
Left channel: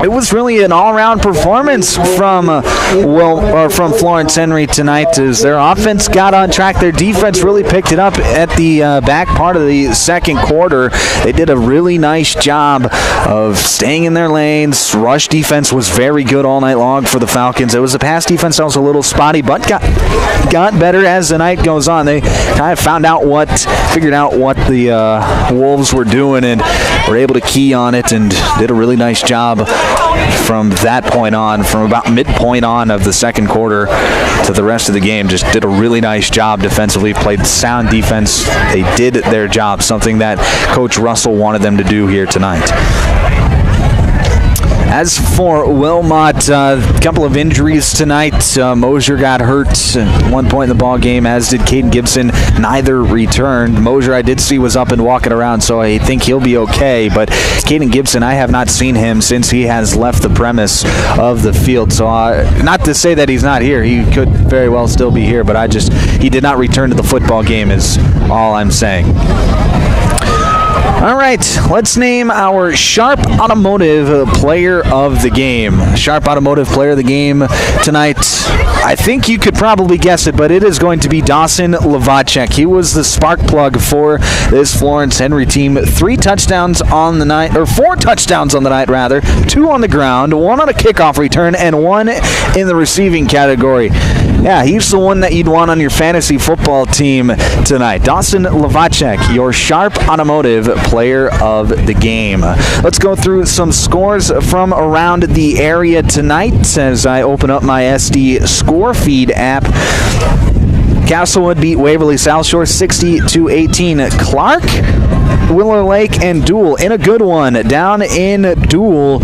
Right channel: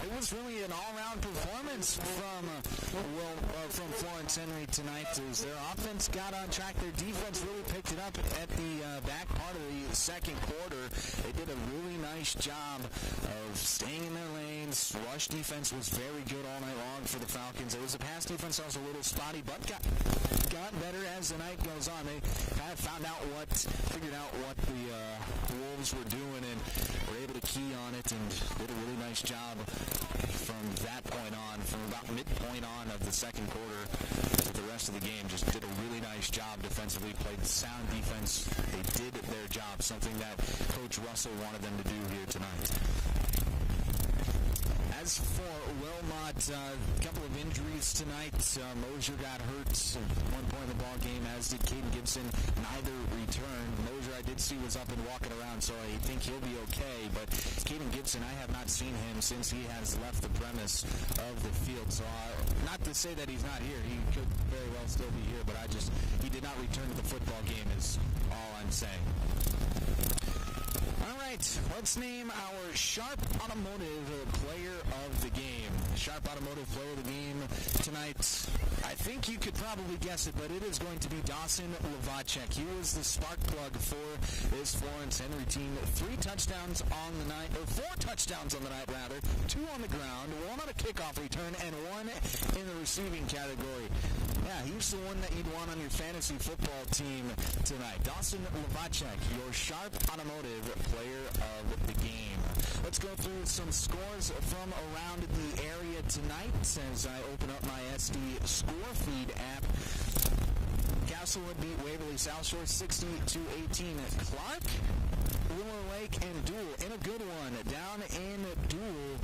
It was really an all-around performance from Florence Henry tonight, as their offense got on track. Their defense really picked it up at the back part of the second quarter. They did a really nice job of staying in their lanes. Rush defense was very good all night long for the Falcons. It was a pass defense that was a little spotty, but got better as the night goes on. They kind of figured out what the Wolves were doing and were able to key on it and did a really nice job from that point on, from about midpoint on of the second quarter to the rest of the game. Just did a really nice job defensively, played sound defense. They did their job, something that Coach Russell wanted them to do here tonight. As for Wilmot, a couple of injuries tonight. Mosier got hurt at one point in the ball game, as did Caden Gibson. Neither returned. Mosier, I did see, was up and walking around, so I think he'll be okay. But Caden Gibson, I have not seen him since he has left the premise of the field. So not to say that he's not here. He could very well still be here, but he did not return to the football game is all I'm saying. All right, let's name our Sharp Automotive Player of the Game. Sharp Automotive Player of the Game tonight, I think you could probably guess it, but it is going to be Dawson Lavacek. He was the spark plug for this Florence Henry team. 4 touchdowns on the night, 2 on the ground, 1 on a kickoff return, and 1 in the receiving category. Yeah, he's the one that you'd want on your fantasy football team tonight. Dawson Lavacek, your Sharp Automotive Player of the Game. Let's go through some scores from around the area tonight as I open up my SD score feed app. Castlewood beat Waverly South Shore 60-18. Clark, Willow Lake, and Dual in a good one. Down in Dual,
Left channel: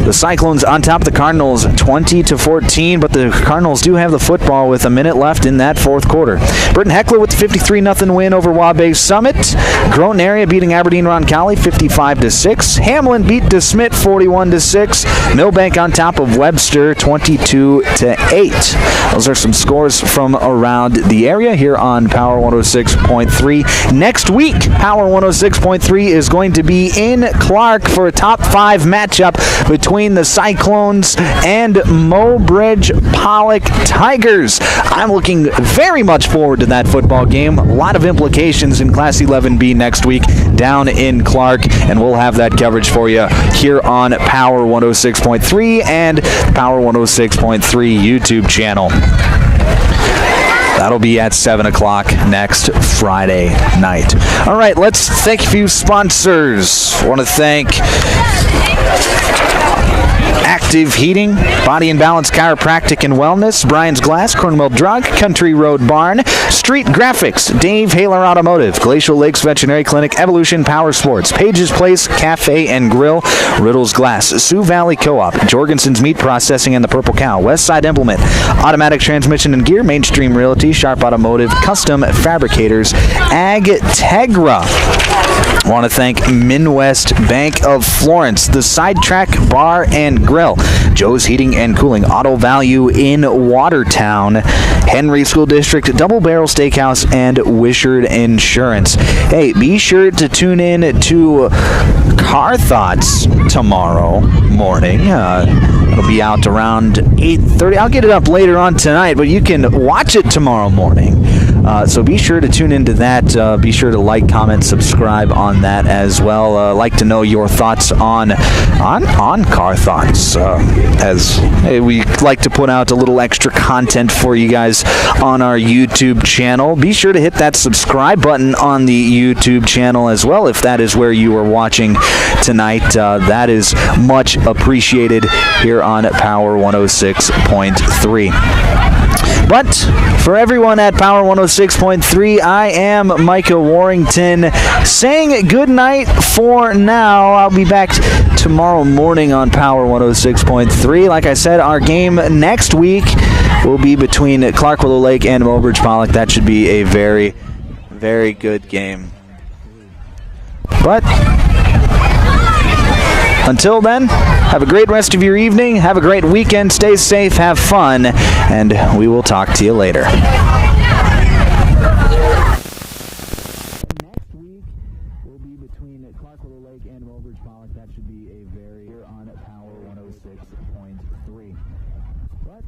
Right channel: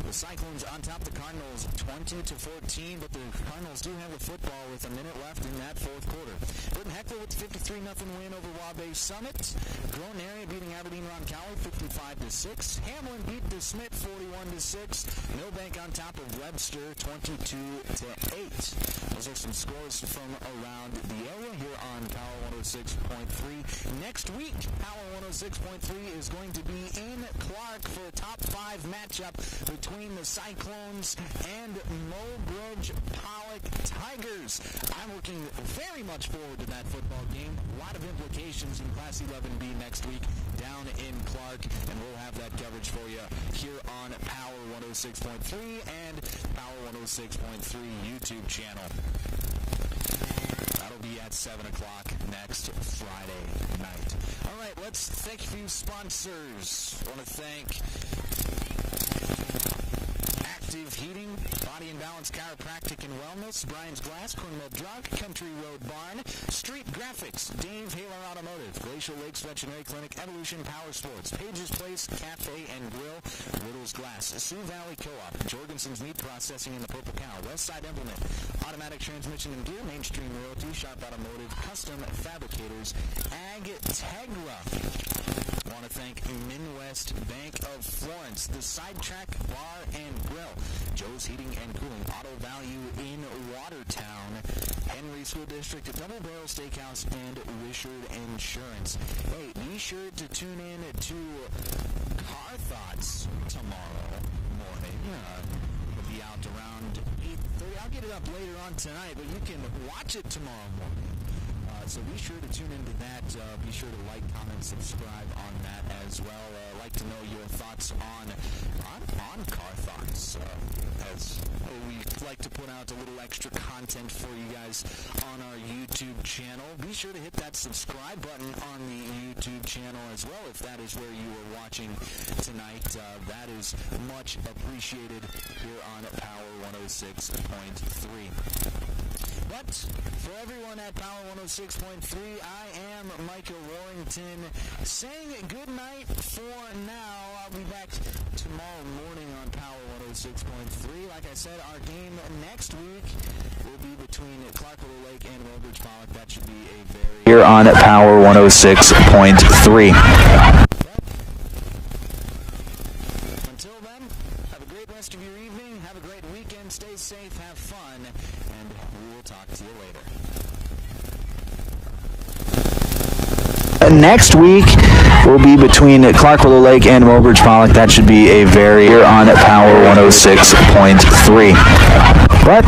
the Cyclones on top of the Cardinals 20-14, but the Cardinals do have the football with a minute left in that fourth quarter. Britton Heckler with the 53-0 win over Wabash Summit. Groton Area beating Aberdeen Roncalli 55-6. Hamlin beat DeSmit 41-6. Millbank on top of Webster 22-8. Those are some scores from around the area here on Power 106.3. Next week, Power 106.3 is going to be in Clark for a top 5 matchup between the Cyclones and Mobridge Pollock Tigers. I'm looking very much forward to that football game. A lot of implications in Class 11B next week down in Clark, and we'll have that coverage for you here on Power 106.3 and Power 106.3 YouTube channel. That'll be at 7 o'clock next Friday night. All right, let's thank a few sponsors. I want to thank Active Heating, Body and Balance Chiropractic and Wellness, Brian's Glass, Cornwall Drug, Country Road Barn, Street Graphics, Dave Haler Automotive, Glacial Lakes Veterinary Clinic, Evolution Power Sports, Page's Place Cafe and Grill, Riddle's Glass, Sioux Valley Co-op, Jorgensen's Meat Processing and the Purple Cow, Westside Implement, Automatic Transmission and Gear, Mainstream Realty, Sharp Automotive, Custom Fabricators, Ag Tegra. I want to thank Midwest Bank of Florence, the Sidetrack Bar and Grill, Joe's Heating and Cooling, Auto Value in Watertown, Henry School District, Double Barrel Steakhouse, and Wishard Insurance. Hey, be sure to tune in to Car Thoughts tomorrow morning. It'll be out around 8:30. I'll get it up later on tonight, but you can watch it tomorrow morning. So be sure to tune into that. Be sure to like, comment, subscribe on that as well. Like to know your thoughts on Car Thoughts, as we like to put out a little extra content for you guys on our YouTube channel. Be sure to hit that subscribe button on the YouTube channel as well if that is where you are watching tonight. That is much appreciated here on Power 106.3. But for everyone at Power 106.3, I am Micah Warrington saying good night for now. I'll be back tomorrow morning on Power 106.3. Like I said, our game next week will be between Clark Willow Lake and Mobridge Pollock. That should be a very here on Power 106.3. But until then, have a great rest of your evening, have a great weekend, stay safe, have fun, and we will talk to you later. Next week will be between Clark Willow Lake and Mobridge Pollock. That should be a very here on Power 106.3. But